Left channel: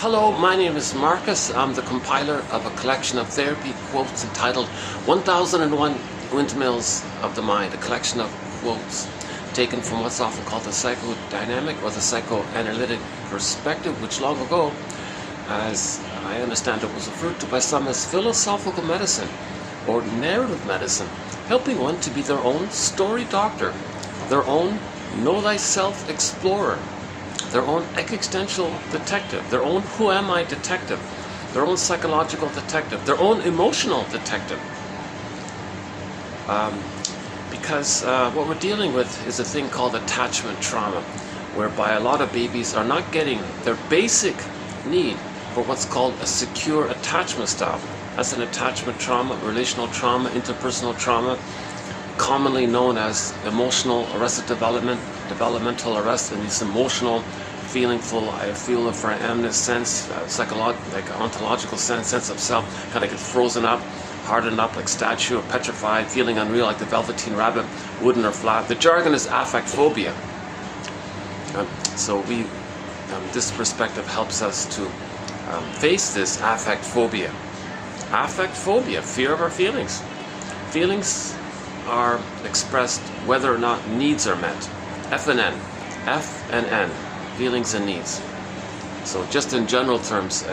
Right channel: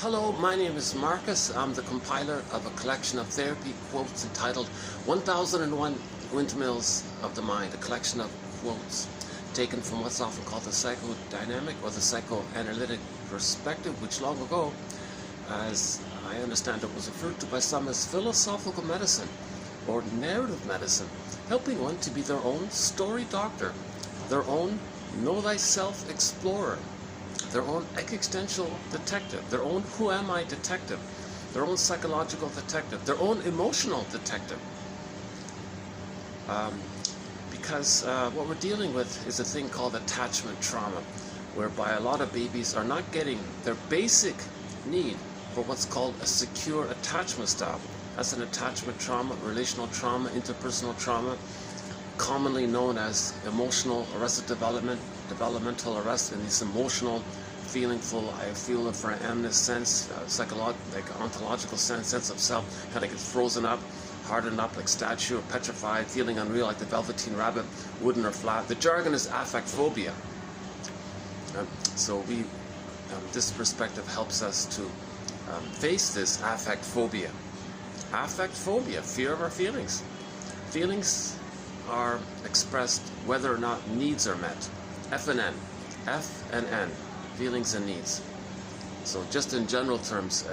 Hello, my name is Marcus. I'm the compiler of a collection of therapy quotes entitled 1001 Windmills of the Mind, a collection of quotes taken from what's often called the psychodynamic or the psychoanalytic perspective, which long ago, as I understand it, was referred to by some as philosophical medicine or narrative medicine, helping one to be their own story doctor, their own know thyself explorer, their own existential detective, their own who am I detective, their own psychological detective, their own emotional detective. Because what we're dealing with is a thing called attachment trauma, whereby a lot of babies are not getting their basic need for what's called a secure attachment style. That's an attachment trauma, relational trauma, interpersonal trauma, commonly known as emotional arrested development, developmental arrest, and this emotional, feelingful, I feel for amness sense, psychological, like ontological sense of self, kind of gets frozen up, hardened up like statue or petrified, feeling unreal like the velveteen rabbit, wooden or flat. The jargon is affect phobia. So this perspective helps us to face this affect phobia. Affect phobia, fear of our feelings. Feelings are expressed whether or not needs are met. F and N, feelings and needs. So just in general terms,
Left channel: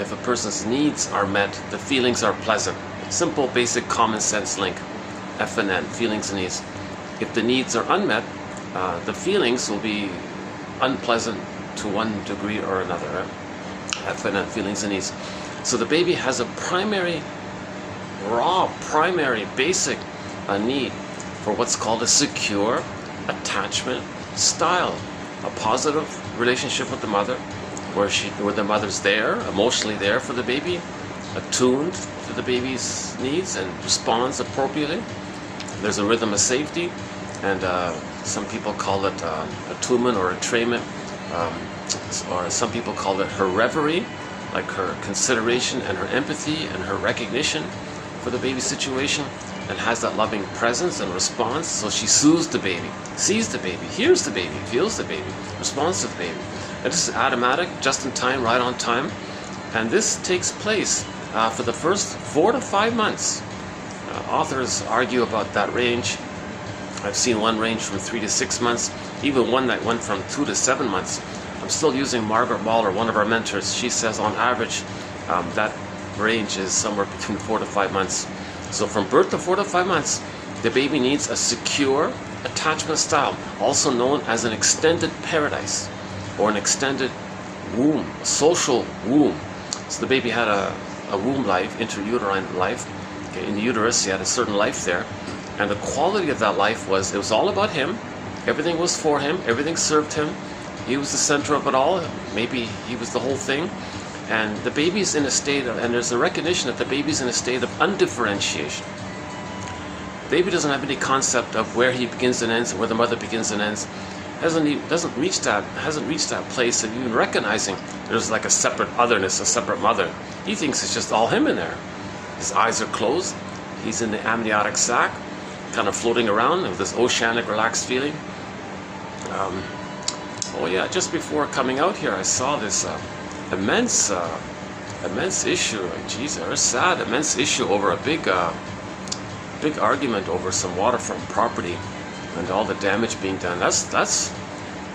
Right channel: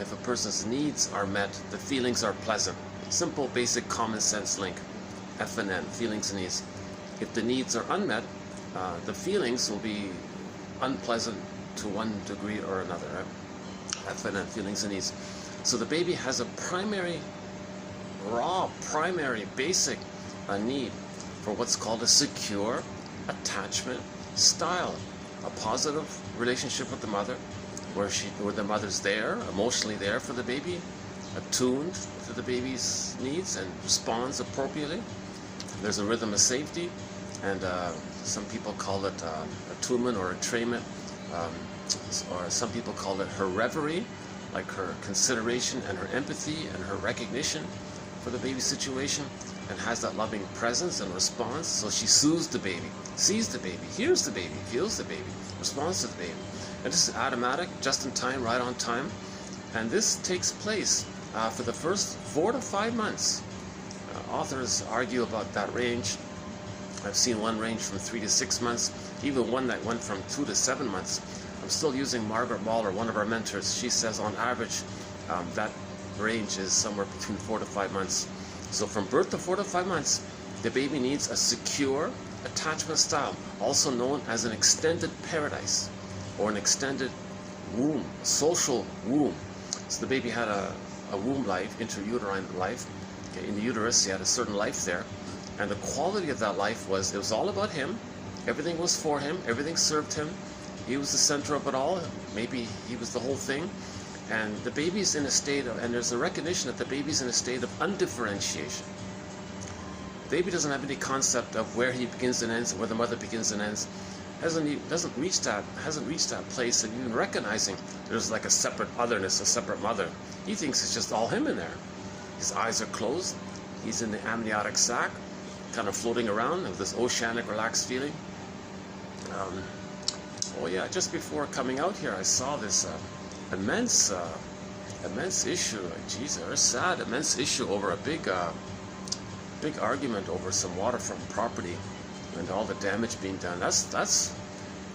if a person's needs are met, the feelings are pleasant. Simple, basic, common sense link. F and N, feelings and needs. If the needs are unmet, the feelings will be unpleasant to one degree or another. Right? F and N, feelings and needs. So the baby has a primary, basic need for what's called a secure attachment style, a positive relationship with the mother, where the mother's there, emotionally there for the baby, attuned to the baby's needs and responds appropriately. There's a rhythm of safety, and some people call it attunement or entrainment, or some people call it her reverie, like her consideration and her empathy and her recognition for the baby's situation, and has that loving presence and response. So she soothes the baby, sees the baby, hears the baby, feels the baby, responds to the baby. And this is automatic, just in time, right on time. And this takes place for the first 4 to 5 months. Authors argue about that range. I've seen one range from 3 to 6 months, even one that went from 2 to 7 months. I'm still using Margaret Waller, one of our mentors. She says on average that range is somewhere between 4 to 5 months. So from birth to 4 to 5 months, the baby needs a secure attachment style, also known as an extended paradise or an extended womb, a social womb. So the baby had a womb life, intrauterine life. Okay, in the uterus, he had a certain life there. And the quality of that life was, it was all about him. Everything was for him. Everything served him. He was the center of it all. Maybe he was the whole thing. And the baby's in a state of, and there's a recognition that the baby's in a state of undifferentiation. Baby doesn't have any concept of where he begins and ends, and where the mother begins and ends. Hasn't reached that place of even recognizing there's like a separate otherness, a separate mother. He thinks it's just all him in there. His eyes are closed. He's in the amniotic sac, kind of floating around with this oceanic, relaxed feeling. Oh yeah, just before coming out here, I saw this immense issue. Geez, it was sad. Immense issue over a big argument over some waterfront property and all the damage being done. That's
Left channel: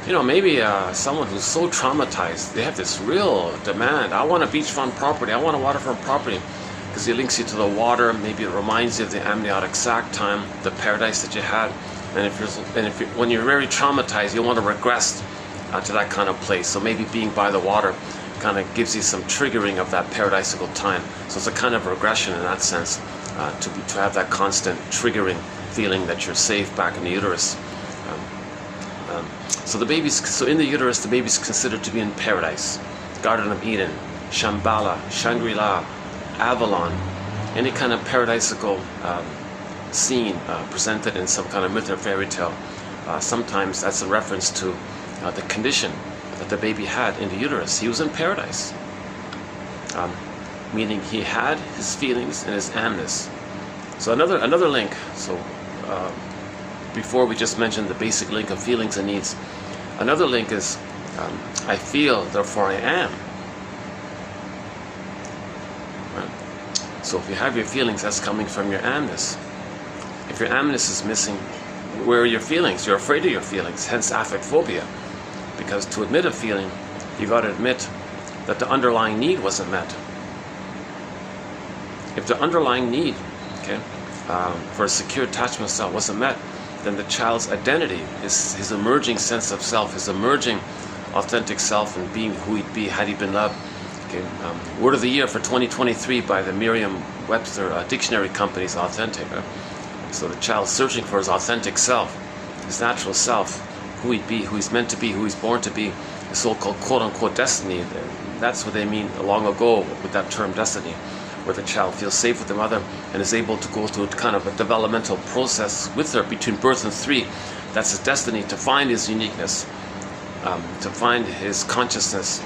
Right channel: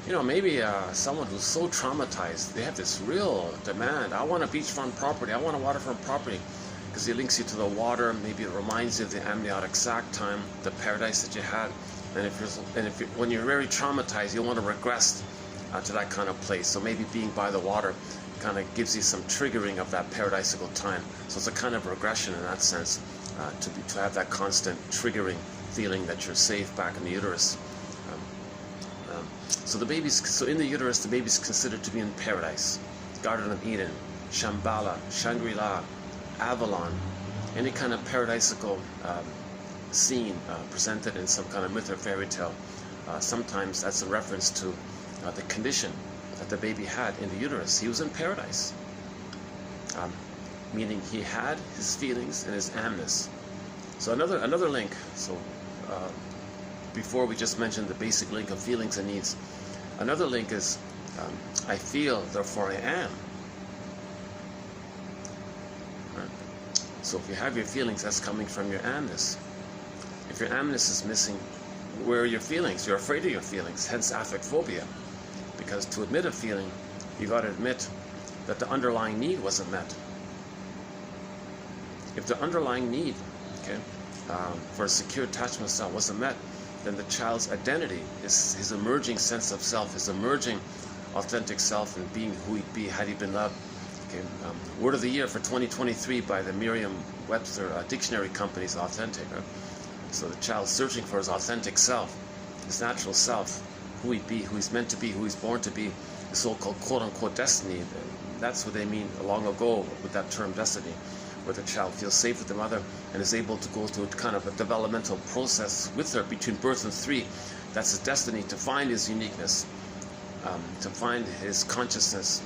maybe someone who's so traumatized, they have this real demand. I want a beachfront property. I want a waterfront property, because it links you to the water. Maybe it reminds you of the amniotic sac time, the paradise that you had. And when you're very traumatized, you want to regress to that kind of place. So maybe being by the water kind of gives you some triggering of that paradisical time. So it's a kind of regression in that sense, to have that constant triggering feeling that you're safe back in the uterus. So in the uterus, the baby's considered to be in paradise, Garden of Eden, Shambhala, Shangri-La, Avalon, any kind of paradisical scene presented in some kind of myth or fairy tale. Sometimes that's a reference to the condition that the baby had in the uterus. He was in paradise, meaning he had his feelings and his amness. So another link. So before we just mentioned the basic link of feelings and needs. Another link is I feel, therefore I am. So if you have your feelings, that's coming from your amness. If your amness is missing, where are your feelings? You're afraid of your feelings, hence affect phobia. Because to admit a feeling, you got to admit that the underlying need wasn't met. If the underlying need, okay, for a secure attachment style wasn't met, then the child's identity, his emerging sense of self, his emerging authentic self and being who he'd be had he been loved. Okay, word of the year for 2023 by the Merriam-Webster Dictionary Company is authentic. So the child searching for his authentic self, his natural self, who he'd be, who he's meant to be, who he's born to be, the so-called quote-unquote destiny. That's what they mean long ago with that term destiny, where the child feels safe with the mother and is able to go through a kind of a developmental process with her between birth and 3. That's his destiny, to find his uniqueness, to find his consciousness,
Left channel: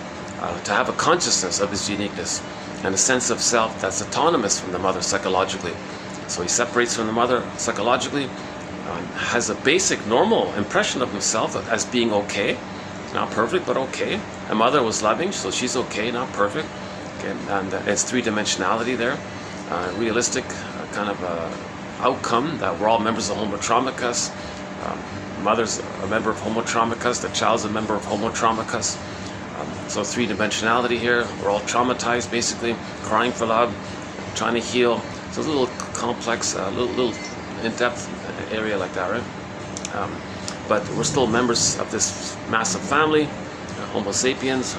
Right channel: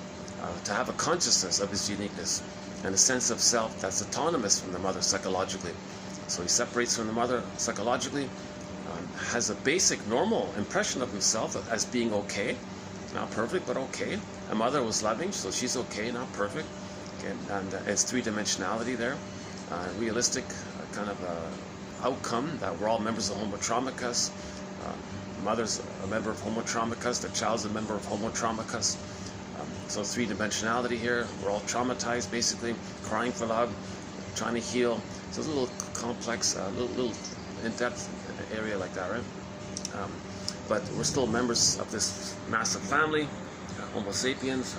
to have a consciousness of his uniqueness and a sense of self that's autonomous from the mother psychologically. So he separates from the mother psychologically, has a basic normal impression of himself as being okay, not perfect but okay. A mother was loving, so she's okay, not perfect. Okay, and it's 3-dimensionality there, realistic kind of outcome that we're all members of Homo Traumicus. Mother's a member of Homo Traumicus, the child's a member of Homo Traumicus. So 3-dimensionality here, we're all traumatized basically, crying for love, trying to heal. So it's a little complex, little in-depth area like that, right? But we're still members of this massive family, Homo sapiens.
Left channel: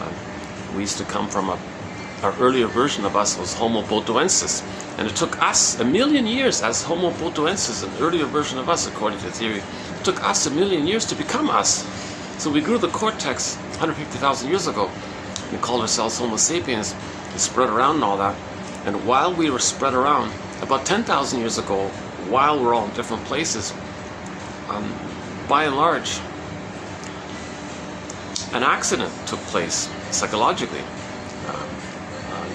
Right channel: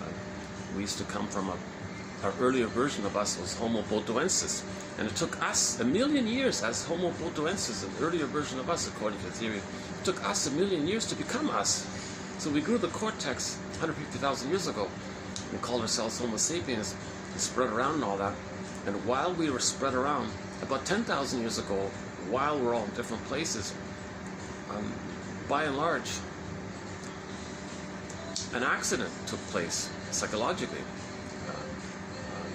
We used to come from our earlier version of us was Homo botuensis, and it took us 1 million years as Homo botuensis, an earlier version of us according to the theory. It took us 1 million years to become us. So we grew the cortex 150,000 years ago. We called ourselves Homo sapiens. We spread around and all that. And while we were spread around, about 10,000 years ago, while we're all in different places, by and large, an accident took place psychologically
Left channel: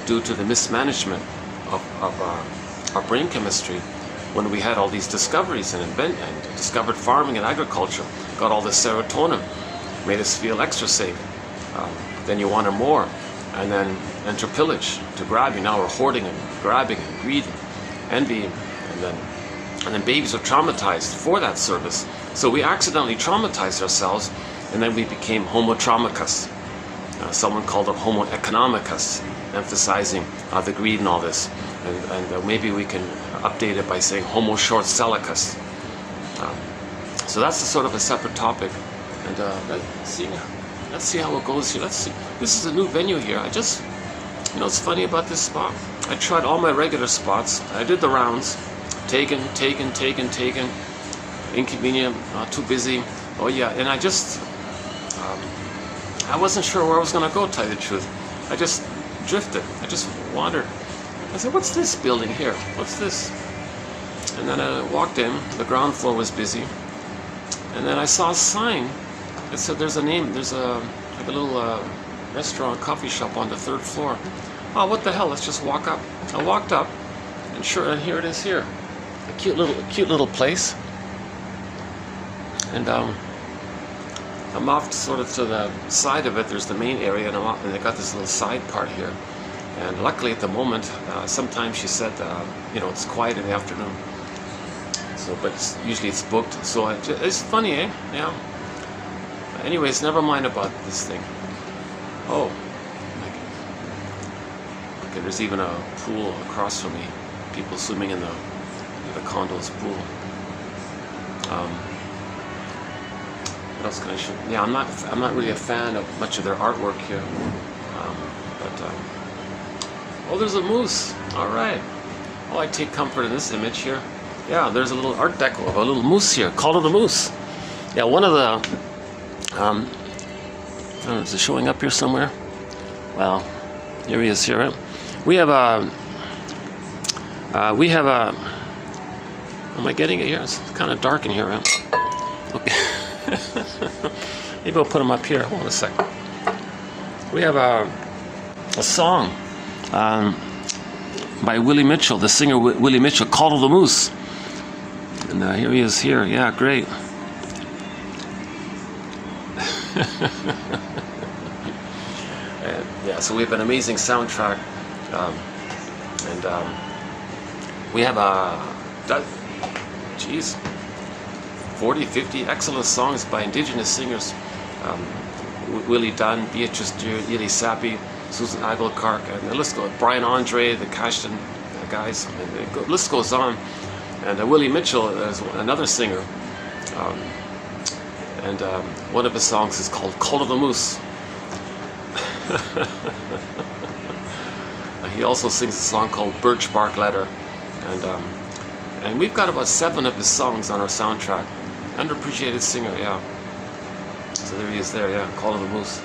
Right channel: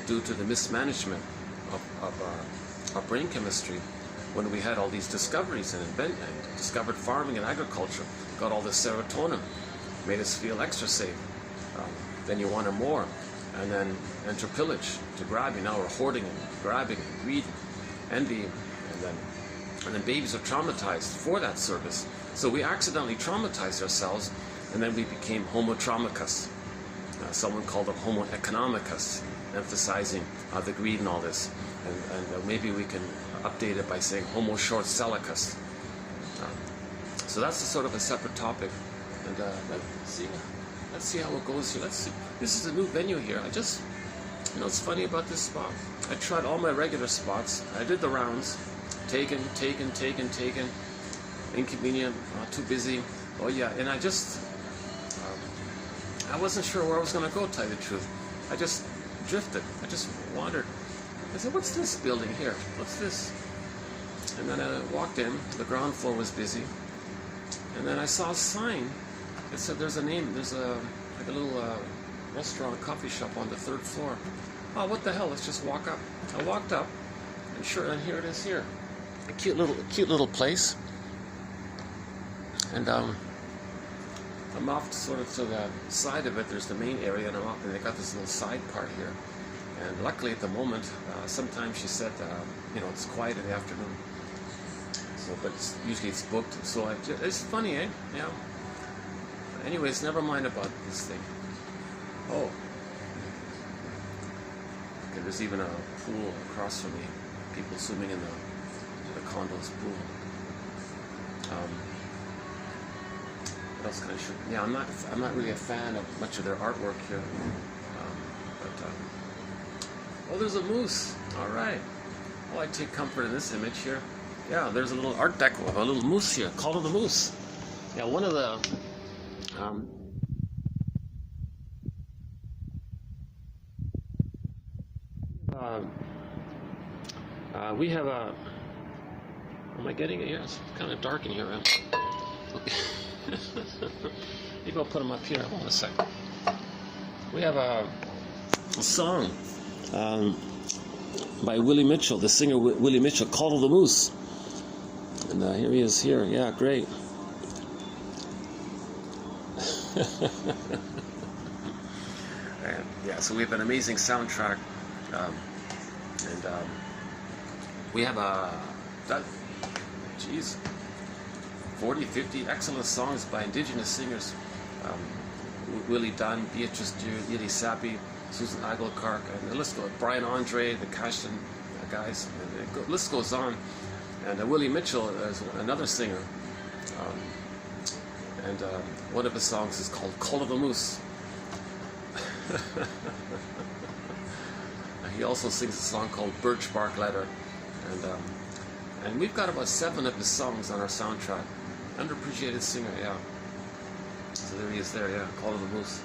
due to the mismanagement of our brain chemistry when we had all these discoveries and discovered farming and agriculture, got all this serotonin, made us feel extra safe. Then you wanted more, and then enter pillage to grab you. Now we're hoarding and grabbing and greedy, envy, and then babies are traumatized for that service. So we accidentally traumatized ourselves, and then we became Homo Traumicus. Someone called it Homo economicus, emphasizing the greed and all this. And maybe we can update it by saying Homo short-sellicus. So that's sort of a separate topic. And let's see how it goes here. Let's see. This is a new venue here. It's funny about this spot. I tried all my regular spots. I did the rounds. Taken. Inconvenient, too busy. Oh yeah, and I wasn't sure where I was going to go, to tell you the truth. I just drifted. I just wandered. I said, what's this building here? What's this? And then I walked in. The ground floor was busy. And then I saw a sign that said there's a name. There's a little restaurant, coffee shop on the 3rd floor. Oh, what the hell? Let's just walk up. I walked up, and and here it is here. A cute little place. And I'm off sort of to the side of it. There's the main area, and they got this little side part here. And luckily at the moment, sometimes she said, it's quiet in the afternoon. So, but usually it's booked. So it's funny, eh? Yeah. Anyways, never mind about this thing. Oh. Okay, there's even a pool across from me. People swimming in the condo's pool. What else can I show? Yeah, I'm not really a fan of much of their artwork here. Oh, there's a moose. All right. Oh, I take comfort in this image here. Yeah, there's a little art deco of a little moose here. Call it a moose. Yeah, one of the is it showing up here somewhere? Well, here he is here. Right? We have a. Am I getting it here? It's kind of dark in here, right? Okay. Maybe I'll put them up here. Hold on a second. We have a song by Willie Mitchell, the singer Willie Mitchell, Call of the Moose. And here he is here. Yeah, great. Yeah, so we have an amazing soundtrack. We have a, geez, 40, 50 excellent songs by indigenous singers. Willie Dunn, Beatrice Dew, Ely Sappi, Susan Aguilar, and the list goes. Brian Andre, the Cashton guys, and the list goes on. And Willie Mitchell is another singer, and one of his songs is called "Call of the Moose." He also sings a song called "Birch Bark Letter," and we've got about 7 of his songs on our soundtrack. Underappreciated singer, yeah. So there he is there, yeah, Call of the Moose.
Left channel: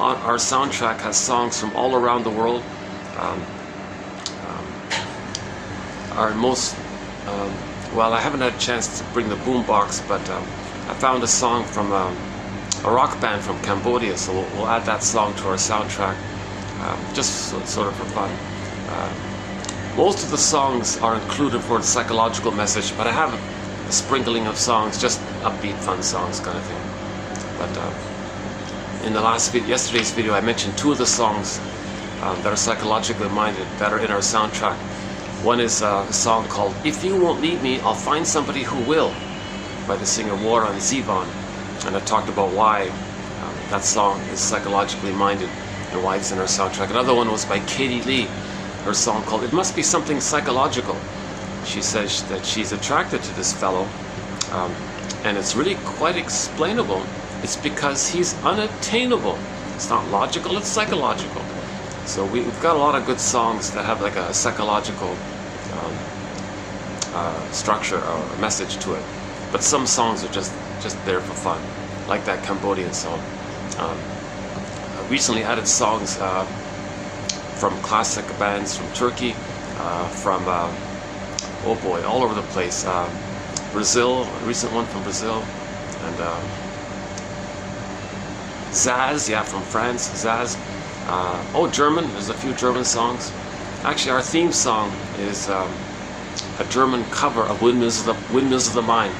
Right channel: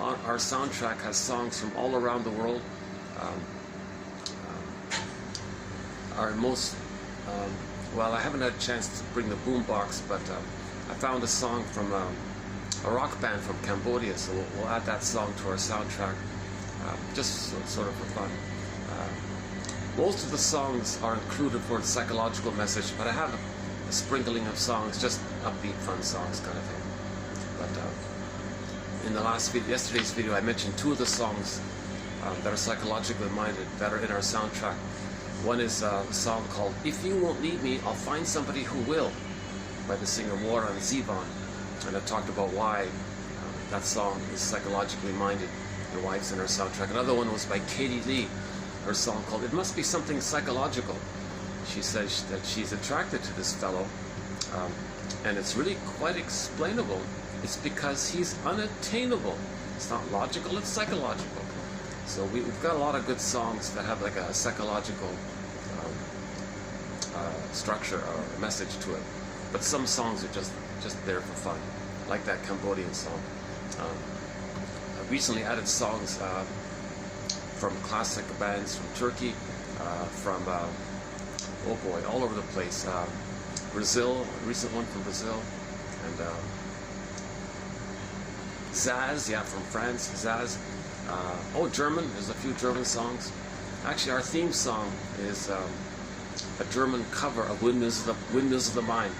Our soundtrack has songs from all around the world. Our most, well, I haven't had a chance to bring the boombox, but I found a song from a rock band from Cambodia, so we'll add that song to our soundtrack, just sort of for fun. Most of the songs are included for the psychological message, but I have a sprinkling of songs, just upbeat, fun songs kind of thing. But in the yesterday's video, I mentioned 2 of the songs that are psychologically minded that are in our soundtrack. One is a song called "If You Won't Leave Me, I'll Find Somebody Who Will" by the singer Warren Zevon, and I talked about why that song is psychologically minded and why it's in our soundtrack. Another one was by Katie Lee, her song called "It Must Be Something Psychological." She says that she's attracted to this fellow, and it's really quite explainable. It's because he's unattainable. It's not logical, it's psychological. So we've got a lot of good songs that have like a psychological structure or a message to it. But some songs are just there for fun, like that Cambodian song. I recently added songs from classic bands from Turkey, from, oh boy, all over the place. Brazil, a recent one from Brazil, and Zaz, yeah, from France, Zaz. Oh, German, there's a few German songs. Actually, our theme song is a German cover of Windmills of the Mind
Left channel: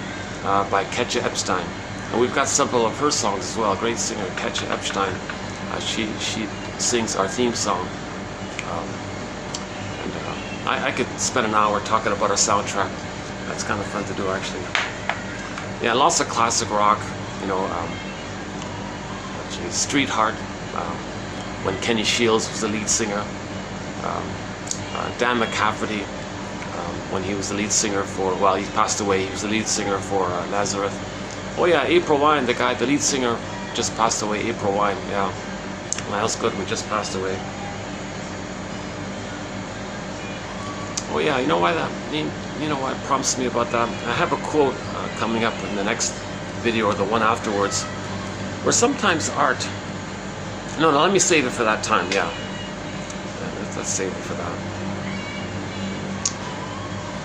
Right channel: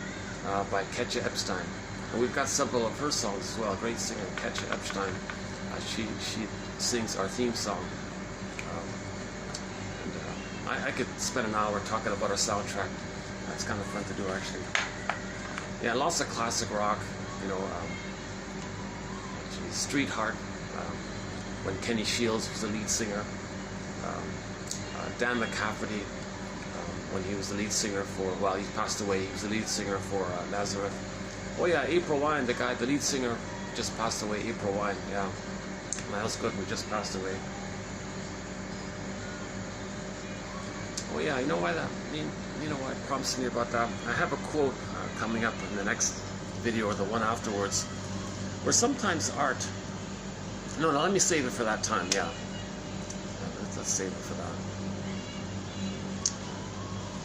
by Katja Epstein. And we've got several of her songs as well. Great singer, Katja Epstein. She sings our theme song. I could spend an hour talking about our soundtrack. That's kind of fun to do, actually. Yeah, lots of classic rock, you know, Street Heart, when Kenny Shields was the lead singer, Dan McCafferty, when he was the lead singer for, well, he passed away, he was the lead singer for Nazareth. Oh yeah, April Wine, the lead singer just passed away, April Wine, yeah. Miles Goodman just passed away. Oh yeah, you know why that, you know what prompts me about that? I have a quote coming up in the next video or the one afterwards, where sometimes art, no, let me save it for that time, yeah. Let's save it for that.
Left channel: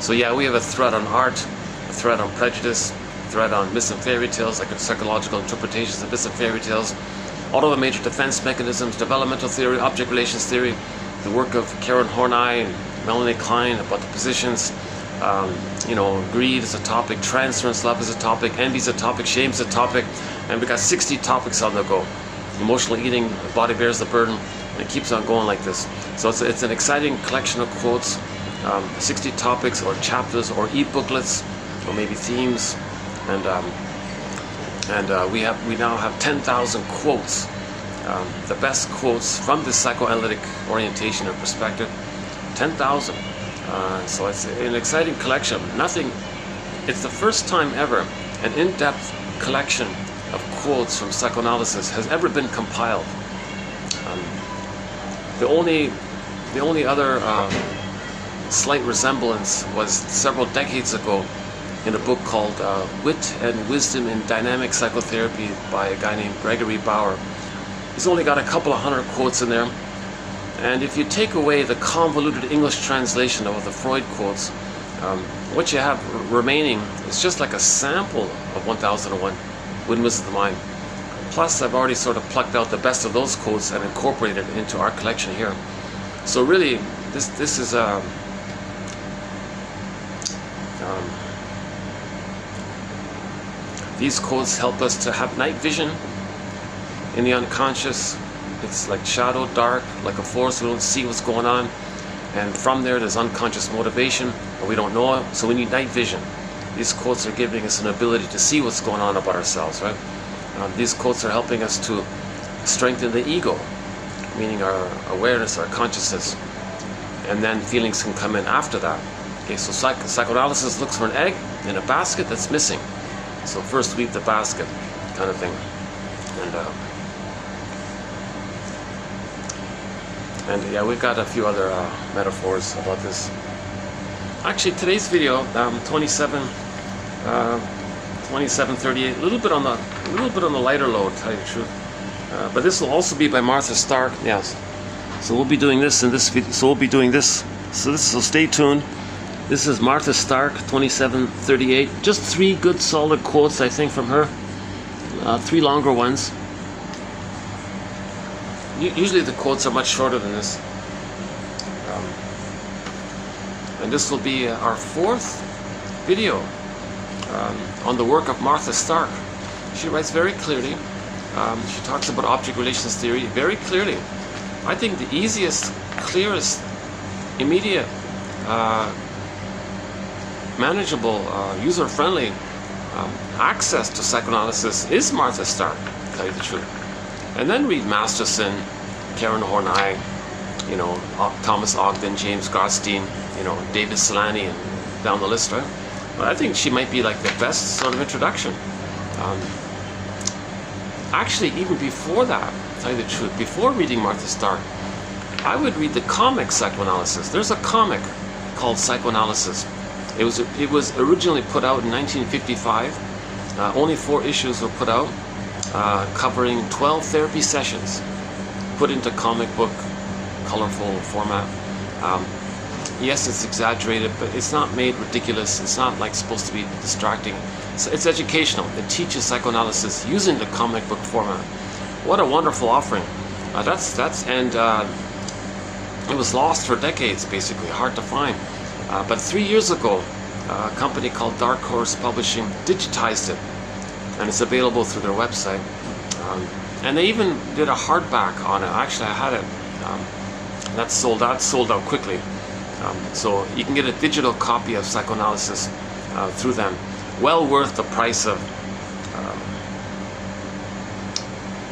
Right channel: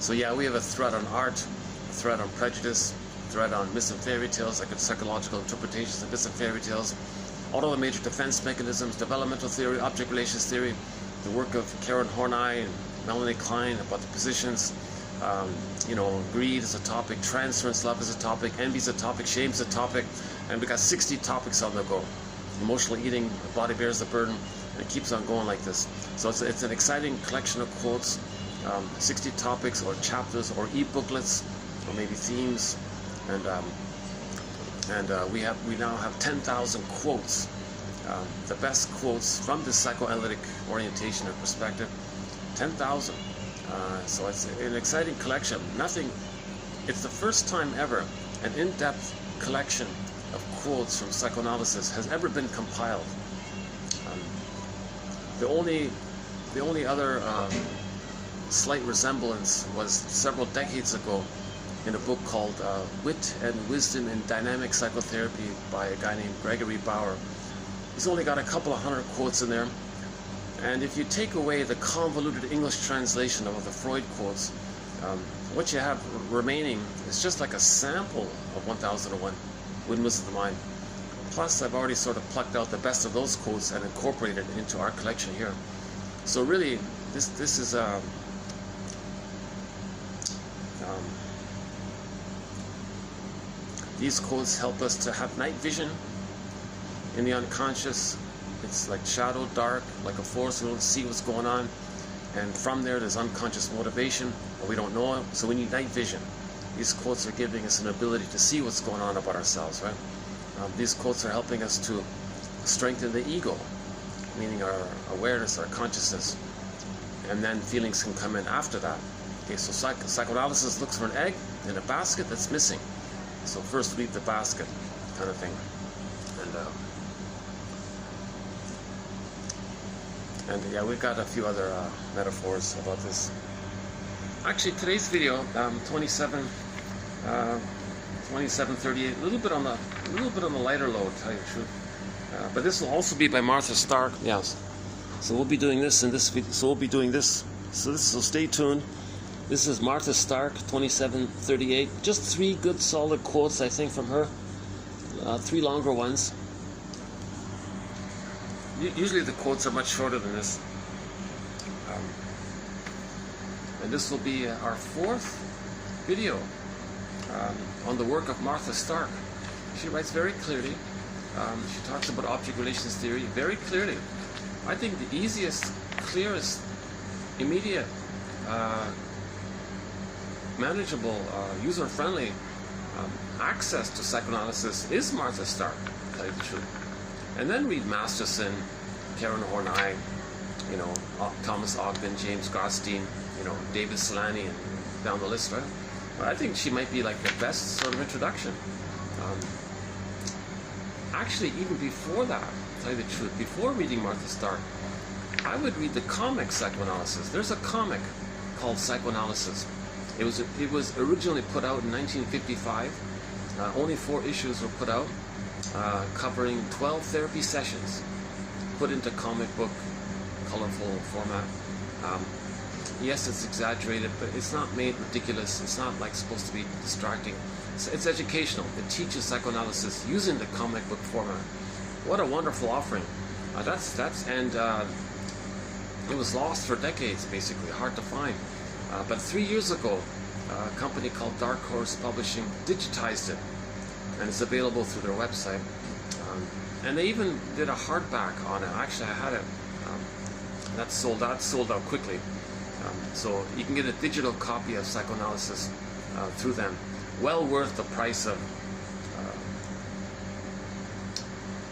So yeah, we have a thread on art, a thread on prejudice, a thread on myths and fairy tales, like psychological interpretations of myths and fairy tales, all of the major defense mechanisms, developmental theory, object relations theory, the work of Karen Horney and Melanie Klein about the positions, you know, greed is a topic, transference, love is a topic, envy is a topic, shame is a topic, and we got 60 topics on the go. Emotional eating, the body bears the burden, and it keeps on going like this. So it's an exciting collection of quotes, 60 topics or chapters or e-booklets or maybe themes, and we now have 10,000 quotes, the best quotes from this psychoanalytic orientation or perspective, 10,000. So it's an exciting collection. It's the first time ever an in-depth collection of quotes from psychoanalysis has ever been compiled. The only other slight resemblance was several decades ago in a book called Wit and Wisdom in Dynamic Psychotherapy by a guy named Gregory Bauer. He's only got a couple of hundred quotes in there. And if you take away the convoluted English translation of the Freud quotes, what you have remaining is just like a sample of 1001 Windmills of the Mind. Plus, I've already sort of plucked out the best of those quotes and incorporated it into our collection here. So really, this is these quotes help us to have night vision in the unconscious, it's like shadow, dark, like a forest. We don't see what's going on. And from there's unconscious motivation, and we don't know it, so we need night vision. These quotes are giving us an ability to see what's going on about ourselves, right? These quotes are helping us to strengthen the ego, meaning our awareness, our consciousness, and then feelings can come in after that. Okay, so psychoanalysis looks for an egg in a basket that's missing. So first weave the basket, kind of thing. And yeah, we've got a few other metaphors about this. Actually, today's video, 2738, a little bit on the lighter load, to tell you the truth. But this will also be by Martha Stark. Yes. So we'll be doing this in this video. So we'll be doing this. So stay tuned. This is Martha Stark, 2738. Just 3 good, solid quotes, I think, from her. 3 longer ones. Usually the quotes are much shorter than this. And this will be our 4th video on the work of Martha Stark. She writes very clearly. She talks about object relations theory very clearly. I think the easiest, clearest, immediate, manageable, user-friendly access to psychoanalysis is Martha Stark, to tell you the truth. And then read Masterson, Karen Horney, Thomas Ogden, James Gottstein, David Solani, and down the list, right? But I think she might be like the best sort of introduction. Actually, even before that, to tell you the truth, before reading Martha Stark, I would read the comic Psychoanalysis. There's a comic called Psychoanalysis. It was originally put out in 1955. Only 4 issues were put out, covering 12 therapy sessions, put into comic book, colorful format. Yes, it's exaggerated, but it's not made ridiculous. It's not like supposed to be distracting. It's educational. It teaches psychoanalysis using the comic book format. What a wonderful offering. And it was lost for decades, basically, hard to find. But 3 years ago, a company called Dark Horse Publishing digitized it, and it's available through their website. And they even did a hardback on it. Actually, I had it. That's sold out quickly. So you can get a digital copy of Psychoanalysis through them. Well worth the price of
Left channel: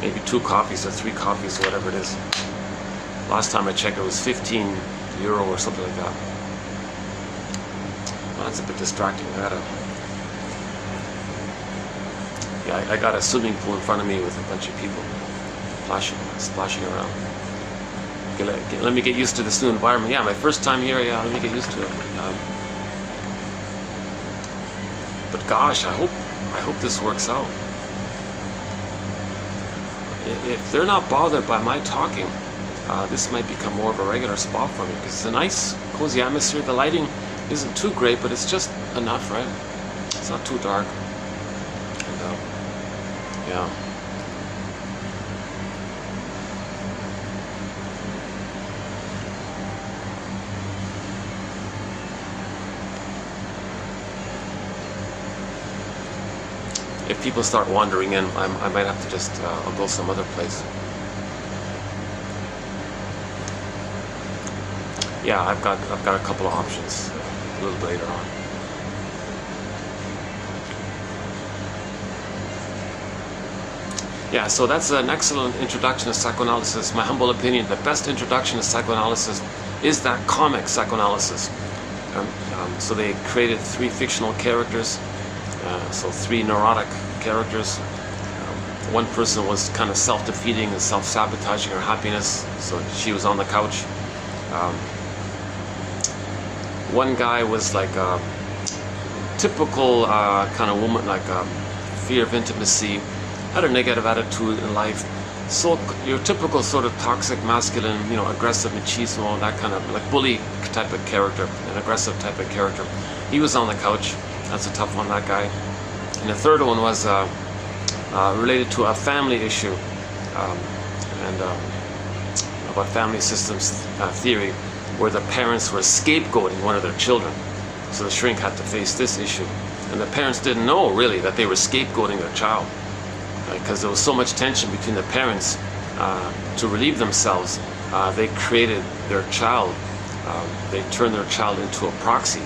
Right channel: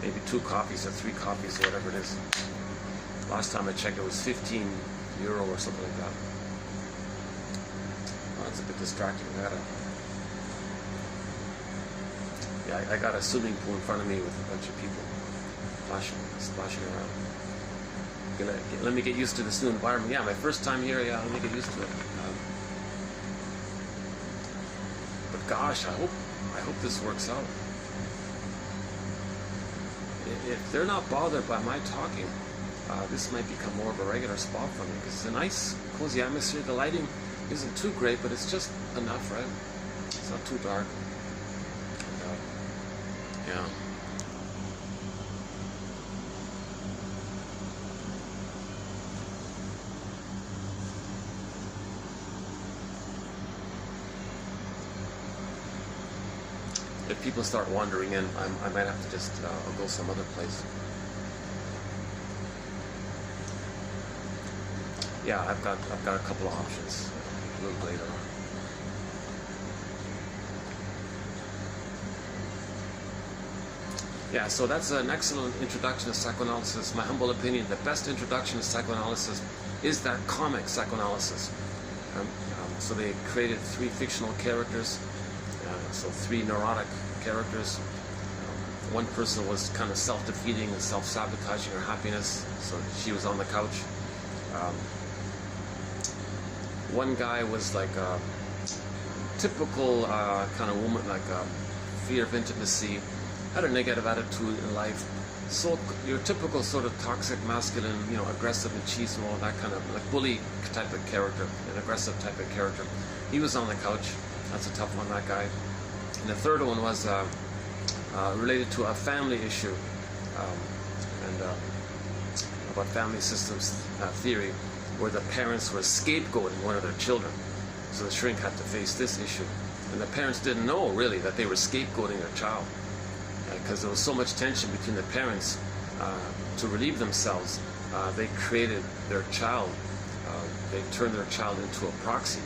maybe 2 copies or 3 copies, or whatever it is. Last time I checked, it was €15 or something like that. Well, that's a bit distracting. I got a swimming pool in front of me with a bunch of people splashing around. Okay, let me get used to this new environment. Yeah, my first time here. Yeah, let me get used to it. But gosh, I hope this works out. If they're not bothered by my talking, this might become more of a regular spot for me, because it's a nice, cozy atmosphere. The lighting isn't too great, but it's just enough, right? It's not too dark. Yeah. If people start wandering in, I might have to just I'll go some other place. Yeah, I've got a couple of options a little bit later on. Yeah, so that's an excellent introduction to psychoanalysis. My humble opinion, the best introduction to psychoanalysis is that comic Psychoanalysis. So they created 3 fictional characters, so 3 neurotic characters. One person was kind of self-defeating and self-sabotaging her happiness, so she was on the couch. One guy was like a typical kind of woman, like fear of intimacy, had a negative attitude in life. So your typical sort of toxic masculine, aggressive machismo, that kind of like bully type of character, an aggressive type of character. He was on the couch. That's a tough one, that guy. And the third one was related to a family issue, and about family systems theory, where the parents were scapegoating one of their children. So the shrink had to face this issue. And the parents didn't know really that they were scapegoating their child, because there was so much tension between the parents to relieve themselves, they created their child. They turned their child into a proxy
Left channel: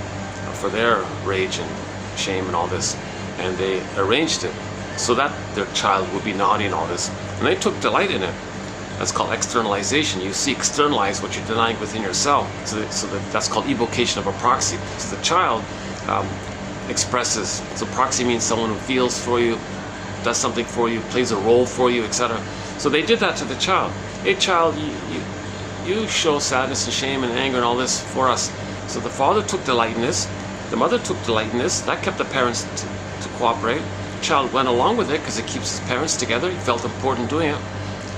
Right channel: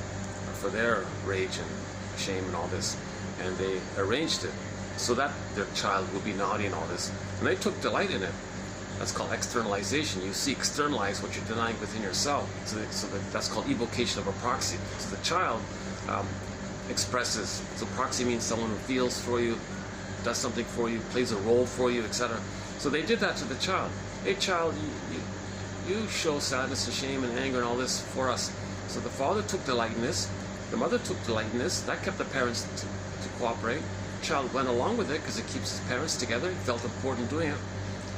for their rage and shame and all this, and they arranged it so that their child would be naughty and all this, and they took delight in it. That's called externalization. You see, externalize what you're denying within yourself. That's called evocation of a proxy. So the child expresses. So proxy means someone who feels for you, does something for you, plays a role for you, etc. So they did that to the child. Hey, child, you show sadness and shame and anger and all this for us. So the father took delight in this. The mother took delight in this. That kept the parents to cooperate. The child went along with it because it keeps his parents together. He felt important doing it.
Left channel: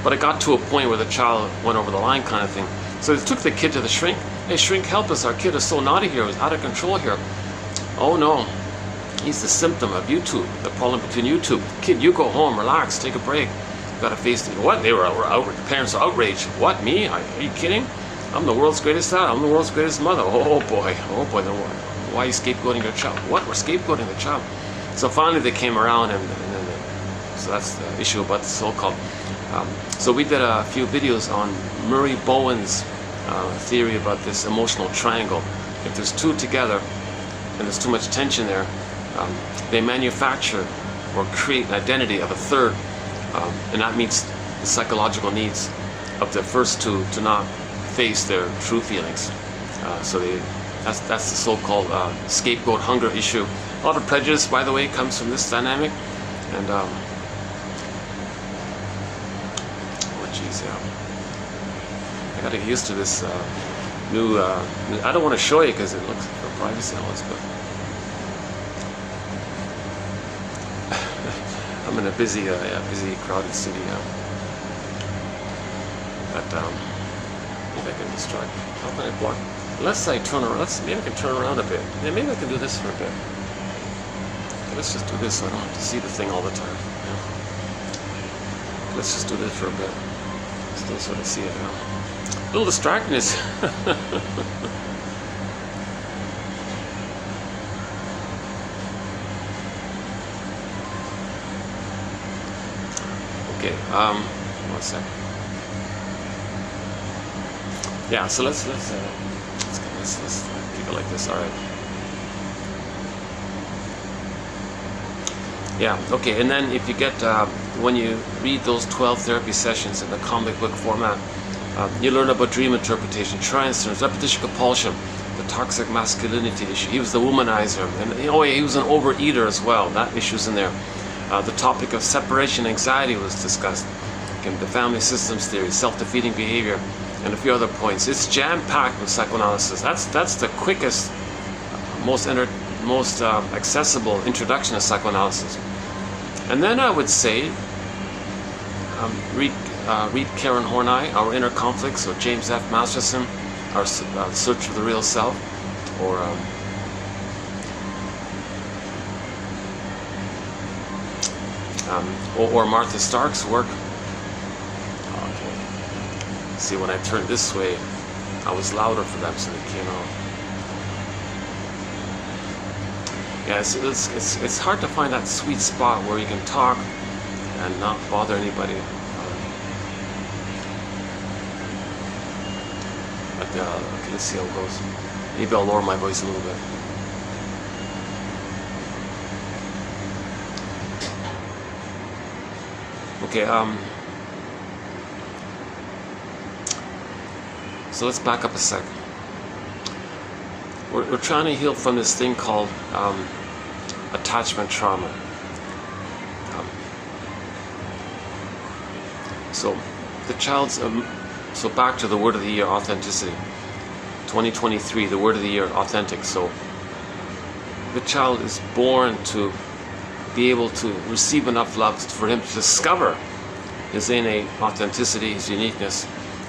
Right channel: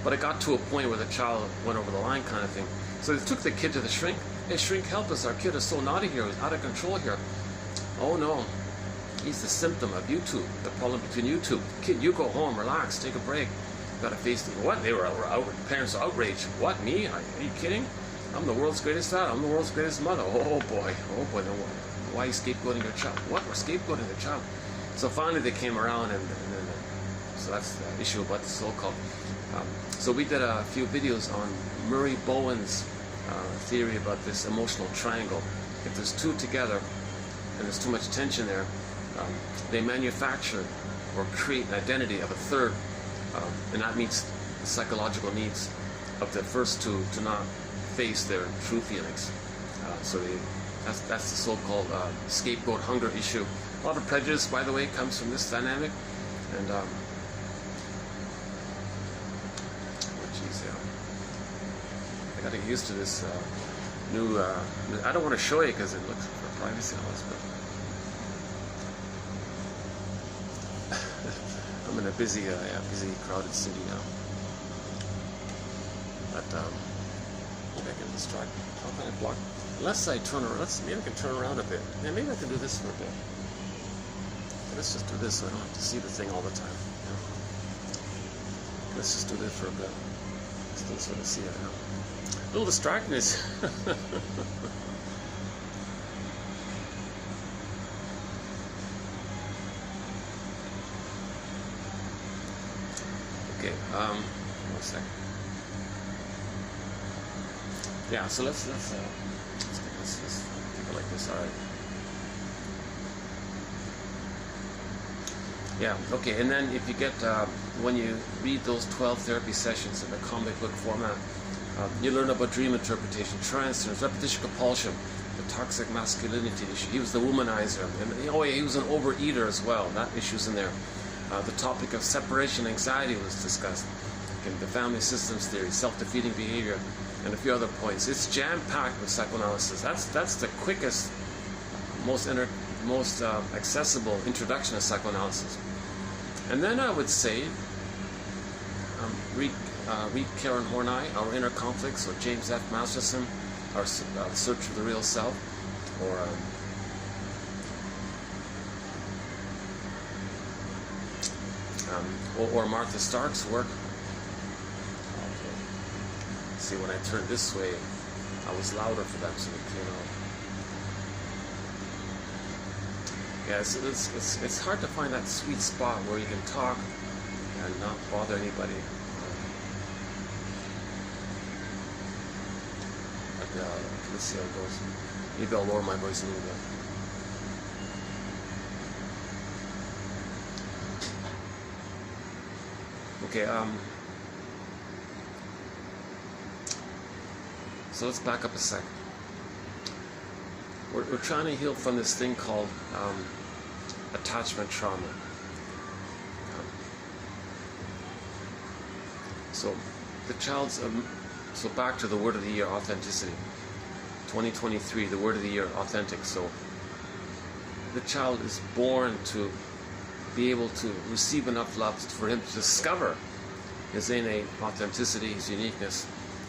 But it got to a point where the child went over the line, kind of thing. So they took the kid to the shrink. Hey, shrink, help us. Our kid is so naughty here. He's out of control here. Oh, no. He's the symptom of you two, the problem between you two. Kid, you go home, relax, take a break. You gotta face it. What? They were the parents are outraged. What, me? Are you kidding? I'm the world's greatest dad. I'm the world's greatest mother. Oh, boy. Oh, boy. Then why are you scapegoating your child? What? We're scapegoating the child. So finally they came around, and so that's the issue about the so-called. So we did a few videos on Murray Bowen's theory about this emotional triangle. If there's two together and there's too much tension there, they manufacture or create an identity of a third, and that meets the psychological needs of the first two to not face their true feelings. That's the so-called scapegoat hunger issue. A lot of prejudice, by the way, comes from this dynamic, and I gotta get used to this new. I don't want to show you because it looks for privacy and all this, but I'm in a busy, crowded city now. Maybe I can distract. How can I block? Unless I turn around. Maybe I can turn around a bit. Yeah, maybe I can do this for a bit. Let's just do this so I don't have to see the thing all the time. Yeah. Let's just do this for a bit. Still sort of see it now. A little distracting is. Okay. 1 second. Yeah. So let's keep it like this. All right. Yeah, okay, and then if you get, when you read those 12 therapy sessions in the comic book format, you learn about dream interpretation, transference, repetition compulsion, the toxic masculinity issue. He was the womanizer, and he was an overeater as well. That issue's in there. The topic of separation anxiety was discussed. Okay, the family systems theory, self-defeating behavior, and a few other points. It's jam-packed with psychoanalysis. That's the quickest, most accessible introduction to psychoanalysis. And then I would say, read Karen Horney, Our Inner Conflicts, or James F. Masterson, Our Search for the Real Self, or Martha Stark's work. Okay. See, when I turned this way, I was louder for them, so they came out. Yeah, it's hard to find that sweet spot where you can talk and not bother anybody. Okay, let's see how it goes. Maybe I'll lower my voice a little bit. Okay, so let's back up a sec. We're trying to heal from this thing called attachment trauma. So the child's, so back to the word of the year, authenticity. 2023, the word of the year, authentic. So the child is born to be able to receive enough love for him to discover his innate authenticity, his uniqueness.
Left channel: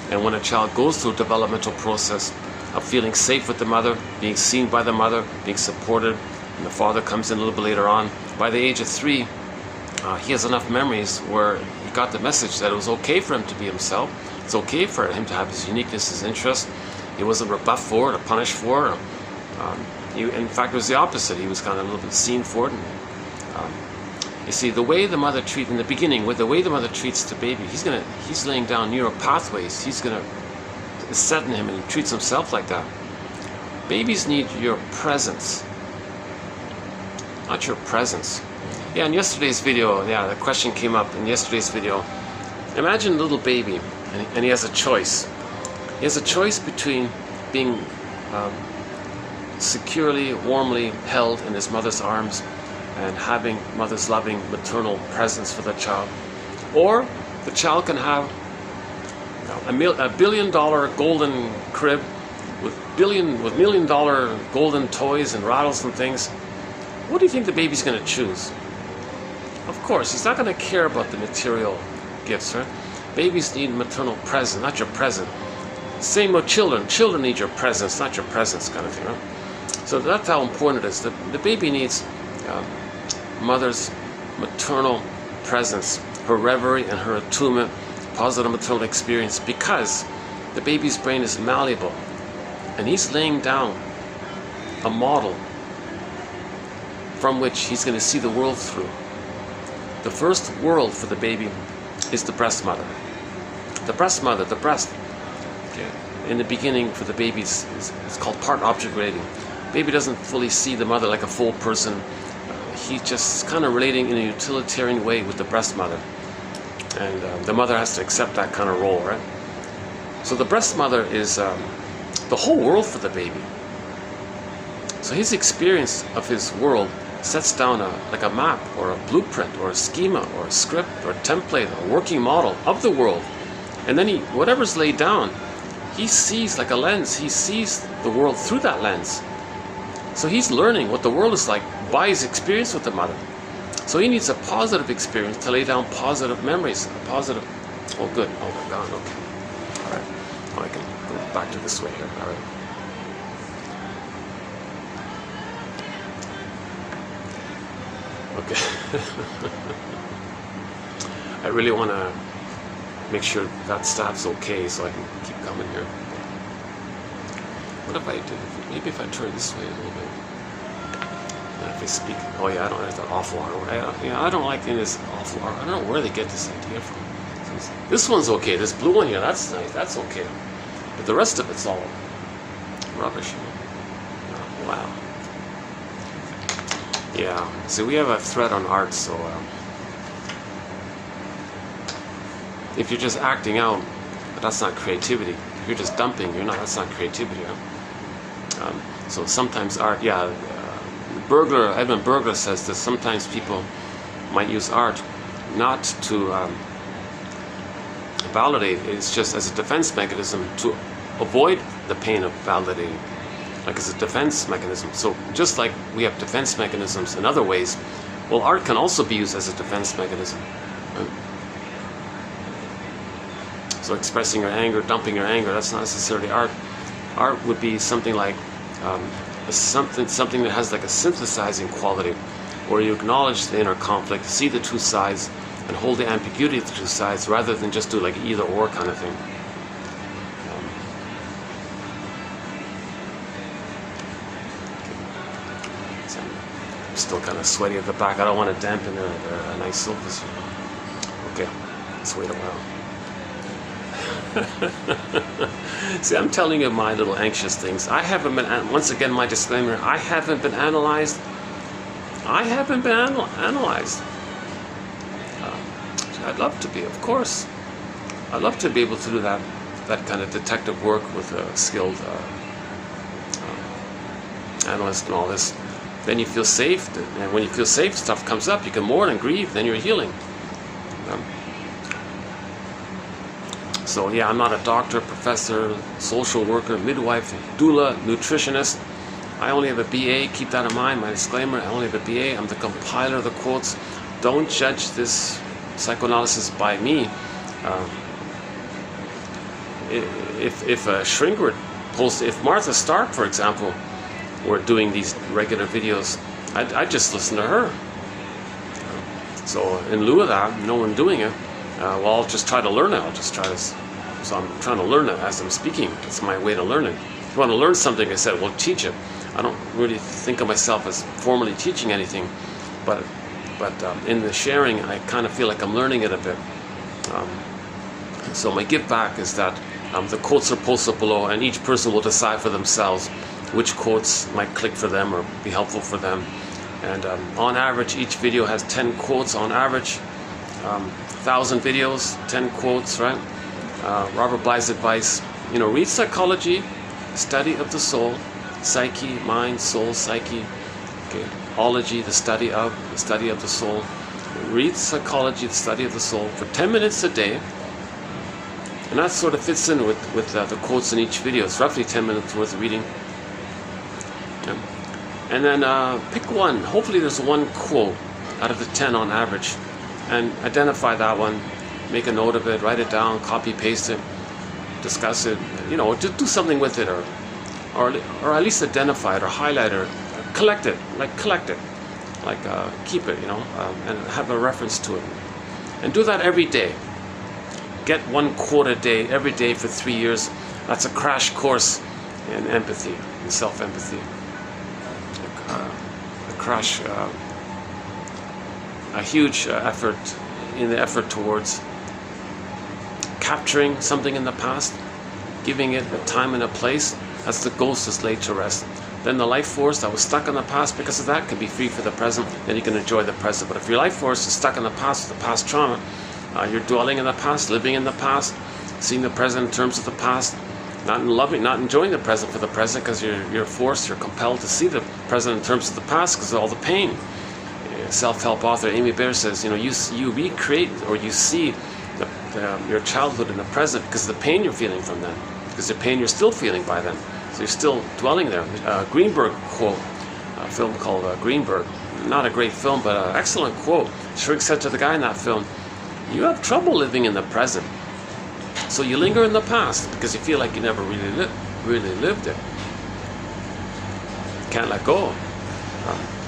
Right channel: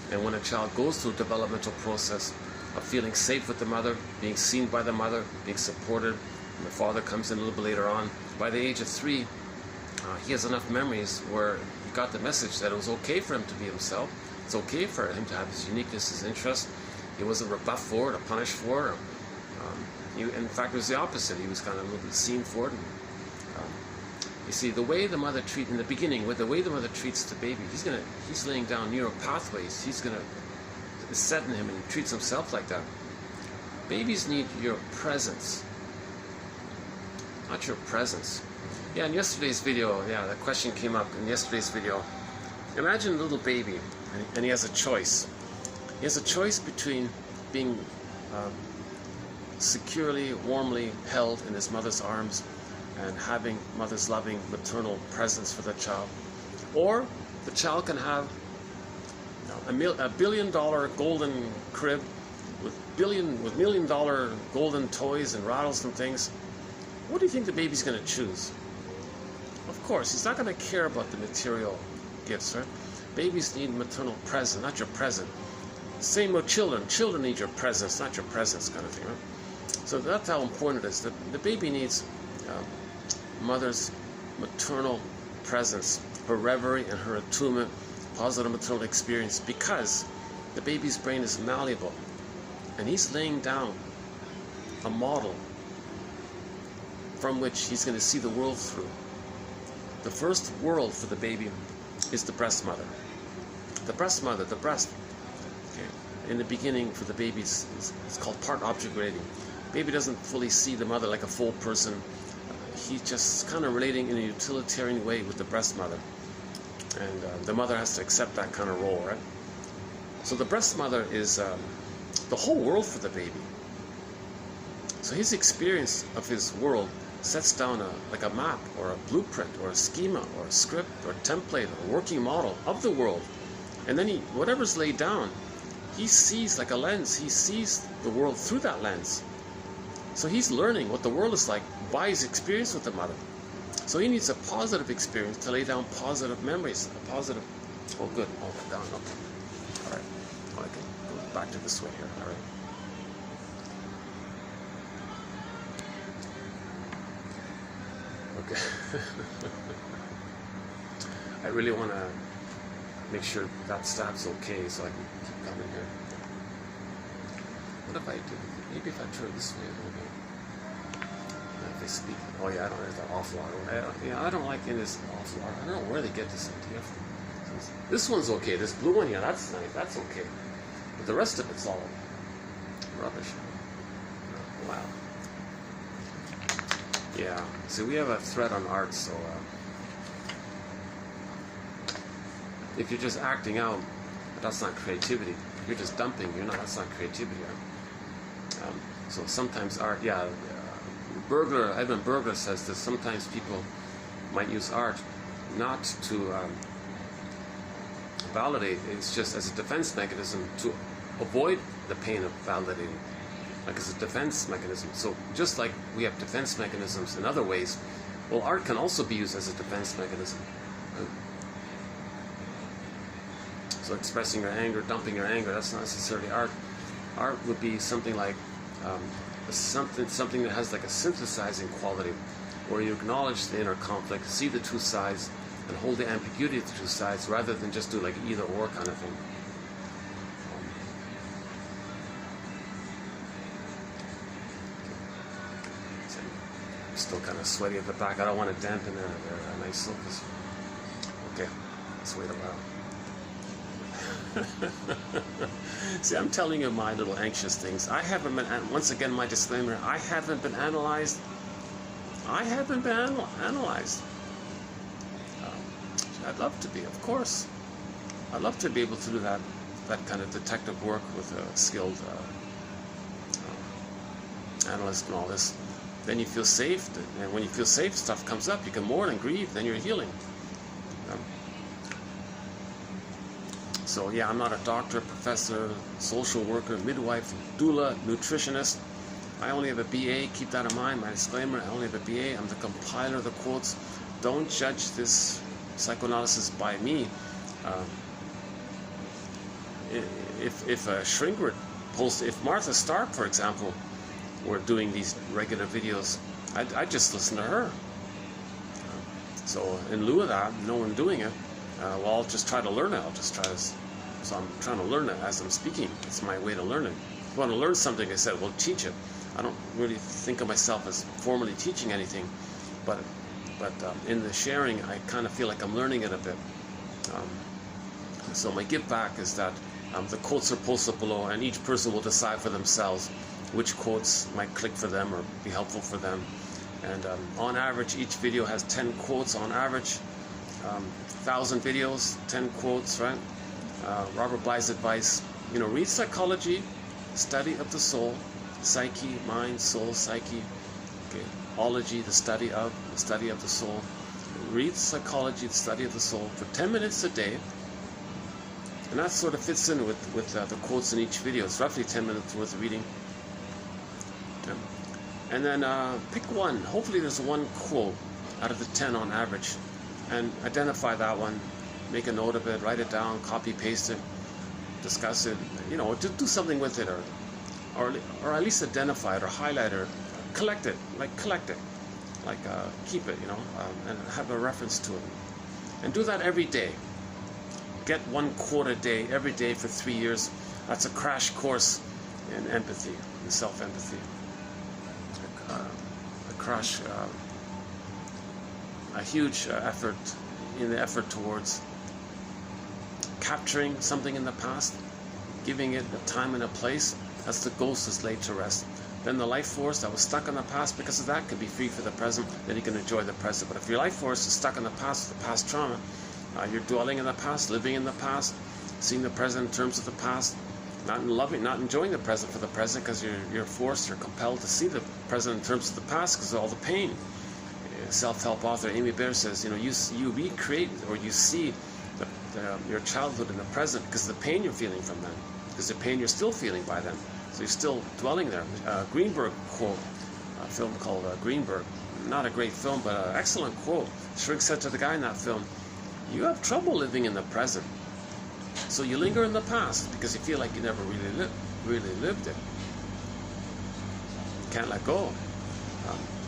And when a child goes through a developmental process of feeling safe with the mother, being seen by the mother, being supported, and the father comes in a little bit later on. By the age of 3, he has enough memories where he got the message that it was okay for him to be himself. It's okay for him to have his uniqueness, his interest. He wasn't rebuffed for it or punished for it. In fact, it was the opposite. He was kind of a little bit seen for it. And, You see, the way the mother treats, in the beginning, with the way the mother treats the baby, he's laying down neural pathways. He's gonna set in him, and he treats himself like that. Babies need your presence, not your presence. Yeah, in yesterday's video, yeah, the question came up in yesterday's video. Imagine a little baby, and he has a choice. He has a choice between being securely, warmly held in his mother's arms and having mother's loving maternal presence for the child, or the child can have a $1 billion golden crib with $1 million golden toys and rattles and things. What do you think the baby's going to choose? Of course, he's not going to care about the material gifts, right? Babies need maternal presence, not your present. Same with children. Children need your presence, not your presence, kind of thing, right? So that's how important it is. The baby needs mother's maternal presence, her reverie and her attunement, positive maternal experience, because the baby's brain is malleable, and he's laying down a model from which he's going to see the world through. The first world for the baby is the breast mother. The breast mother, the breast. Okay. In the beginning, for the baby, it's called part object relating. Baby doesn't fully see the mother like a full person. He's just kind of relating in a utilitarian way with the breast mother. And the mother has to accept that kind of role, right? So the breast mother is the whole world for the baby. So his experience of his world sets down like a map or a blueprint or a schema or a script or a template, a working model of the world. And then whatever's laid down, he sees like a lens. He sees the world through that lens. So he's learning what the world is like by his experience with the mother. So he needs a positive experience to lay down positive memories. Positive. Oh, good. Oh, my God. Okay. All right. Oh, I can go back to this way here. All right. Okay. I really want to make sure that staff's okay so I can keep coming here. What if I do? Maybe if I turn this way a little bit. If I speak, oh yeah, I don't like that awful hour. I don't like this awful hour. I don't know where they get this idea from. This one's okay. This blue one here, that's nice. That's okay. But the rest of it's all rubbish. Oh, wow. Yeah. So we have a thread on art. So if you're just acting out, that's not creativity. If you're just dumping, you're not. That's not creativity. Huh? So sometimes art, yeah. Edmund Burglar says that sometimes people might use art not to validate, it's just as a defense mechanism to avoid the pain of validating, like as a defense mechanism. So just like we have defense mechanisms in other ways, well, art can also be used as a defense mechanism. Right? So expressing your anger, dumping your anger, that's not necessarily art. Art would be something like something that has like a synthesizing quality, where you acknowledge the inner conflict, see the two sides, and hold the ambiguity of the two sides, rather than just do like either or kind of thing. So I'm still kind of sweaty at the back. I don't want to dampen a nice surface. Okay, let's wait a while. See, I'm telling you my little anxious things. I haven't been, once again, my disclaimer, I haven't been analyzed. I haven't been analyzed. I'd love to be, of course. I'd love to be able to do that kind of detective work with a skilled analyst and all this. Then you feel safe, and when you feel safe, stuff comes up, you can mourn and grieve, then you're healing. So yeah, I'm not a doctor, professor, social worker, midwife, doula, nutritionist. I only have a BA, keep that in mind, my disclaimer, I only have a BA, I'm the compiler of the quotes. Don't judge this psychoanalysis by me. If a shrink were post, if Martha Stark, for example, were doing these regular videos, I'd just listen to her. So in lieu of that, no one doing it, well, I'll just try to learn it. So I'm trying to learn it as I'm speaking. It's my way to learn it. If you want to learn something, I said, well, teach it. I don't really think of myself as formally teaching anything, but but in the sharing, I kind of feel like I'm learning it a bit. So my give back is that the quotes are posted below, and each person will decide for themselves which quotes might click for them or be helpful for them. And on average, each video has 10 quotes on average. 1,000 videos, 10 quotes, right? Robert Bly's advice, read Psychology, Study of the Soul, Psyche, Mind, Soul, Psyche. Okay. Ology, the study of the soul. Read Psychology, the Study of the Soul for 10 minutes a day. And that sort of fits in with the quotes in each video. It's roughly 10 minutes worth of reading. Okay. And then pick one. Hopefully there's one quote out of the 10 on average. And identify that one. Make a note of it. Write it down. Copy, paste it. Discuss it. Just do something with it. Or at least identify it or highlight it. Or collect it. Keep it, and have a reference to it. And do that every day. Get one quote a day, every day for 3 years. That's a crash course in empathy, in self-empathy. A huge effort towards capturing something in the past, giving it a time and a place. That's the ghost is laid to rest. Then the life force that was stuck in the past because of that can be free for the present, and you can enjoy the present. But if your life force is stuck in the past with the past trauma, you're dwelling in the past, living in the past, seeing the present in terms of the past, not enjoying the present for the present because you're forced, you're compelled to see the present in terms of the past because of all the pain. Self-help author Amy Bear says, you recreate or you see your childhood in the present because of the pain you're feeling from then, because the pain you're still feeling by then. So you're still dwelling there. Greenberg quote, a film called Greenberg. Not a great film, but an excellent quote. Schrig said to the guy in that film, you have trouble living in the present. So you linger in the past because you feel like you never really lived it. Can't let go.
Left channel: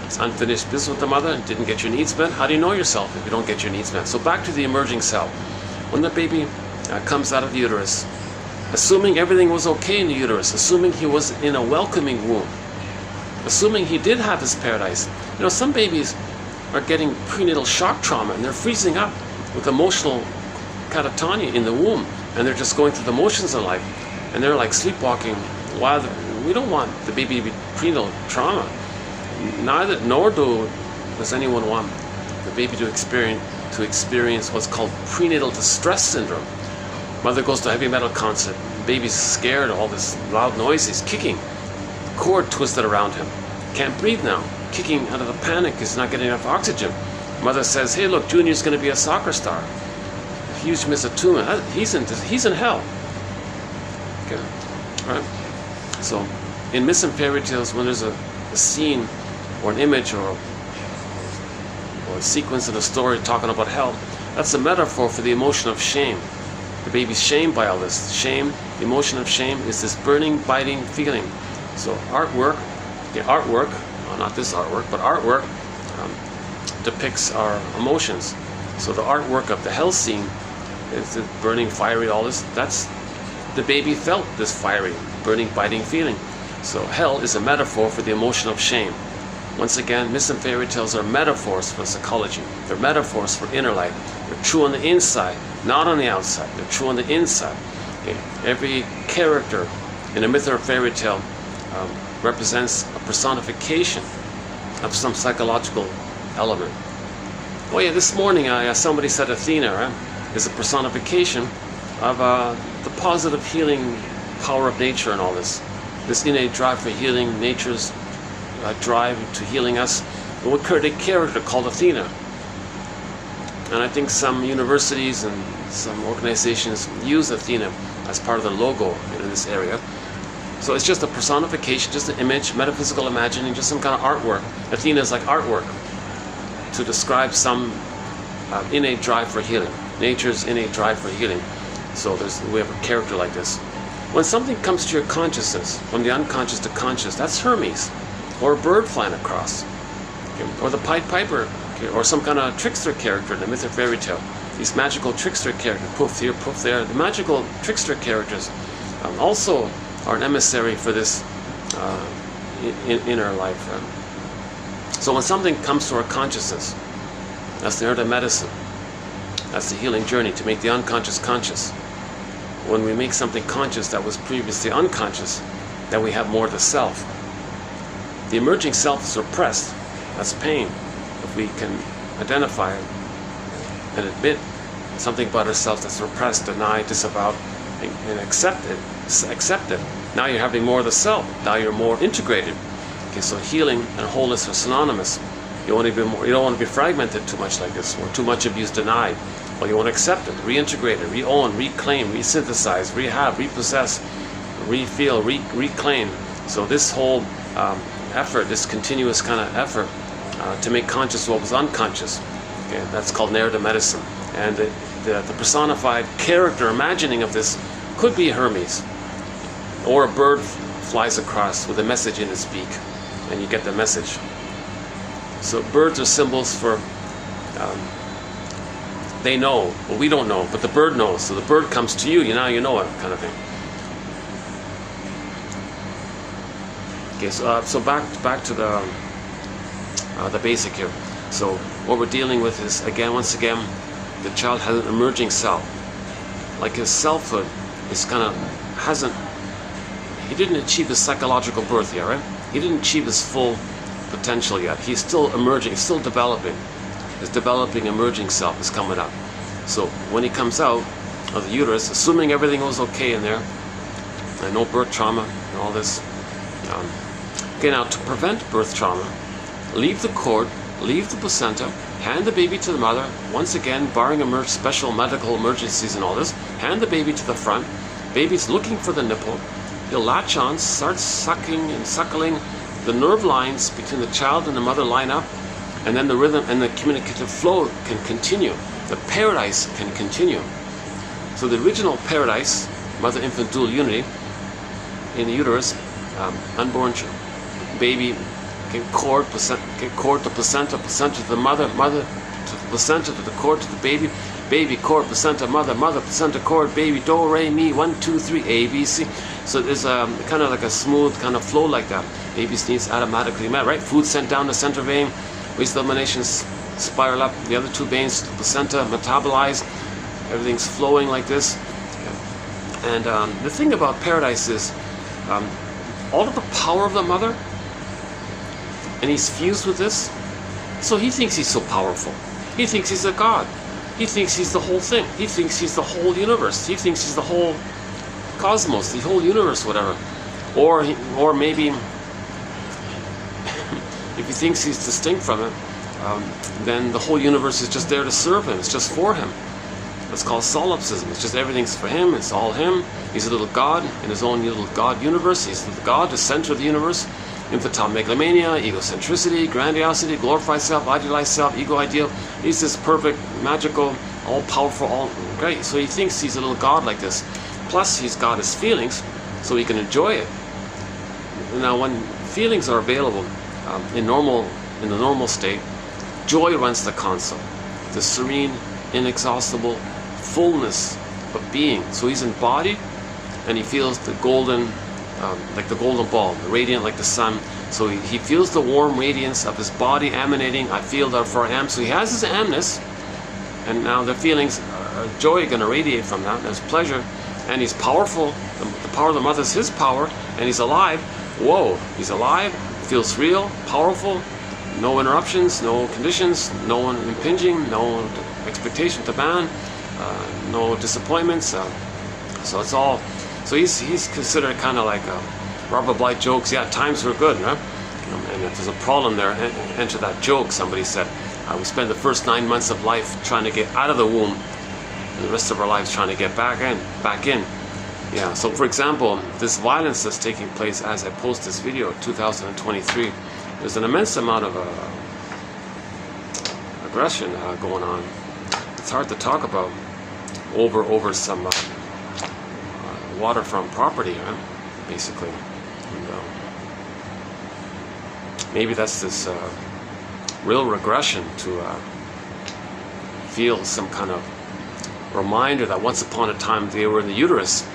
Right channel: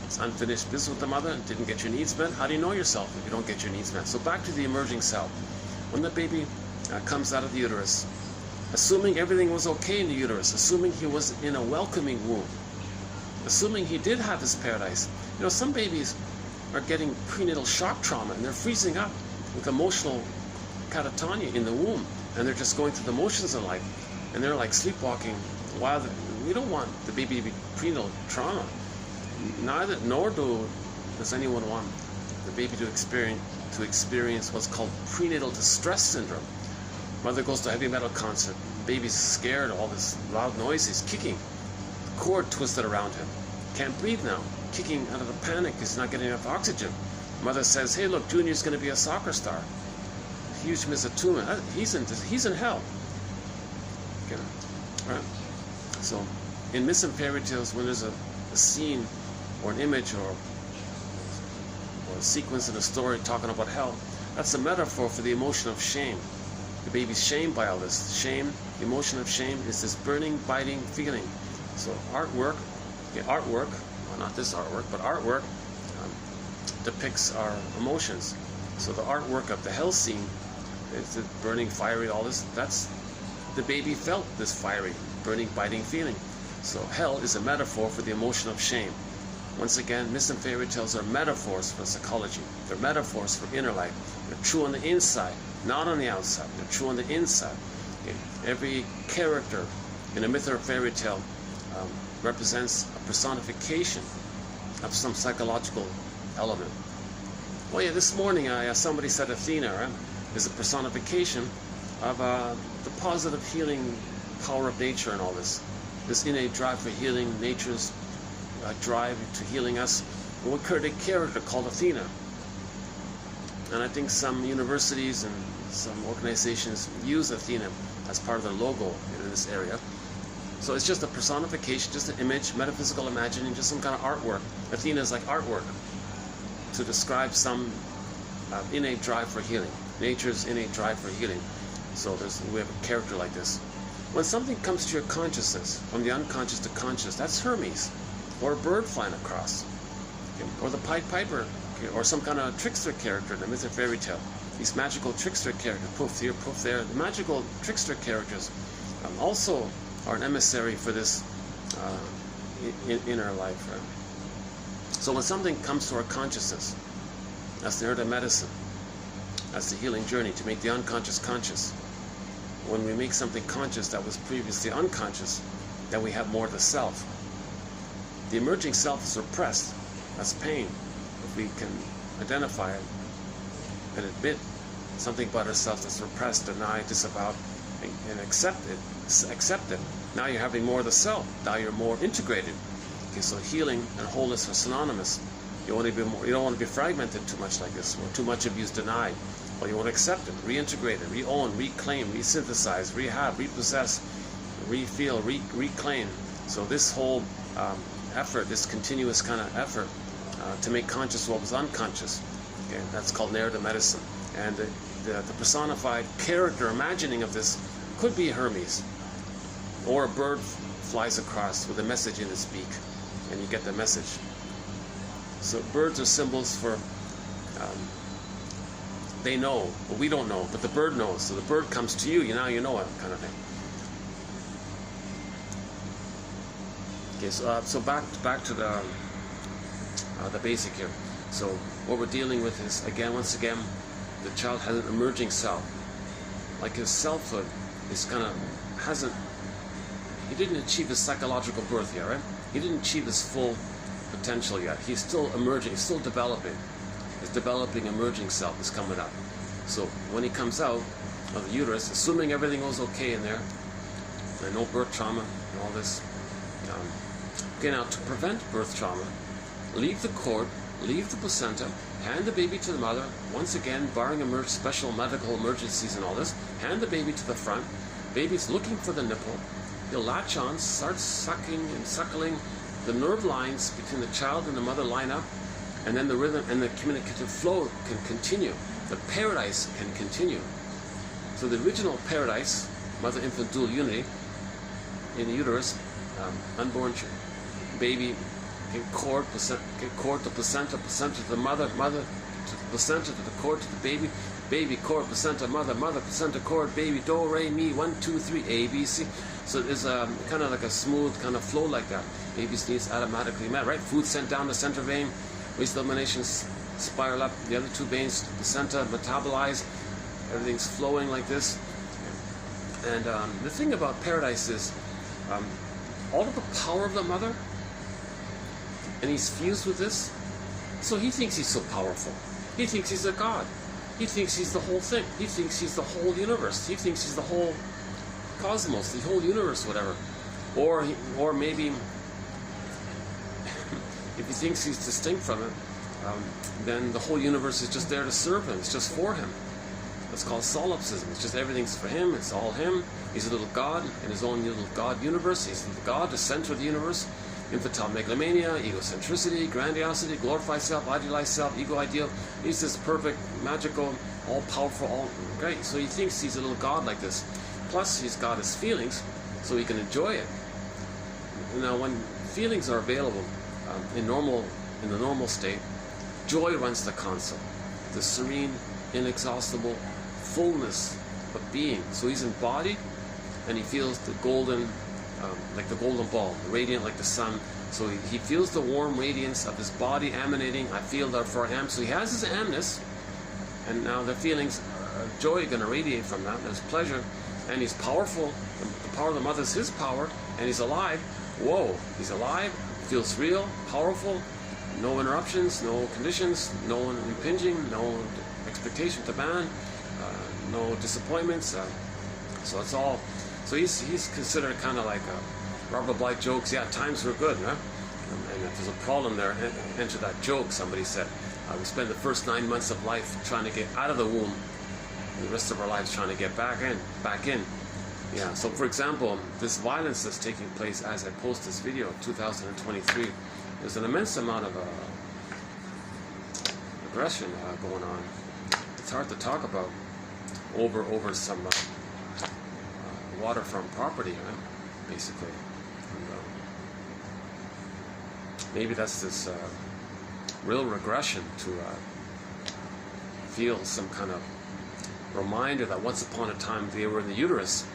It's unfinished business with the mother and didn't get your needs met. How do you know yourself if you don't get your needs met? So back to the emerging self. When the baby comes out of the uterus, assuming everything was okay in the uterus, assuming he was in a welcoming womb, assuming he did have his paradise. Some babies are getting prenatal shock trauma and they're freezing up with emotional catatonia in the womb, and they're just going through the motions of life, and they're like sleepwalking. We don't want the baby to be prenatal trauma. Nor does anyone want the baby to experience what's called prenatal distress syndrome. Mother goes to a heavy metal concert. Baby's scared of all this loud noise. He's kicking. Cord twisted around him. Can't breathe now. Kicking out of the panic. He's not getting enough oxygen. Mother says, hey, look, Junior's going to be a soccer star. Huge misattunement. He's in hell. Okay. All right. So, in myths and fairy tales, when there's a scene or an image or a sequence in a story talking about hell, that's a metaphor for the emotion of shame. The baby's shamed by all this. Shame, the emotion of shame, is this burning, biting feeling. So not this artwork, but artwork depicts our emotions. So the artwork of the hell scene is the burning, fiery, all this. That's the baby felt this fiery, burning, biting feeling. So hell is a metaphor for the emotion of shame. Once again, myths and fairy tales are metaphors for psychology. They're metaphors for inner life. They're true on the inside, not on the outside. They're true on the inside. Okay? Every character in a myth or a fairy tale represents a personification of some psychological element. Oh yeah, this morning somebody said Athena is a personification of the positive healing power of nature and all this. This innate drive for healing, nature's drive to healing us. And we created a character called Athena. And I think some universities and some organizations use Athena as part of the logo in this area. So it's just a personification, just an image, metaphysical imagining, just some kind of artwork. Athena is like artwork to describe some innate drive for healing, nature's innate drive for healing. So we have a character like this. When something comes to your consciousness, from the unconscious to conscious, that's Hermes, or a bird flying across, okay, or the Pied Piper, okay, or some kind of trickster character in a myth or fairy tale. These magical trickster characters, poof here, poof there. The magical trickster characters also are an emissary for this inner life. So when something comes to our consciousness, That's the art of medicine. That's the healing journey, to make the unconscious conscious. When we make something conscious that was previously unconscious, then we have more of the self. The emerging self is repressed. That's pain. If we can identify it and admit something about ourselves that's repressed, denied, disavowed, and accept it. Now you're having more of the self. Now you're more integrated. Okay, so healing and wholeness are synonymous. You want to be more. You don't want to be fragmented too much like this, or too much abuse denied. Well, you want to accept it, reintegrate it, re-own, reclaim, resynthesize, rehab, repossess, refeel, reclaim. So this whole effort, this continuous kind of effort to make conscious what was unconscious, okay, that's called narrative medicine. And the personified character imagining of this could be Hermes, or a bird flies across with a message in its beak, and you get the message. So birds are symbols for, they know, but we don't know, but the bird knows. So the bird comes to you, now you know it, kind of thing. Okay, so back to the basic here. So what we're dealing with is, once again, the child has an emerging self. Like his selfhood is he didn't achieve his psychological birth yet, right? He didn't achieve his full potential yet. He's still emerging, still developing. His developing emerging self is coming up. So when he comes out of the uterus, assuming everything was okay in there, and no birth trauma and all this, okay, now to prevent birth trauma, leave the cord, leave the placenta, hand the baby to the mother, once again, barring special medical emergencies and all this, hand the baby to the front. Baby's looking for the nipple. He'll latch on, start sucking and suckling. The nerve lines between the child and the mother line up, and then the rhythm and the communicative flow can continue. The paradise can continue. So the original paradise, mother-infant dual unity, in the uterus, unborn baby, get cord to placenta, placenta to the mother, mother to the placenta, to the cord to the baby, baby, cord, placenta, mother, mother, placenta, cord, baby, do, re, mi, 1, 2, 3, A, B, C. So there's kind of like a smooth kind of flow like that. Baby's needs automatically met, right? Food sent down the center vein, waste eliminations spiral up the other two veins, the placenta metabolize, everything's flowing like this. And the thing about paradise is all of the power of the mother, and he's fused with this, so he thinks he's so powerful. He thinks he's a god. He thinks he's the whole thing. He thinks he's the whole universe. He thinks he's the whole cosmos, the whole universe, whatever. Or maybe if he thinks he's distinct from it, then the whole universe is just there to serve him. It's just for him. That's called solipsism. It's just everything's for him. It's all him. He's a little god in his own little god universe. He's the god, the center of the universe. Infantile megalomania, egocentricity, grandiosity, glorified self, idealized self, ego ideal. He's this perfect, magical, all-powerful, all great. So he thinks he's a little god like this. Plus, he's got his feelings, so he can enjoy it. Now, when feelings are available in the normal state, joy runs the console. The serene, inexhaustible fullness of being. So he's embodied, and he feels the golden, like the golden ball, the radiant like the sun. So he feels the warm radiance of his body emanating. I feel therefore I am. So he has his amness, and now the feelings of joy are going to radiate from that. There's pleasure, and he's powerful. The power of the mother is his power, and he's alive. Whoa, he's alive, feels real, powerful, no interruptions, no conditions, no one impinging, no expectation to ban, no disappointments. So it's all. So he's considered kind of like Robert Bly jokes. Yeah, times were good, right? And if there's a problem there, enter that joke. Somebody said, we spend the first 9 months of life trying to get out of the womb, and the rest of our lives trying to get back in. Yeah. So for example, this violence that's taking place as I post this video, 2023, there's an immense amount of aggression going on. It's hard to talk about over some waterfront property, basically. And, maybe that's this real regression to feel some kind of reminder that once upon a time they were in the uterus.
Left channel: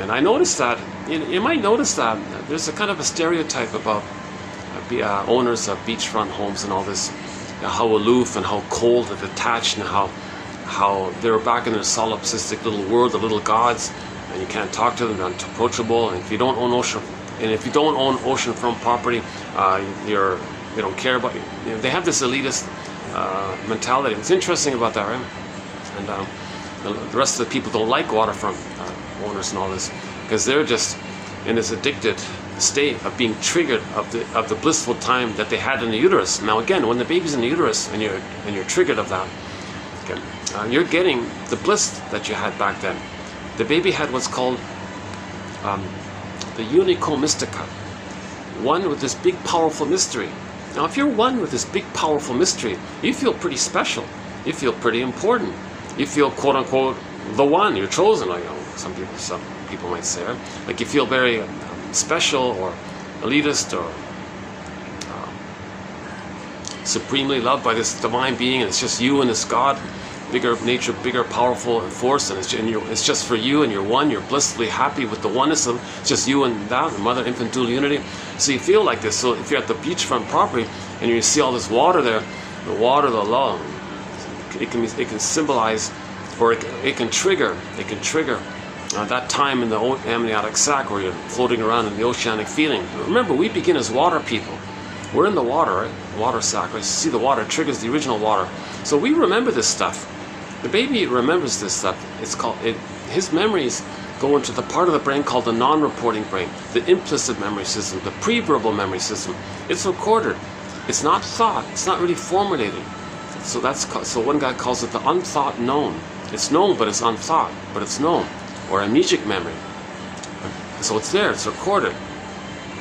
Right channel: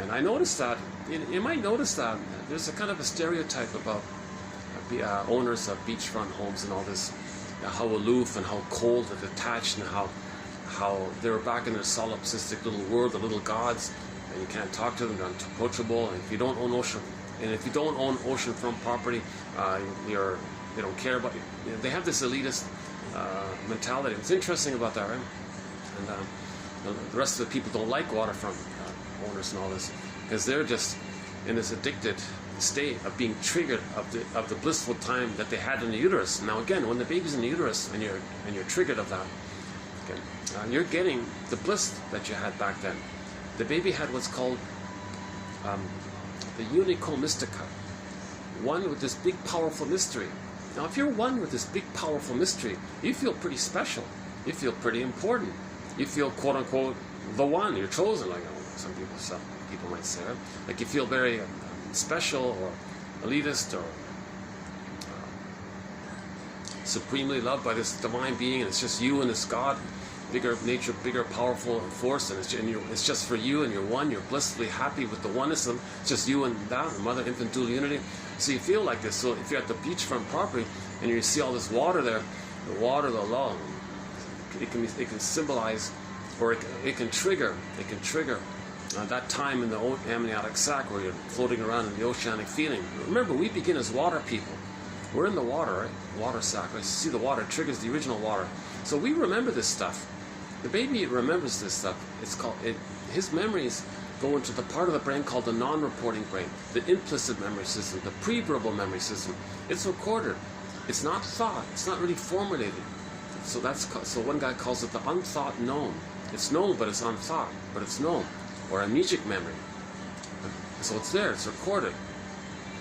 And I noticed that, you might notice that there's a kind of a stereotype about owners of beachfront homes and all this. how aloof and how cold and detached, and how they're back in their solipsistic little world, the little gods, and you can't talk to them, they're unapproachable. And if you don't own oceanfront property, they don't care about you. You know, they have this elitist mentality. It's interesting about that, right? And the rest of the people don't like waterfront owners and all this, because they're just in this addicted state of being triggered of the blissful time that they had in the uterus. Now again, when the baby's in the uterus and you're triggered of that, okay, you're getting the bliss that you had back then. The baby had what's called the unico mystica, one with this big powerful mystery. Now if you're one with this big powerful mystery, you feel pretty special, you feel pretty important, you feel quote unquote the one, you're chosen, like, you know, some people might say, like you feel very special or elitist or supremely loved by this divine being, and it's just you and this God, bigger nature, bigger powerful force, and it's just for you, and you're one, you're blissfully happy with the oneness of it's just you and that, the mother infant dual unity. So you feel like this. So if you're at the beachfront property and you see all this water there, the water, the love, it can symbolize, or it can trigger that time in the amniotic sac where you're floating around in the oceanic feeling. Remember, we begin as water people. We're in the water, right? Water sac. You see the water triggers the original water. So we remember this stuff. The baby remembers this stuff. His memories go into the part of the brain called the non-reporting brain, the implicit memory system, the pre-verbal memory system. It's recorded. It's not thought. It's not really formulated. So one guy calls it the unthought known. It's known, but it's unthought, but it's known. Or amnesic memory. So it's there, it's recorded.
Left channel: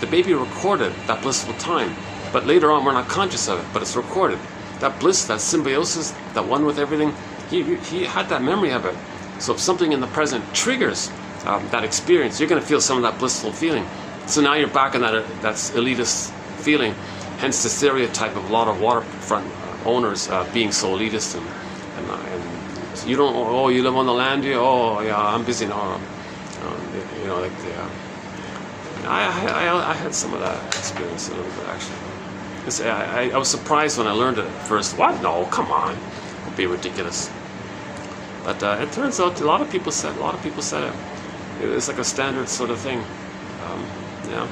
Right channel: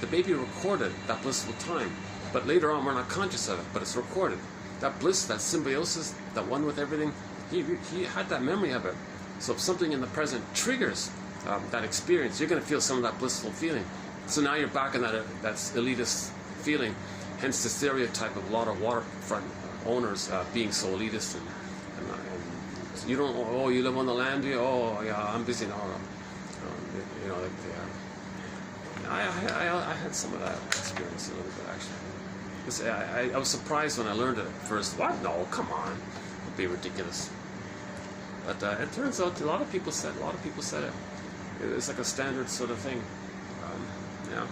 The baby recorded that blissful time, but later on we're not conscious of it, but it's recorded. That bliss, that symbiosis, that one with everything, he had that memory of it. So if something in the present triggers that experience, you're going to feel some of that blissful feeling. So now you're back in that elitist feeling, hence the stereotype of a lot of waterfront owners being so elitist and you don't, oh, you live on the land here, oh yeah, I'm busy now. You know, like I had some of that experience a little bit actually. I was surprised when I learned it at first. What? No, come on, don't be ridiculous. But it turns out a lot of people said it. It's like a standard sort of thing. Yeah.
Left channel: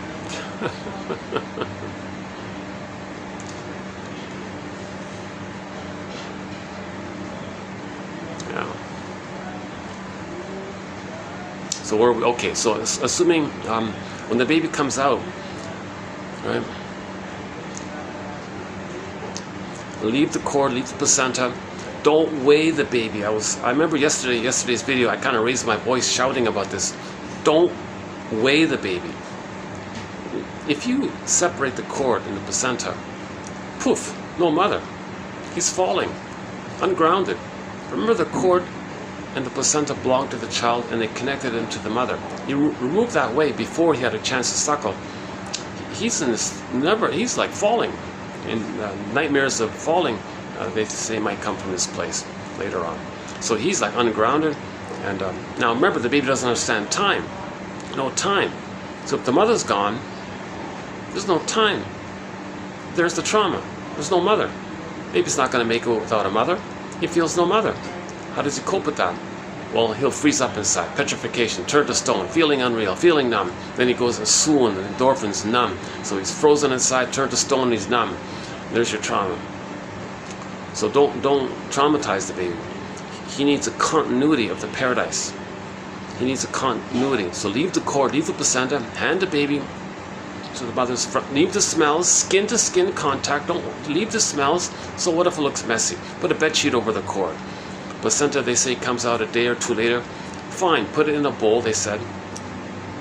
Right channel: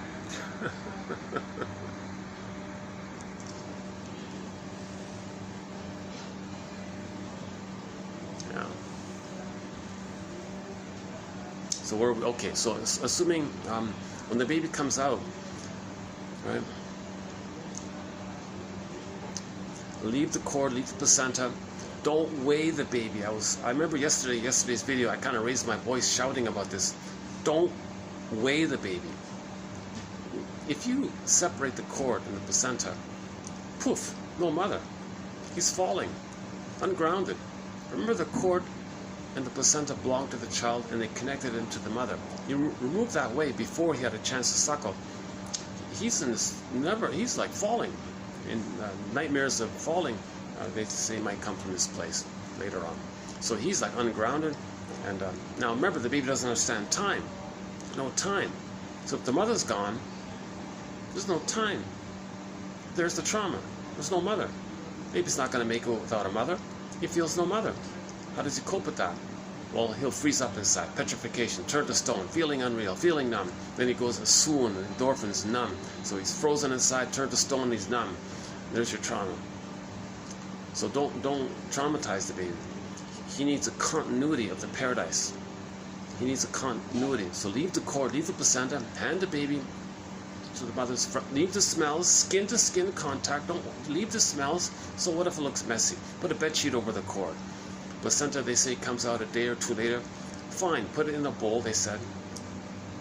So we're okay. So assuming when the baby comes out, right? Leave the cord, leave the placenta. Don't weigh the baby. I remember yesterday's video. I kind of raised my voice shouting about this. Don't weigh the baby. If you separate the cord and the placenta, poof, no mother. He's falling, ungrounded. Remember the cord and the placenta belonged to the child and they connected him to the mother. You remove that way before he had a chance to suckle. He's like falling. And nightmares of falling, they say, might come from this place later on. So he's like ungrounded. And now remember, the baby doesn't understand time. No time. So if the mother's gone, there's no time. There's the trauma. There's no mother. Baby's not going to make it without a mother. He feels no mother. How does he cope with that? Well, he'll freeze up inside, petrification, turn to stone, feeling unreal, feeling numb. Then he goes and swoon, endorphins, numb. So he's frozen inside, turned to stone, he's numb. There's your trauma. So don't traumatize the baby. He needs a continuity of the paradise. He needs a continuity. So leave the cord, leave the placenta, hand the baby to the mother's front. Leave the smells, skin to skin contact. Don't leave the smells. So what if it looks messy? Put a bed sheet over the cord. Placenta, they say, comes out a day or two later. Fine, put it in a bowl, they said.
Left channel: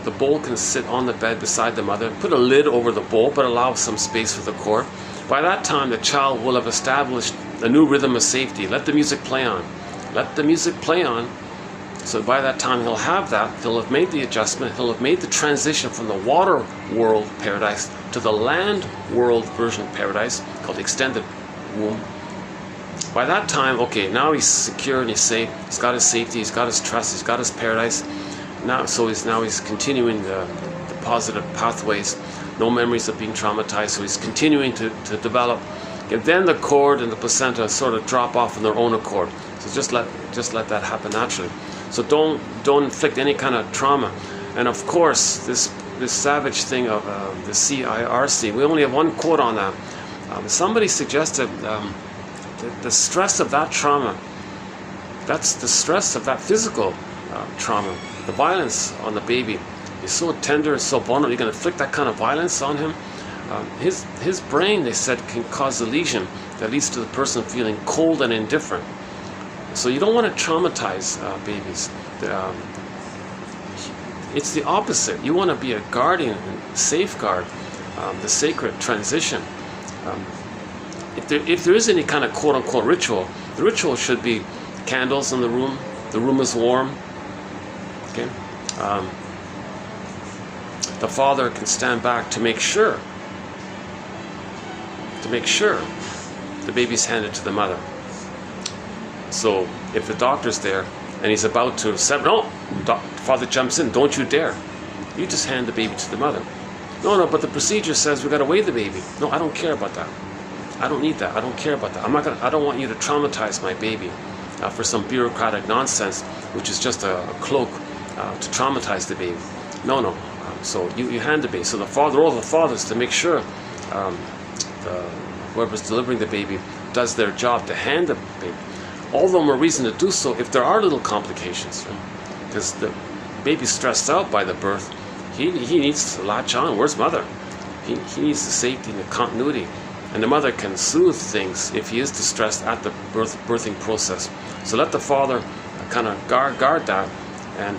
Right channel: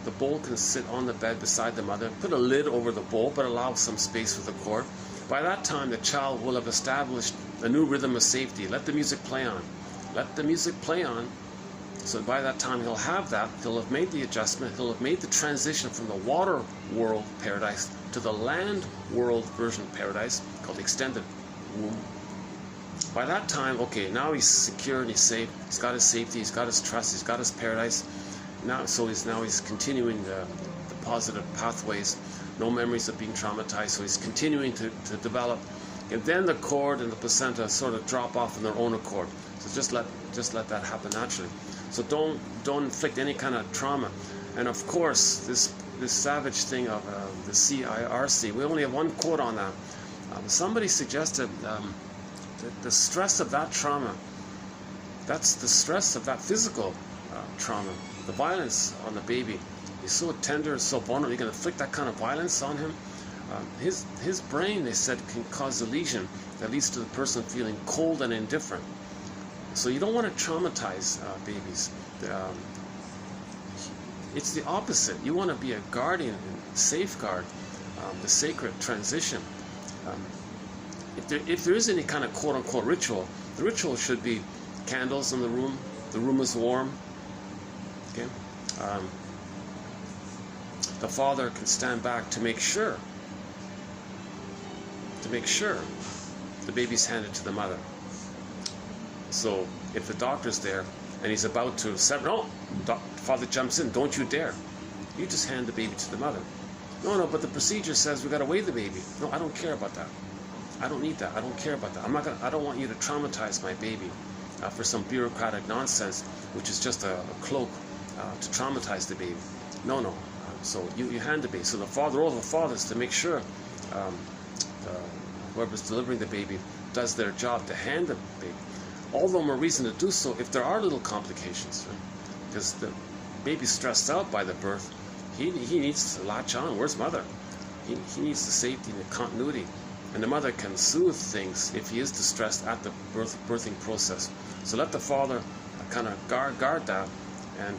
The bowl can sit on the bed beside the mother. Put a lid over the bowl, but allow some space for the cord. By that time, the child will have established a new rhythm of safety. Let the music play on. Let the music play on. So by that time, he'll have that. He'll have made the adjustment. He'll have made the transition from the water world paradise to the land world version of paradise, called the extended womb. By that time, okay, now he's secure and he's safe. He's got his safety, he's got his trust, he's got his paradise. He's continuing the positive pathways. No memories of being traumatized. So he's continuing to develop And then the cord and the placenta sort of drop off on their own accord. So just let that happen naturally. So don't inflict any kind of trauma. And of course, this savage thing of the CIRC, we only have one quote on that. Somebody suggested the stress of that trauma, that's the stress of that physical trauma. The violence on the baby is so tender, so vulnerable. You're going to inflict that kind of violence on him. His brain, they said, can cause a lesion that leads to the person feeling cold and indifferent. So you don't want to traumatize babies. It's the opposite. You want to be a guardian, safeguard the sacred transition. If there is any kind of quote-unquote ritual, the ritual should be candles in the room is warm. Okay? The father can stand back to make sure the baby's handed to the mother. So if the doctor's there and he's about to no, father jumps in, don't you dare. You just hand the baby to the mother. No, but the procedure says we got to weigh the baby. No, I don't care about that. I don't need that. I don't care about that. I don't want you to traumatize my baby for some bureaucratic nonsense, which is just a cloak to traumatize the baby. No. So you hand the baby. So the role of the father is to make sure whoever's delivering the baby does their job to hand the baby. All the more reason to do so if there are little complications, because the baby's stressed out by the birth. He needs to latch on. Where's mother? He needs the safety and the continuity, and the mother can soothe things if he is distressed at the birthing process. So let the father kind of guard that, and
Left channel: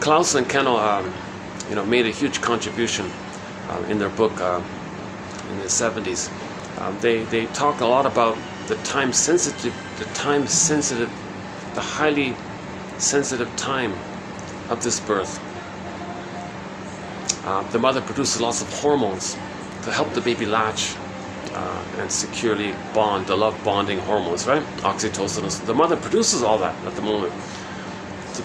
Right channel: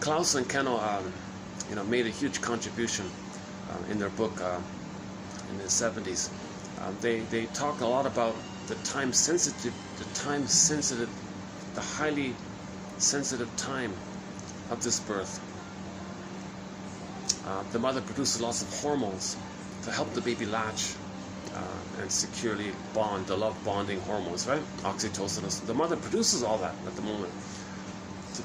Klaus and Kennel made a huge contribution in their book in the 70s. They talk a lot about the highly sensitive time of this birth. The mother produces lots of hormones to help the baby latch and securely bond, the love bonding hormones, right? Oxytocin. The mother produces all that at the moment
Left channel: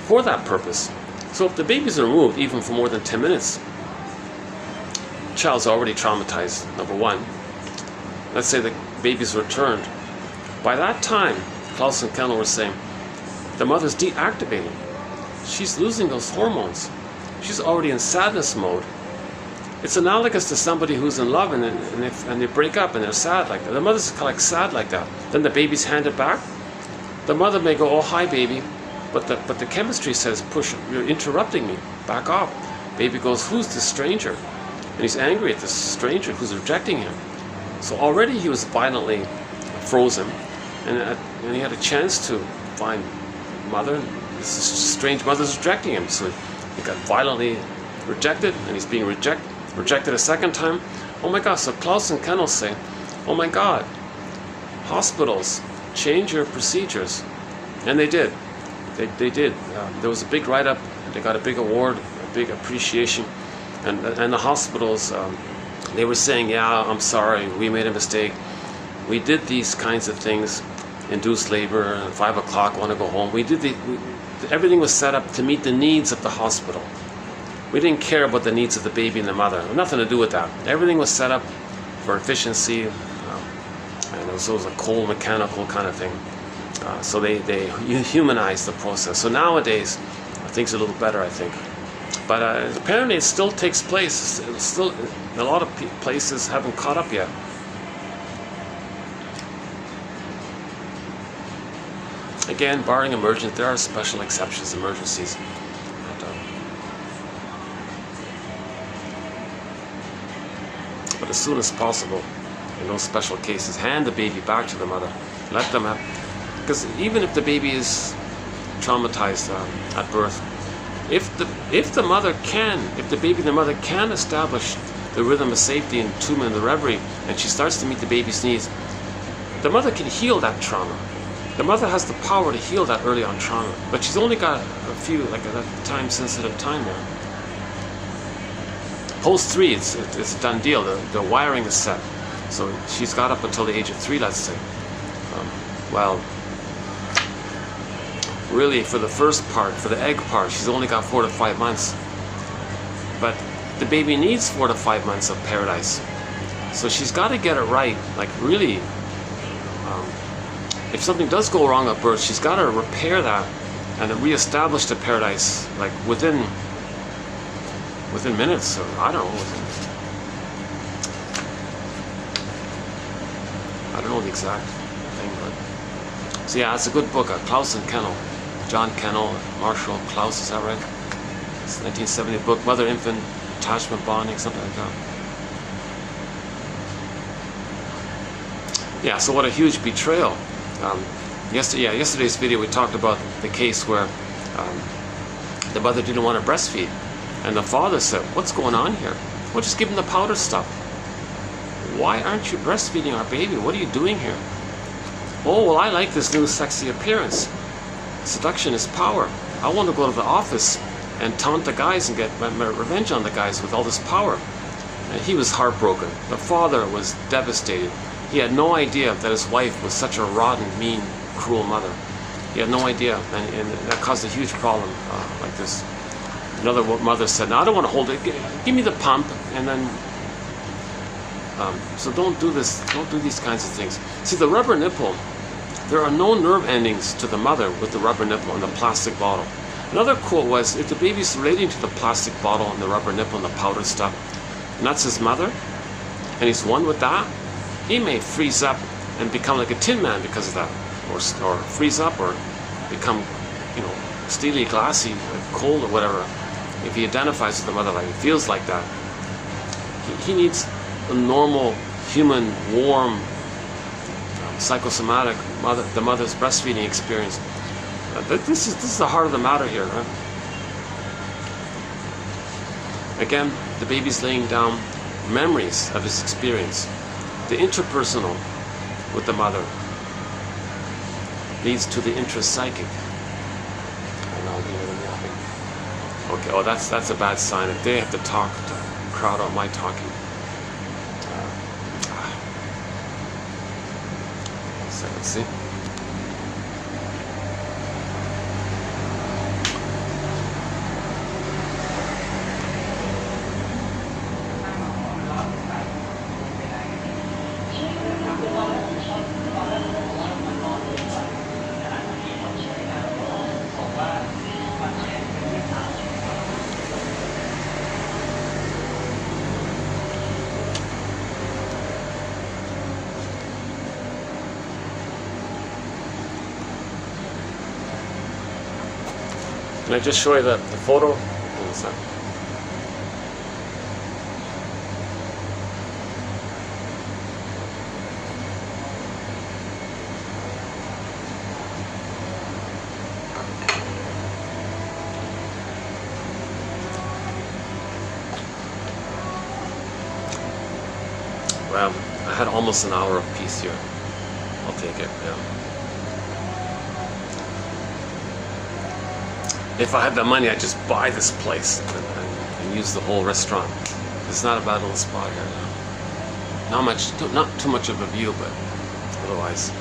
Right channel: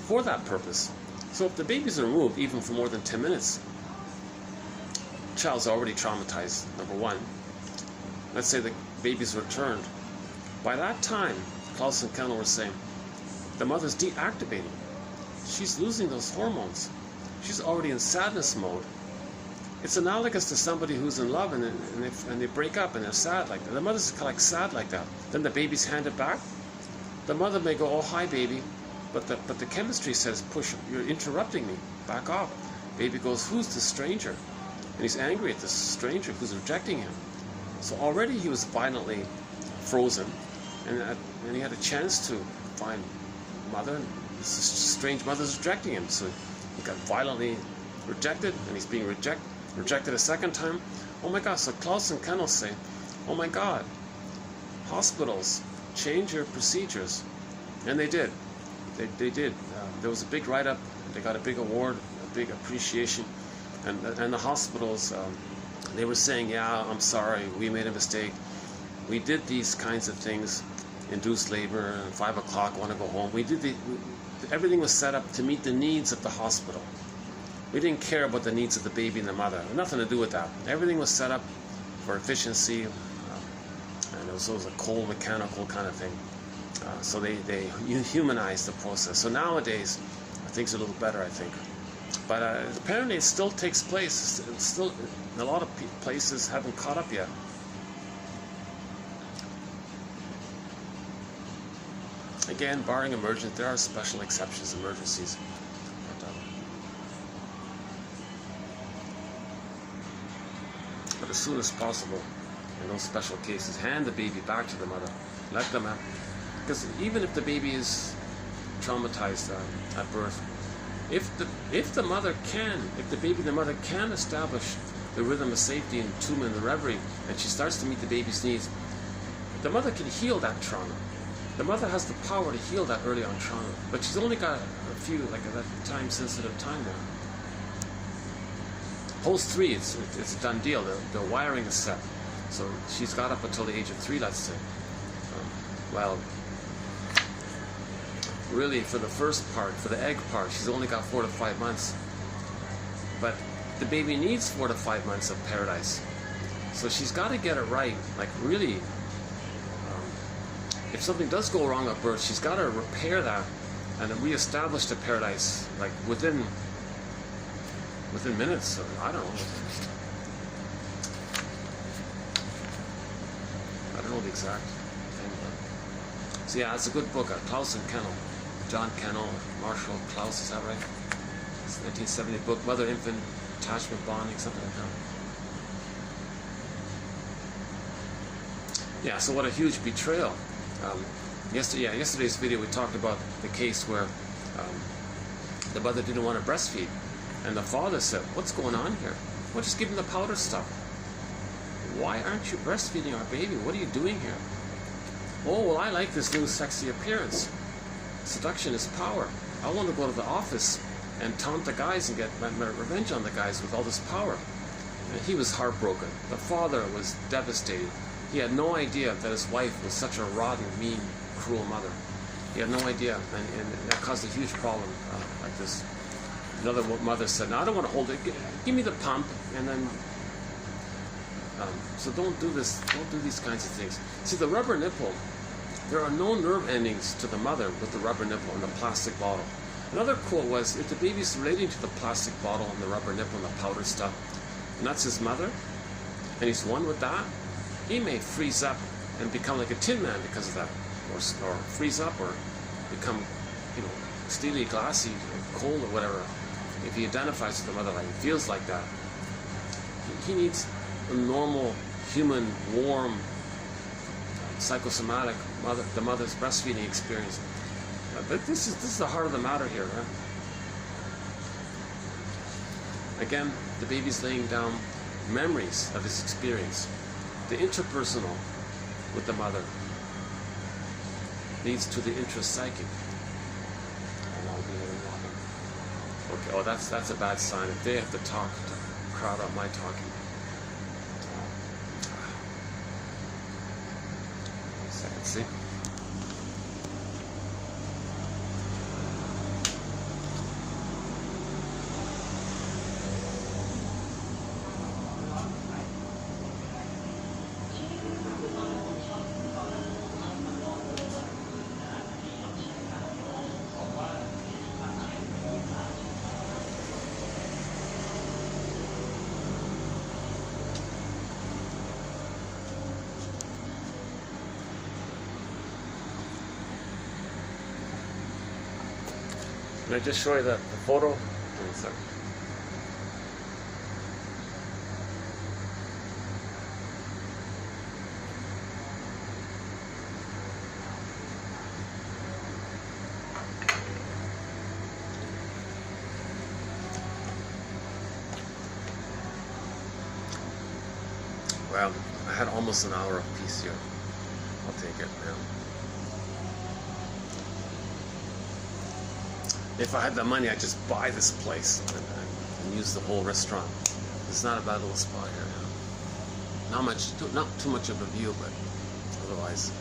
for that purpose. So if the baby's removed, even for more than 10 minutes, the child's already traumatized, number one. Let's say the baby's returned. By that time, Klaus and Kennel were saying, the mother's deactivating. She's losing those hormones. She's already in sadness mode. It's analogous to somebody who's in love and they break up and they're sad like that. The mother's kind of like sad like that. Then the baby's handed back. The mother may go, oh, hi, baby. But the chemistry says, push, you're interrupting me. Back off. Baby goes, who's this stranger? And he's angry at this stranger who's rejecting him. So already he was violently frozen. And he had a chance to find mother. This strange mother's rejecting him. So he got violently rejected, and he's being rejected a second time. Oh my God, so Klaus and Kennel say, oh my God, hospitals, change your procedures. And they did. They did. There was a big write-up. They got a big award, a big appreciation. And the hospitals, they were saying, yeah, I'm sorry, we made a mistake. We did these kinds of things, induced labor, at 5 o'clock, want to go home. Everything was set up to meet the needs of the hospital. We didn't care about the needs of the baby and the mother. Nothing to do with that. Everything was set up for efficiency, and it was a cold mechanical kind of thing. So they humanized the process. So nowadays, things are a little better, I think. But apparently it still takes place. It's still, a lot of places haven't caught up yet. Again, barring emergence, there are special exceptions, emergencies. But as soon as possible, in those special cases, hand the baby back to the mother. Let them have, because even if the baby is traumatized at birth, if the baby and the mother can establish the rhythm of safety and attunement and the reverie, and she starts to meet the baby's needs, the mother can heal that trauma. The mother has the power to heal that early on trauma, but she's only got a few, like a time-sensitive time there. Post 3, it's a done deal. The wiring is set, so she's got up until the age of 3, let's say. Well, really, for the first part, for the egg part, she's only got 4 to 5 months. But the baby needs 4 to 5 months of paradise. So she's got to get it right, like really. If something does go wrong at birth, she's got to repair that and then reestablish the paradise, like within minutes, or I don't know the exact thing, but so yeah, it's a good book. Klaus and Kennel, John Kennel, Marshall Klaus, is that right? It's a 1970 book, Mother-Infant Attachment Bonding, something like that. Yeah, so what a huge betrayal. Yesterday's video we talked about the case where the mother didn't want to breastfeed, and the father said, "What's going on here? Well, just give him the powder stuff. Why aren't you breastfeeding our baby? What are you doing here?" "Oh, well, I like this new sexy appearance. Seduction is power. I want to go to the office and taunt the guys and get my revenge on the guys with all this power." And he was heartbroken. The father was devastated. He had no idea that his wife was such a rotten, mean, cruel mother. He had no idea, and that caused a huge problem like this. Another mother said, "No, I don't want to hold it. Give me the pump," and then so don't do this. Don't do these kinds of things. See, the rubber nipple. There are no nerve endings to the mother with the rubber nipple and the plastic bottle. Another quote was, if the baby's relating to the plastic bottle and the rubber nipple and the powdered stuff, and that's his mother, and he's one with that, he may freeze up and become like a tin man because of that, or freeze up, or become, steely, glassy, cold, or whatever. If he identifies with the mother, like he feels like that, he needs a normal, human, warm, psychosomatic the mother's breastfeeding experience. This is the heart of the matter here, right? Again, the baby's laying down memories of his experience. The interpersonal with the mother leads to the intrapsychic. Okay, oh, that's a bad sign. If they have to talk to crowd out my talking. So let's see. Can I just show you the photo? One sec. Well, I had almost an hour of peace here. I'll take it, yeah. If I had the money, I'd just buy this place and use the whole restaurant. It's not a bad little spot here now. Not too much of a view, but otherwise.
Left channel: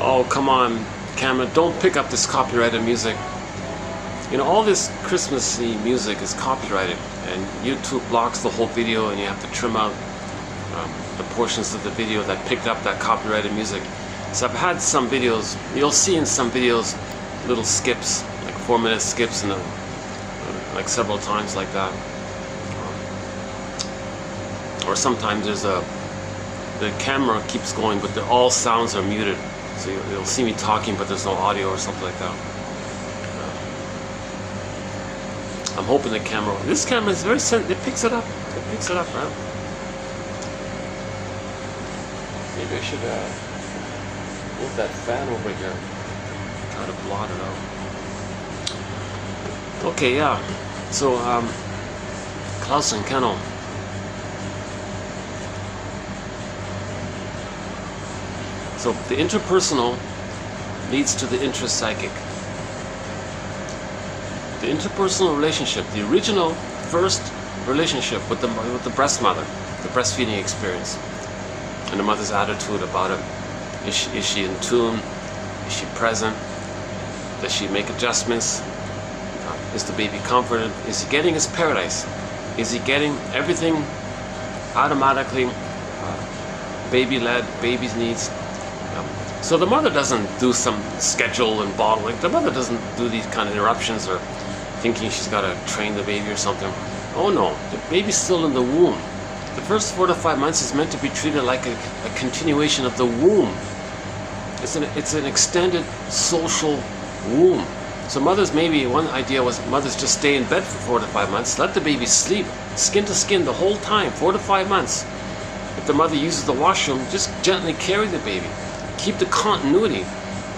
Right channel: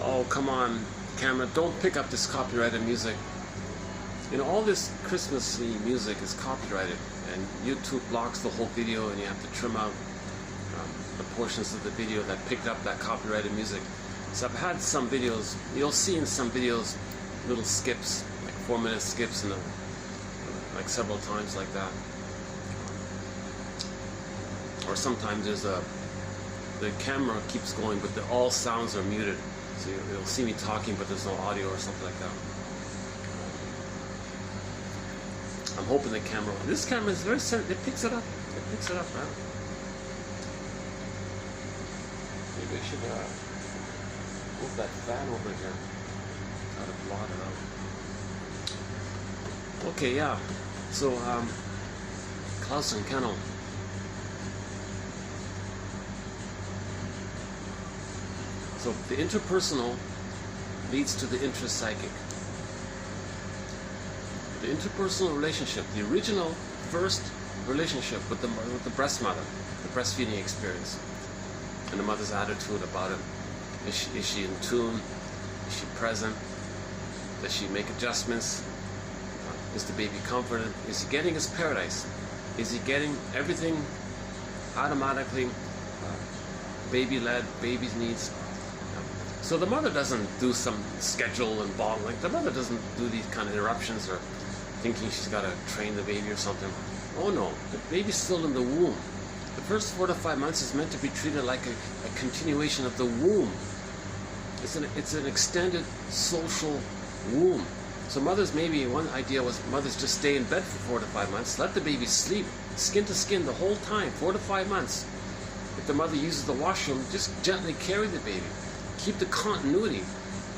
Oh, come on, camera, don't pick up this copyrighted music. All this Christmassy music is copyrighted, and YouTube blocks the whole video, and you have to trim out the portions of the video that picked up that copyrighted music. So I've had some videos, you'll see in some videos little skips, like 4-minute skips, and like several times like that. Or sometimes the camera keeps going, but all sounds are muted. So you'll see me talking, but there's no audio or something like that. I'm hoping this camera is very sensitive. It picks it up, right? Maybe I should move that fan over here. Try to blot it out. Okay, yeah. So, Klaus and Kennel. So, the interpersonal leads to the intrapsychic. The interpersonal relationship, the original first relationship with the breast mother, the breastfeeding experience, and the mother's attitude about it, Is she in tune? Is she present? Does she make adjustments? Is the baby comforted? Is he getting his paradise? Is he getting everything automatically baby-led, baby's needs? So the mother doesn't do some schedule and bottling. The mother doesn't do these kind of interruptions or thinking she's got to train the baby or something. Oh no, the baby's still in the womb. The first 4 to 5 months is meant to be treated like a continuation of the womb. It's an extended social womb. So mothers, maybe one idea was mothers just stay in bed for 4 to 5 months, let the baby sleep skin to skin the whole time, 4 to 5 months. If the mother uses the washroom, just gently carry the baby. Keep the continuity.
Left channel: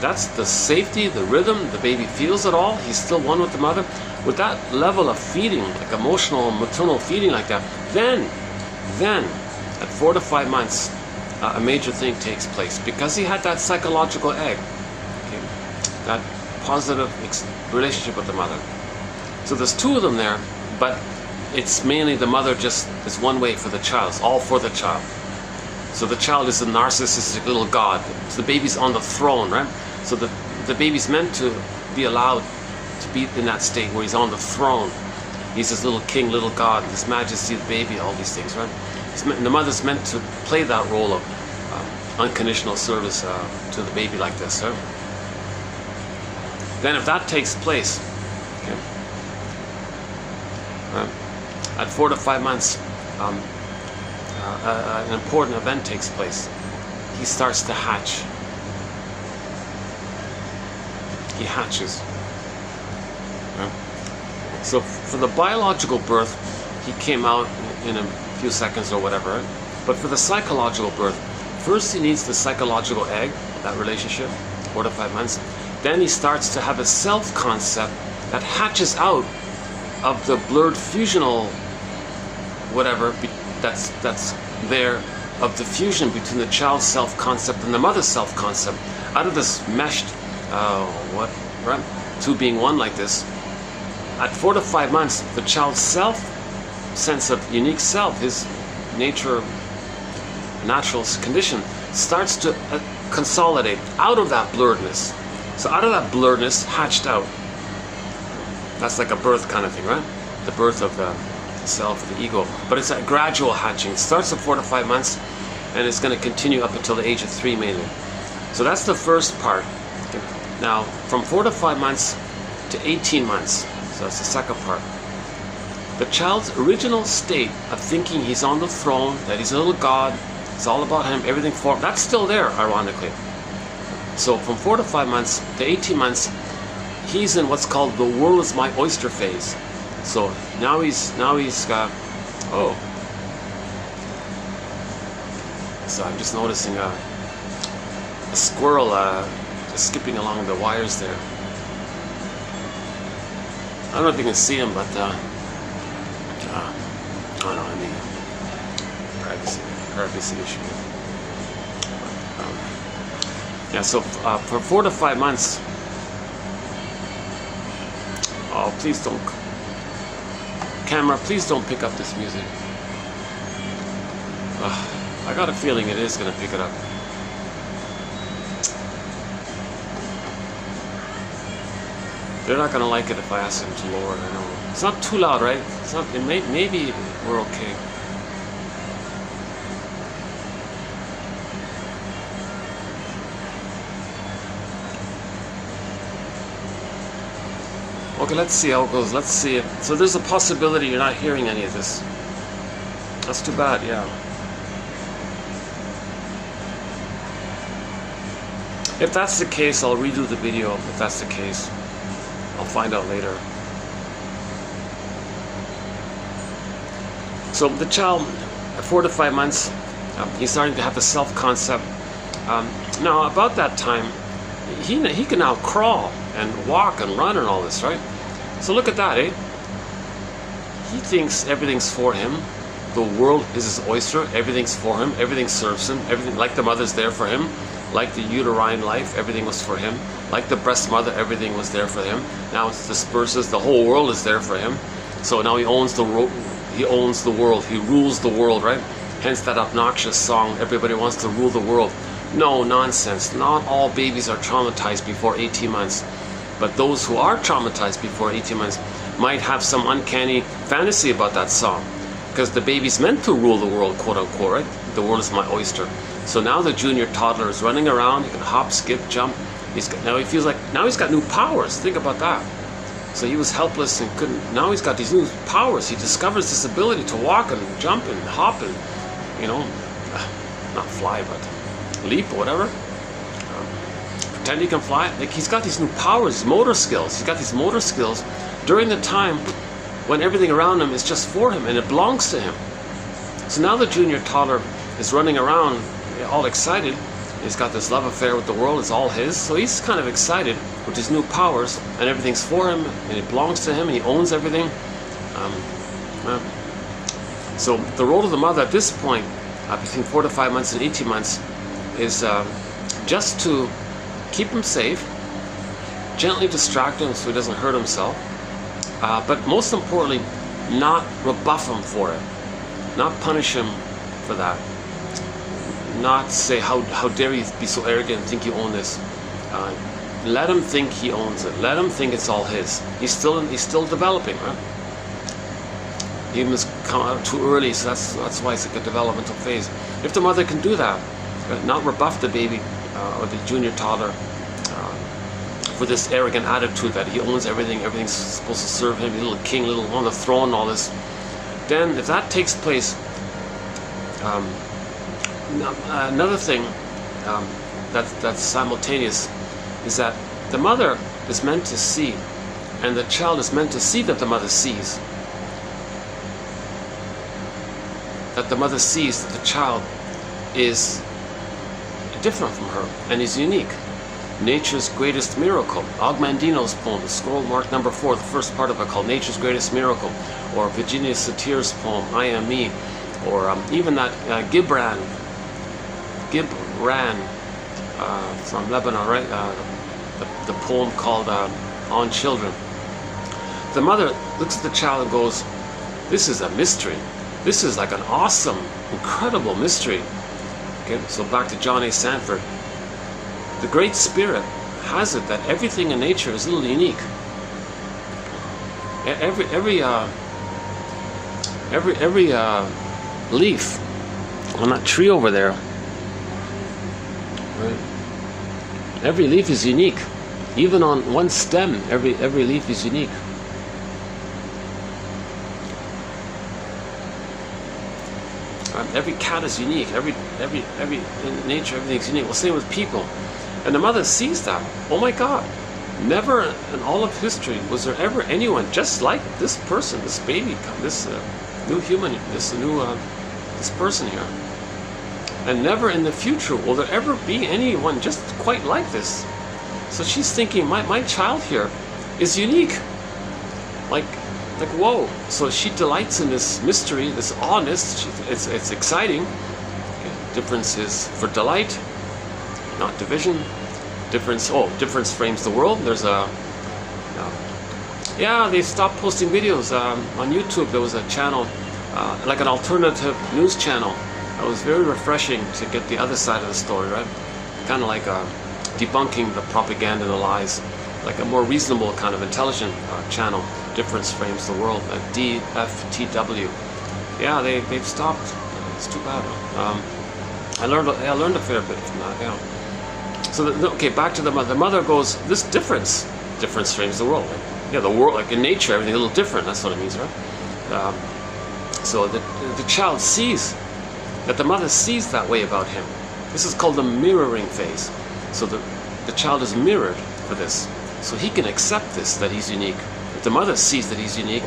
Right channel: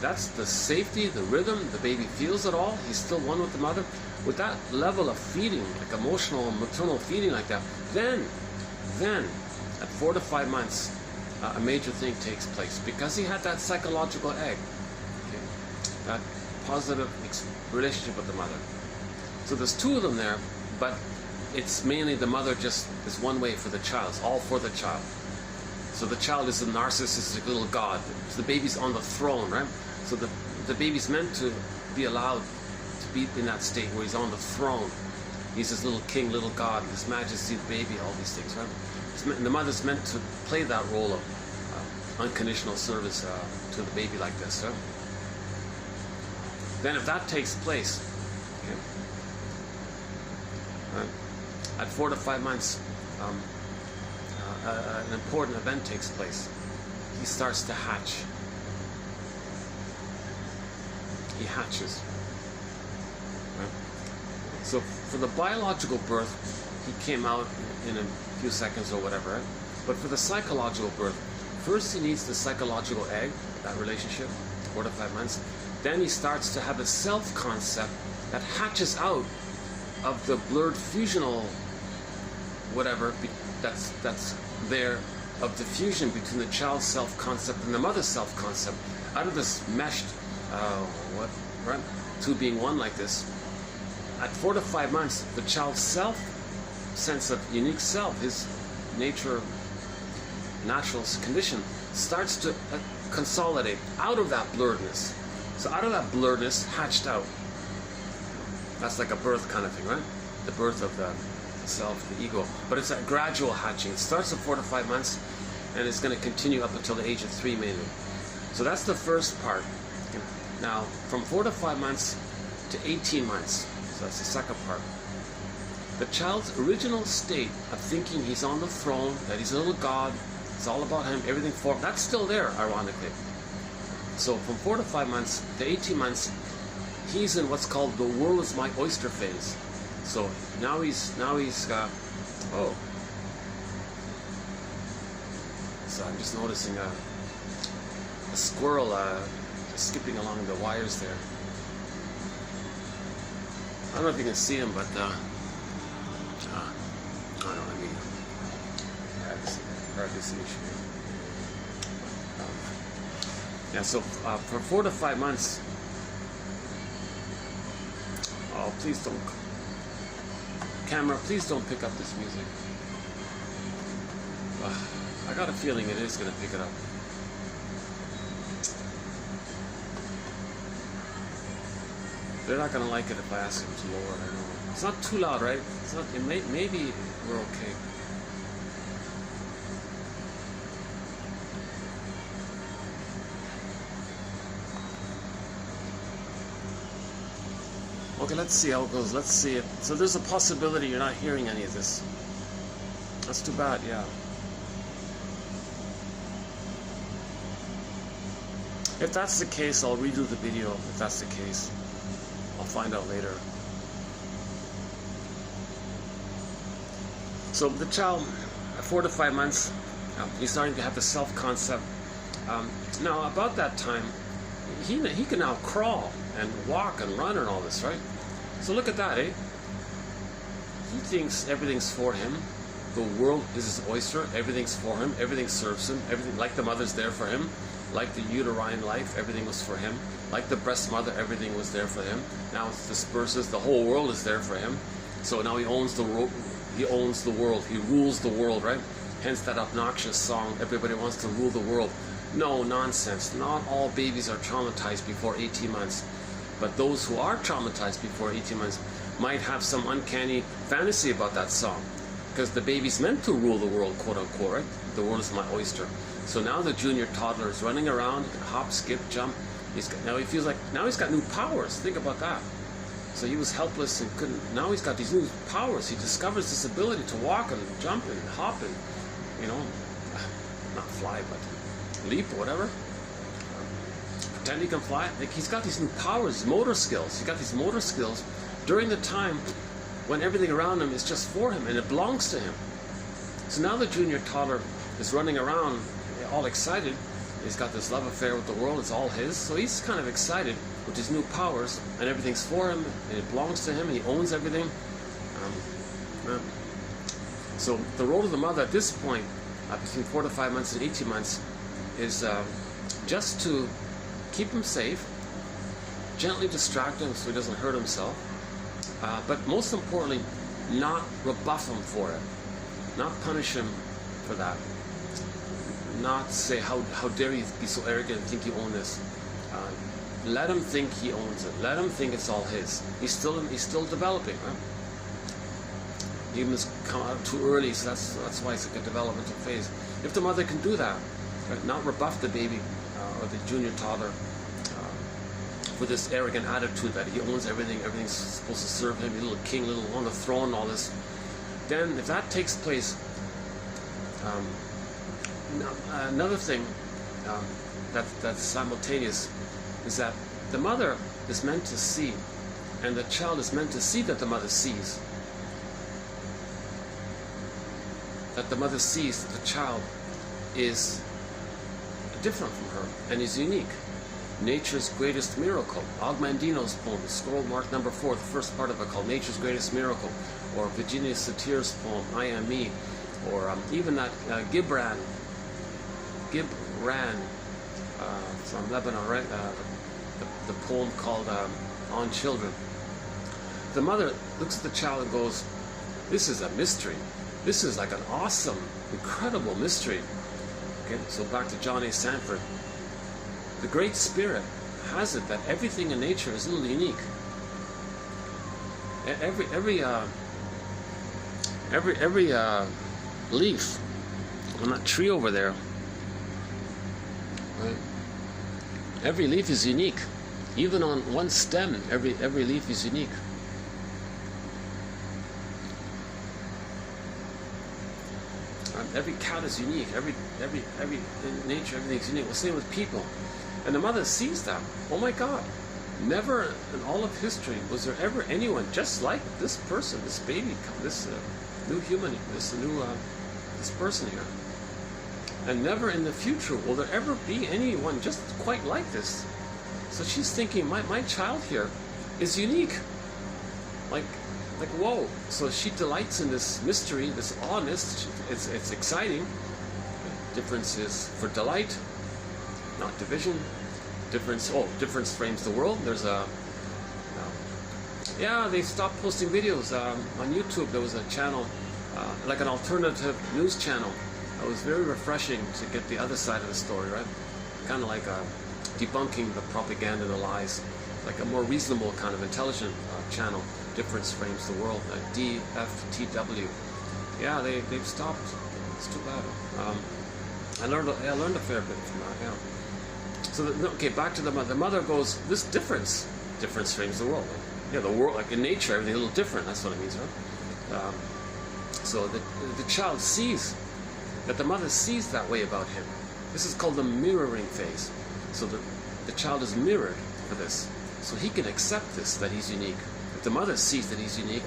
That's the safety, the rhythm, the baby feels it all, he's still one with the mother. With that level of feeding, like emotional, maternal feeding like that, then at 4 to 5 months, a major thing takes place. Because he had that psychological egg, okay, that positive relationship with the mother. So there's two of them there, but it's mainly the mother just is one way for the child. It's all for the child. So the child is a narcissistic little god. So the baby's on the throne, right? So the baby's meant to be allowed to be in that state where he's on the throne. He's this little king, little god, His Majesty, the baby, all these things, right? The mother's meant to play that role of unconditional service to the baby like this, right? Then if that takes place, okay, at 4 to 5 months, an important event takes place. He starts to hatch. He hatches. Right? So for the biological birth, he came out in a few seconds or whatever. Right? But for the psychological birth, first he needs the psychological egg, that relationship, 4 to 5 months. Then he starts to have a self-concept that hatches out of the blurred fusional whatever that's there, of the fusion between the child's self-concept and the mother's self-concept. Out of this meshed, right? Two being one like this. At 4 to 5 months, the child's sense of unique self, his nature, natural condition, starts to consolidate out of that blurredness. So out of that blurredness, hatched out. That's like a birth kind of thing, right? The birth of the self, the ego. But it's a gradual hatching. It starts at 4 to 5 months, and it's going to continue up until the age of 3 mainly. So that's the first part. Okay. Now, from 4 to 5 months to 18 months, so that's the second part. The child's original state of thinking he's on the throne, that he's a little god, it's all about him, everything for him, that's still there, ironically. So from 4 to 5 months to 18 months, he's in what's called the world is my oyster phase. So now he's got, oh. So I'm just noticing a squirrel just skipping along the wires there. I don't know if you can see him, but I don't know, I mean, privacy issue. Yeah, so for 4 to 5 months, oh, please don't, camera, please don't pick up this music. I got a feeling it is going to pick it up. They're not going to like it if I ask them to lower it. I know. It's not too loud, right? It's not. Maybe we're okay. Okay, let's see how it goes. Let's see it. So there's a possibility you're not hearing any of this. That's too bad, yeah. If that's the case, I'll redo the video. If that's the case, I'll find out later. So the child, at 4 to 5 months, he's starting to have the self-concept. Now, about that time, he can now crawl and walk and run and all this, right? So look at that, eh? He thinks everything's for him. The world is his oyster. Everything's for him. Everything serves him. Everything, like the mother's there for him. Like the uterine life, everything was for him. Like the breast mother, everything was there for him. Now it disperses. The whole world is there for him. So now he owns the world. He owns the world. He rules the world, right? Hence that obnoxious song, everybody wants to rule the world. No, nonsense. Not all babies are traumatized before 18 months. But those who are traumatized before 18 months might have some uncanny fantasy about that song. Because the baby's meant to rule the world, quote unquote, right? The world is my oyster. So now the junior toddler is running around. He can hop, skip, jump. Now he feels like, now he's got new powers. Think about that. So he was helpless and couldn't, now he's got these new powers. He discovers this ability to walk and jump and hop and, you know, not fly, but leap or whatever. Pretend he can fly. Like, he's got these new powers, motor skills. He's got these motor skills during the time when everything around him is just for him and it belongs to him. So now the junior toddler is running around all excited. He's got this love affair with the world. It's all his. So he's kind of excited with his new powers and everything's for him and it belongs to him and he owns everything. So the role of the mother at this point, between 4 to 5 months and 18 months, is just to keep him safe, gently distract him so he doesn't hurt himself, but most importantly, not rebuff him for it, not punish him for that, not say, how dare you be so arrogant and think you own this. Let him think he owns it. Let him think it's all his. He's still developing, right? He must come out too early, so that's why it's like a developmental phase. If the mother can do that, not rebuff the baby or the junior toddler for this arrogant attitude that he owns everything, everything's supposed to serve him, little king, little on the throne, all this, then if that takes place, another thing that's simultaneous is that the mother is meant to see, and the child is meant to see that the mother sees. That the mother sees that the child is different from her and is unique. Nature's Greatest Miracle, Ogmandino's poem, the scroll mark number 4, the first part of it called Nature's Greatest Miracle, or Virginia Satir's poem, I Am Me, or even that Gibran from Lebanon, right? The poem called On Children. The mother looks at the child and goes, this is a mystery. This is like an awesome, incredible mystery. Okay, so back to John A. Sanford. The Great Spirit has it that everything in nature is a little unique. Every leaf on that tree over there, right? Every leaf is unique. Even on one stem, every leaf is unique. Every cat is unique. Every in nature, everything's unique. Well, same with people. And the mother sees that. Oh my God! Never in all of history was there ever anyone just like this person, this baby, this new human, this person here. And never in the future will there ever be anyone just quite like this. So she's thinking, my child here is unique. Like whoa. So she delights in this mystery, this awness. It's exciting. Difference is for delight, not division. Difference frames the world. There's yeah, they stopped posting videos on YouTube. There was a channel, like an alternative news channel. It was very refreshing to get the other side of the story, right? Kind of like debunking the propaganda and the lies, like a more reasonable kind of intelligent channel. Difference frames the world, DFTW. Yeah, they've stopped. It's too bad. I learned a fair bit from that. Yeah. So okay, back to the mother. The mother goes, this difference frames the world. Yeah, the world, like in nature, everything's a little different. That's what it means, right? So the child sees that the mother sees that way about him. This is called the mirroring phase. So the child is mirrored for this, so he can accept this, that he's unique. If the mother sees that he's unique,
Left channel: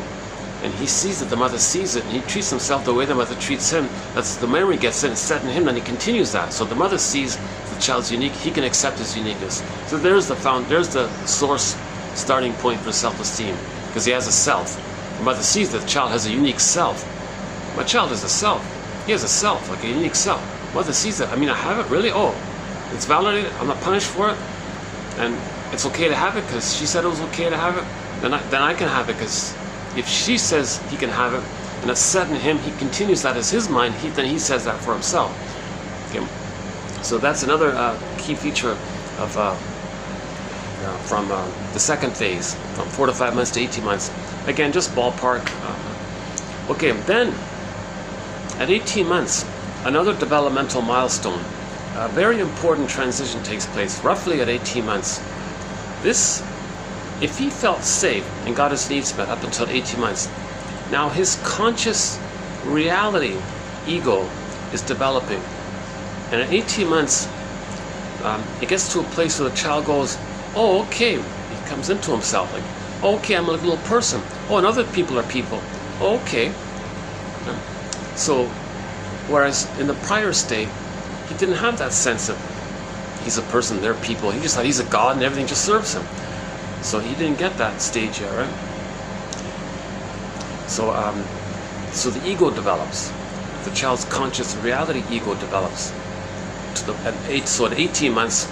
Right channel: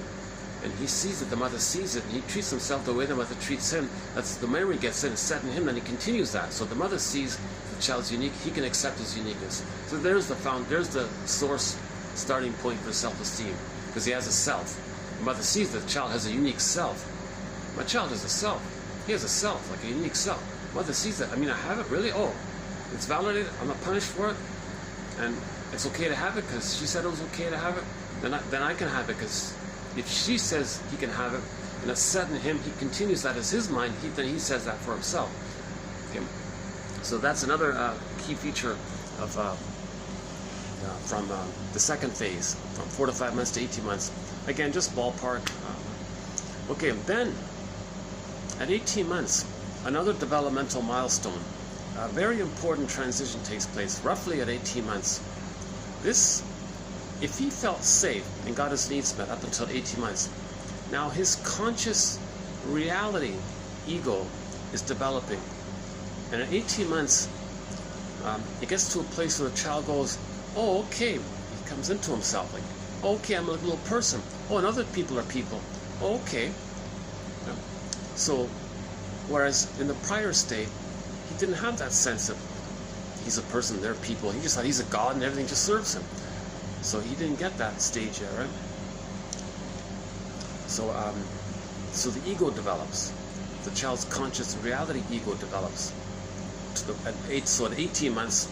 and he sees that the mother sees it, and he treats himself the way the mother treats him, that's the memory gets in, set in him, then he continues that. So the mother sees the child's unique, he can accept his uniqueness. So there's the source, starting point for self-esteem, because he has a self. The mother sees that the child has a unique self. My child has a self. He has a self, like a unique self. Mother sees that. I mean, I have it, really? Oh, it's validated, I'm not punished for it, and it's okay to have it because she said it was okay to have it, then I can have it, because if she says he can have it, and it's set in him, he continues that as his mind, then he says that for himself. Okay. So that's another key feature of from the second phase, from 4 to 5 months to 18 months. Again, just ballpark. Okay, then at 18 months, another developmental milestone, a very important transition takes place, roughly at 18 months. This, if he felt safe and got his needs met up until 18 months, now his conscious reality ego is developing. And at 18 months, it gets to a place where the child goes, oh, okay, he comes into himself, like, oh, okay, I'm a little person. Oh, and other people are people. Oh, okay. So, whereas in the prior state, he didn't have that sense of he's a person, they're people. He just thought he's a god and everything just serves him. So he didn't get that stage yet, right? So, so the ego develops. The child's conscious reality ego develops. So at 18 months,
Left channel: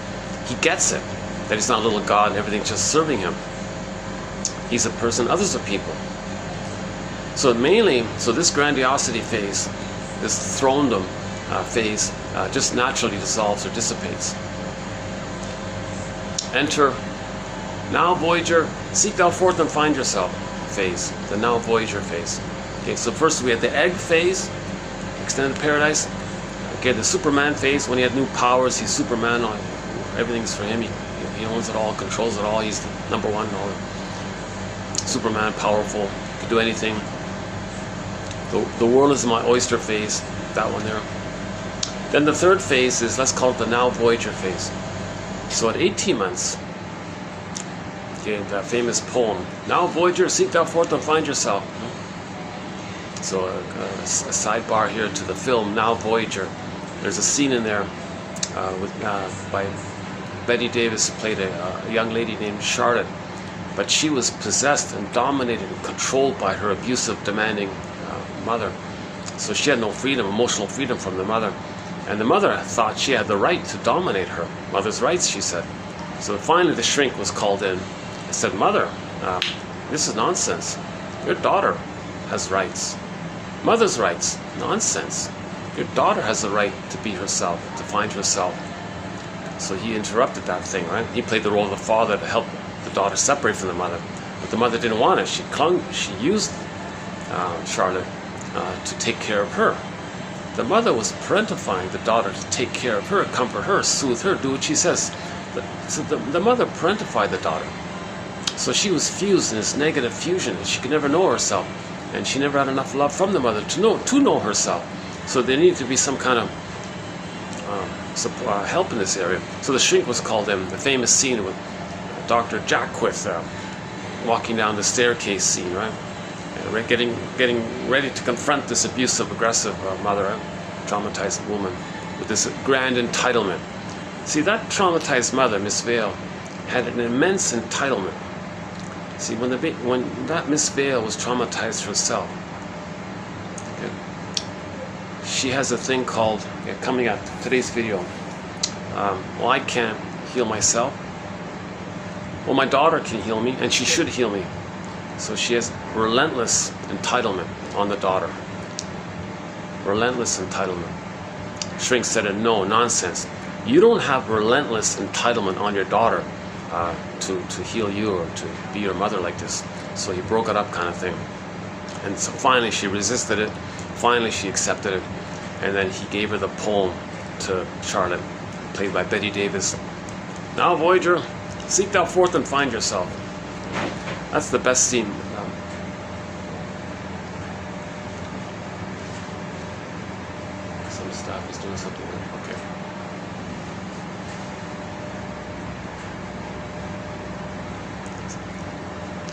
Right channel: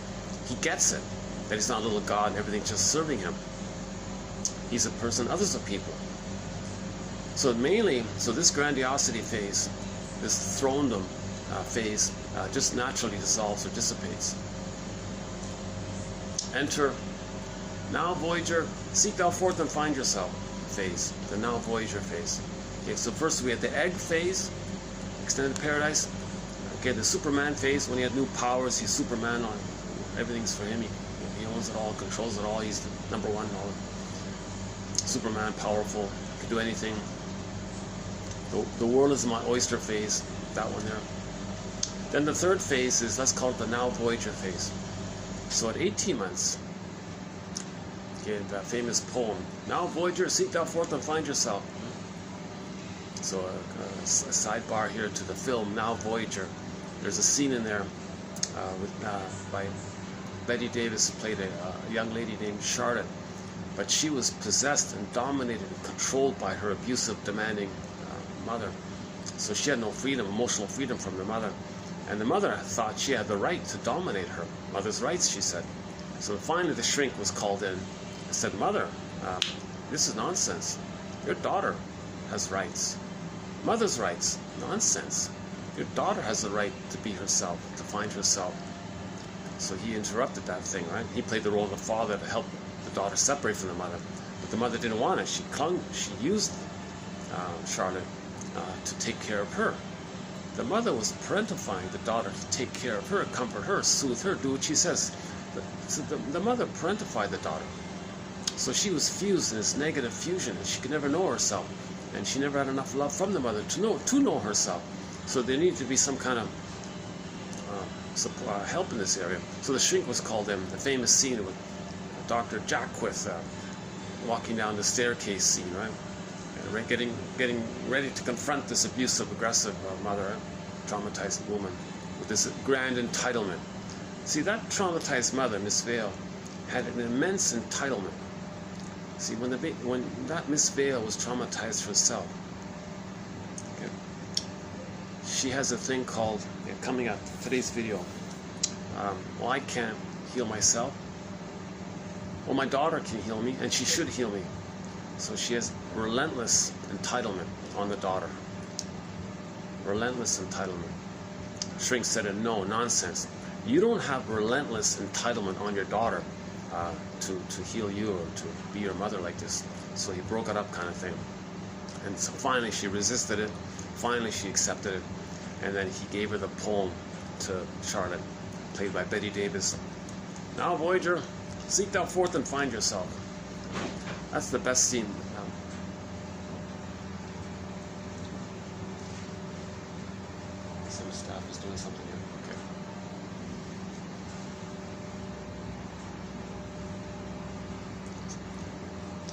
he gets it, that he's not a little god and everything's just serving him. He's a person, others are people. So mainly, so this grandiosity phase, this throndom phase, just naturally dissolves or dissipates. Enter now Voyager, seek thou forth and find yourself phase, the now Voyager phase. Okay, so first we had the egg phase, extended paradise. Okay, the Superman phase, when he had new powers, he's Superman, everything's for him, he owns it all, controls it all, he's the number one, Superman, powerful, can do anything. The world is my oyster phase, that one there. Then the third phase is, let's call it the now Voyager phase. So at 18 months, okay, that famous poem, now Voyager, seek thou forth and find yourself. So a sidebar here to the film, Now Voyager. There's a scene in there by Betty Davis, who played a young lady named Charlotte, but she was possessed and dominated and controlled by her abusive, demanding mother. So she had no freedom, emotional freedom from the mother. And the mother thought she had the right to dominate her. Mother's rights, she said. So finally the shrink was called in. He said, Mother, this is nonsense. Your daughter has rights. Mother's rights, nonsense. Your daughter has the right to be herself, to find herself. So he interrupted that thing, right? He played the role of the father to help the daughter separate from the mother. But the mother didn't want it. She used Charlotte to take care of her. The mother was parentifying the daughter to take care of her, comfort her, soothe her, do what she says. So the mother parentified the daughter. So she was fused in this negative fusion. She could never know herself. And she never had enough love from the mother to know herself. So there needed to be some kind of help in this area. So the shrink was called in. The famous scene with Dr. Jackwith walking down the staircase scene, right? Getting ready to confront this abusive, aggressive mother, traumatized woman, with this grand entitlement. See, that traumatized mother, Miss Vale, had an immense entitlement. See, when that Miss Vale was traumatized herself, okay, she has a thing called, coming at today's video, well, I can't heal myself. Well, my daughter can heal me, and she should heal me. So she has relentless entitlement on the daughter. Relentless entitlement. Shrink said, no, nonsense. You don't have relentless entitlement on your daughter to heal you or to be your mother like this. So he broke it up, kind of thing. And so finally she resisted it. Finally she accepted it. And then he gave her the poem to Charlotte, played by Betty Davis. Now, Voyager, seek thou forth and find yourself. That's the best scene. Some staff is doing something. Okay.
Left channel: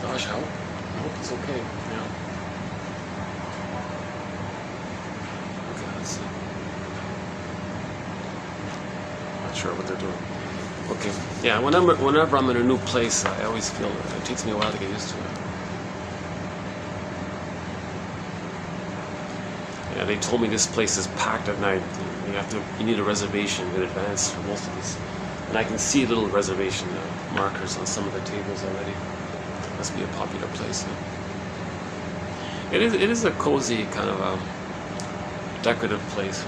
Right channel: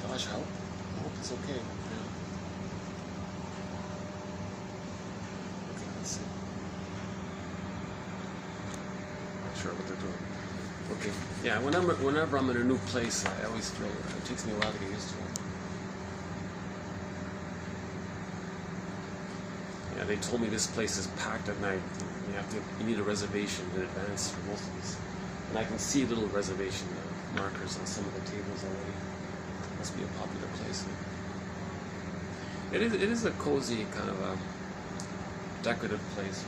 Gosh, I hope it's okay. Yeah. Okay, let's see. Not sure what they're doing. Okay. Yeah, whenever I'm in a new place, I always feel it takes me a while to get used to it. Yeah, they told me this place is packed at night. You need a reservation in advance for most of this. And I can see little reservation markers on some of the tables already. Must be a popular place. It is a cozy kind of decorative place.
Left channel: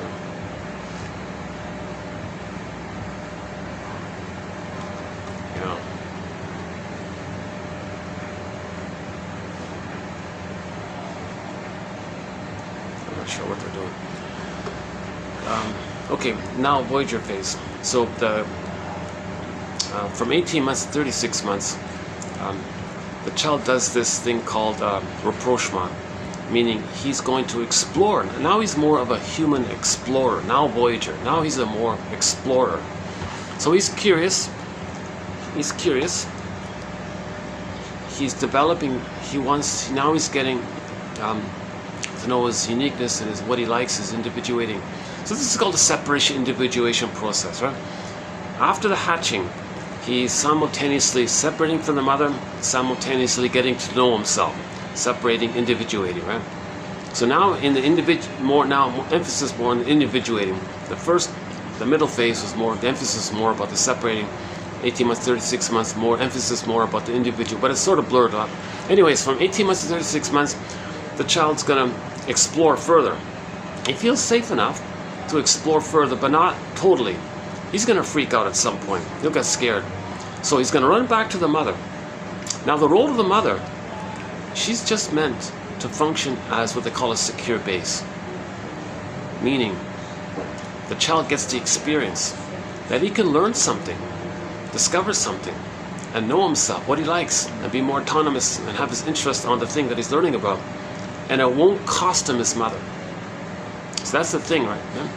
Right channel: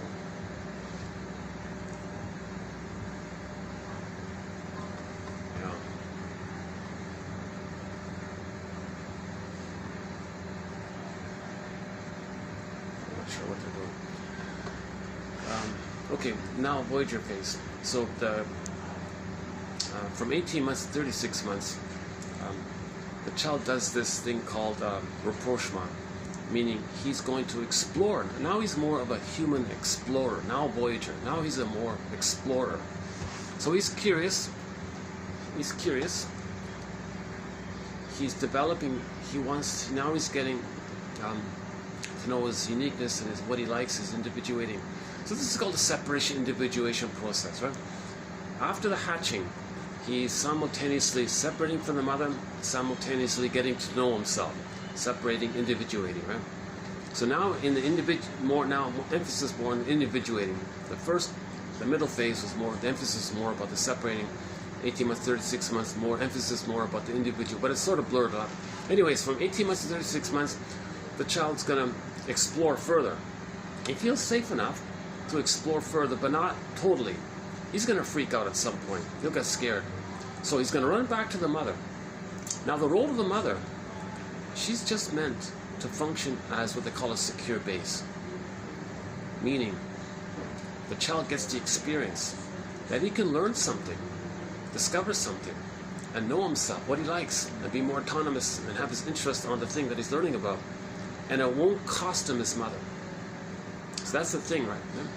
not sure what they're doing. Okay, now Voyager phase. So from 18 months to 36 months, the child does this thing called rapprochement, meaning he's going to explore. Now he's more of a human explorer. Now Voyager. Now he's a more explorer. So he's curious. He's curious. He's developing. Now he's getting to know his uniqueness and what he likes, his individuating. So this is called the separation individuation process, right? After the hatching, he's simultaneously separating from the mother, simultaneously getting to know himself, separating, individuating, right? So now in the emphasis more on individuating. The middle phase was more, the emphasis more about the separating. 18 months, 36 months, more emphasis more about the individual, but it's sort of blurred up. Anyways, from 18 months to 36 months, the child's gonna explore further. He feels safe enough to explore further, but not totally. He's gonna freak out at some point. He'll get scared. So he's gonna run back to the mother. Now the role of the mother, she's just meant to function as what they call a secure base. Meaning, the child gets the experience that he can learn something, discover something, and know himself, what he likes, and be more autonomous and have his interest on the thing that he's learning about. And it won't cost him his mother. So that's the thing, right? Yeah?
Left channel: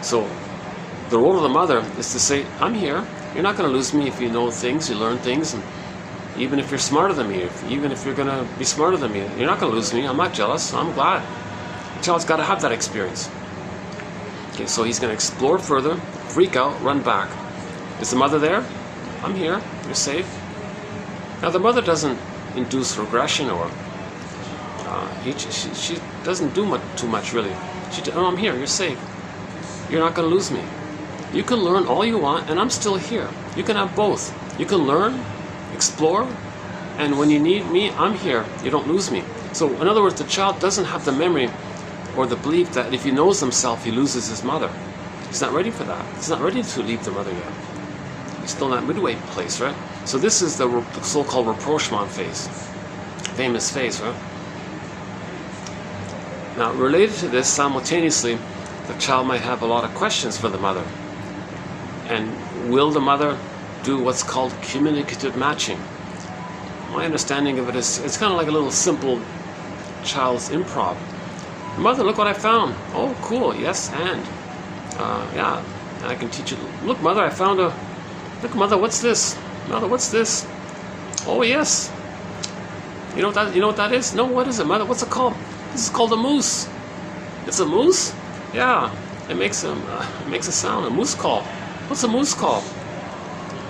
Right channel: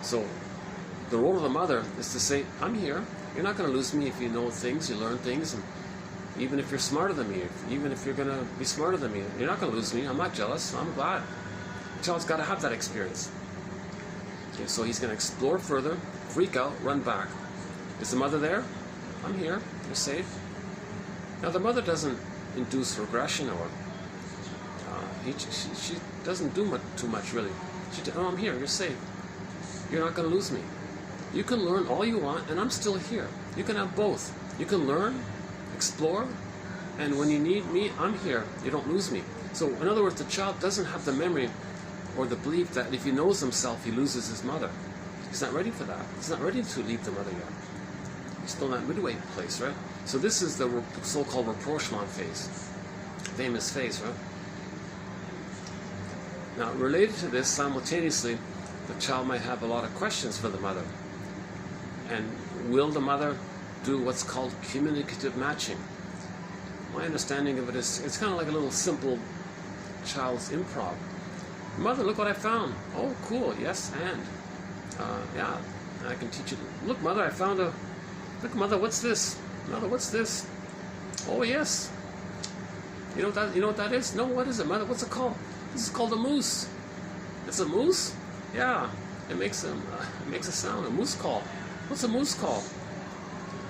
So the role of the mother is to say, I'm here. You're not going to lose me if you know things, you learn things, and even if you're smarter than me, even if you're going to be smarter than me, you're not going to lose me. I'm not jealous. I'm glad. The child's got to have that experience. Okay, so he's going to explore further, freak out, run back. Is the mother there? I'm here. You're safe. Now the mother doesn't induce regression or she doesn't do too much really. Oh, I'm here. You're safe. You're not going to lose me. You can learn all you want, and I'm still here. You can have both. You can learn, explore, and when you need me, I'm here. You don't lose me. So in other words, the child doesn't have the memory or the belief that if he knows himself, he loses his mother. He's not ready for that. He's not ready to leave the mother yet. He's still in that midway place, right? So this is the so-called rapprochement phase. Famous phase, right? Now, related to this, simultaneously, the child might have a lot of questions for the mother. And will the mother do what's called communicative matching? My understanding of it is, it's kind of like a little simple child's improv. Mother, look what I found. Oh, cool. Yes, and yeah, and I can teach you. Look, mother, I found a. Look, mother, what's this? Mother, what's this? Oh, yes. You know what that is? No, what is it, mother? What's it called? This is called a moose. It's a moose? Yeah. It makes a sound, a moose call. What's a moose call?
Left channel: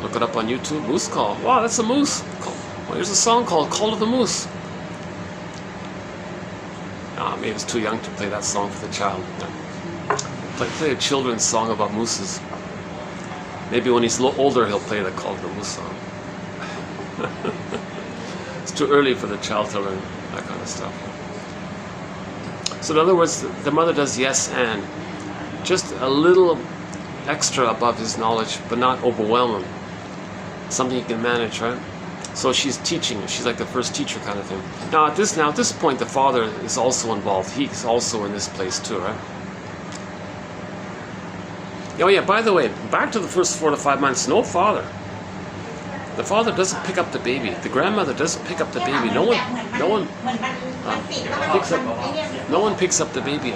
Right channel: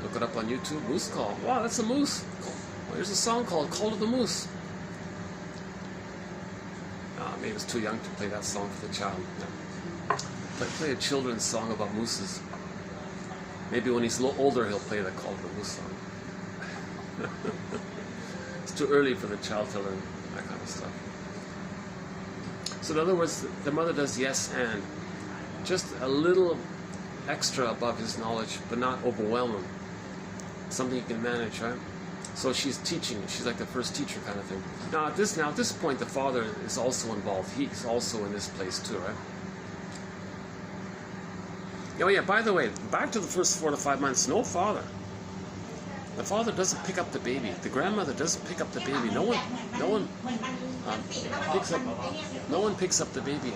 Look it up on YouTube. Moose call. Wow, that's a moose. Well, here's a song called "Call of the Moose." Maybe it's too young to play that song for the child. Play a children's song about mooses. Maybe when he's a little older, he'll play the "Call of the Moose" song. It's too early for the child to learn that kind of stuff. So in other words, the mother does yes and. Just a little extra above his knowledge, but not overwhelming. Something he can manage, right? So she's teaching. She's like the first teacher kind of thing. Now at this point, the father is also involved. He's also in this place too, right? Oh yeah, by the way, back to the first 4 to 5 months, no father. The father doesn't pick up the baby. The grandmother doesn't pick up the baby. No one picks up the baby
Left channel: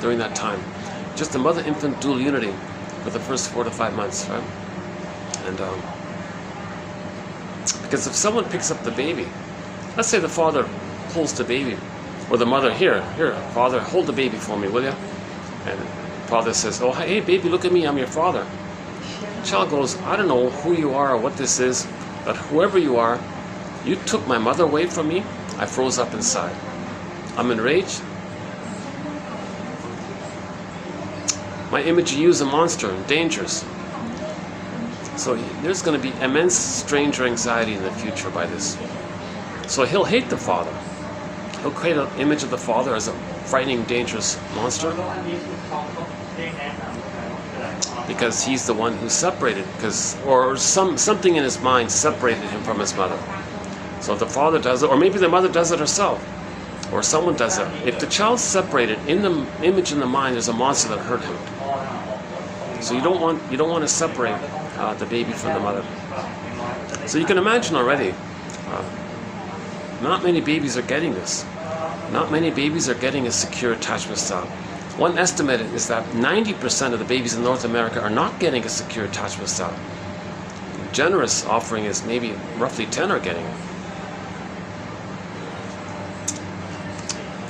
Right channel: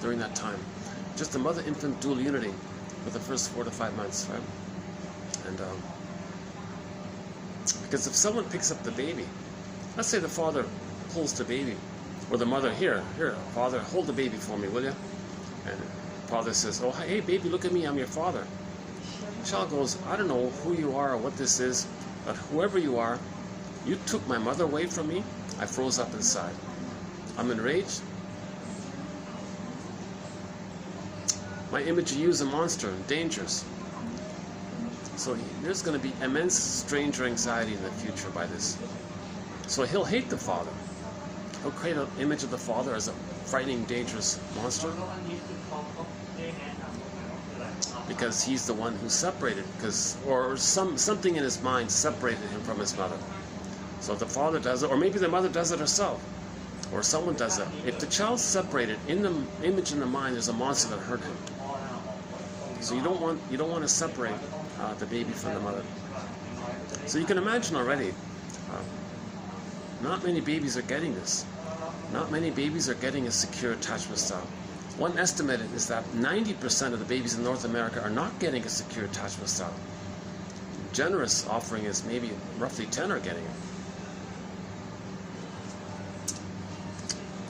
during that time. Just the mother-infant dual unity for the first 4 to 5 months, right? And because if someone picks up the baby, let's say the father pulls the baby, or the mother, here, father, hold the baby for me, will you? And father says, oh, hey, baby, look at me, I'm your father. The child goes, I don't know who you are or what this is, but whoever you are, you took my mother away from me. I froze up inside. I'm enraged. My image of you is a monster and dangerous. So there's going to be immense stranger anxiety in the future by this. So he'll hate the father. He'll create an image of the father as a frightening, dangerous monster. Because he's the one who separated, or something in his mind separated him from his mother. So if the father does it, or maybe the mother does it herself. or someone does it, if the child's separated, in the image in the mind, there's a monster that hurt him. So you don't want to separate the baby from the mother. So you can imagine already, not many babies are getting this. Not many babies are getting a secure attachment style. One estimate is that 90% of the babies in North America are not getting a secure attachment style. Generous offering is maybe roughly 10 are getting it.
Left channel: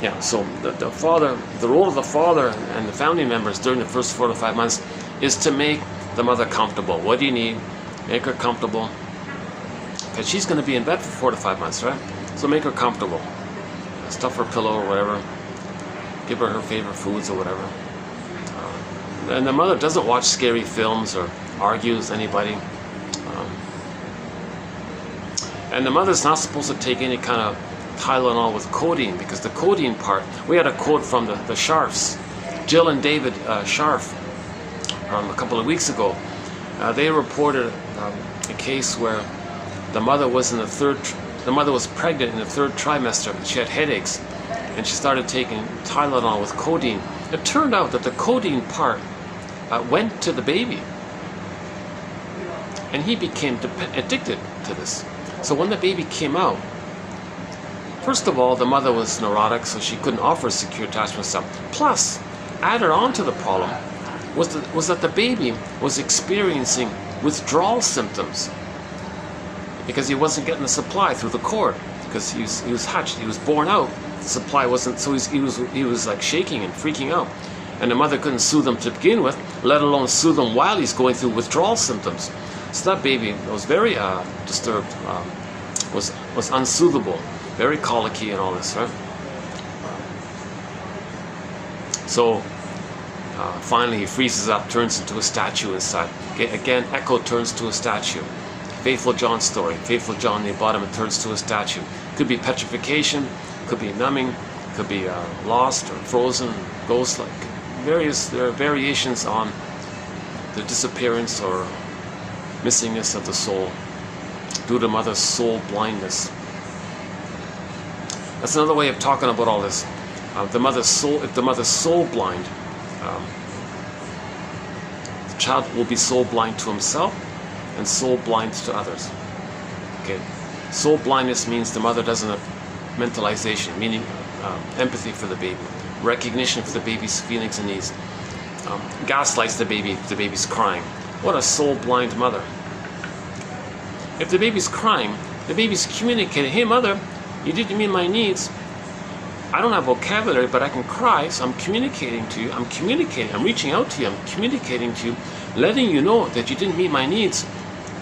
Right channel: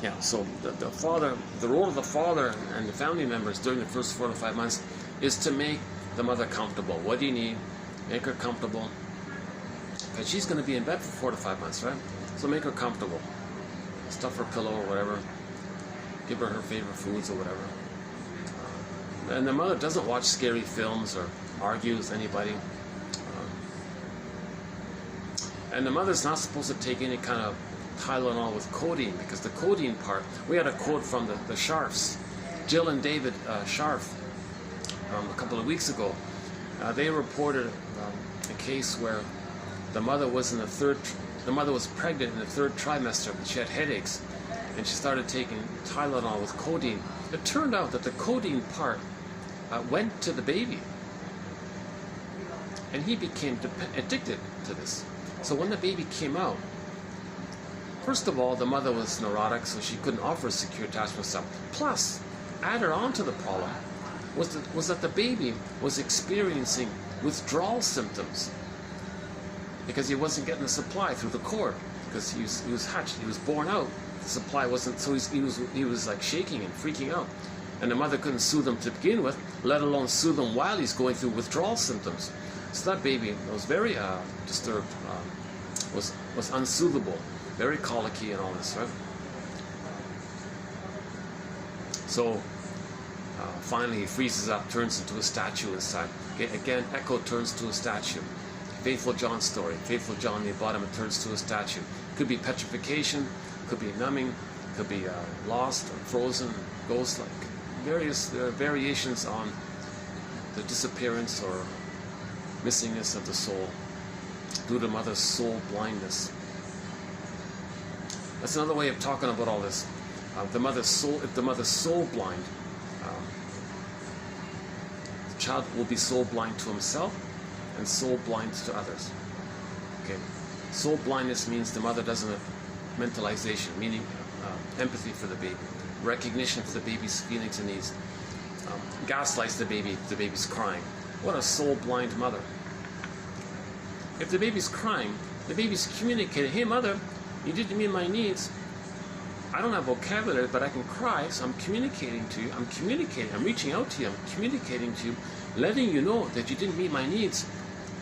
Yeah, so the role of the father and the family members during the first 4 to 5 months is to make the mother comfortable. What do you need? Make her comfortable. Because she's going to be in bed for 4 to 5 months, right? So make her comfortable. Stuff her pillow or whatever. Give her her favorite foods or whatever. And the mother doesn't watch scary films or argue with anybody. And the mother's not supposed to take any kind of Tylenol with codeine, because the codeine part, we had a quote from the Scharfs, Jill and David Scharf, a couple of weeks ago. They reported a case where the mother was pregnant in the 3rd trimester, and she had headaches, and she started taking Tylenol with codeine. It turned out that the codeine part went to the baby, and he became addicted to this. So when the baby came out, first of all, the mother was neurotic, so she couldn't offer a secure attachment style. Plus, added on to the problem was that the baby was experiencing withdrawal symptoms because he wasn't getting the supply through the cord, because he was hatched, he was born out, the supply wasn't, so he was like shaking and freaking out, and the mother couldn't soothe him to begin with, let alone soothe him while he's going through withdrawal symptoms. So that baby was very disturbed, was unsoothable, very colicky and all this, right? So finally he freezes up, turns into a statue inside. Again, Echo turns to a statue. Faithful John story. Faithful John, they bought him and turns to a statue. Could be petrification, could be numbing, could be lost or frozen, ghost-like. There are variations on the disappearance or missingness of the soul due to mother's soul blindness. That's another way of talking about all this. If the mother's soul blind, the child will be soul blind to himself and soul blind to others. Okay, soul blindness means the mother doesn't have mentalization, meaning empathy for the baby, recognition for the baby's feelings and needs. Gaslights the baby if the baby's crying. What a soul blind mother. If the baby's crying, the baby's communicating, hey mother, you didn't meet my needs. I don't have vocabulary, but I can cry, so I'm communicating to you. I'm reaching out to you, I'm communicating to you, letting you know that you didn't meet my needs.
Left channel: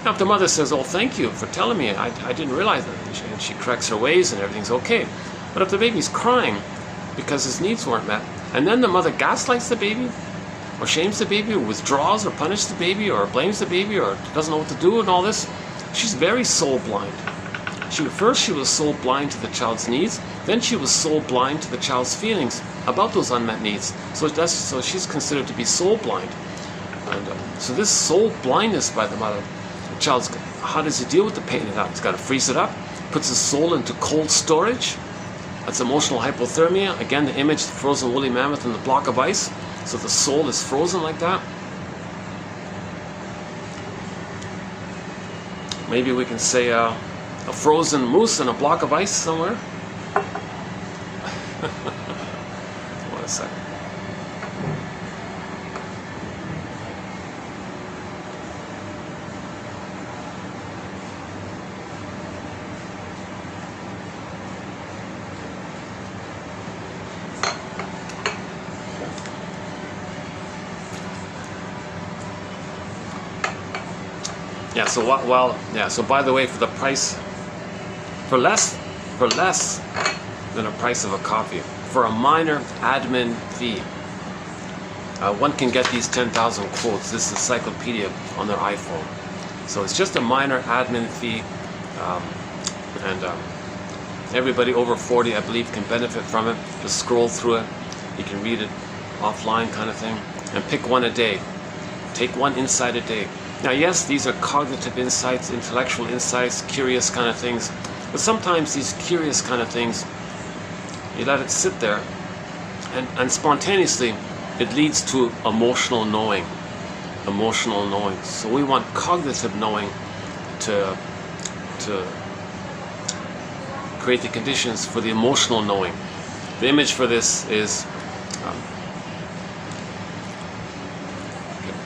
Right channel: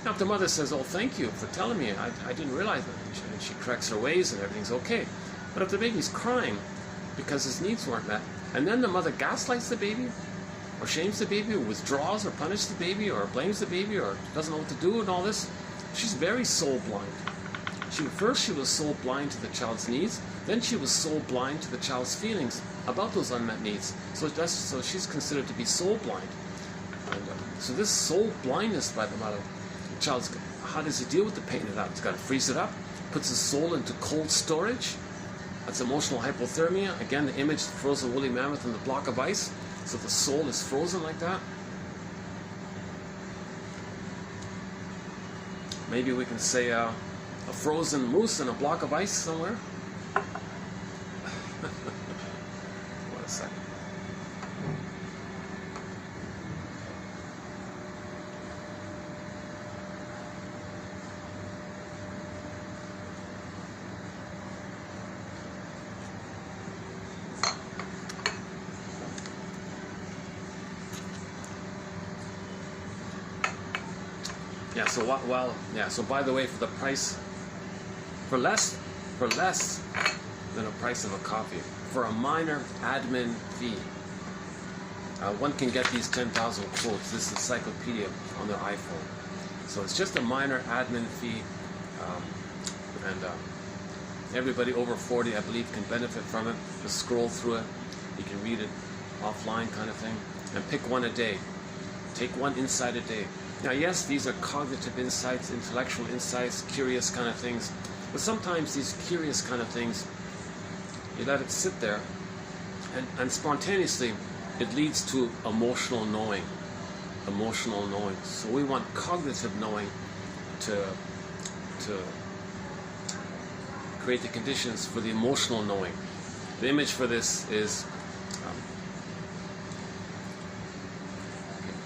Now if the mother says, oh thank you for telling me, I didn't realize it, and she corrects her ways and everything's okay. But if the baby's crying because his needs weren't met, and then the mother gaslights the baby, or shames the baby, or withdraws, or punishes the baby, or blames the baby, or doesn't know what to do and all this, she's very soul blind. First she was soul blind to the child's needs, then she was soul blind to the child's feelings about those unmet needs. So she's considered to be soul blind. And so this soul blindness by the mother, the child's, how does he deal with the pain of that? He's got to freeze it up, puts his soul into cold storage. That's emotional hypothermia. Again, the image, the frozen woolly mammoth and the block of ice. So the soul is frozen like that. Maybe we can say a frozen moose and a block of ice somewhere. One second. Yeah, so so by the way, for the price, for less than a price of a coffee, for a minor admin fee, one can get these 10,000 quotes, this encyclopedia, on their iPhone. So it's just a minor admin fee, and everybody over 40, I believe, can benefit from it. Just scroll through it, you can read it offline kind of thing, and pick one a day. Take one insight a day. Now yes, these are cognitive insights, intellectual insights, curious kind of things, but sometimes these curious kind of things, You let it sit there, and spontaneously it leads to emotional knowing. Emotional knowing. So we want cognitive knowing to create the conditions for the emotional knowing. The image for this is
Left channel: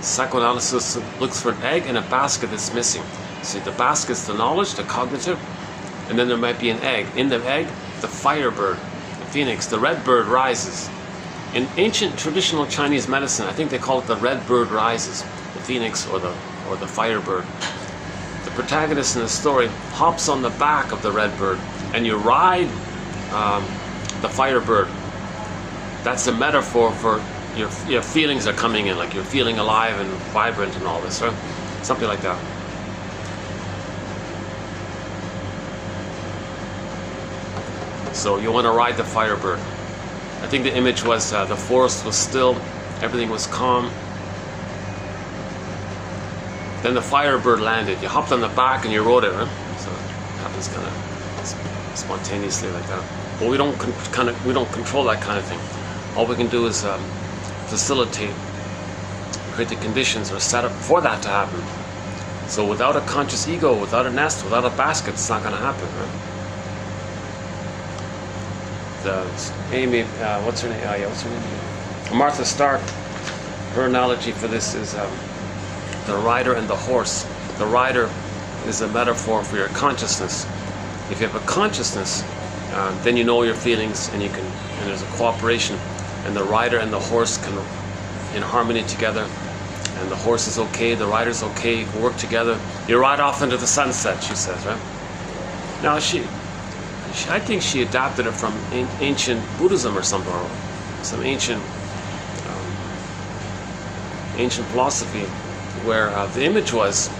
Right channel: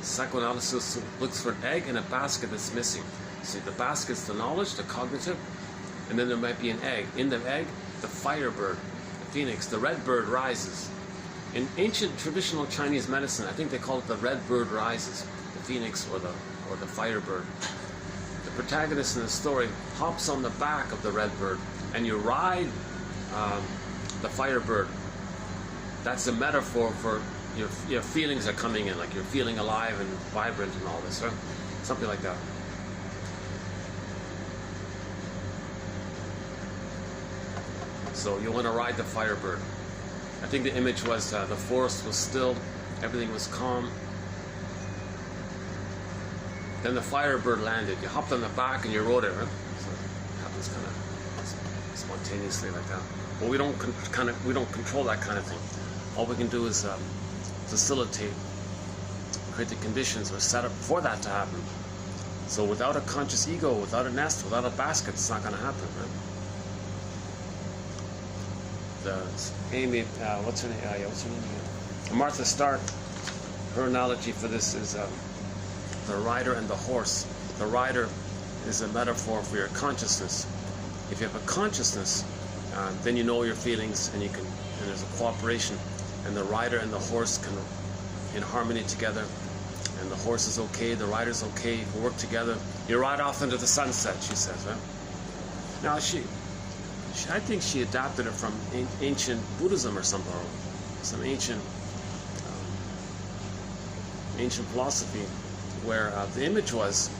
psychoanalysis looks for an egg in a basket that's missing. See, the basket's the knowledge, the cognitive, and then there might be an egg. In the egg, the firebird, the phoenix, the red bird rises. In ancient traditional Chinese medicine, I think they call it the red bird rises, the phoenix or the firebird. The protagonist in the story hops on the back of the red bird, and you ride the firebird. That's a metaphor for your feelings are coming in, like you're feeling alive and vibrant and all this, right? Something like that. So you want to ride the firebird. I think the image was the forest was still, everything was calm. Then the firebird landed. You hopped on the back and you rode it, right? So it happens kind of spontaneously like that. But we don't control that kind of thing. All we can do is facilitate, create the conditions or set up for that to happen. So without a conscious ego, without a nest, without a basket, it's not going to happen, right? Amy, what's her name? Martha Stark. Her analogy for this is the rider and the horse. The rider is a metaphor for your consciousness. If you have a consciousness, then you know your feelings, and there's a cooperation, and the rider and the horse can in harmony together, and the horse is okay, the rider's okay, you can work together. You ride off into the sunset, she says, right? Now I think she adapted it from ancient Buddhism or something, or some ancient philosophy, where the image was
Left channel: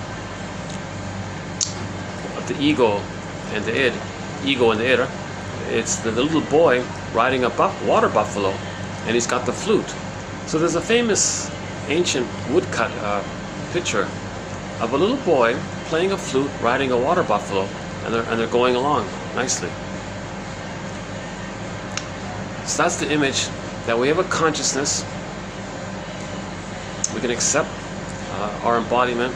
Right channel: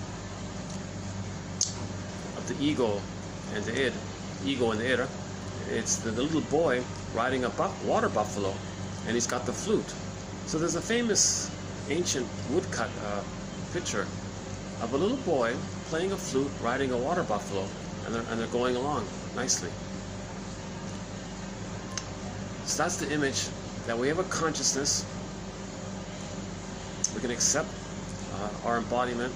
of the ego and the id, ego and the id. It's the little boy riding a water buffalo, and he's got the flute. So there's a famous ancient woodcut picture of a little boy playing a flute, riding a water buffalo, and they're going along nicely. So that's the image, that we have a consciousness. We can accept our embodiment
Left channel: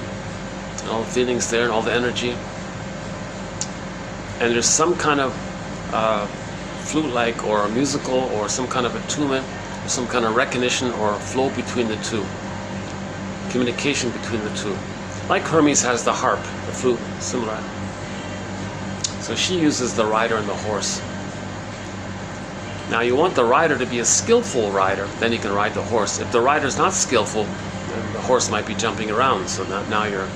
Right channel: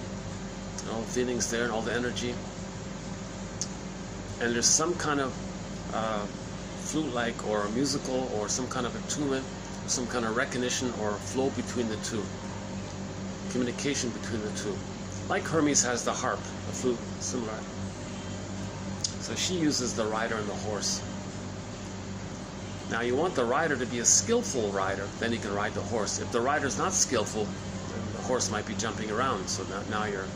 and all the feelings there and all the energy. And there's some kind of flute-like or musical or some kind of attunement, or some kind of recognition or flow between the two. Communication between the two. Like Hermes has the harp, the flute, similar. So she uses the rider and the horse. Now you want the rider to be a skillful rider, then you can ride the horse. If the rider's not skillful, then the horse might be jumping around, so now you're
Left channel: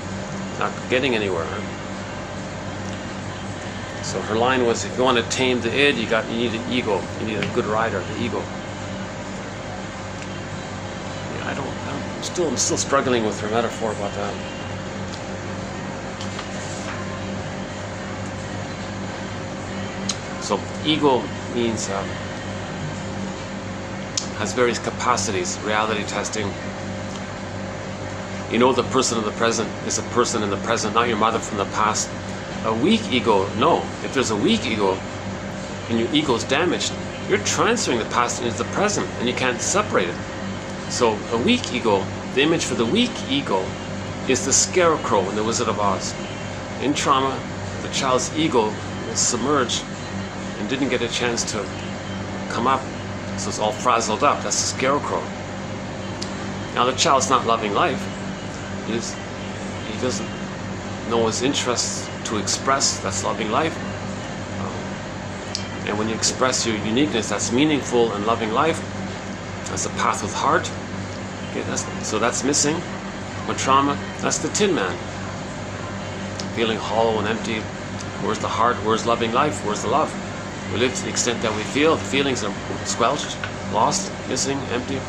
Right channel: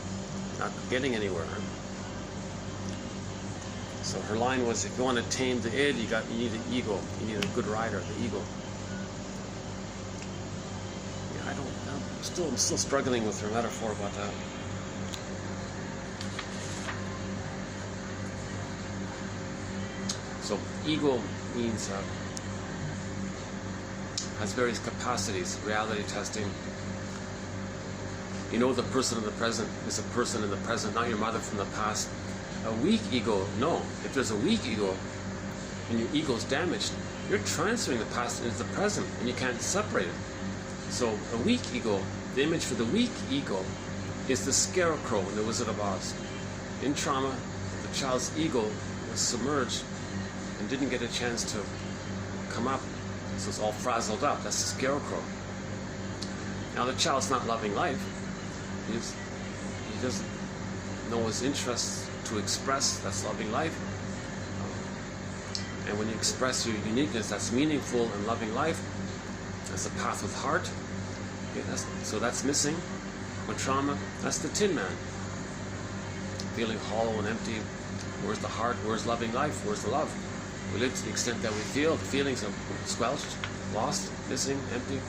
not getting anywhere. So her line was, if you want to tame the id, you need an ego. You need a good rider, the ego. Yeah, I'm still struggling with her metaphor about that. So ego means has various capacities. Reality testing. You know, the person of the present is a person in the present, not your mother from the past. A weak ego, no. If there's a weak ego and your ego is damaged, you're transferring the past into the present, and you can't separate it. So a weak ego, the image for the weak ego is the scarecrow in The Wizard of Oz. In trauma, the child's ego was submerged and didn't get a chance to come up, so it's all frazzled up. That's the scarecrow. Now the child's not loving life. He doesn't know his interests to express. That's loving life. And when you express your uniqueness, that's meaningful and loving life. That's the path with heart. Okay, so that's missing. With trauma, that's the Tin Man. Feeling hollow and empty. Where's the heart? Where's loving life? Where's the love? We live to the extent that we feel. The feelings are squelched, lost, missing, empty.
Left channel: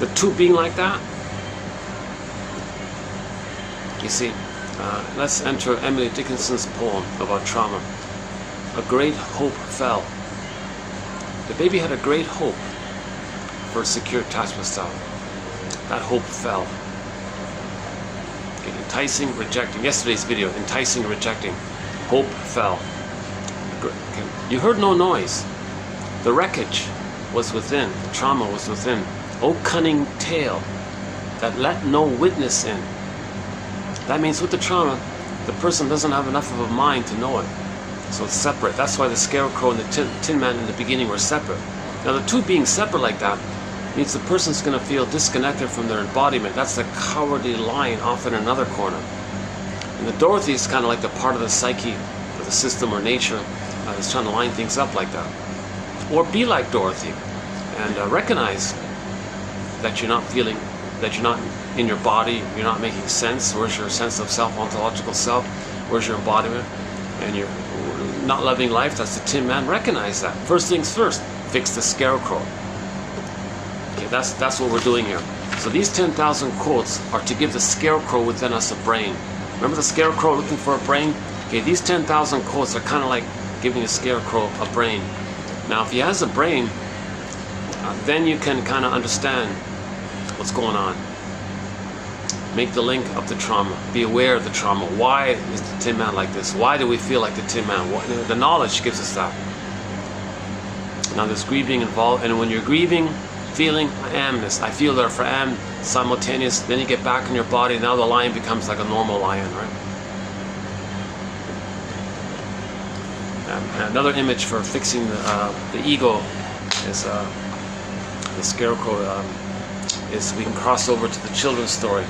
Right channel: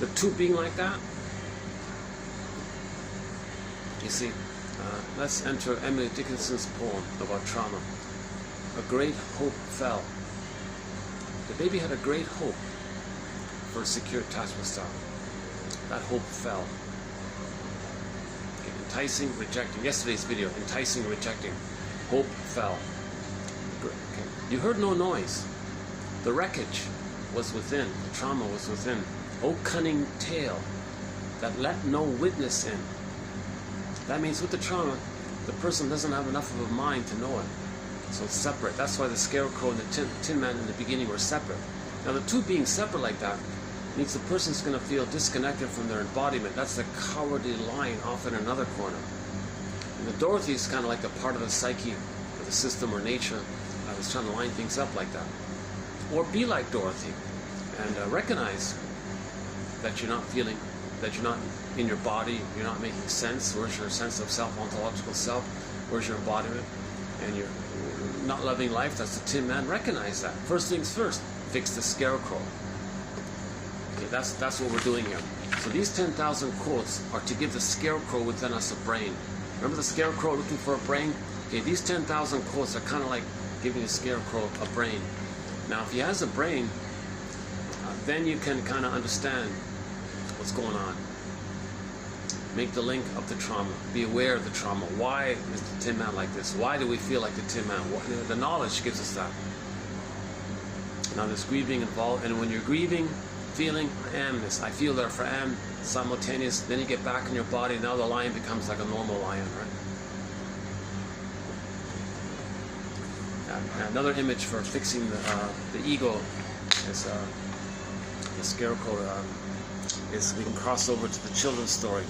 The two being like that. You see, let's enter Emily Dickinson's poem about trauma. A great hope fell. The baby had a great hope for a secure attachment style. That hope fell. Okay, enticing, rejecting. Yesterday's video, enticing, rejecting. Hope fell. Okay. You heard no noise. The wreckage was within, the trauma was within. O cunning tale that let no witness in. That means with the trauma, the person doesn't have enough of a mind to know it. So it's separate. That's why the scarecrow and the tin man in the beginning were separate. Now the two being separate like that means the person's going to feel disconnected from their embodiment. That's the cowardly lion off in another corner. And the Dorothy is kind of like the part of the psyche, or the system, or nature that's trying to line things up like that. Or be like Dorothy and recognize that you're not feeling, that you're not in your body, you're not making sense. Where's your sense of self, ontological self? Where's your embodiment? And you're not loving life. That's the Tin Man. Recognize that. First things first, fix the scarecrow. Okay, that's what we're doing here. So these 10,000 quotes are to give the scarecrow within us a brain. Remember the scarecrow looking for a brain? Okay, these 10,000 quotes are kind of like giving the scarecrow a brain. Now, if he has a brain, then you can kind of understand what's going on. Make the link of the trauma. Be aware of the trauma. Why is the Tin Man like this? Why do we feel like the Tin Man? The knowledge gives us that. Now there's grieving involved, and when you're grieving, feeling, I am this, I feel therefore I am, simultaneous, then you get back in your body, now the lion becomes like a normal lion, right? Another image for fixing the ego is the scarecrow. Is we can cross over to the children's story.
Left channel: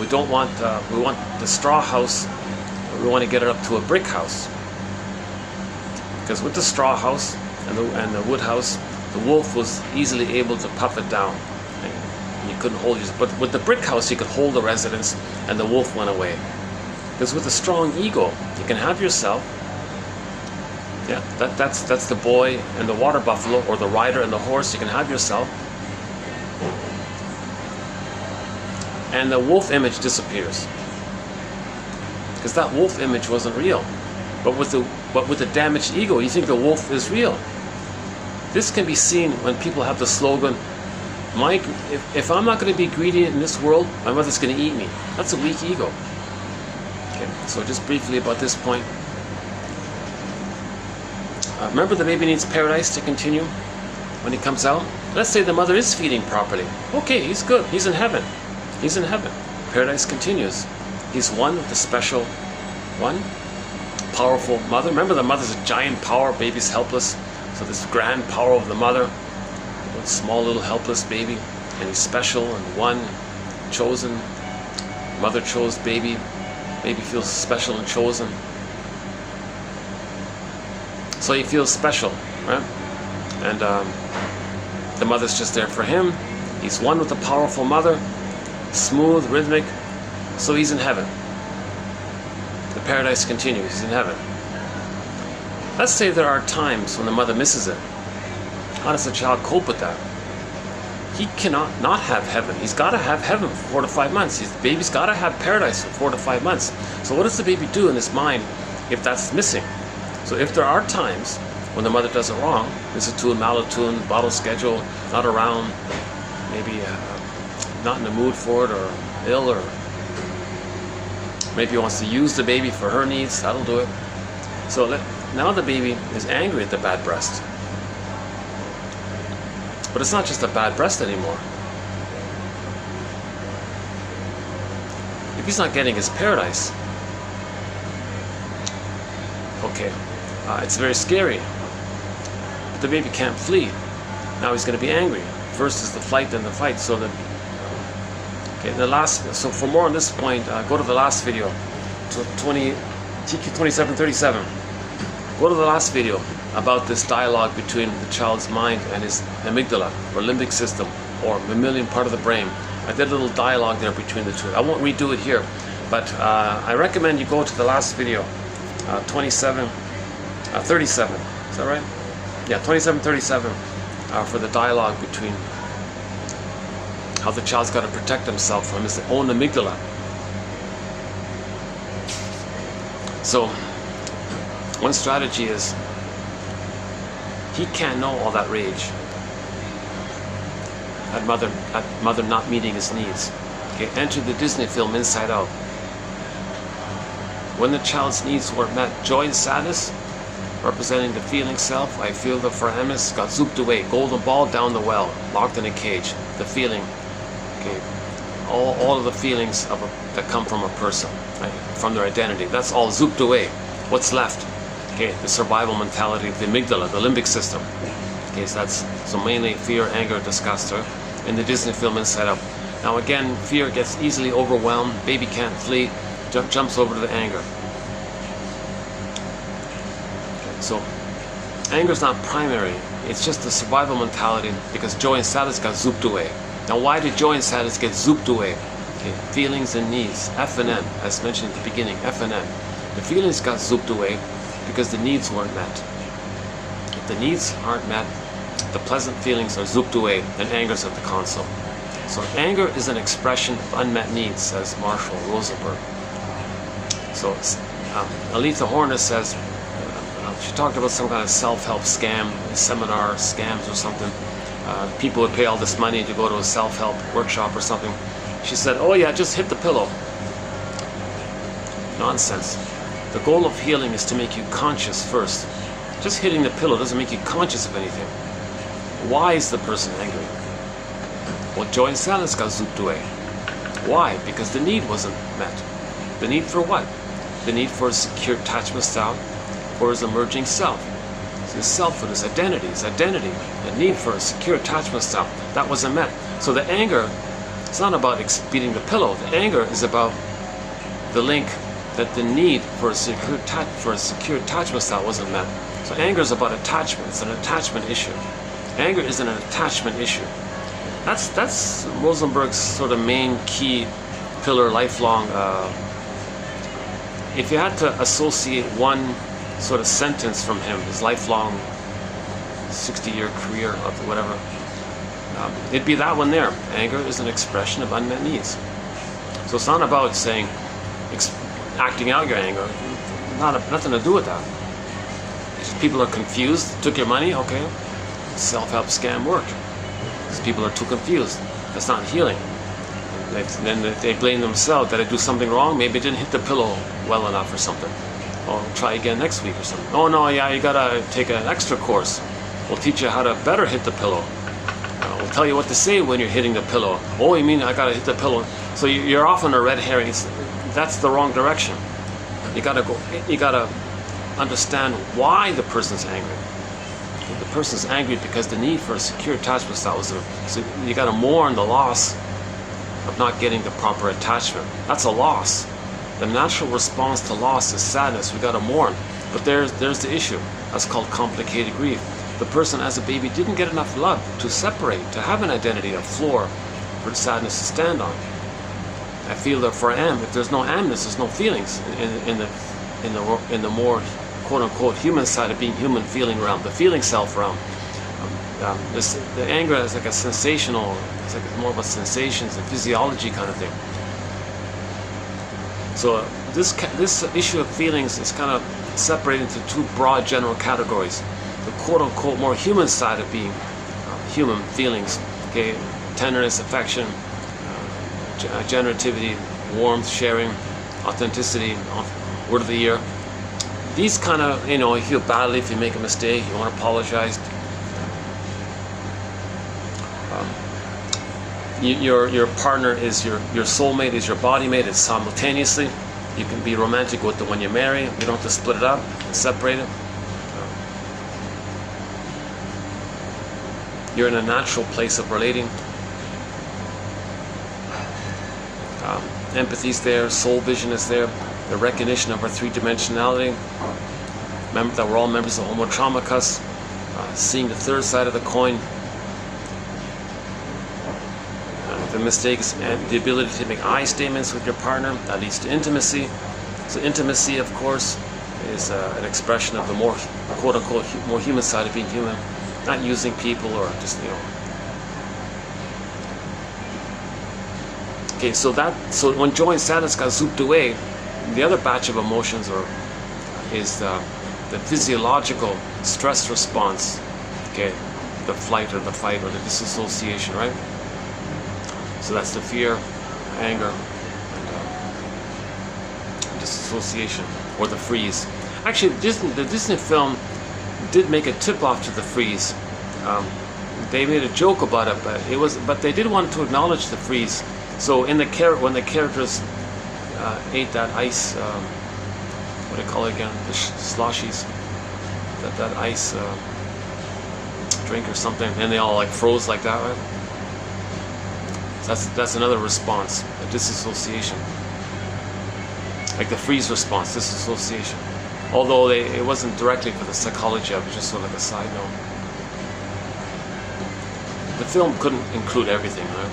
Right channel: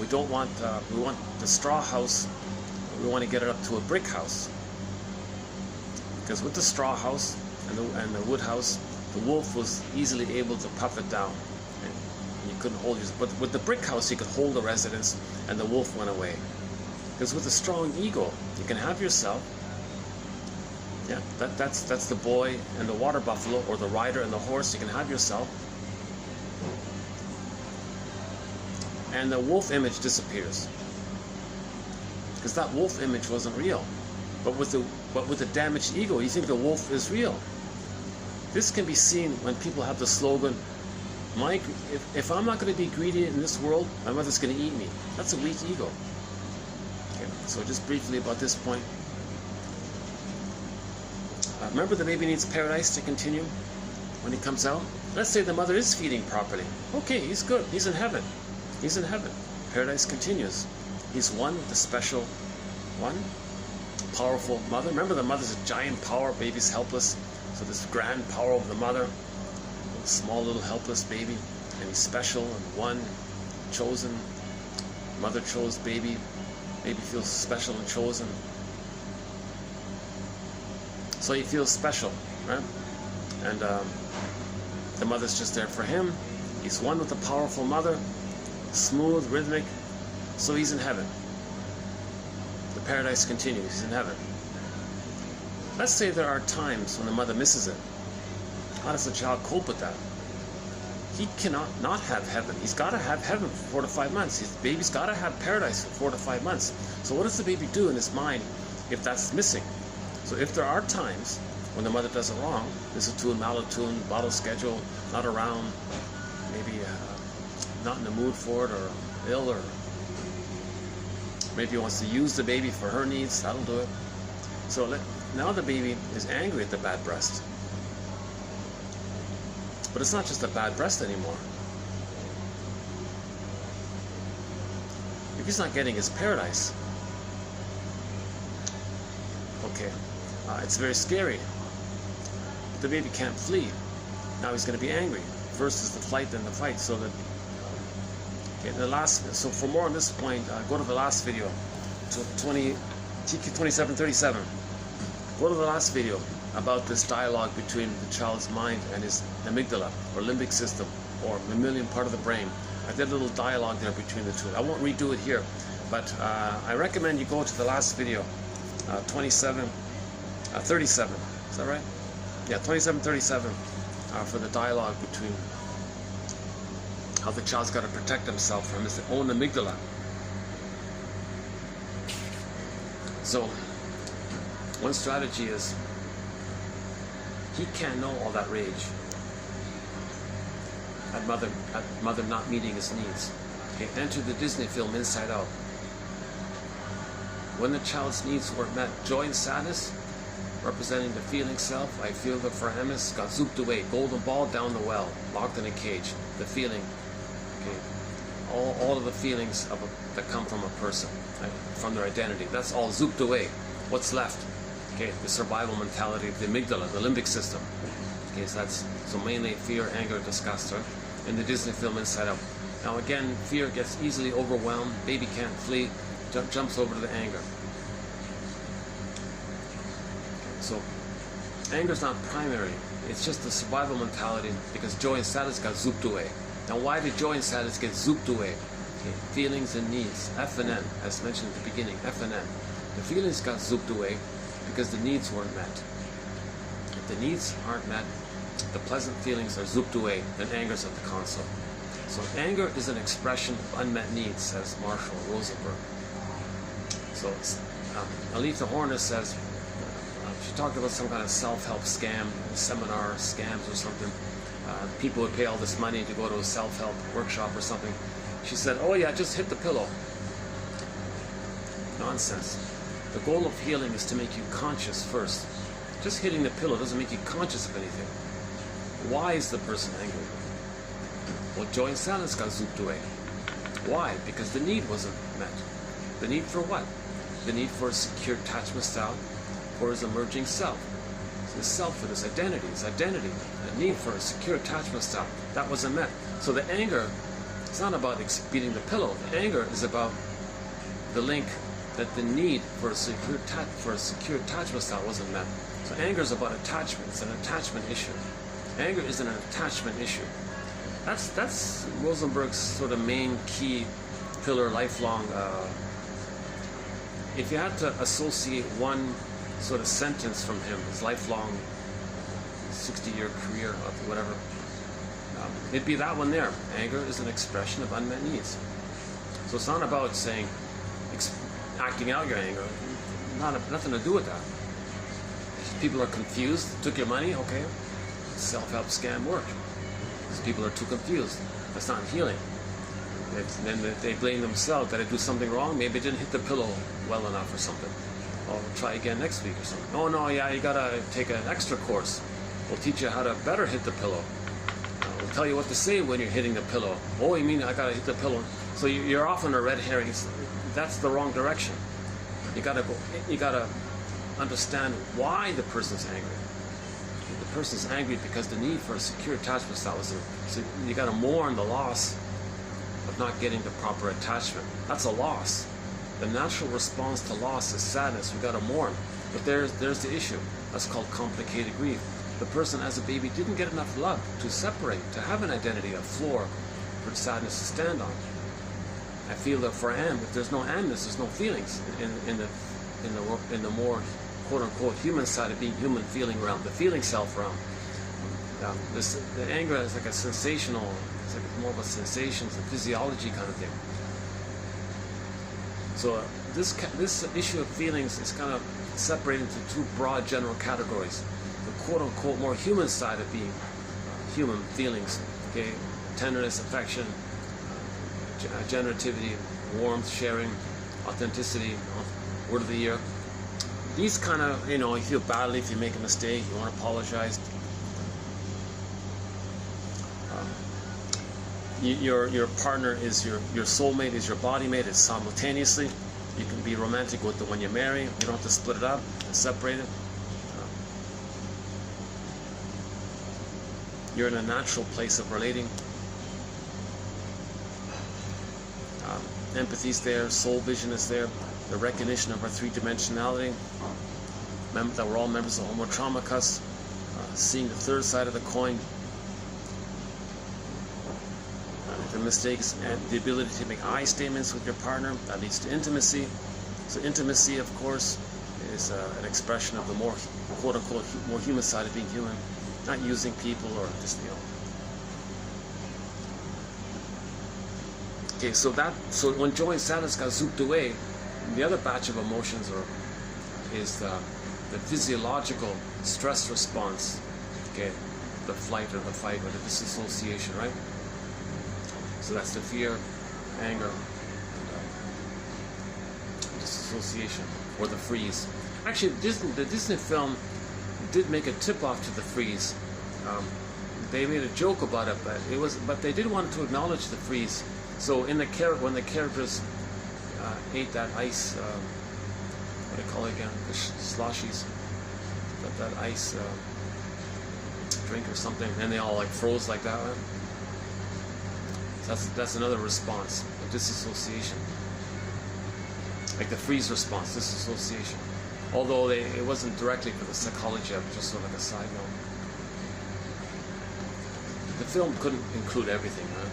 We don't want, we want the straw house, we want to get it up to a brick house. Because with the straw house and the wood house, the wolf was easily able to puff it down. And you couldn't hold it. But with the brick house, you could hold the residence and the wolf went away. Because with a strong ego, you can have yourself. Yeah, that's the boy and the water buffalo, or the rider and the horse. You can have yourself. And the wolf image disappears, because that wolf image wasn't real. But with the damaged ego, you think the wolf is real. This can be seen when people have the slogan, if I'm not going to be greedy in this world, my mother's going to eat me. That's a weak ego. Okay, so just briefly about this point. Remember, the baby needs paradise to continue when he comes out. Let's say the mother is feeding properly. Okay, he's good. He's in heaven. He's in heaven. Paradise continues. He's one with the special, one powerful mother. Remember, the mother's a giant power, baby's helpless. So this grand power of the mother, a small little helpless baby, and he's special and one, chosen. Mother chose baby. Baby feels special and chosen. So he feels special, right? And the mother's just there for him. He's one with the powerful mother. Smooth, rhythmic, so he's in heaven. The paradise continues, he's in heaven. Let's say there are times when the mother misses it. How does the child cope with that? He cannot not have heaven. He's got to have heaven for 4 to 5 months. His baby's got to have paradise for 4 to 5 months. So what does the baby do in his mind if that's missing? So if there are times when the mother does it wrong, misattuned, malattuned, bottle schedule, not around, maybe not in the mood for it, or ill, or maybe he wants to use the baby for her needs, that'll do it. So now the baby is angry at the bad breast. But it's not just a bad breast anymore. If he's not getting his paradise, okay, it's very scary. But the baby can't flee. Now he's going to be angry. First is the flight, then the fight. So so for more on this point, go to the last video, TQ 2737. Go to the last video about this dialogue between the child's mind and his amygdala, or limbic system, or mammalian part of the brain. I did a little dialogue there between the two. I won't redo it here, but I recommend you go to the last video, 2737. Is that right? Yeah, 2737, for the dialogue between how the child's got to protect himself from his own amygdala. So, one strategy is, he can't know all that rage at mother not meeting his needs. Okay, enter the Disney film Inside Out. When the child's needs were met, joy and sadness, representing the feeling self. I feel the foramus got zooped away, golden ball down the well, locked in a cage. The feeling, okay, all of the feelings that come from a person, right, from their identity, that's all zooped away. What's left? Okay, the survival mentality of the amygdala, the limbic system. Okay, so mainly fear, anger, disgust. In the Disney film Inside Out. Now again, fear gets easily overwhelmed. Baby can't flee, jumps over to the anger. So, anger is not primary. It's just the survival mentality because joy and sadness got zooped away. Now, why did joy and sadness get zooped away? Okay, feelings and needs, F and M, as mentioned at the beginning, F and M. The feelings got zooped away because the needs weren't met. If the needs aren't met, the pleasant feelings are zooped away and anger's at the console. So anger is an expression of unmet needs, says Marshall Rosenberg. So Aletha Horner says, she talked about some kind of self-help scam, seminar scams or something. People would pay all this money to go to a self-help workshop or something. She said, oh yeah, just hit the pillow. Nonsense. The goal of healing is to make you conscious first. Just hitting the pillow doesn't make you conscious of anything. Why is the person angry? Well, joy and sadness got zooped away. Why? Because the need wasn't met. The need for what? The need for a secure attachment style for his emerging self. His selfhood, his identity, the need for a secure attachment style. That wasn't met. So the anger, it's not about beating the pillow. The anger is about the link that the need for a secure attachment style wasn't met. So anger is about attachment. It's an attachment issue. Anger isn't an attachment issue. That's Rosenberg's sort of main key pillar, lifelong. If you had to associate one sort of sentence from him, his lifelong 60-year career of whatever, it'd be that one there. Anger is an expression of unmet needs. So it's not about saying, acting out your anger. Nothing to do with that. It's just people are confused. Took your money, okay. Self-help scam worked. Because people are too confused. That's not healing. Then they blame themselves. Did I do something wrong? Maybe I didn't hit the pillow well enough or something. Oh, try again next week or something. Oh no, yeah, you gotta take an extra course. We'll teach you how to better hit the pillow. We'll tell you what to say when you're hitting the pillow. Oh, you mean I gotta hit the pillow? So you're off on a red herring. That's the wrong direction. You gotta understand why the person's angry. The person's angry because the need for a secure attachment style was there. So you gotta mourn the loss of not getting the proper attachment. That's a loss. The natural response to loss is sadness. We gotta mourn. But there's the issue. That's called complicated grief. The person as a baby didn't get enough love to separate, to have an identity, a floor for sadness to stand on. I feel that for am. If there's no amness, there's no feelings in the more quote-unquote human side of being human feeling realm, the feeling self realm. The anger is like a sensational, it's like more about sensations and physiology kind of thing. So this issue of feelings is kind of separated into two broad general categories. The quote-unquote more human side of being human feelings, okay, tenderness, affection, generativity, warmth, sharing, authenticity, word of the year. These kind of, you feel badly if you make a mistake, you want to apologize. Your partner is your soulmate, is your body mate. It's simultaneously. You can be romantic with the one you marry. You don't have to split it up, separate it. You're in a natural place of relating. Empathy's there, soul vision is there, the recognition of our three-dimensionality. Remember that we're all members of Homo Traumacus, seeing the third side of the coin. The mistakes and the ability to make I statements with your partner, that leads to intimacy. So intimacy, of course, is an expression of the more quote-unquote more human side of being human, not using people or just Okay, so when joy and sadness got zooped away, the other batch of emotions is the physiological stress response. Okay, the flight or the fight or the disassociation, right? So that's the fear, anger, and disassociation, or the freeze. Actually, the Disney film did make a tip-off to the freeze. They made a joke about it, but they did want to acknowledge the freeze. So in the when the characters ate that ice, what do you call it again? The sloshies, that ice drink or something, and they all like froze like that, right? That's another response, a disassociation, like the freeze response, disassociation. Although it wasn't directly for the psychology of it, just sort of like a side note. The film couldn't include everything, right?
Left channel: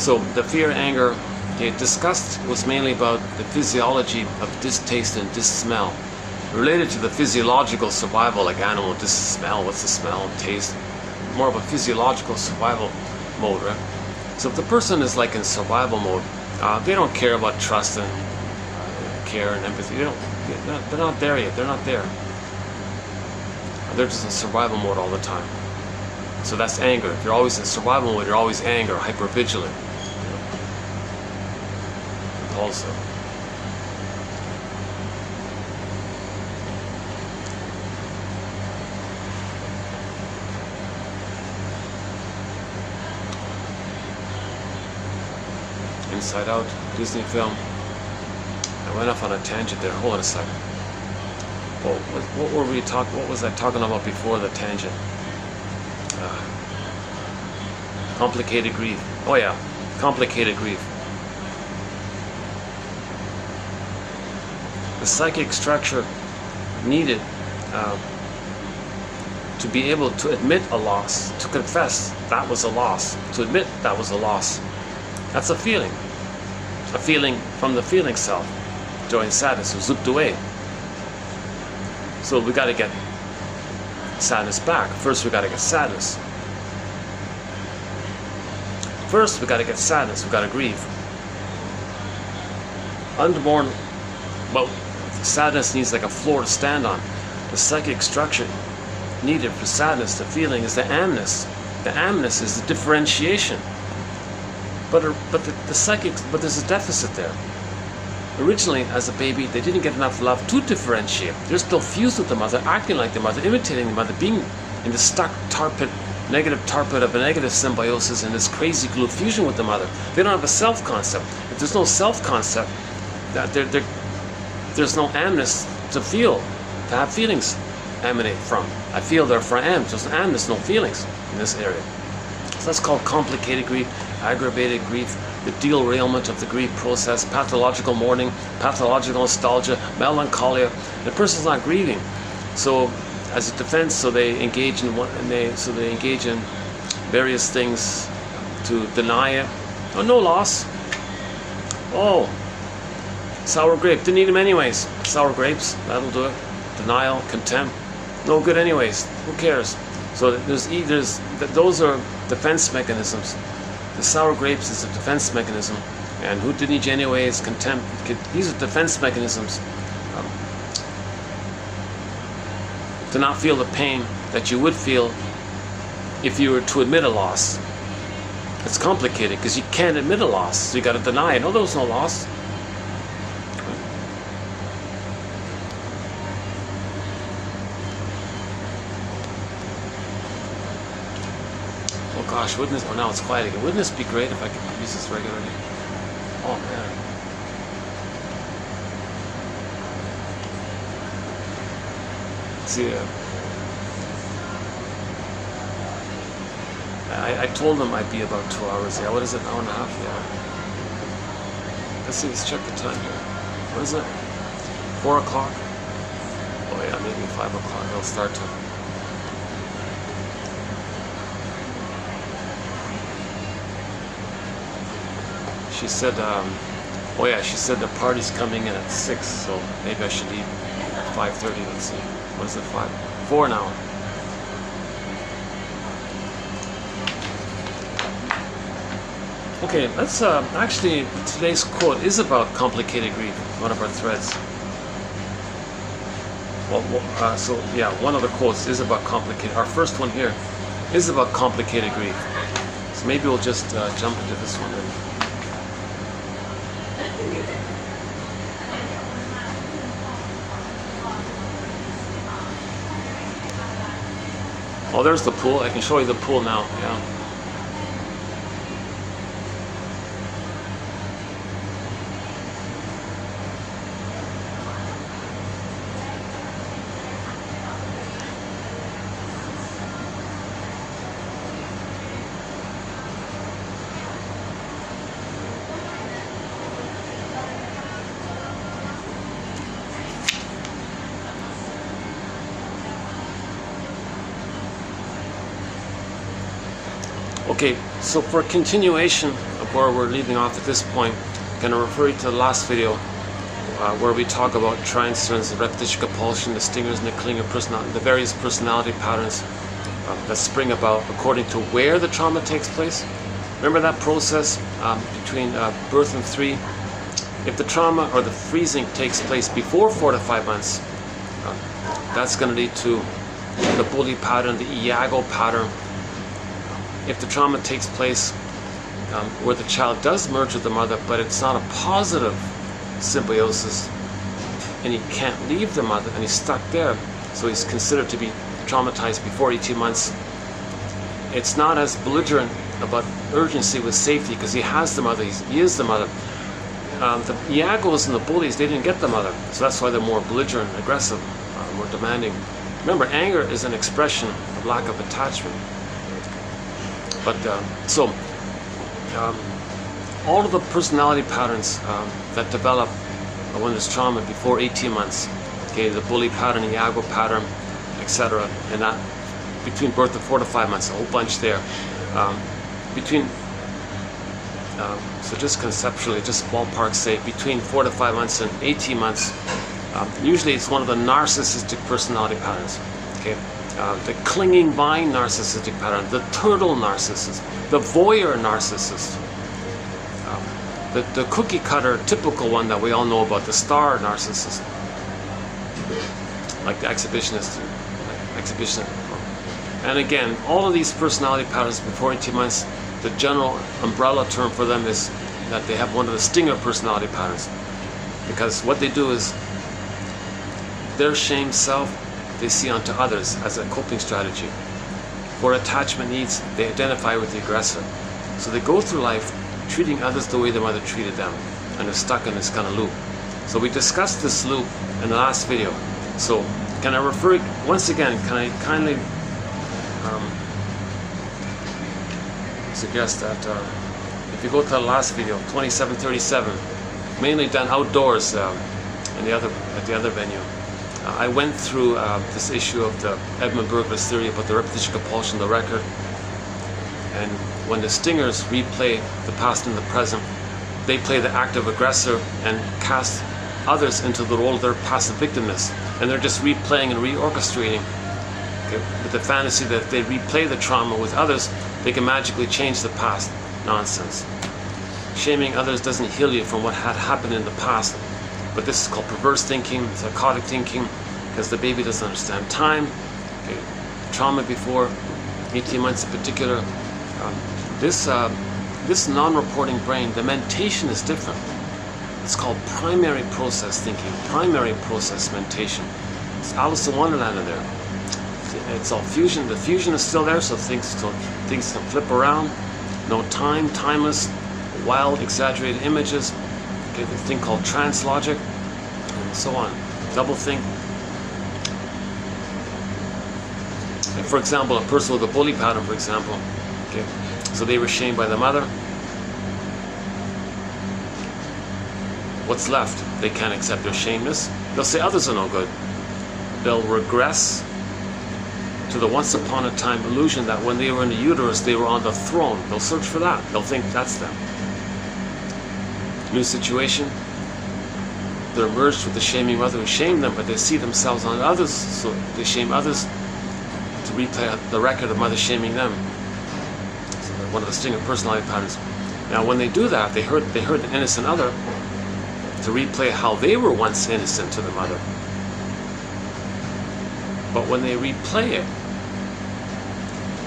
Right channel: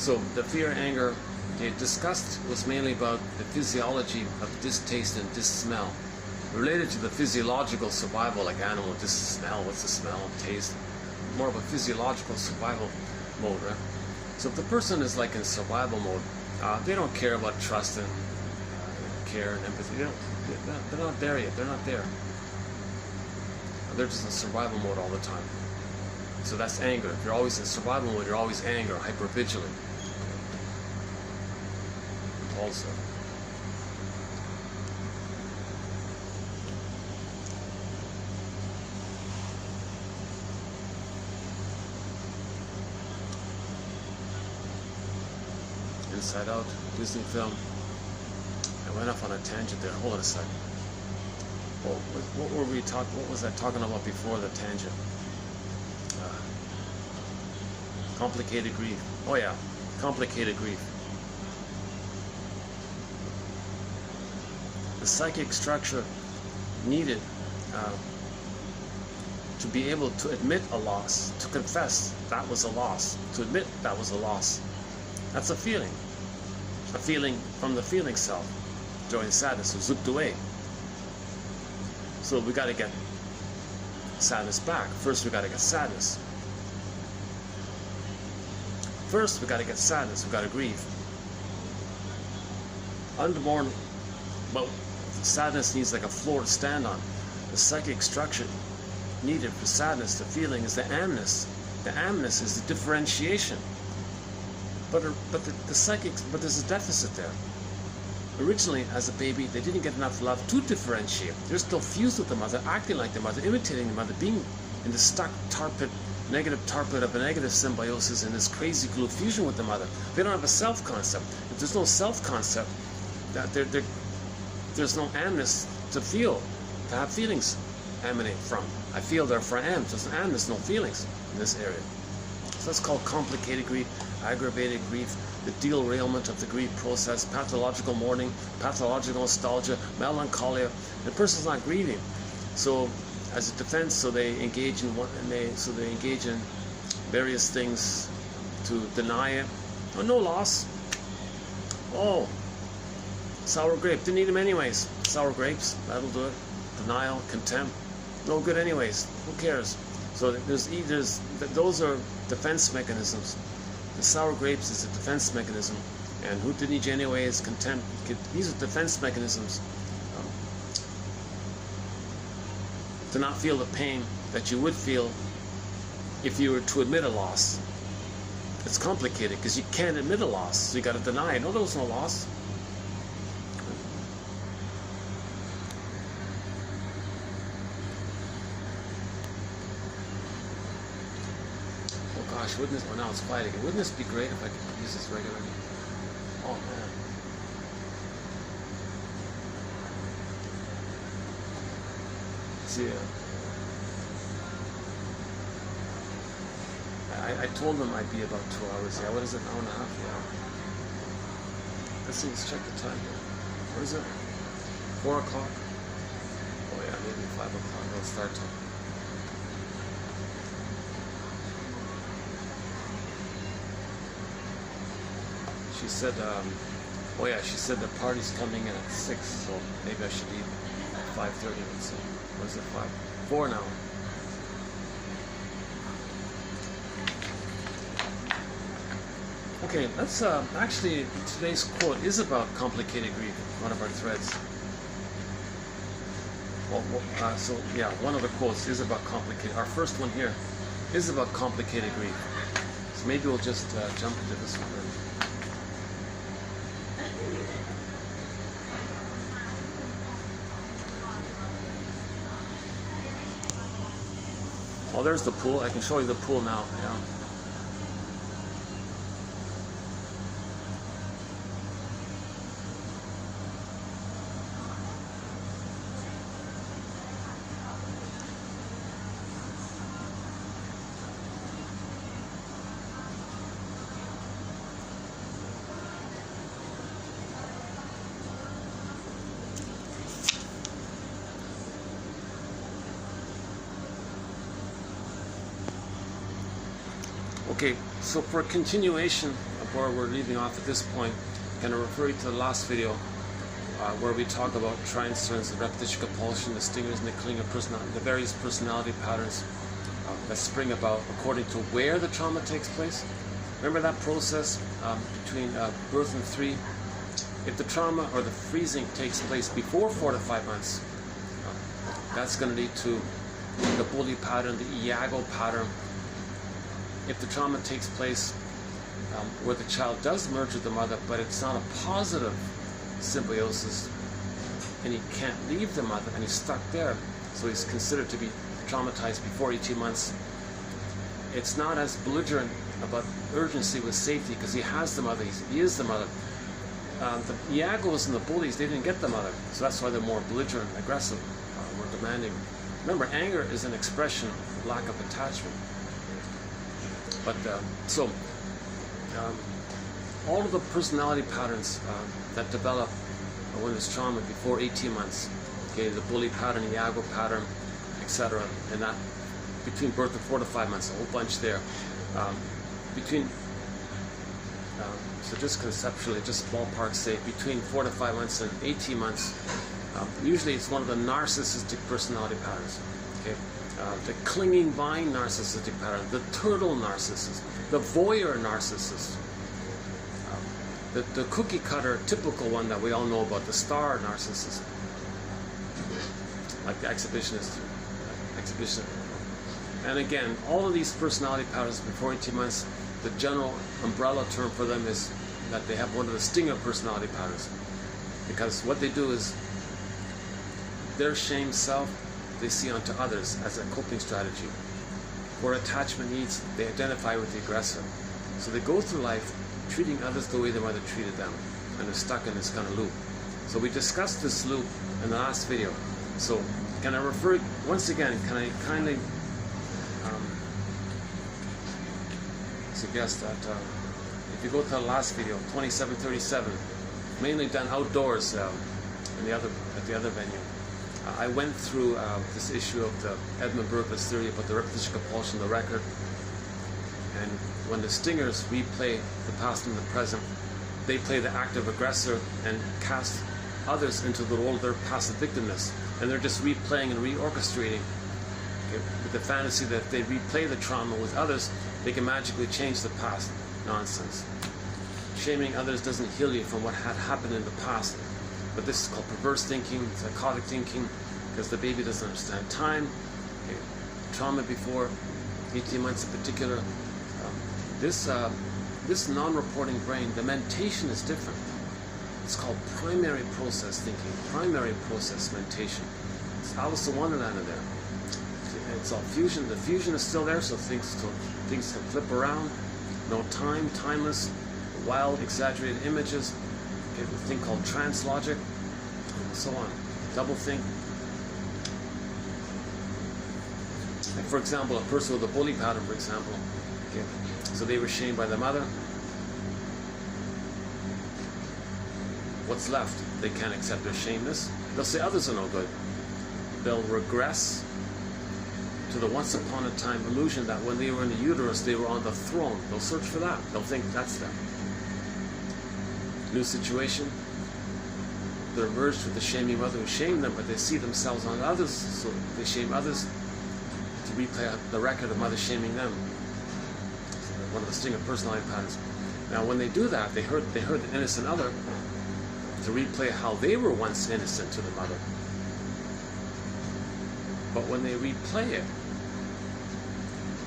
So the fear, anger they discussed was mainly about the physiology of distaste and dissmell, related to the physiological survival, like animal smell, what's the smell, taste, more of a physiological survival mode, right? So if the person is like in survival mode, they don't care about trust and care and empathy. They're not there yet. They're not there. They're just in survival mode all the time. So that's anger. If you're always in survival mode, you're always anger, hypervigilant, compulsive. Inside Out, Disney film. I went off on a tangent there. Hold on a second. Well, what were we talking? What was I talking about before the tangent? Complicated grief. Oh yeah, complicated grief. The psychic structure needed to be able to admit a loss, to confess that was a loss, to admit that was a loss. That's a feeling from the feeling self. Joy and sadness was zipped away. So we got to get sadness back. First we got to get sadness. First we got to get sadness. We got to grieve. Unmourned. Well, sadness needs like a floor to stand on. The psychic structure needed for sadness, the feeling, is the amness. The amness is the differentiation. But there's a deficit there. Originally, as a baby, they didn't get enough love to differentiate. They're still fused with the mother, acting like the mother, imitating the mother, being in the stuck negative tar pit of a negative symbiosis and this crazy glue fusion with the mother. They don't have a self-concept. If there's no self-concept, there's no amness to feel, to have feelings emanate from. I feel, therefore I am. There's no feelings in this area. So that's called complicated grief, aggravated grief, the derailment of the grief process, pathological mourning, pathological nostalgia, melancholia. The person's not grieving. So as a defense, so they engage in various things to deny it. Oh, no loss. Oh, sour grape, didn't eat them anyways. Sour grapes, that'll do it. Denial, contempt, no good anyways. Who cares? So those are defense mechanisms. The sour grapes is a defense mechanism, and who didn't eat anyways, contempt. These are defense mechanisms to not feel the pain that you would feel if you were to admit a loss. It's complicated because you can't admit a loss, so you got to deny it. No, there was no loss. Gosh, wouldn't this, oh now it's quiet again. Wouldn't this be great if I could use this regularly? Oh man. See, I told them I'd be about 2 hours. Yeah, what is it, an hour and a half? Yeah. Let's see, let's check the time here. What is it? 4 o'clock? Oh yeah, maybe 5 o'clock. It'll start to. She said, oh yeah, she said the party's coming in at 6, so maybe I should eat at 5:30. Let's see. What is it, 5? 4 now. Okay, let's, actually, today's quote is about complicated grief, one of our threads. Well, so yeah, one of the quotes is about complicated, our first one here is about complicated grief. So maybe we'll just jump into this one. Oh, there's the pool. I can show you the pool now. Yeah. Okay, so for a continuation of where we're leaving off at this point, I'm going to refer you to the last video where we talk about transference, the repetition compulsion, the stingers, and the clinging personality, the various personality patterns that spring about according to where the trauma takes place. Remember that process between birth and 3? If the trauma or the freezing takes place before 4 to 5 months, that's going to lead to the bully pattern, the Iago pattern. If the trauma takes place where the child does merge with the mother, but it's not a positive symbiosis, and he can't leave the mother, and he's stuck there, so he's considered to be traumatized before 18 months, it's not as belligerent about urgency with safety because he has the mother, he is the mother. The Iagos and the bullies, they didn't get the mother, so that's why they're more belligerent, aggressive, more demanding. Remember, anger is an expression of lack of attachment. But all of the personality patterns that develop when there's trauma before 18 months, okay, the bully pattern, Iago pattern, etc., and that between birth and 4 to 5 months, a whole bunch there. So just conceptually, just ballpark say, between 4 to 5 months and 18 months, usually it's one of the narcissistic personality patterns. Okay. The clinging vine narcissistic pattern, the turtle narcissist, the voyeur narcissist, the cookie cutter typical one that we all know about, the star narcissist, like the exhibitionist. And again, all of these personality patterns before 18 months, the general umbrella term for them is that they have one of the stinger personality patterns, because what they do is their shame self they see onto others as a coping strategy. For attachment needs, they identify with the aggressor. So they go through life treating others the way their mother treated them, and they're stuck in this kind of loop. So we discussed this loop in the last video. So can I refer, once again, can I kindly suggest that if you go to the last video, 2737, mainly done outdoors at the other venue, I went through this issue of the Edmund Burger's theory about the repetition compulsion, the record, and when the stingers replay the past and the present, they play the active aggressor and cast others into the role of their passive victimness, and they're just replaying and reorchestrating, okay, with the fantasy that if they replay the trauma with others, they can magically change the past. Nonsense. Shaming others doesn't heal you from what had happened in the past. But this is called perverse thinking, psychotic thinking, because the baby doesn't understand time. Okay. Trauma before 18 months in particular. This non-reporting brain, the mentation is different. It's called primary process thinking, primary process mentation. It's Alice in Wonderland in there. It's all fusion. The fusion is still there, so things can flip around. No time, timeless, wild, exaggerated images. Okay, the thing called trance logic, and so on. Double think. Like for example, a person with a bully pattern, for example. Okay, so they were shamed by the mother. What's left? They can't accept their shameness. They'll say others are no good. They'll regress to the once upon a time illusion that when they were in the uterus, they were on the throne. They'll search for that. They'll think that's them. New situation, they're merged with the shaming mother who shamed them, but they see themselves on others, so they shame others to replay the record of mother shaming them. So one of the stinger personality patterns. Now when they do that, they hurt the innocent other to replay how they were once innocent to the mother. But when they replay it,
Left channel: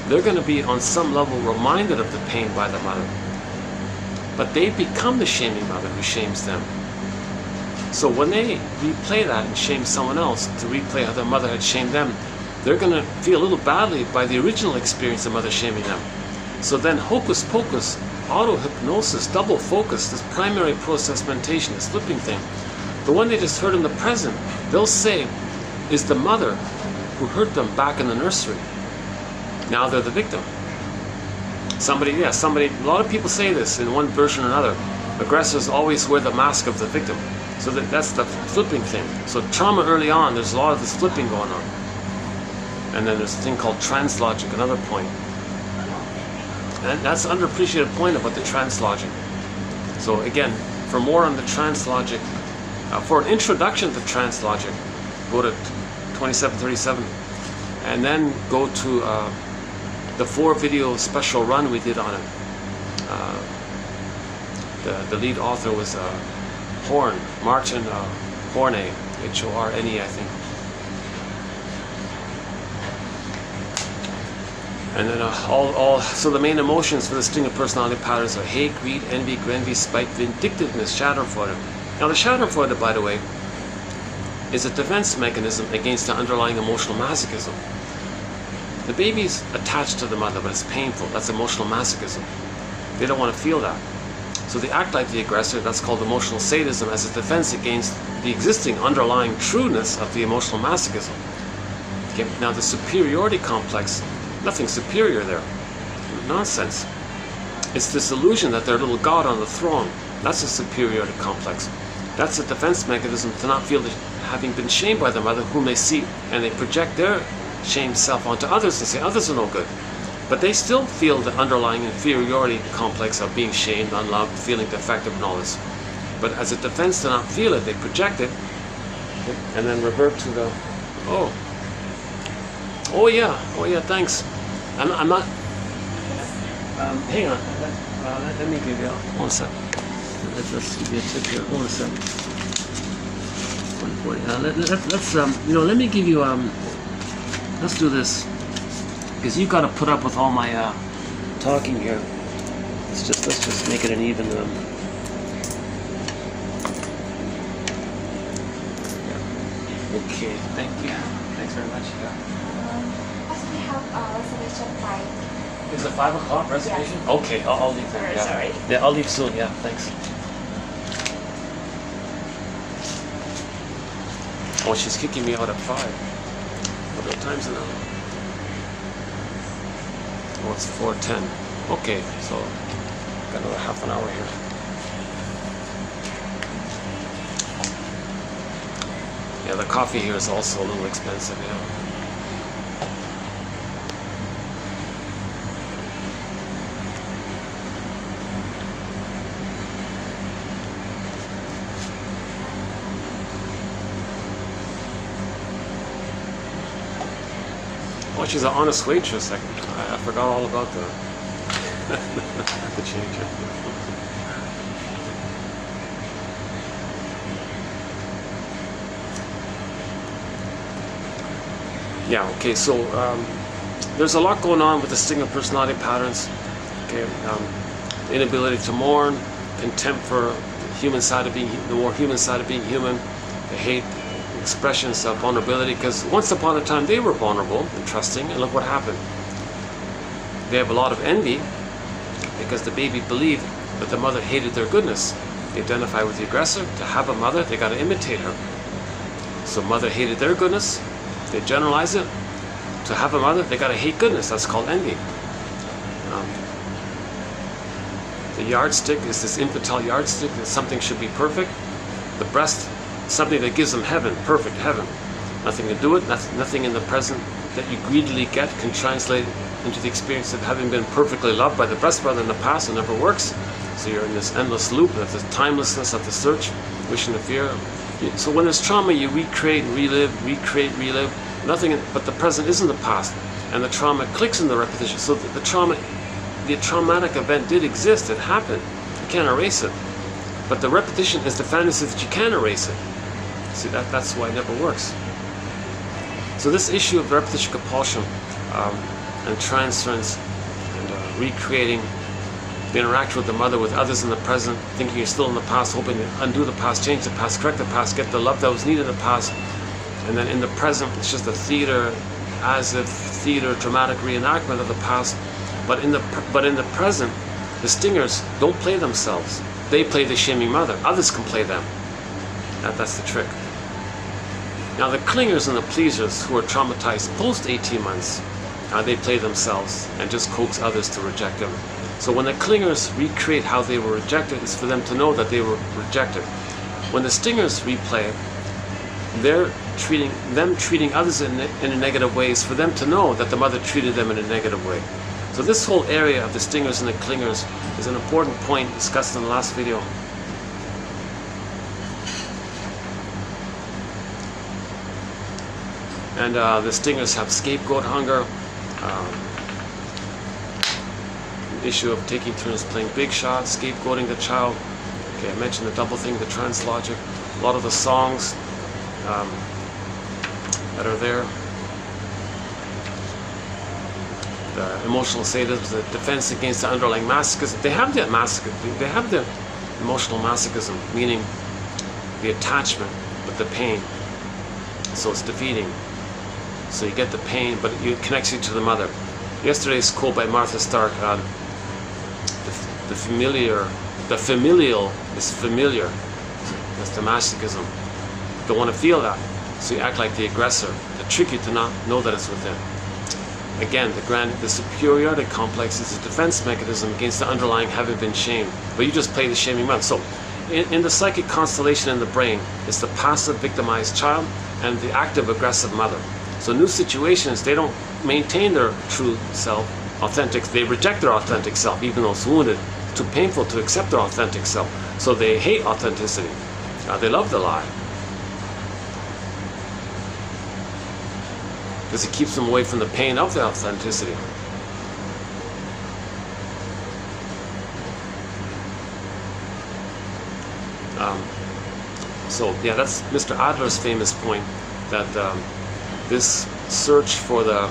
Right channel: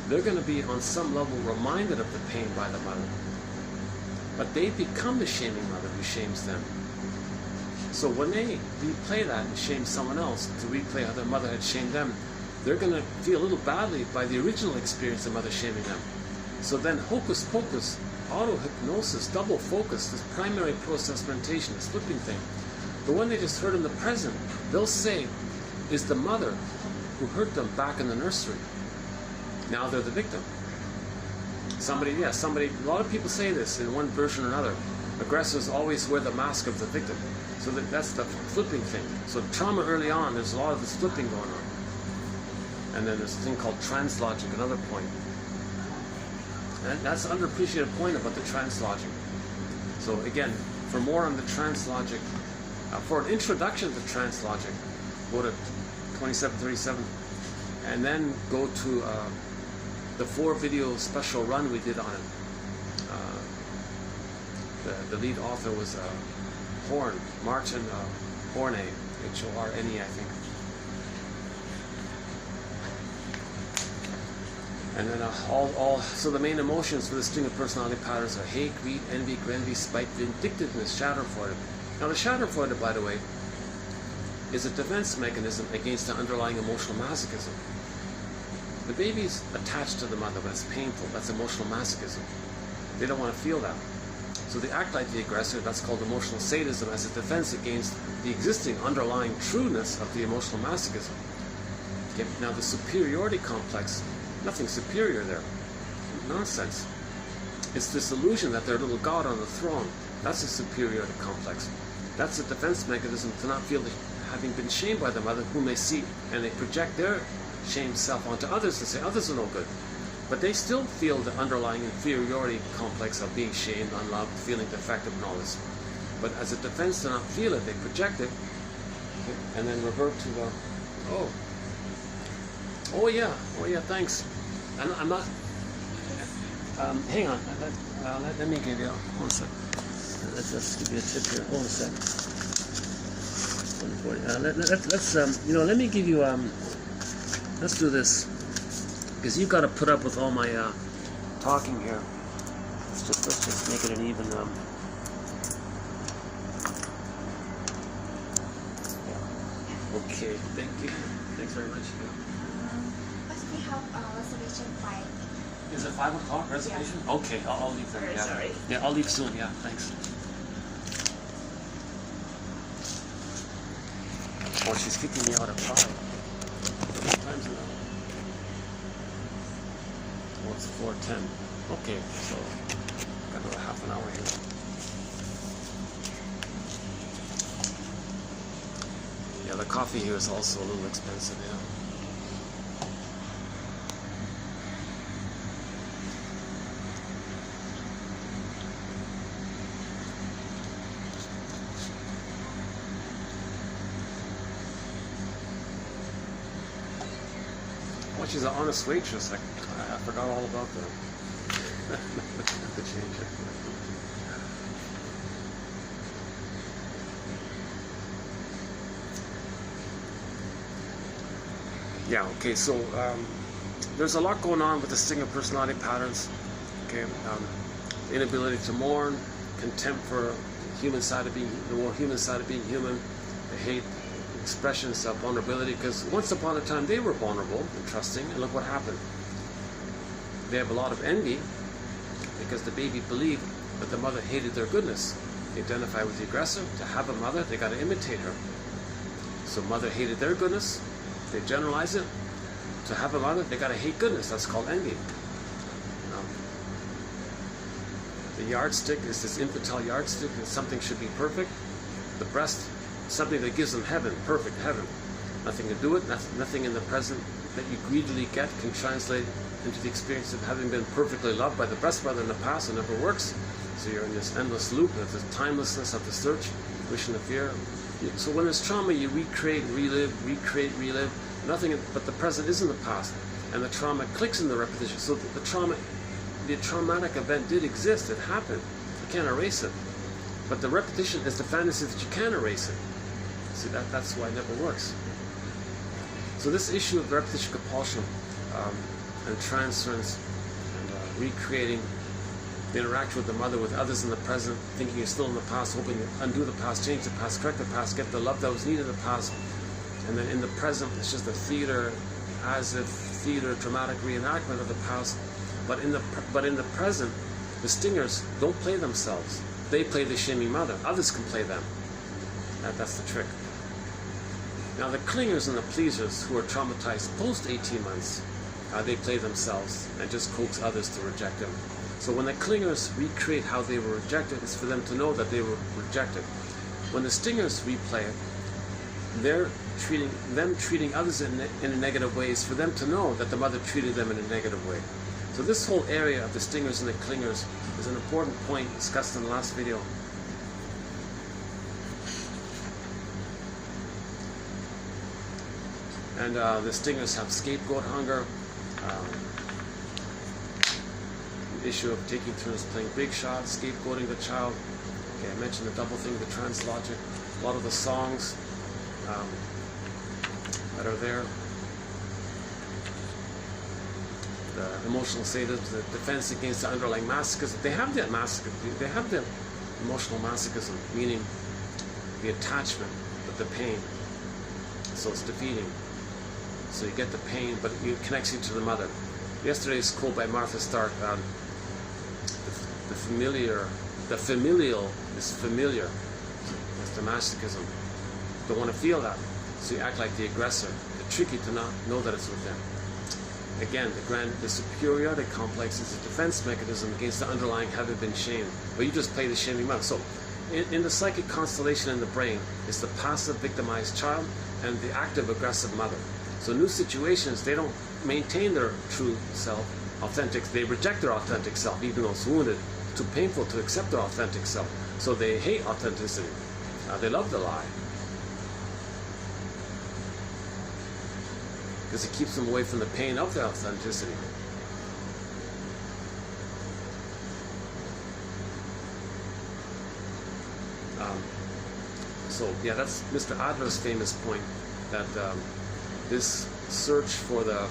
they're going to be on some level reminded of the pain by the mother. But they become the shaming mother who shames them. So when they replay that and shame someone else to replay how their mother had shamed them, they're going to feel a little badly by the original experience of mother shaming them. So then hocus pocus, auto-hypnosis, double focus, this primary process mentation, this flipping thing, the one they just heard in the present, they'll say is the mother who hurt them back in the nursery. Now they're the victim. Somebody, a lot of people say this in one version or another. Aggressors always wear the mask of the victim. So that's the flipping thing. So trauma early on, there's a lot of this flipping going on. And then there's a thing called translogic, another point. And that's an underappreciated point about the translogic. So again, for more on the translogic, for an introduction to translogic, go to 2737, and then go to the 4-video special run we did on it. The lead author was Martin Horne, Horne, I think. And then so the main emotions for the string of personality patterns are hate, greed, envy, spite, vindictiveness, schadenfreude. Now the schadenfreude, by the way, is a defense mechanism against the underlying emotional masochism. The baby's attached to the mother, but it's painful. That's emotional masochism. They don't want to feel that. So they act like the aggressor. That's called emotional sadism, as a defense against the existing underlying trueness of the emotional masochism. Okay. Now the superiority complex, nothing superior there. Nonsense. It's this illusion that they're a little god on the throne. That's a superiority complex. That's a defense mechanism to not feel having been shamed by the mother, whom they see, and they project their shamed self onto others and say others are no good. But they still feel the underlying inferiority complex of being shamed, unloved, feeling defective and all this. But as a defense to not feel it, they project it, and then revert to the, oh yeah, thanks. I'm not, hang on, let me give you, one sec. Let's give you a tip here, one sec. Let me give you, let's do this, because you've got to put up with all my talking here. Let's just make it an even. Okay, thank you. Thanks very much. We have reservation 5. Is it 5 o'clock reservation? Yeah. Okay, I'll leave then. Yeah. Sorry. Yeah, I'll leave soon. Yeah, thanks. Oh, she's kicking me out at 5. How many times now? Oh, it's 4:10. Okay, so got another half an hour here. Yeah, the coffee here is also a little expensive, yeah. Oh, she's an honest waitress. I forgot all about that. I have to change it. Yeah, okay, so there's a lot going on with the stigma personality patterns. Okay, the inability to mourn, contempt for the human side of being, the more human side of being human, the hate, expressions of vulnerability, because once upon a time they were vulnerable and trusting, and look what happened. They have a lot of envy because the baby believed that the mother hated their goodness. They identify with the aggressor. To have a mother, they got to imitate her. So mother hated their goodness. They generalize it. To have a mother, they got to hate goodness. That's called envy. The yardstick is this infantile yardstick that something should be perfect. The breast, something that gives them heaven, perfect heaven. Nothing to do with, nothing in the present that you greedily get can translate into the experience of having been perfectly loved by the breast brother in the past. It never works. So you're in this endless loop of the timelessness of the search, wishing to fear. So when there's trauma, you recreate, relive. Nothing but the present isn't the past, and the trauma clicks in the repetition. So the traumatic event did exist. It happened. You can't erase it. But the repetition is the fantasy that you can erase it. See, that's why it never works. So this issue of repetition compulsion and transference and recreating the interaction with the mother, with others in the present, thinking you're still in the past, hoping to undo the past, change the past, correct the past, get the love that was needed in the past, and then in the present it's just a theater as if theater, dramatic reenactment of the past. But in the present, the stingers don't play themselves. They play the shaming mother. Others can play them. That's the trick. Now the clingers and the pleasers who are traumatized post 18 months, they play themselves and just coax others to reject them. So when the clingers recreate how they were rejected, it's for them to know that they were rejected. When the stingers replay, they're treating others in a negative way, is for them to know that the mother treated them in a negative way. So this whole area of the stingers and the clingers is an important point discussed in the last video. And the stingers have scapegoat hunger, issue of taking turns playing big shots, scapegoating the child. Okay, I mentioned the double thing, the trans logic. A lot of the songs that are there, the emotional sadism, the defense against the underlying masochism. They have the emotional masochism, meaning the attachment with the pain. So it's defeating. So you get the pain, but it connects you to the mother. Yesterday's quote by Martha Stark, the familial is familiar. That's the masochism. You don't want to feel that, so you act like the aggressor to trick you to not know that it's within. Again, the superiority complex is a defense mechanism against the underlying having been shamed, but you just play the shaming mother. So in the psychic constellation in the brain, it's the passive victimized child and the active aggressive mother. So new situations, they don't maintain their true self, authentic. They reject their authentic self, even though it's wounded. Too painful to accept their authentic self. So they hate authenticity. They love the lie, because it keeps them away from the pain of the authenticity. So yeah, that's Mr. Adler's famous point, that this search for the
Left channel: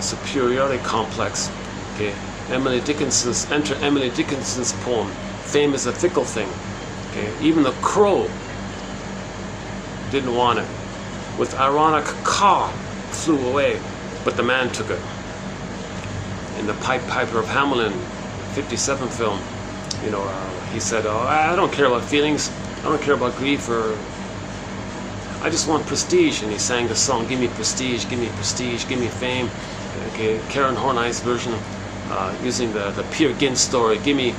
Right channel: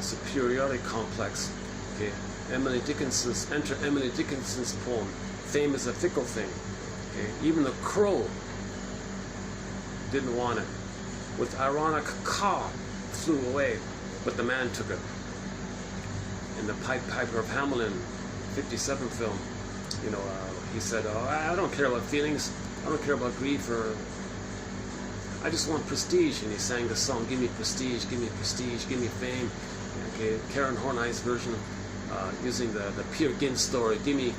superiority complex. Okay, enter Emily Dickinson's poem, "Fame is a Fickle Thing." Okay, even the crow didn't want it. With ironic caw, flew away, but the man took it. In the Piper of Hamelin '57 film, he said, "Oh, I don't care about feelings. I don't care about grief, or I just want prestige." And he sang the song, "Give me prestige, give me prestige, give me fame." Okay, Karen Horney's version, using the Peer Gynt story, give me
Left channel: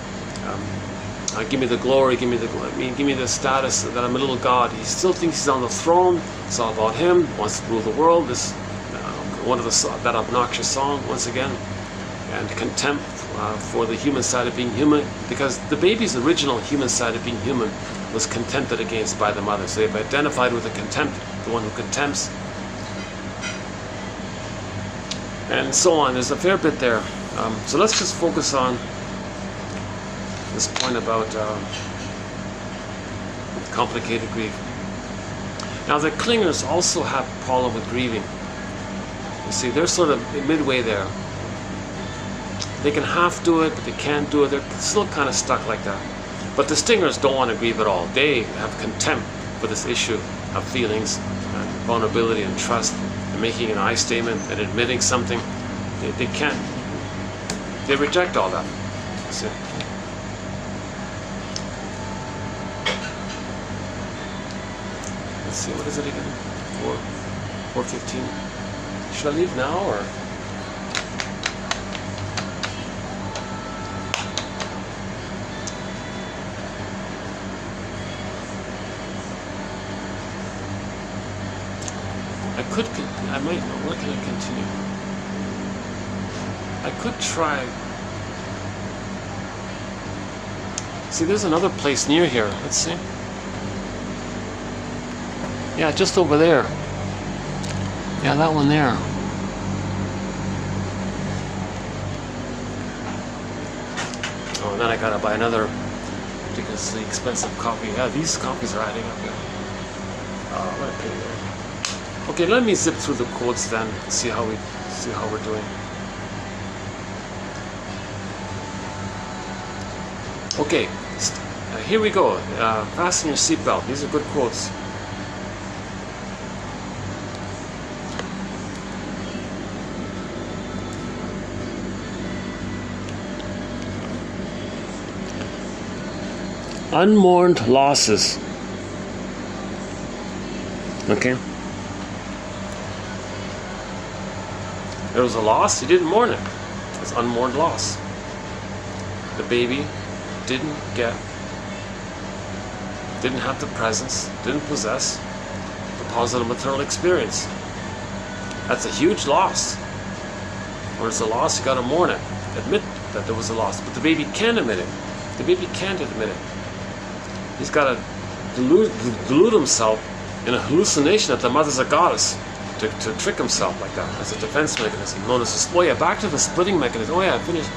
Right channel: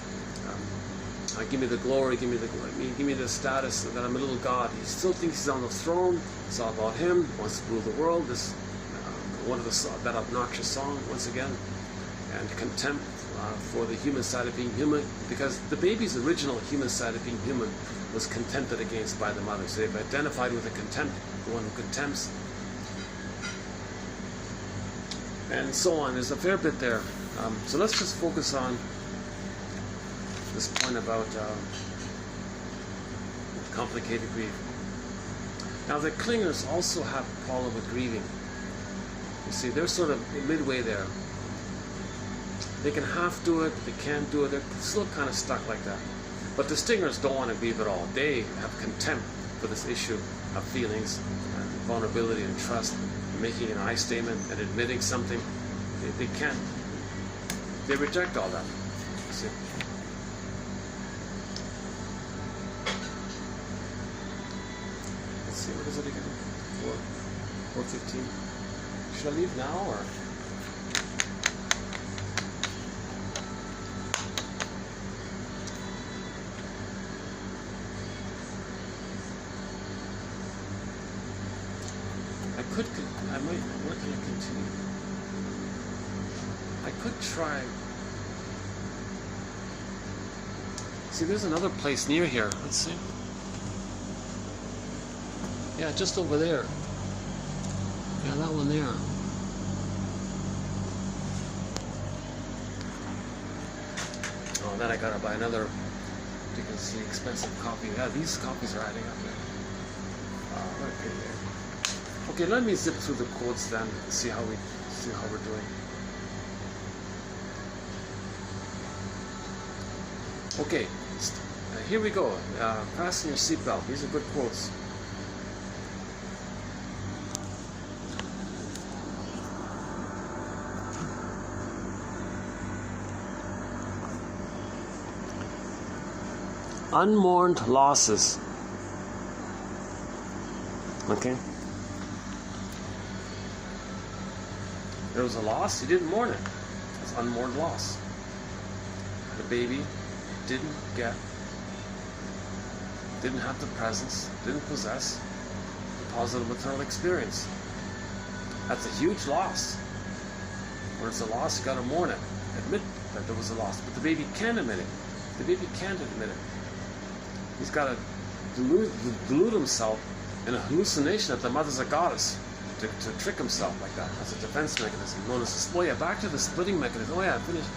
the glory, give me the status that I'm a little god. He still thinks he's on the throne. It's all about him. Wants to rule the world. This one of that obnoxious song once again, and contempt for the human side of being human, because the baby's original human side of being human was contempted against by the mother. So they've identified with the contempt, the one who contempts, and so on. There's a fair bit there. So let's just focus on this point about complicated grief. Now the clingers also have a problem with grieving. You see, they're sort of midway there. They can half do it, but they can't do it. They're still kind of stuck like that. But the stingers don't want to grieve at all. They have contempt for this issue of feelings, and vulnerability and trust, and making an I statement and admitting something. They can't. They reject all that. See? Let's see, what is it again? 4:15. Should I leave now, or? Where can I continue? I could try. See, there's another place near here. Let's see. Yeah, just over there. Yeah, that one there. Oh, and then I gotta buy another ridiculously expensive coffee. Yeah, these coffees are adding up here. What a pity. Okay, let me zip through the quotes then, see how we're doing. Okay, here we go. Fasten your seatbelt. These are good quotes. unmourned losses. Okay? There was a loss, he didn't mourn it. It's unmourned loss. The baby didn't have the presence, didn't possess the positive maternal experience. That's a huge loss. When it's a loss, you gotta mourn it. Admit that there was a loss. But the baby can't admit it. The baby can't admit it. He's gotta delude himself in a hallucination that the mother's a goddess to trick himself like that as a defense mechanism. Known as oh yeah, back to the splitting mechanism. Oh yeah, I finished.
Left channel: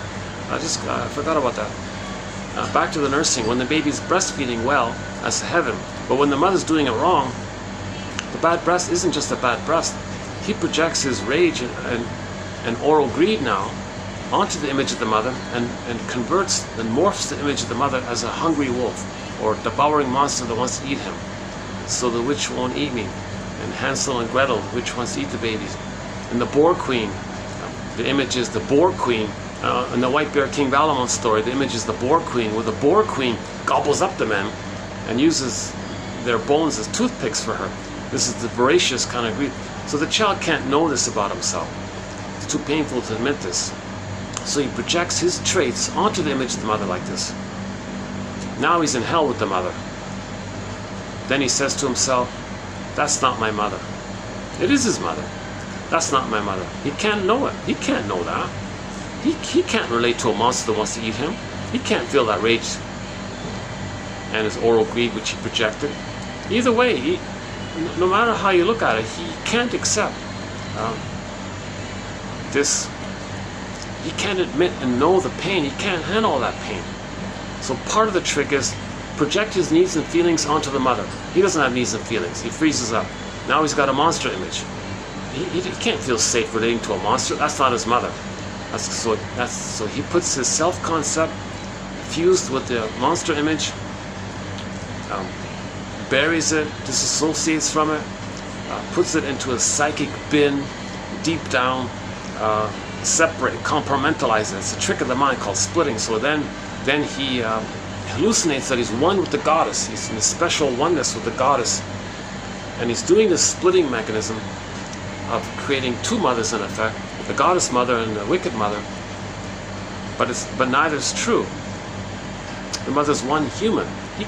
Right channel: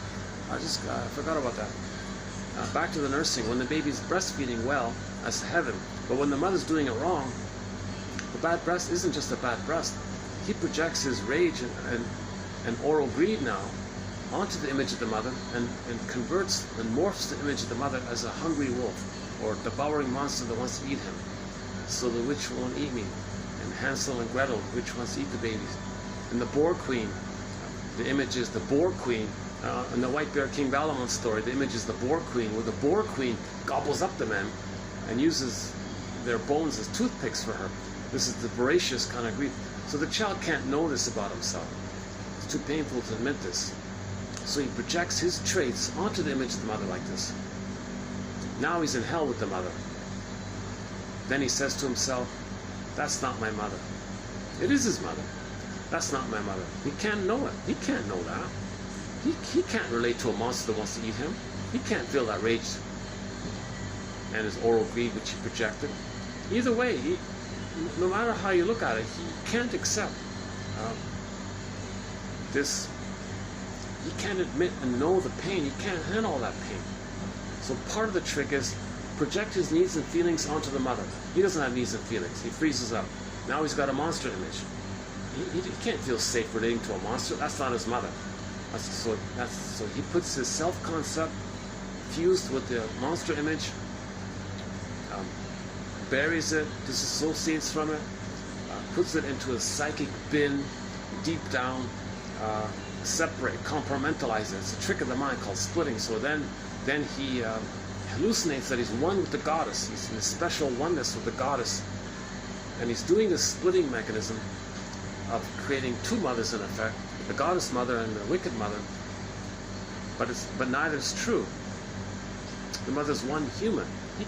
I forgot about that. Back to the nursing. When the baby's breastfeeding well, that's heaven. But when the mother's doing it wrong, the bad breast isn't just a bad breast. He projects his rage and oral greed now onto the image of the mother and converts and morphs the image of the mother as a hungry wolf or devouring monster that wants to eat him. So the witch won't eat me. And Hansel and Gretel, which wants to eat the babies. And the Boar Queen, the image is the Boar Queen. In the White Bear King Valamon story, the image is the Boar Queen, where the Boar Queen gobbles up the men and uses their bones as toothpicks for her. This is the voracious kind of greed. So the child can't know this about himself. It's too painful to admit this. So he projects his traits onto the image of the mother like this. Now he's in hell with the mother. Then he says to himself, that's not my mother. It is his mother. That's not my mother. He can't know it. He can't know that. He can't relate to a monster that wants to eat him. He can't feel that rage and his oral greed which he projected. Either way, no matter how you look at it, he can't accept this. He can't admit and know the pain. He can't handle all that pain. So part of the trick is project his needs and feelings onto the mother. He doesn't have needs and feelings. He freezes up. Now he's got a monster image. He can't feel safe relating to a monster. That's not his mother. So he puts his self-concept fused with the monster image, buries it, disassociates from it, puts it into a psychic bin deep down, separate, compartmentalize it. It's a trick of the mind called splitting. So then he hallucinates that he's one with the goddess. He's in a special oneness with the goddess. And he's doing this splitting mechanism of creating two mothers in effect, the goddess mother and the wicked mother. But neither is true. The mother's one human. He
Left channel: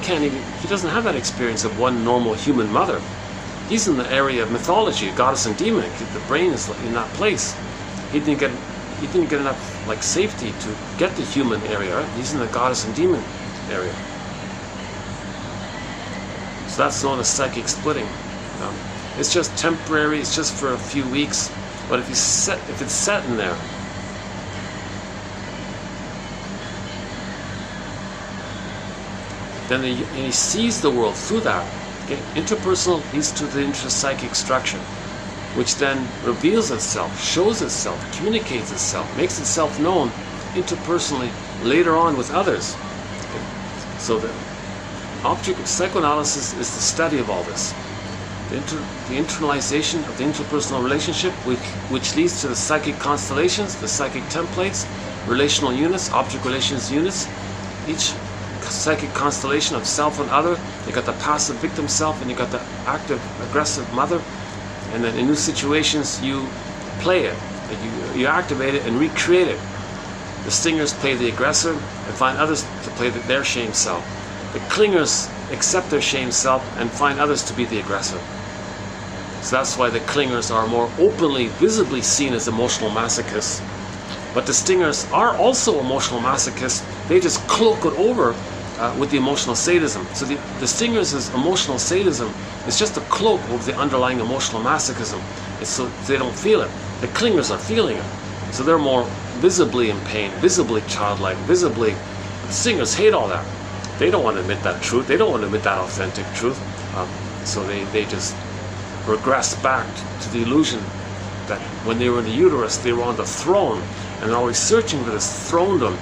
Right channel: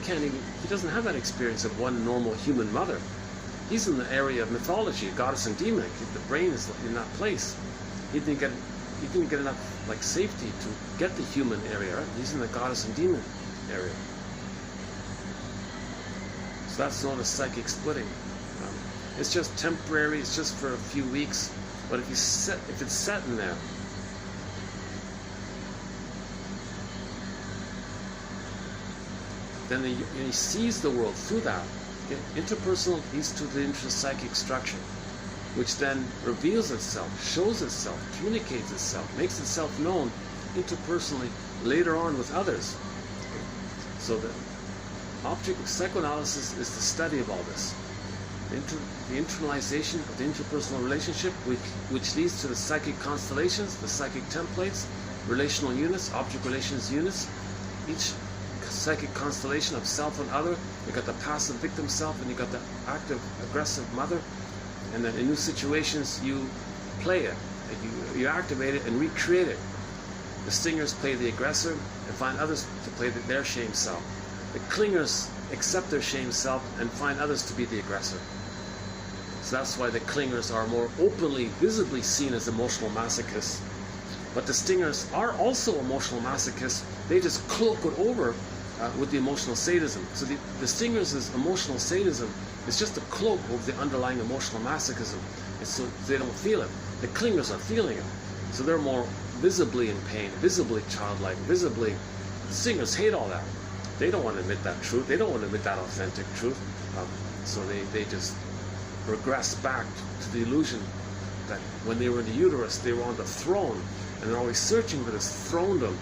doesn't have that experience of one normal human mother. He's in the area of mythology, goddess and demon. The brain is in that place. He didn't get enough safety to get the human area. He's in the goddess and demon area. So that's known as psychic splitting. It's just temporary. It's just for a few weeks. But if it's set in there, then he sees the world through that. Okay? Interpersonal leads to the intrapsychic structure, which then reveals itself, shows itself, communicates itself, makes itself known interpersonally later on with others. Okay? So the object psychoanalysis is the study of all this. The internalization of the interpersonal relationship, which leads to the psychic constellations, the psychic templates, relational units, object relations units. Each psychic constellation of self and other. You got the passive victim self, and you got the active, aggressive mother. And then in new situations, you play it, and you activate it and recreate it. The stingers play the aggressor and find others to play their shame self. The clingers accept their shame self and find others to be the aggressor. So that's why the clingers are more openly, visibly seen as emotional masochists. But the stingers are also emotional masochists. They just cloak it over with the emotional sadism. So the stingers' emotional sadism is just a cloak over the underlying emotional masochism. It's so they don't feel it. The clingers are feeling it. So they're more visibly in pain, visibly childlike, visibly. The stingers hate all that. They don't want to admit that truth. They don't want to admit that authentic truth. So they just regress back to the illusion that when they were in the uterus, they were on the throne, and they're always searching for this throne-dom.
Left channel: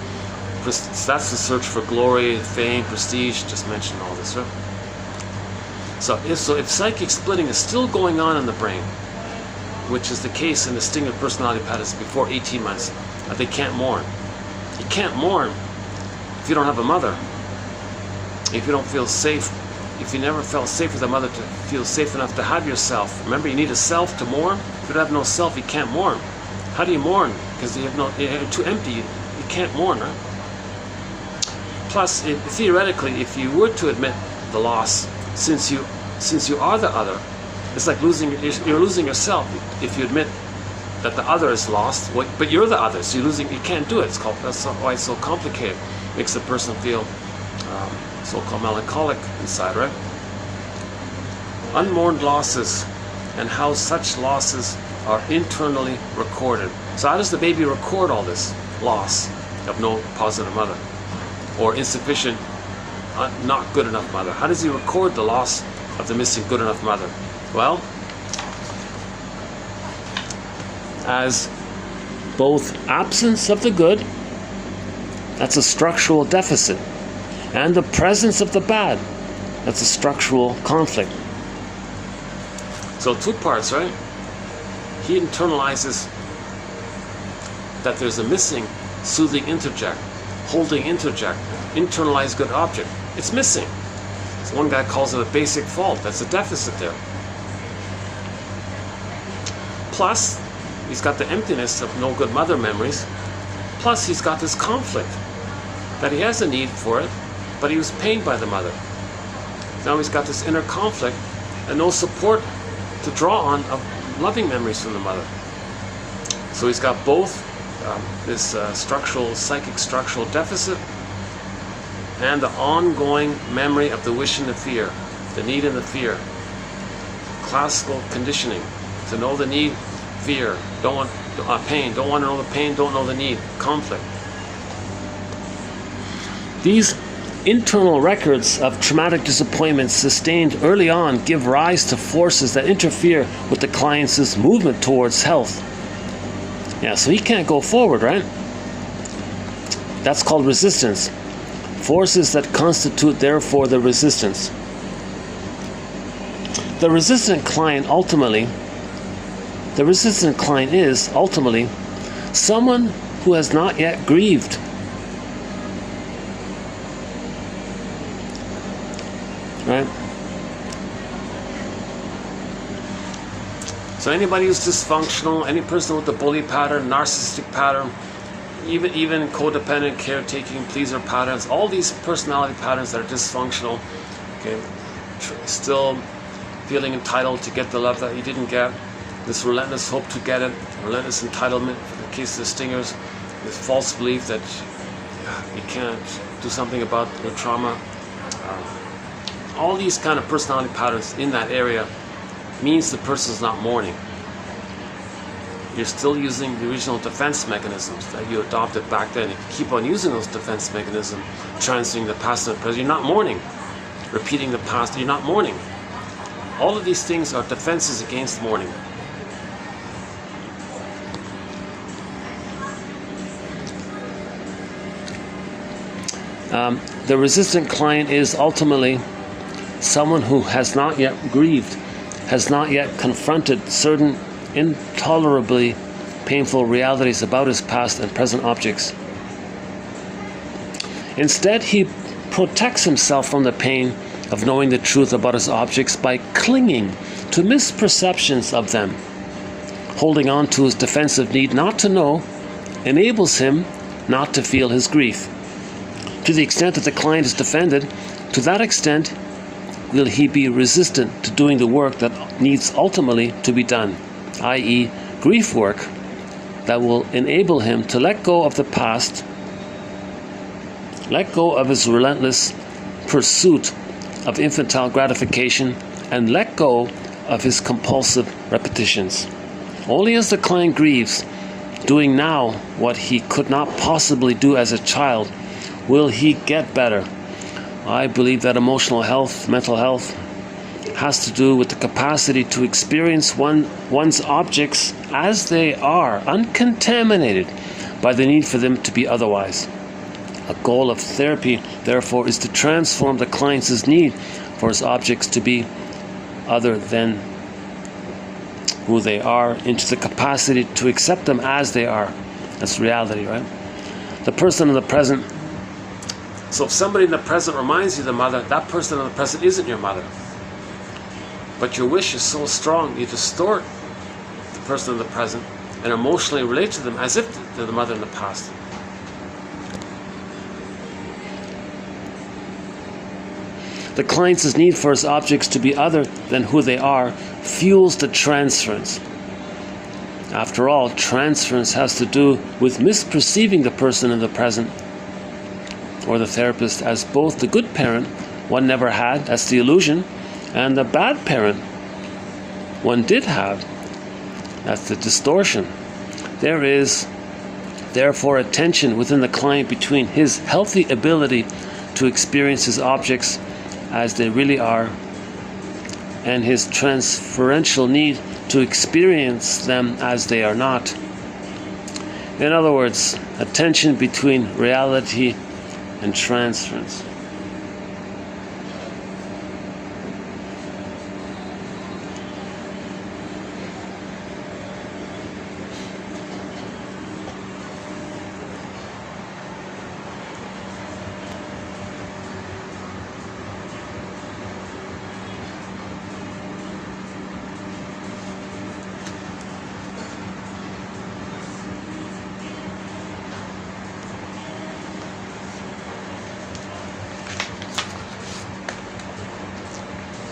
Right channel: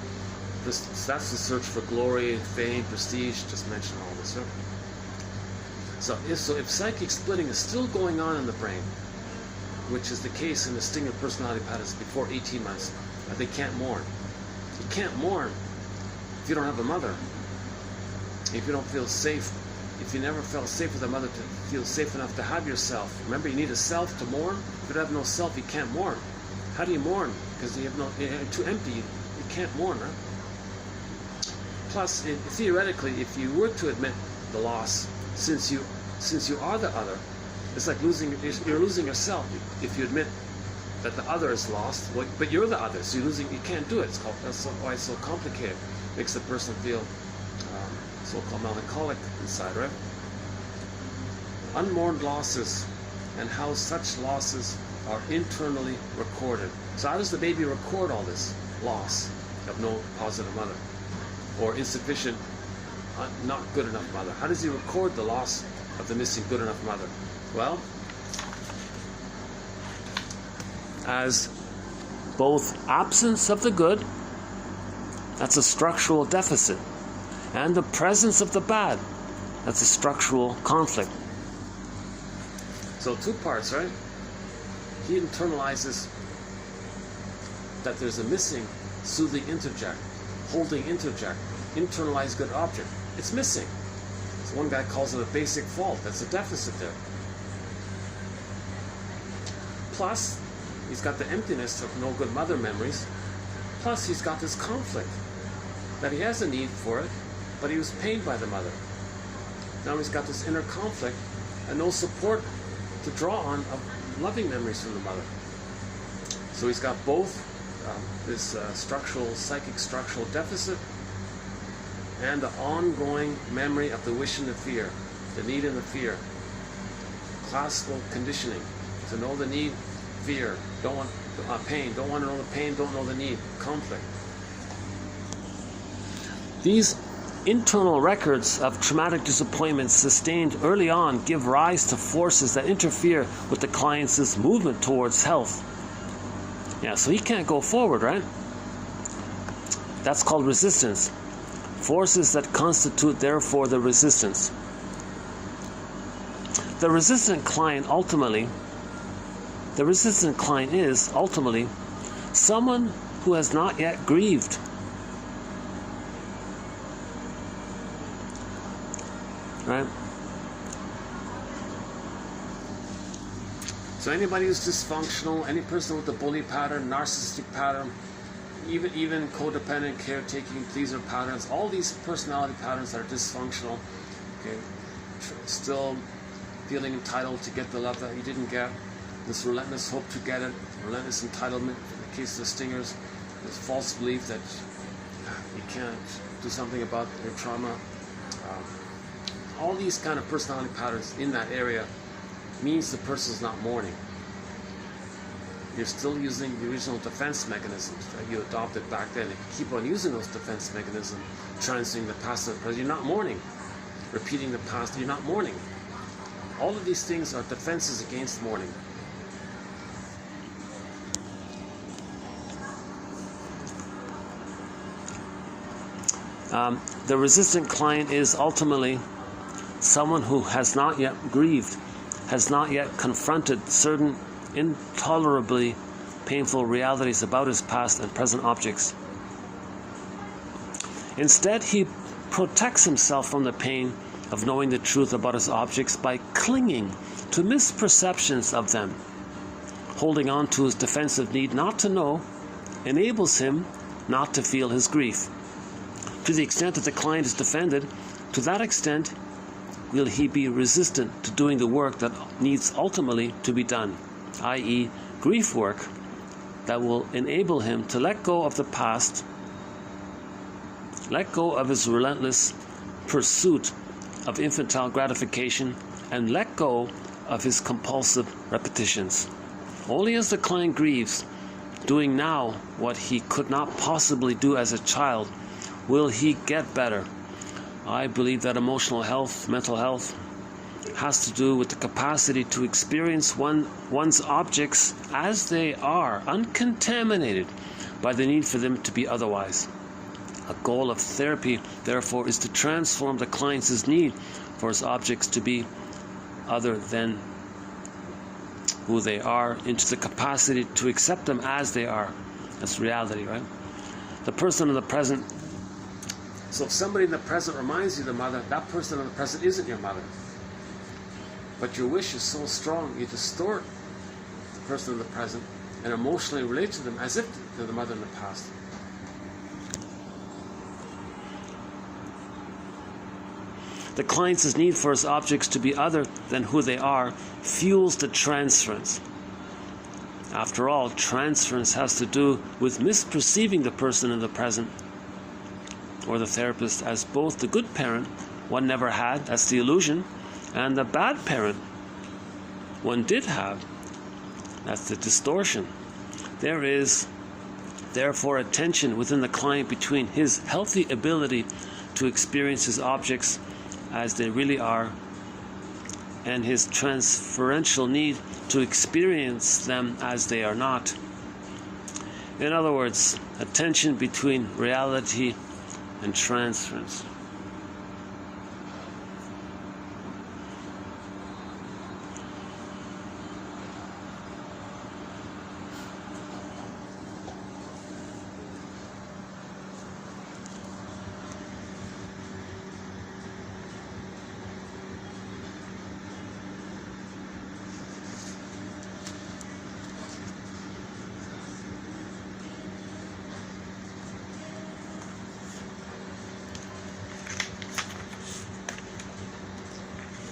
That's the search for glory, fame, prestige. Just mentioned all this, right? So if psychic splitting is still going on in the brain, which is the case in the stinger personality patterns before 18 months, they can't mourn. You can't mourn if you don't have a mother. if you don't feel safe, if you never felt safe with a mother to feel safe enough to have yourself. Remember, you need a self to mourn. If you don't have no self, you can't mourn. How do you mourn? Because you're too empty. You can't mourn, right? Plus, theoretically, if you were to admit the loss, since you are the other, it's like you're losing yourself. If you admit that the other is lost, but you're the other, so you can't do it. That's why it's so complicated. It makes the person feel so-called melancholic inside, right? Unmourned losses, and how such losses are internally recorded. So how does the baby record all this loss of no positive mother, or insufficient, not good enough mother? How does he record the loss of the missing good enough mother? Well, as both absence of the good, that's a structural deficit, and the presence of the bad, that's a structural conflict. So 2 parts, right? He internalizes that there's a missing soothing interject, holding interject, internalized good object. It's missing. So one guy calls it a basic fault. That's a deficit there. Plus, he's got the emptiness of no good mother memories. Plus, he's got this conflict that he has a need for it, but he was pained by the mother. Now he's got this inner conflict and no support to draw on of loving memories from the mother. So he's got both this psychic structural deficit and the ongoing memory of the wish and the fear, the need and the fear. Classical conditioning, to know the need, fear, don't want pain, don't want to know the pain, don't know the need, conflict. These internal records of traumatic disappointments sustained early on give rise to forces that interfere with the client's movement towards health. Yeah, so he can't go forward, right? That's called resistance. Forces that constitute, therefore, the resistance. The resistant client is ultimately someone who has not yet grieved. Right? So anybody who's dysfunctional, any person with the bully pattern, narcissistic pattern, even codependent, caretaking, pleaser patterns, all these personality patterns that are dysfunctional, okay, still feeling entitled to get the love that you didn't get, this relentless hope to get it, relentless entitlement in the case of the stingers, this false belief that you can't do something about your trauma. All these kind of personality patterns in that area means the person's not mourning. You're still using the original defense mechanisms that you adopted back then. If you keep on using those defense mechanisms, transferring the past and the present, you're not mourning. Repeating the past, you're not mourning. All of these things are defenses against mourning. The resistant client is ultimately someone who has not yet grieved, has not yet confronted certain intolerably painful realities about his past and present objects. Instead, he protects himself from the pain of knowing the truth about his objects by clinging to misperceptions of them. Holding on to his defensive need not to know enables him not to feel his grief. To the extent that the client is defended, to that extent will he be resistant to doing the work that needs ultimately to be done, i.e., grief work that will enable him to let go of the past, let go of his relentless pursuit of infantile gratification, and let go of his compulsive repetitions. Only as the client grieves, doing now what he could not possibly do as a child, will he get better. I believe that emotional health, mental health, has to do with the capacity to experience one's objects as they are, uncontaminated by the need for them to be otherwise. A goal of therapy, therefore, is to transform the client's need for his objects to be other than who they are into the capacity to accept them as they are. That's reality, right? The person in the present So if somebody in the present reminds you of the mother, that person in the present isn't your mother. But your wish is so strong, you distort the person in the present and emotionally relate to them as if they're the mother in the past. The client's need for his objects to be other than who they are fuels the transference. After all, transference has to do with misperceiving the person in the present or the therapist as both the good parent one never had, that's the illusion, and the bad parent one did have, that's the distortion. There is therefore a tension within the client between his healthy ability to experience his objects as they really are and his transferential need to experience them as they are not. In other words, a tension between reality and transference.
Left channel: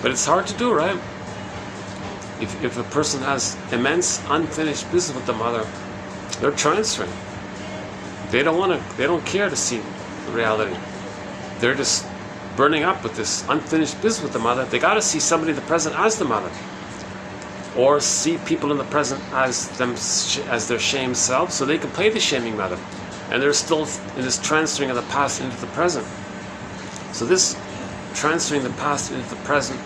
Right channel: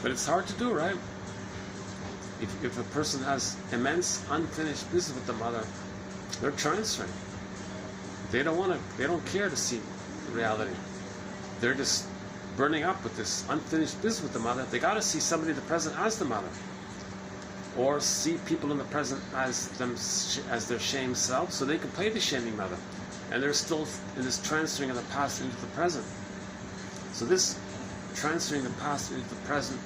But it's hard to do, right? If a person has immense unfinished business with the mother, they're transferring. They don't care to see reality. They're just burning up with this unfinished business with the mother. They got to see somebody in the present as the mother, or see people in the present as their shamed self, so they can play the shaming mother. And they're still in this transferring of the past into the present. So this transferring the past into the present,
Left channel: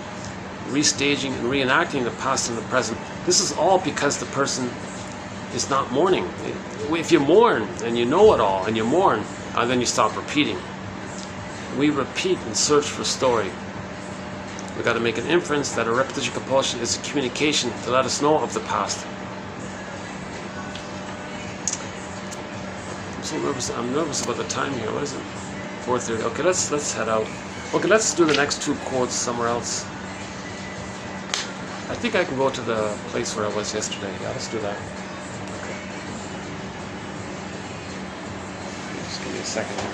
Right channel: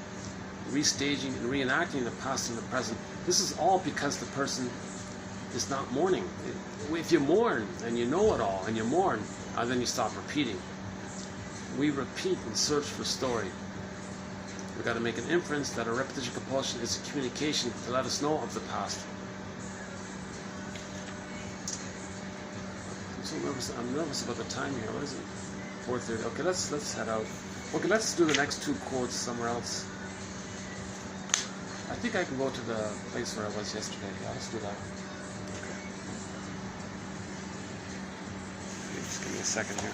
restaging and reenacting the past in the present, this is all because the person is not mourning. If you mourn and you know it all and you mourn, then you stop repeating. We repeat and search for story. We got to make an inference that a repetition compulsion is a communication to let us know of the past. I'm nervous about the time here. What is it? 4:30. Okay, let's head out. Okay, let's do the next two quotes somewhere else. I think I can go to the place where I was yesterday. Yeah, let's do that. Okay. Just give me a second here.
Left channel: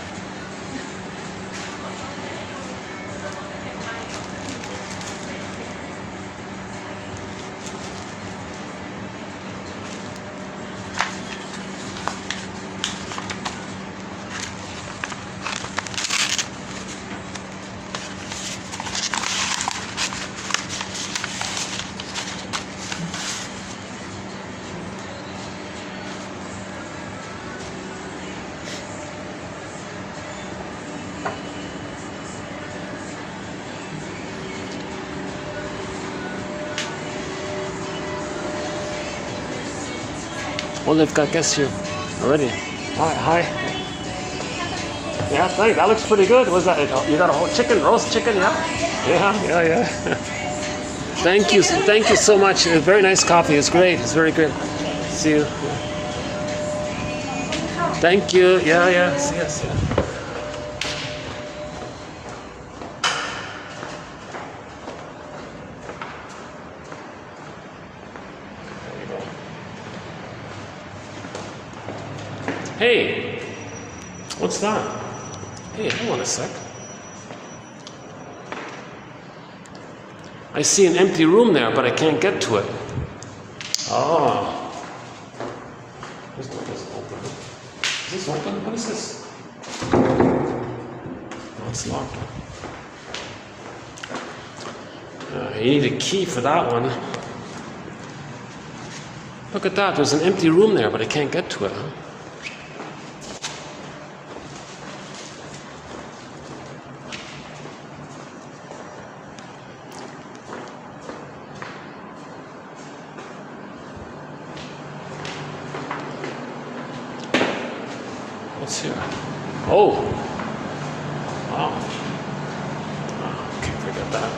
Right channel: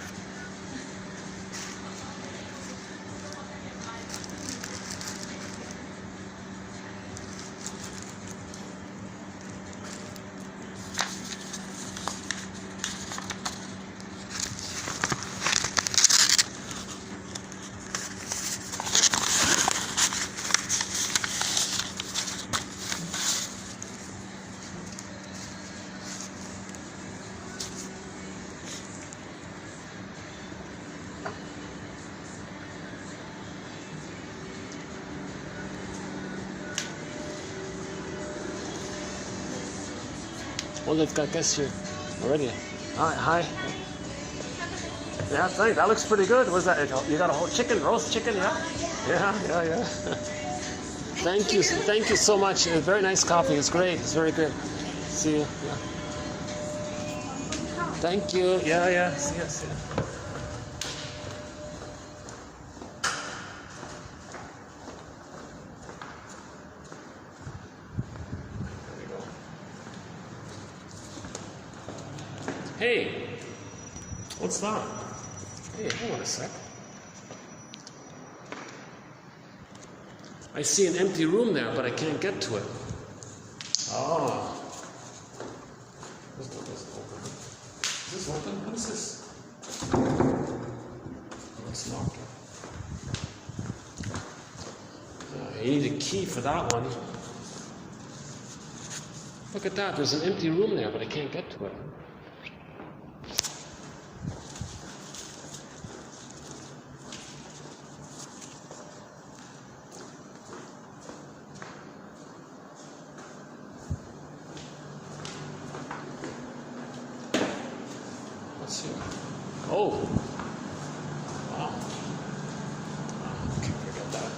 Oh, they've got guests here already. Hi. Yeah, thanks. That looks pretty good. What's that? You got a whole chicken, roast chicken, yeah? Yeah. Thank you so much. A very nice coffee. It's great. It's very good. See you. Thank you. Yeah. See you. Hey, what's that? Hey, hold on a sec. I see an empty room there, but I can't get to it. Oh. This door is open. Is this open? What is this? Oh, it's locked. You need a key for that one. Look at that. There's an empty room there, but I can't get to it. What's here? Oh, okay, forget that.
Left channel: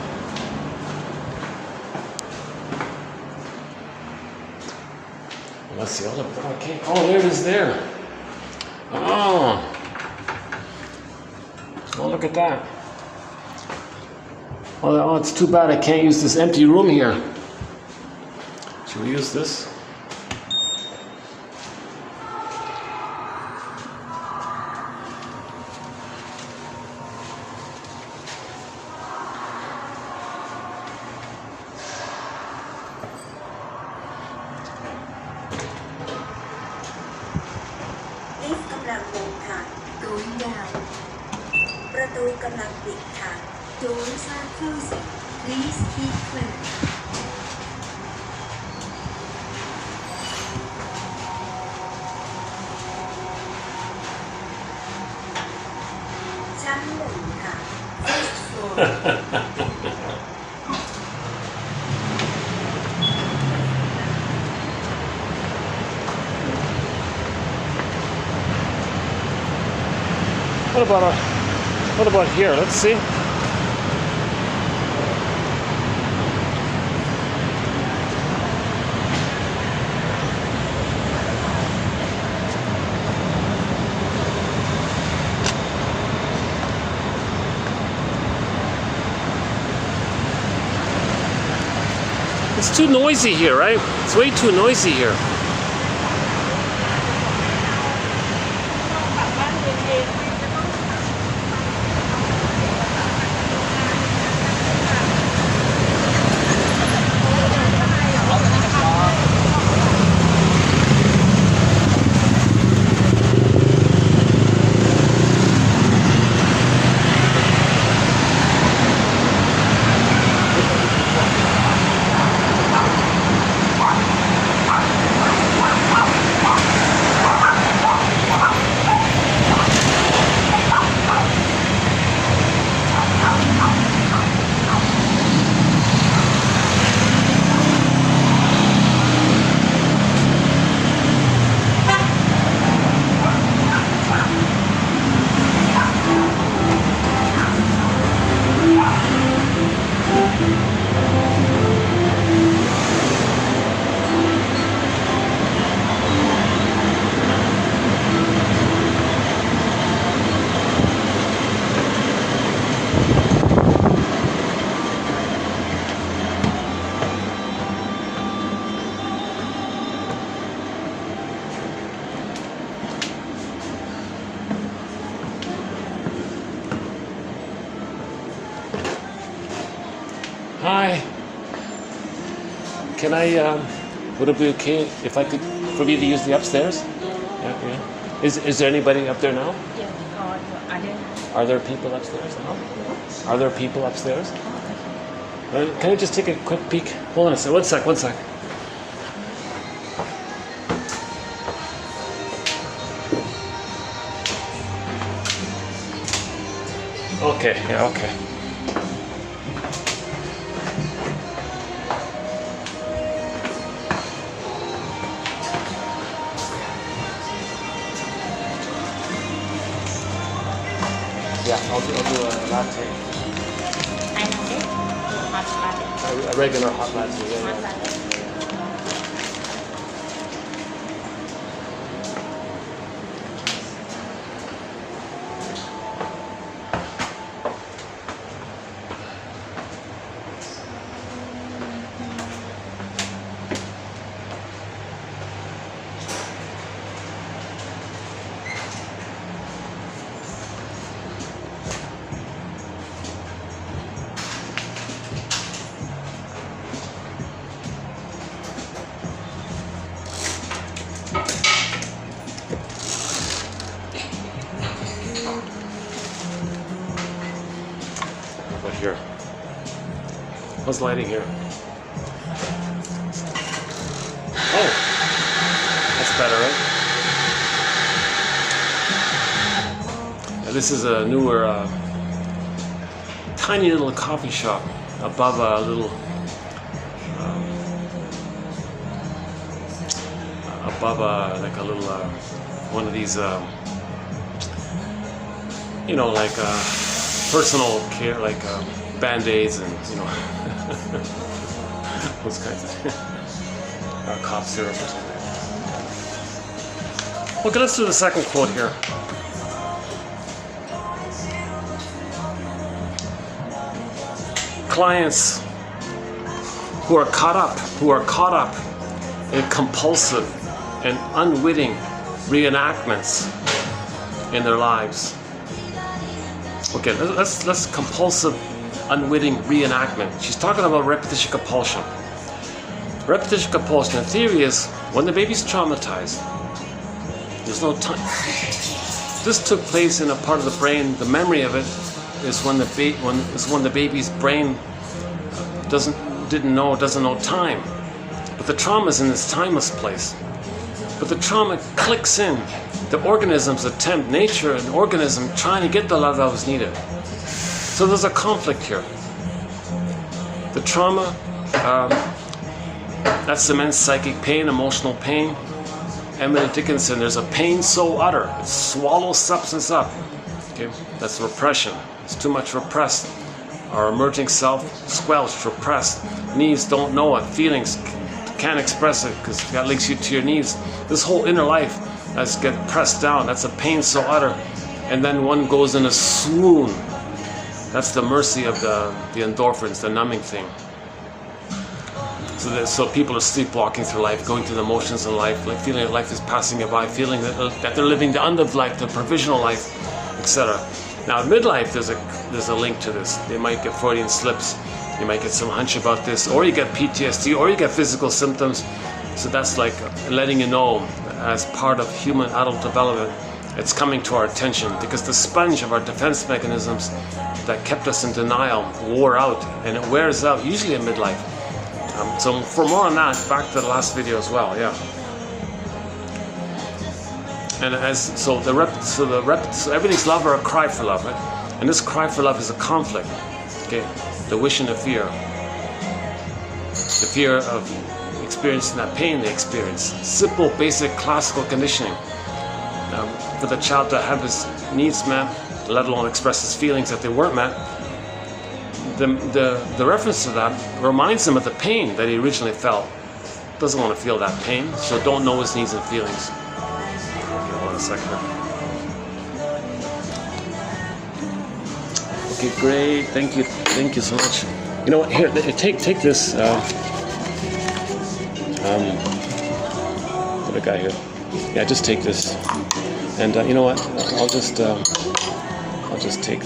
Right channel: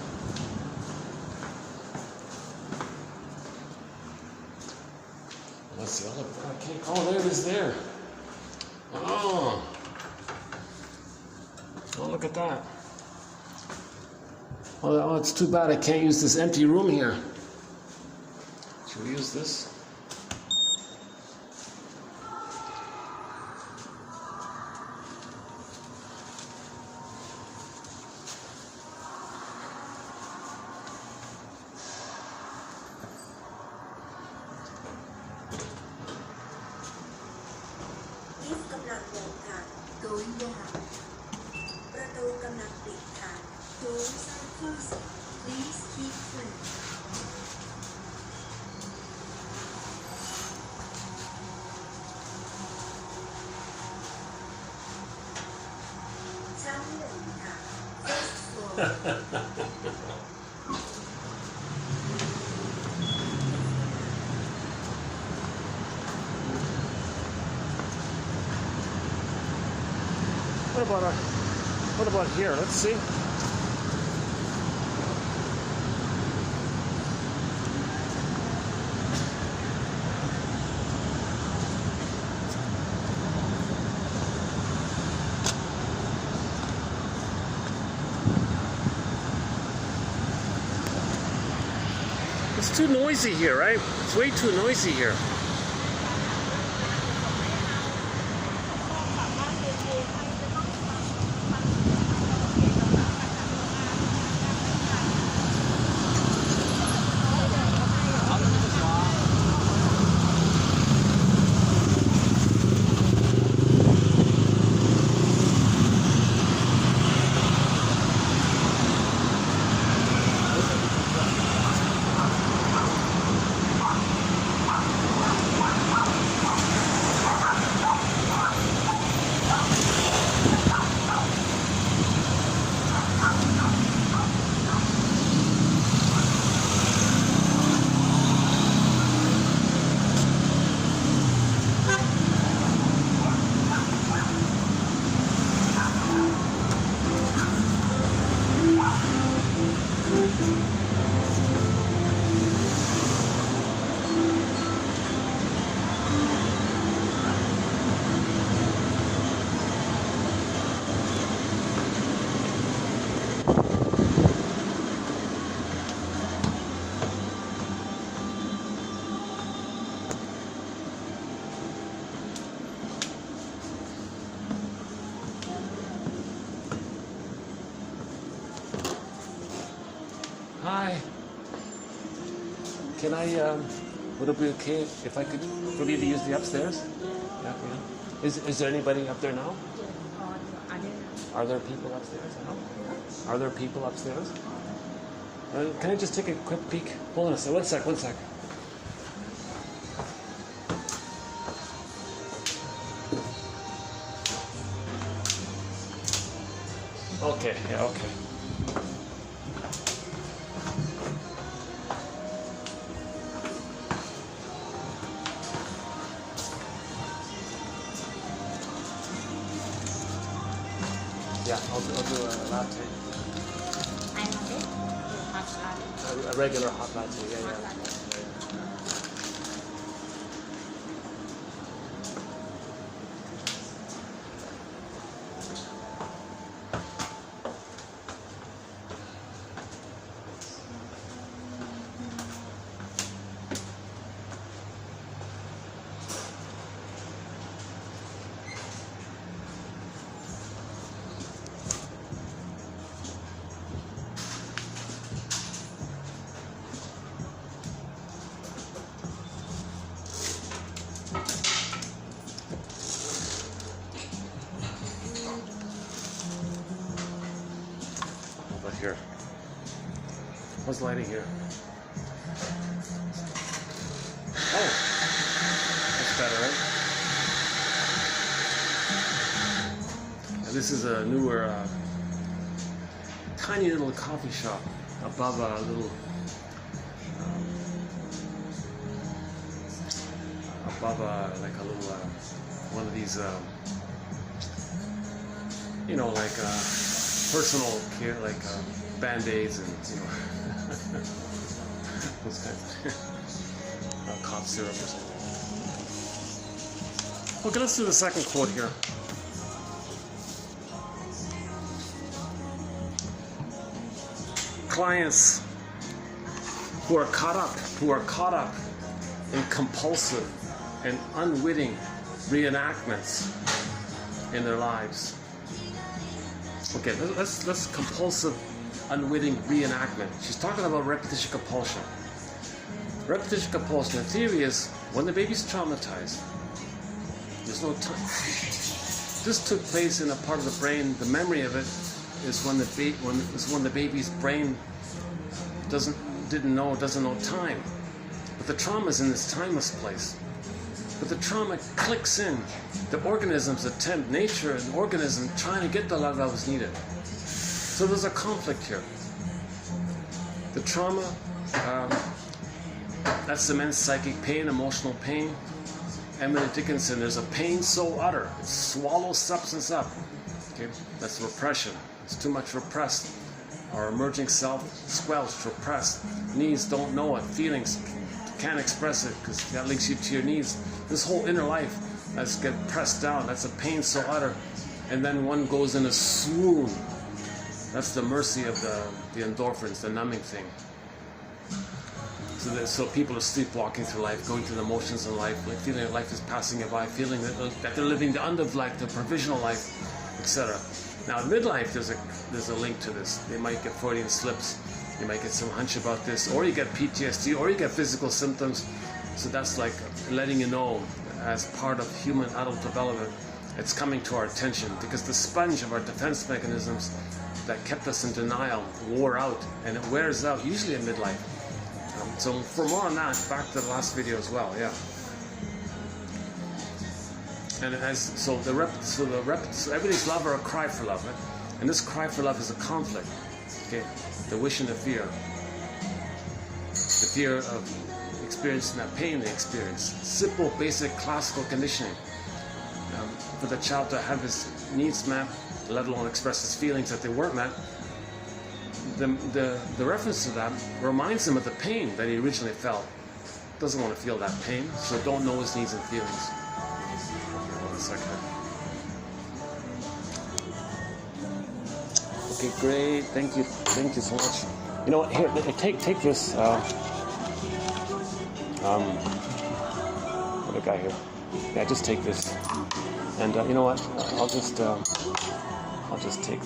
Well, that's the other. Okay. Oh, there it is. There. Oh. Oh, look at that. Oh, it's too bad I can't use this empty room here. Should we use this? Lift กำลังลงค่ะ Going down ประตูกำลังปิดค่ะ Doors are closing Please keep clear ชั้นหนึ่งค่ะ First floor What about here? Let's see. It's too noisy here, right? It's way too noisy here. Hi. Can I, would it be okay if I could, for me to use the upstairs? Yeah. Is there anybody up there now? Are there people upstairs now? Are there people upstairs? Can I just take a quick peek? Hold on a sec, one sec. Okay, yeah, okay. Yeah, I'll do a latte. I know it hot latte A regular hot latte. hot Yeah. latte Right here. How's lighting here? Oh, that's better, right? This is a newer, tiny little coffee shop above a little, like a little, one of these, you know, like personal care, like Band-Aids and, you know, those kinds of cough syrup or something. Okay, let's do the second quote here. clients who are caught up in compulsive and unwitting reenactments in their lives. Okay, let's compulsive, unwitting reenactment. She's talking about repetition compulsion. Repetition compulsion, the theory is when the baby's traumatized, there's no time. This took place in a part of the brain. The memory of it is when the baby's brain doesn't know time. But the trauma is in this timeless place. But the trauma clicks in. The organism's attempt, nature and organism trying to get the love that was needed. So there's a conflict here. The trauma, that's immense psychic pain, emotional pain. Emily Dickinson, there's a pain so utter, it swallows substance up. Okay, that's repression. It's too much repressed. Our emerging self, squelched, repressed. Needs don't know it. Feelings can't express it because that links you to your needs. This whole inner life that's get pressed down. That's a pain so utter. And then one goes in a swoon. That's the mercy of the endorphins, the numbing thing. So people are sleepwalking through life, going through the motions in life, like feeling that life is passing you by, feeling that they're living the unlived life, the provisional life, etc. Now, at midlife, there's a link to this. They might get Freudian slips, you might get some hunch about this, or you get PTSD, or you get physical symptoms. So that's like letting you know, as part of human adult development, it's coming to our attention because the sponge of our defense mechanisms that kept us in denial wore out, and it wears out usually in midlife. So for more on that, back to the last video as well, yeah. And so everything's love or a cry for love, right? And this cry for love is a conflict, okay? The wish and the fear of experiencing that pain they experience. Simple, basic, classical conditioning for the child to have his needs met, let alone express his feelings that they weren't met. The reference to that reminds him of the pain that he originally felt. Doesn't want to feel that pain, so don't know his needs and feelings. Okay, hold on a second. Okay, great. Thank you so much. You know what? Here, take this. What a guy here. Yeah, just take this. And you know what? I'll just take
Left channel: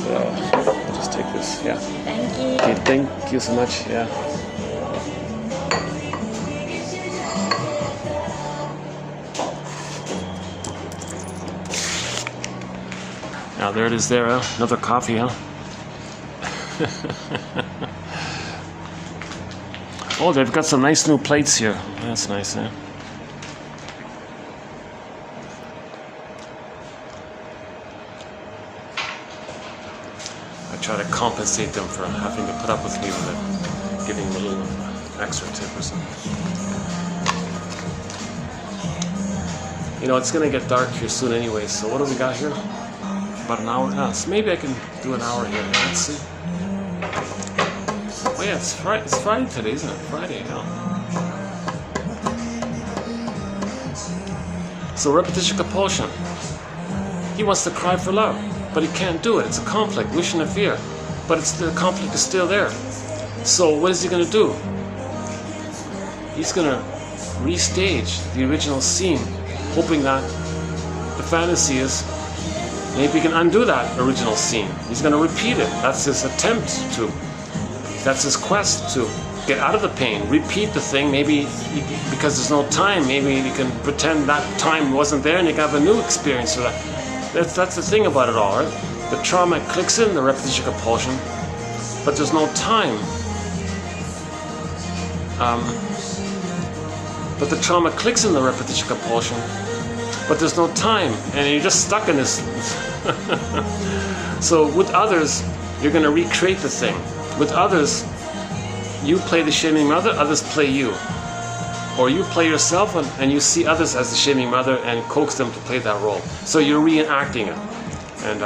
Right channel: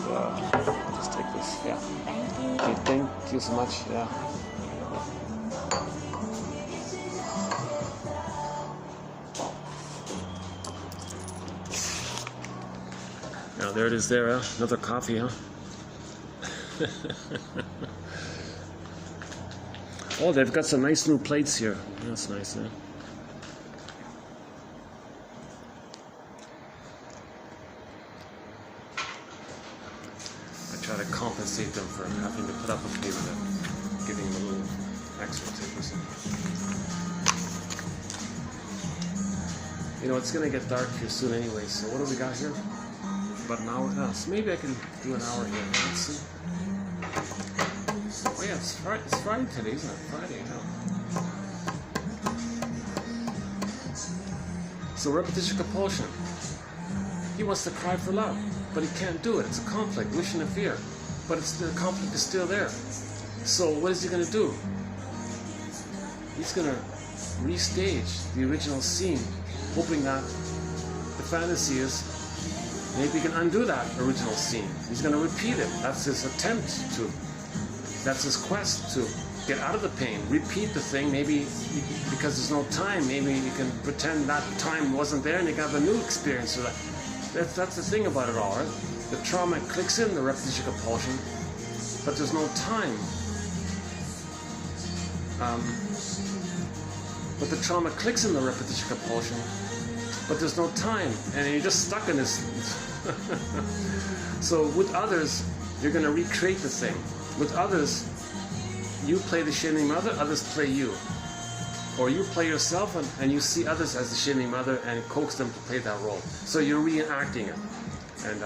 this. Yeah. Thank you. Okay, thank you so much. Yeah. Now there it is there, huh? Another coffee, huh? Oh, they've got some nice new plates here. That's nice, huh? I try to compensate them for having to put up with me with it, giving them a little extra tip or something. You know, it's going to get dark here soon anyway, so what do we got here? About an hour now. So maybe I can do an hour here. Let's see. Oh yeah, it's Friday today, isn't it? Friday, yeah. So repetition compulsion. He wants to cry for love, but he can't do it. It's a conflict, wish and a fear. But the conflict is still there. So what is he going to do? He's going to restage the original scene, hoping that the fantasy is maybe he can undo that original scene. He's going to repeat it. That's his attempt to. That's his quest to get out of the pain, repeat the thing. Maybe because there's no time, maybe you can pretend that time wasn't there and you can have a new experience. So that's the thing about it all, right? The trauma clicks in the repetition compulsion, but there's no time. But the trauma clicks in the repetition compulsion, but there's no time, and you're just stuck in this. So with others, you're going to recreate the thing. With others, you play the shaming mother, others play you. Or you play yourself and you see others as the shaming mother and coax them to play that role. So you're reenacting it. And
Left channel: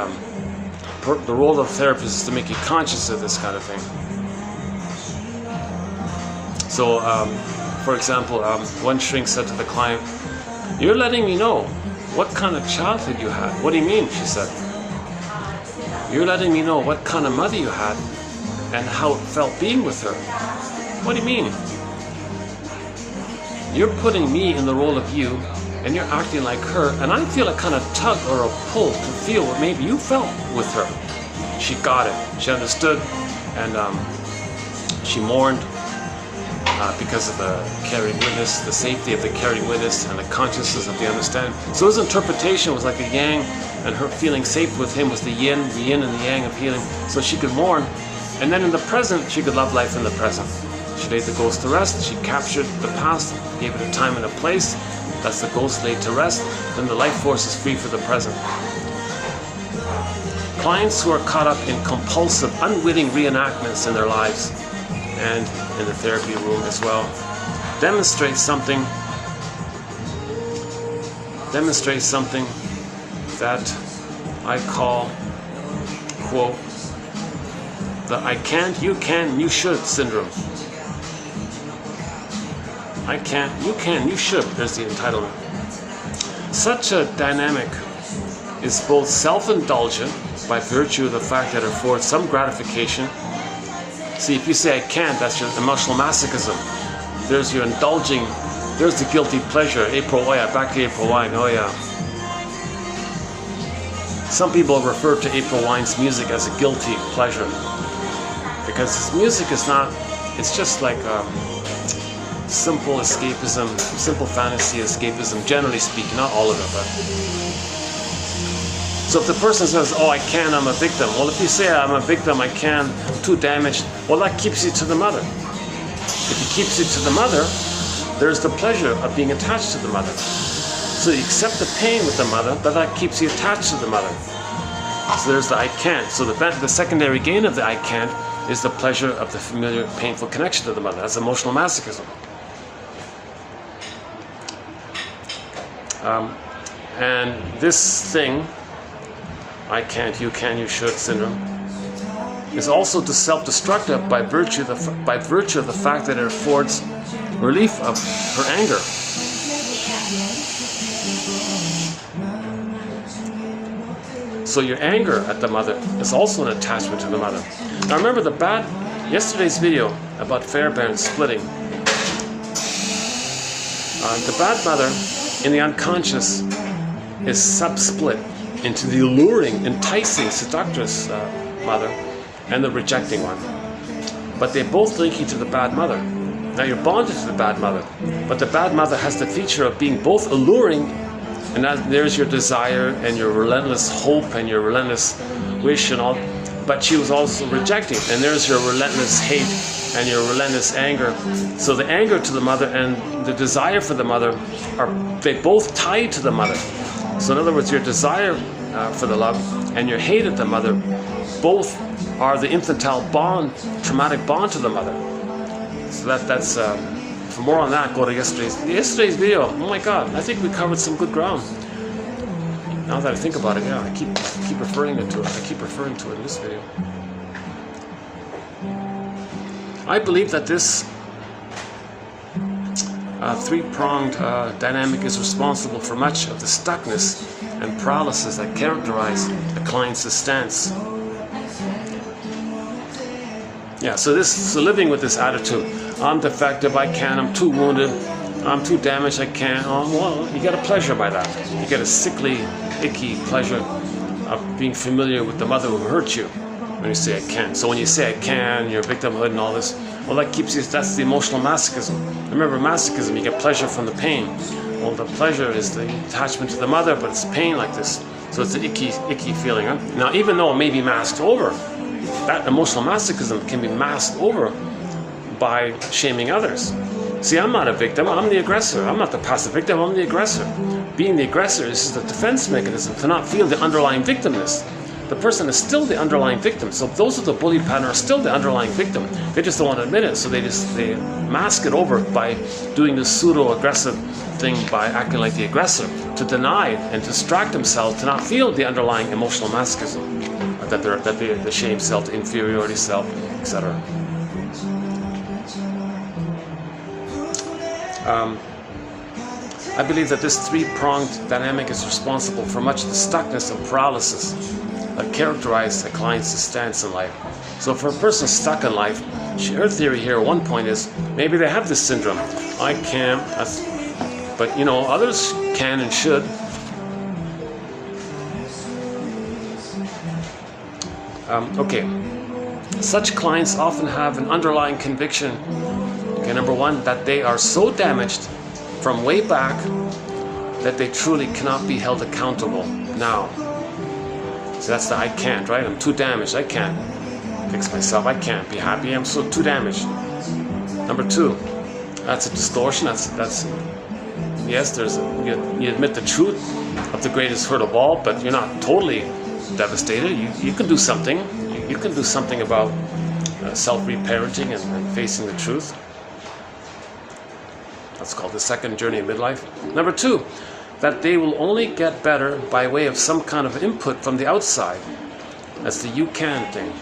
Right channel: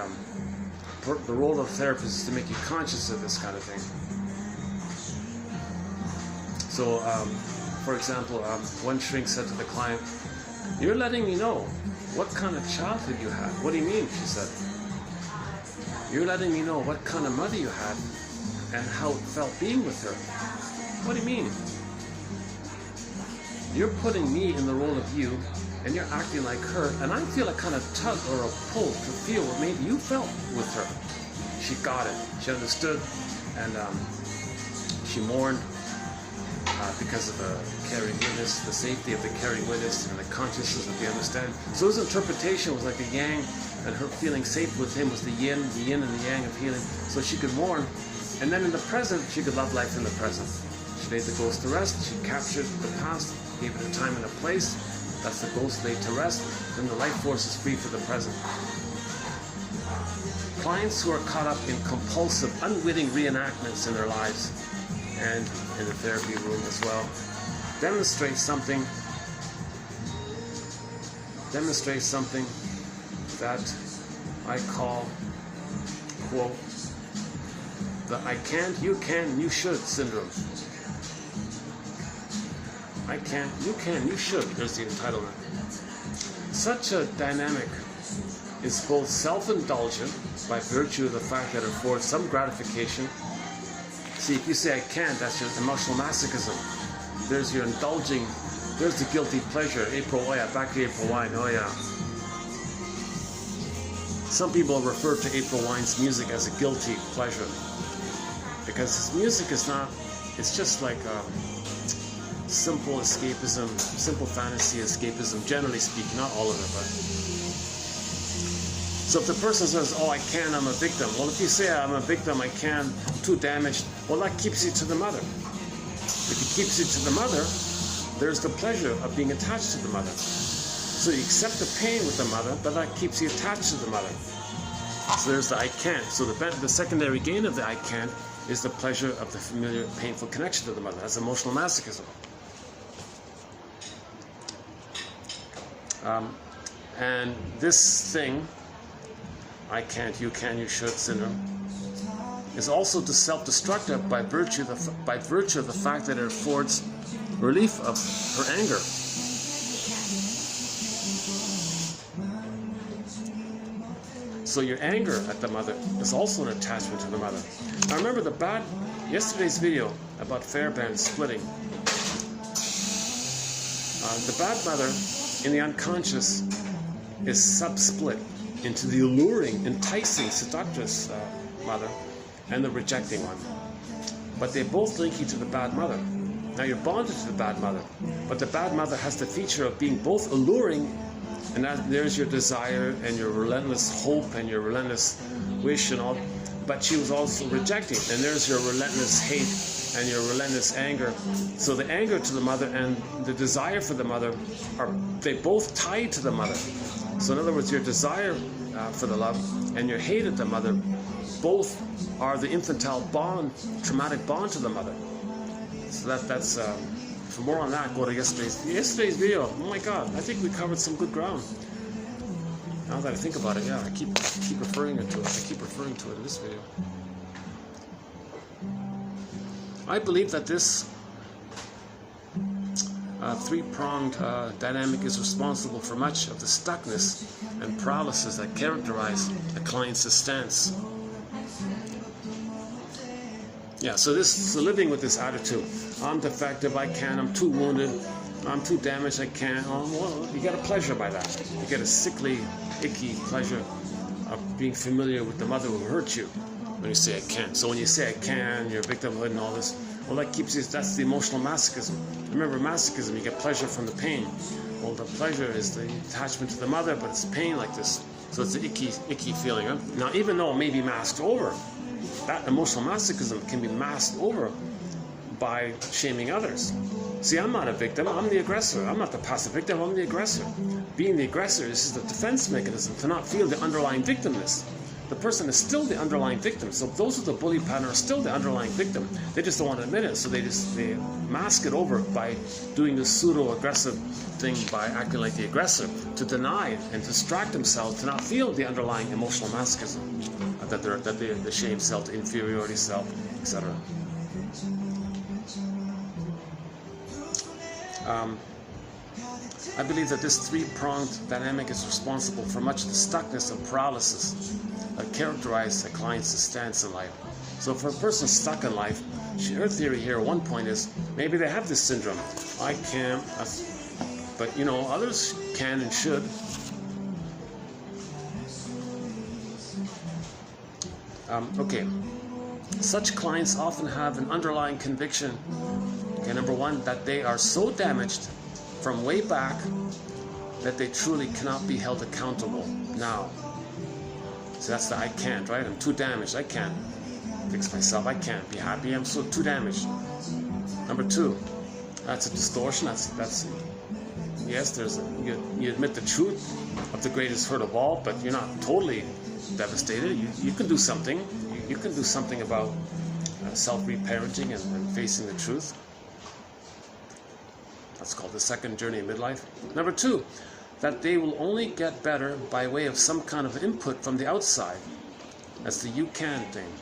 the role of the therapist is to make you conscious of this kind of thing. So, for example, one shrink said to the client, "You're letting me know what kind of childhood you had." "What do you mean?" she said. "You're letting me know what kind of mother you had, and how it felt being with her. What do you mean? You're putting me in the role of you, and you're acting like her, and I feel a kind of tug or a pull to feel what maybe you felt with her. She got it. She understood, and she mourned because of the carrying witness, the safety of the carrying witness, and the consciousness of the understanding. So his interpretation was like the yang, and her feeling safe with him was the yin and the yang of healing. So she could mourn, and then in the present, she could love life in the present. She laid the ghost to rest. She captured the past, gave it a time and a place. That's the ghost laid to rest. Then the life force is free for the present. Clients who are caught up in compulsive, unwitting reenactments in their lives and in the therapy room as well demonstrate something that I call, quote, the I can't, you can, you should syndrome. I can't, you can, you should. There's the entitlement. Such a dynamic is both self-indulgent by virtue of the fact that it affords some gratification. See, if you say I can't, that's your emotional masochism. There's your indulging, there's the guilty pleasure. April, oh yeah, back to April Wine, oh yeah. Some people refer to April Wine's music as a guilty pleasure because his music is not, it's just like simple escapism, simple fantasy escapism, generally speaking, not all of it, but. So if the person says, oh, I can, I'm a victim. Well, if you say I'm a victim, I can, I'm too damaged, well, that keeps you to the mother. If it keeps you to the mother, there's the pleasure of being attached to the mother. So you accept the pain with the mother, but that keeps you attached to the mother. So there's the I can't. So the secondary gain of the I can't is the pleasure of the familiar, painful connection to the mother. That's emotional masochism. And this thing, I can't, you can, you should syndrome, is also self-destructive by virtue of the fact that it affords relief of her anger. So your anger at the mother is also an attachment to the mother. Now remember yesterday's video about Fairbairn splitting. The bad mother in the unconscious is sub-split into the alluring, enticing, seductress mother and the rejecting one. But they both link you to the bad mother. Now you're bonded to the bad mother, but the bad mother has the feature of being both alluring, and there's your desire and your relentless hope and your relentless wish and all, but she was also rejecting, and there's your relentless hate and your relentless anger. So the anger to the mother and the desire for the mother they both tie to the mother. So in other words, your desire for the love and your hate at the mother both are the infantile bond, traumatic bond to the mother. So that's for more on that, go to yesterday's video. Oh my God, I think we covered some good ground. Now that I think about it, yeah, I keep referring to it. I keep referring to it in this video. I believe that this three-pronged dynamic is responsible for much of the stuckness and paralysis that characterize a client's stance. Yeah, so living with this attitude, I'm defective, I can't, I'm too wounded, I'm too damaged, I can't. Oh, well, you get a pleasure by that. You get a sickly, icky pleasure of being familiar with the mother who hurt you when you say I can't. So when you say I can, your victimhood and all this, well, that keeps you, that's the emotional masochism. Remember, masochism, you get pleasure from the pain. Well, the pleasure is the attachment to the mother, but it's pain like this. So it's the icky feeling. Huh? Now, even though it may be masked over, that emotional masochism can be masked over by shaming others. See, I'm not a victim, I'm the aggressor. I'm not the passive victim, I'm the aggressor. Being the aggressor is the defense mechanism to not feel the underlying victimness. The person is still the underlying victim. So those of the bully pattern are still the underlying victim. They just don't want to admit it. So they mask it over by doing this pseudo-aggressive thing by acting like the aggressor to deny and distract themselves to not feel the underlying emotional masochism, that the shame self, the inferiority self, etc. I believe that this three-pronged dynamic is responsible for much of the stuckness and paralysis that characterize a client's stance in life. So for a person stuck in life, her theory here at one point is maybe they have this syndrome. I can't, but you know, others can and should. Okay, such clients often have an underlying conviction. Okay, number one, that they are so damaged from way back that they truly cannot be held accountable now. So that's the I can't, right? I'm too damaged. I can't fix myself. I can't be happy. I'm so too damaged. Number two, that's a distortion. That's yes. You admit the truth of the greatest hurt of all, but you're not totally devastated. You can do something. You can do something about self-reparenting and facing the truth. That's called the second journey of midlife. Number two, that they will only get better by way of some kind of input from the outside. That's the you can thing.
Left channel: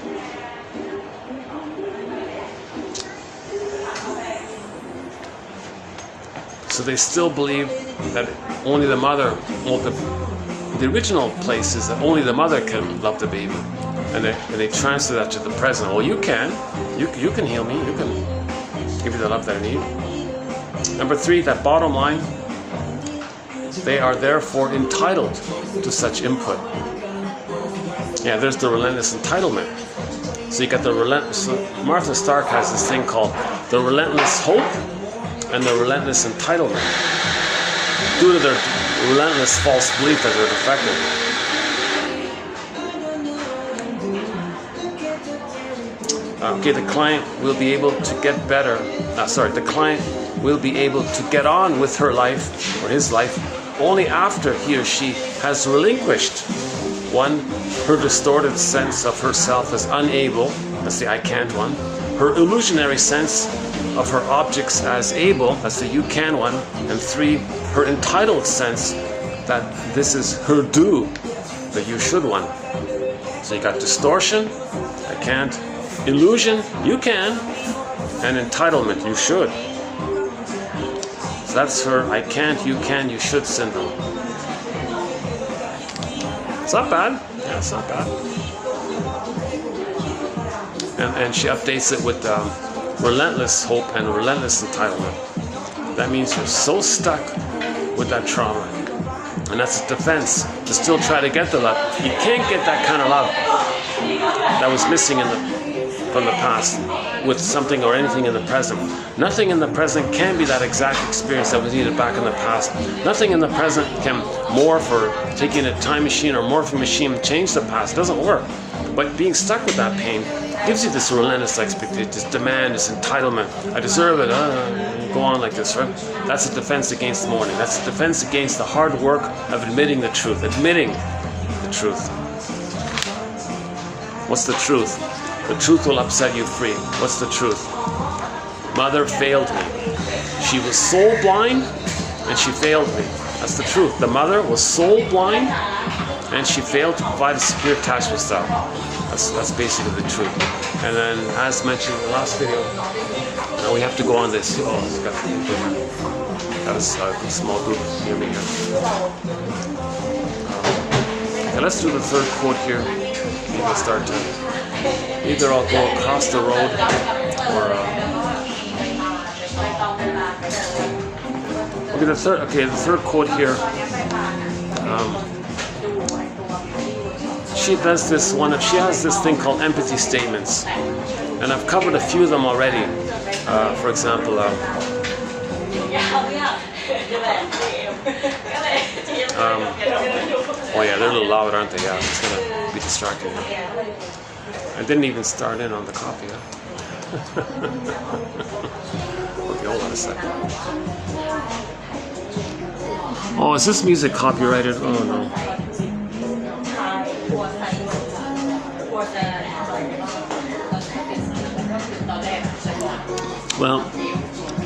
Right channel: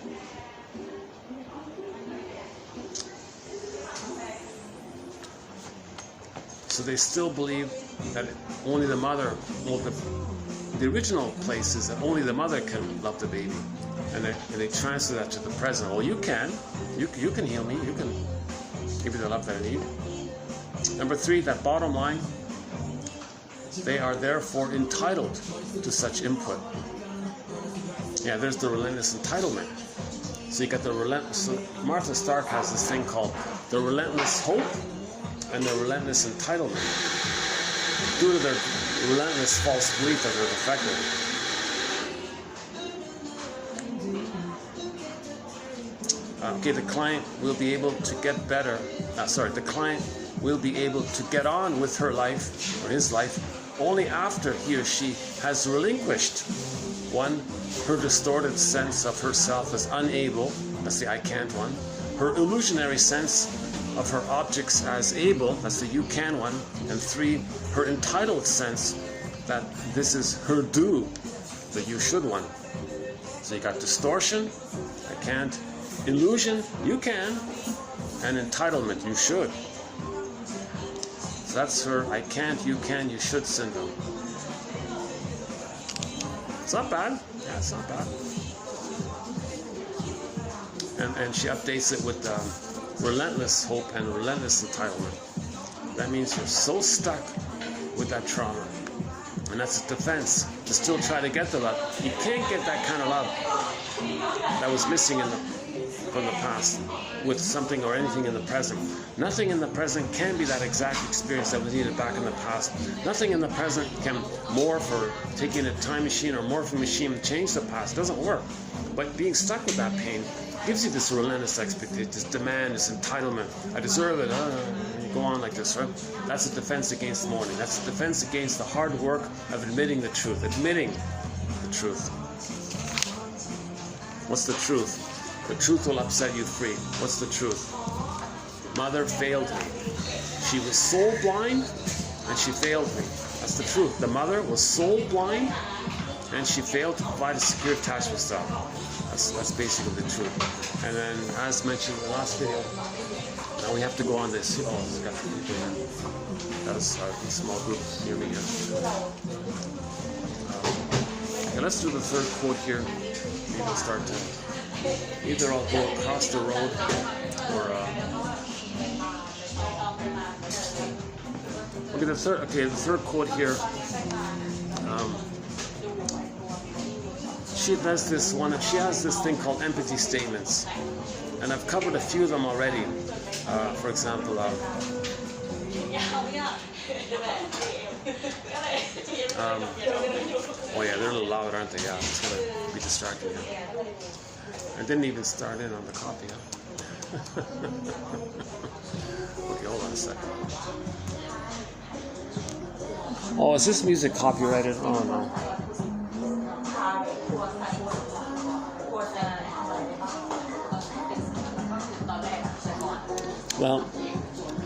So they still believe that only the mother, well, the original place is that only the mother can love the baby. And they transfer that to the present. Well, you can heal me. You can give me the love that I need. Number three, that bottom line, they are therefore entitled to such input. Yeah, there's the relentless entitlement. So you got the relentless. So Martha Stark has this thing called the relentless hope and the relentless entitlement, due to their relentless false belief that they're defective. Okay, the client will be able to get better. The client will be able to get on with her life or his life only after he or she has relinquished one, her distorted sense of herself as unable. That's the I can't one. Her illusionary sense of her objects as able. That's the you can one. And three, her entitled sense that this is her due, the you should one. So you got distortion, I can't. Illusion, you can, and entitlement, you should. So that's her I can't, you can, you should syndrome. It's not bad. Yeah, it's not bad. And she updates it with relentless hope and relentless entitlement. That means you're so stuck with that trauma. And that's a defense to still try to get the love. You can't get that kind of love that was missing from the past with something or anything in the present. Nothing in the present can be that exact experience that was needed back in the past. Nothing in the present can morph or taking a time machine or morphing machine change the past. It doesn't work. But being stuck with that pain gives you this relentless expectation, this demand, this entitlement. I deserve it. Go on like this, right? That's a defense against mourning. That's a defense against the hard work of admitting the truth. Admitting the truth. What's the truth? The truth will upset you free. What's the truth? Mother failed me. She was soul blind and she failed me. That's the truth. The mother was soul blind and she failed to provide a secure attachment style. That's basically the truth. And then, as mentioned in the last video, now we have to go on this. Oh, it's got a small group near me here. Okay, let's do the third quote here. Maybe we'll start to either I'll go across the road or the third quote here. She does this one. She has this thing called empathy statements, and I've covered a few of them already. For example, oh yeah, they're a little loud, aren't they? Yeah, it's gonna be distracting. I didn't even start in on the coffee. Huh? Okay, hold on a second. Oh, is this music copyrighted? Oh no. Well,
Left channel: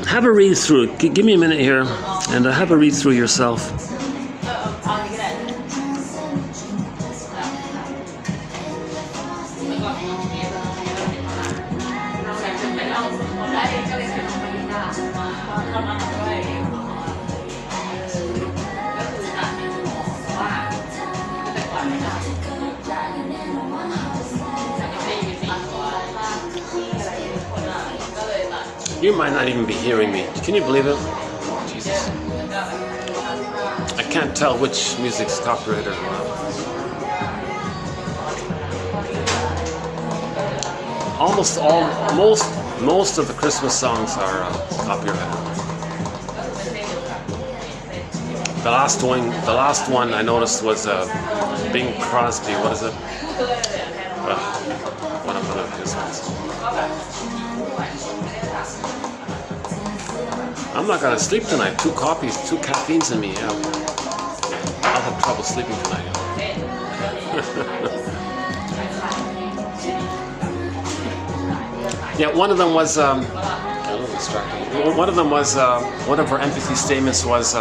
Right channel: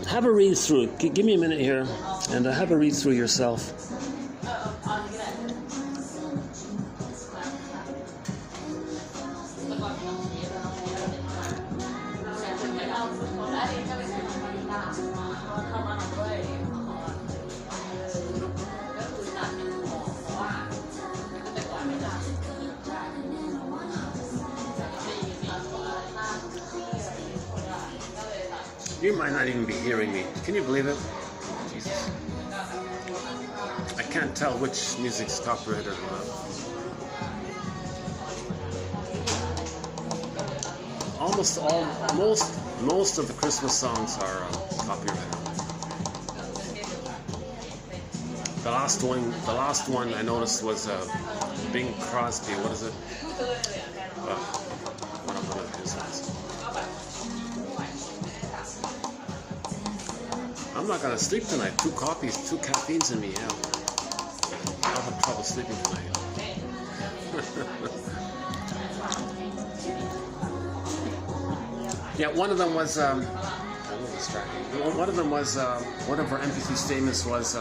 have a read through. Give me a minute here, and have a read through yourself. You might not even be hearing me. Can you believe it? Jesus. I can't tell which music's copyrighted or not. Most of the Christmas songs are copyrighted. The last one I noticed was Bing Crosby. What is it? One of his ones. I'm not gonna sleep tonight. 2 coffees, 2 caffeines in me. Yeah, I'll have trouble sleeping tonight. Yeah, one of them was. A little distracting. One of them was. One of her empathy statements was.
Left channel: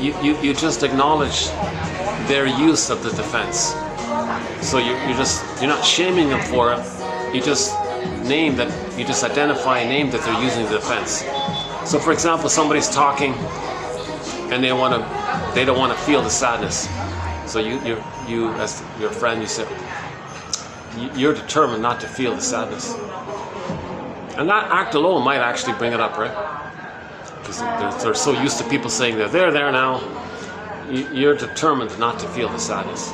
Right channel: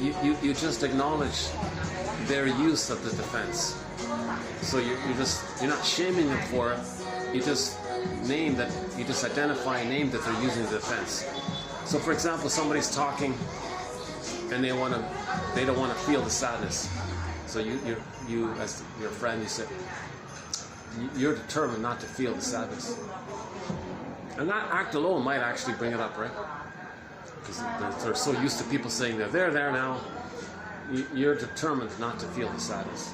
You just acknowledge their use of the defense. So you're not shaming them for it. You just identify a name that they're using the defense. So for example, somebody's talking and they don't want to feel the sadness. So you as your friend, you say you're determined not to feel the sadness. And that act alone might actually bring it up, right? Because they're so used to people saying they're there now. You're determined not to feel the sadness.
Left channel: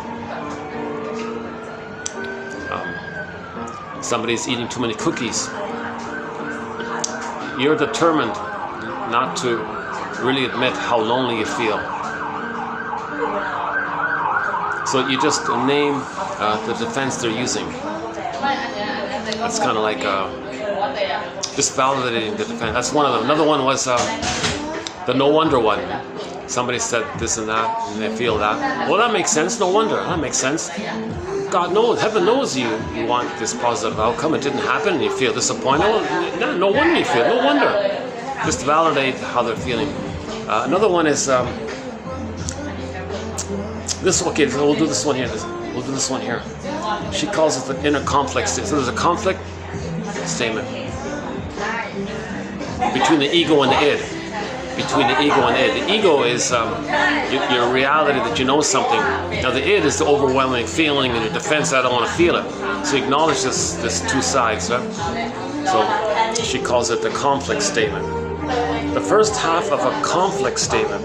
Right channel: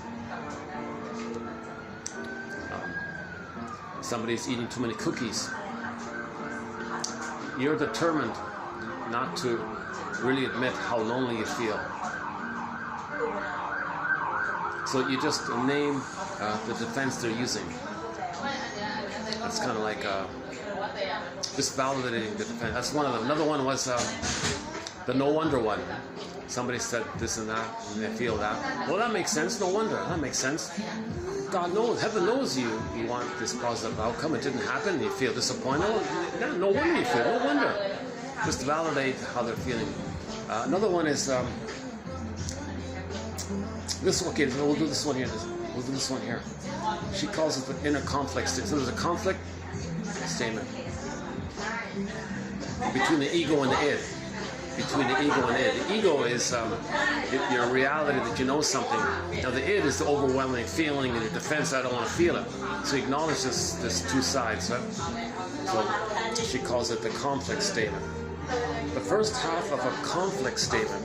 Somebody's eating too many cookies. You're determined not to really admit how lonely you feel. So you just name the defense they're using. It's kind of like just validating the defense. That's one of them. Another one was the no wonder one. Somebody said this and that, and they feel that. Well, that makes sense. No wonder. That makes sense. God knows, heaven knows you want this positive outcome. It didn't happen, and you feel disappointed. Well, no wonder you feel. No wonder. Just validate how they're feeling. Another one is this. Okay, so we'll do this one here. We'll do this one here. She calls it the inner conflict statement. So there's a conflict statement between the ego and the id. Between the ego and the id. The ego is your reality that you know something. Now the id is the overwhelming feeling and your defense, I don't want to feel it. So you acknowledge this 2 sides. Right? So she calls it the conflict statement. The first half of a conflict statement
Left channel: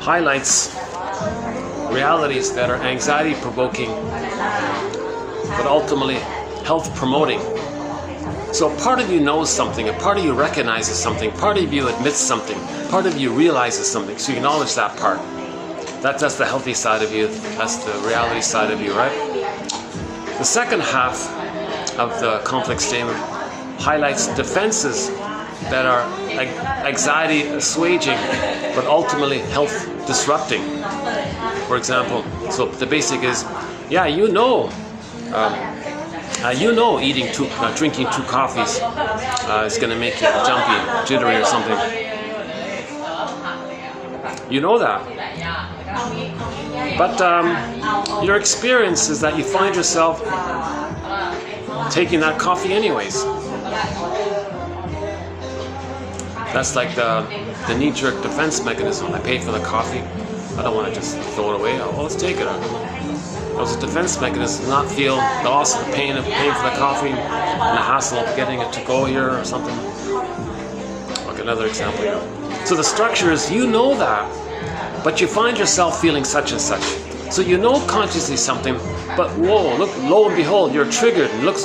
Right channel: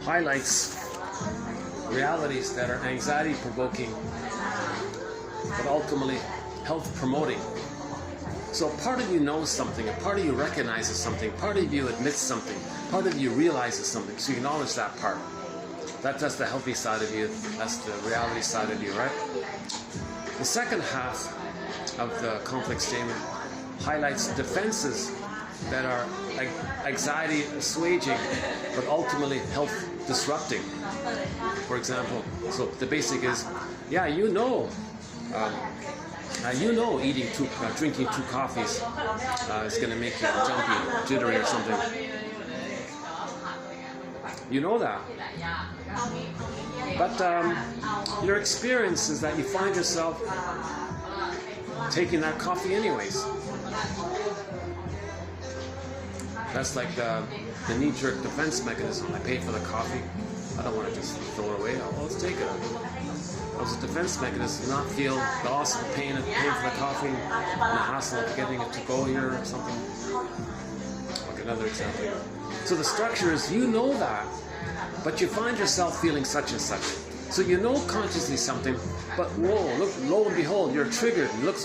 highlights realities that are anxiety provoking but ultimately health promoting. So part of you knows something, a part of you recognizes something, part of you admits something, part of you realizes something, so you acknowledge that part. That's the healthy side of you, that's the reality side of you, right? The second half of the conflict statement highlights defenses that are anxiety assuaging but ultimately health disrupting. For example, so the basic is, yeah, you know drinking 2 coffees is going to make you jumpy, jittery or something. You know that. But your experience is that you find yourself taking that coffee anyways. That's like the knee-jerk defense mechanism. I paid for the coffee. I don't want to just throw it away. Oh, let's take it. It was a defense mechanism to not feel the loss of the pain of paying for the coffee and the hassle of getting it to go here or something. Like another example here. So the structure is, you know that, but you find yourself feeling such and such. So you know consciously something, but whoa, look, lo and behold, you're triggered. And look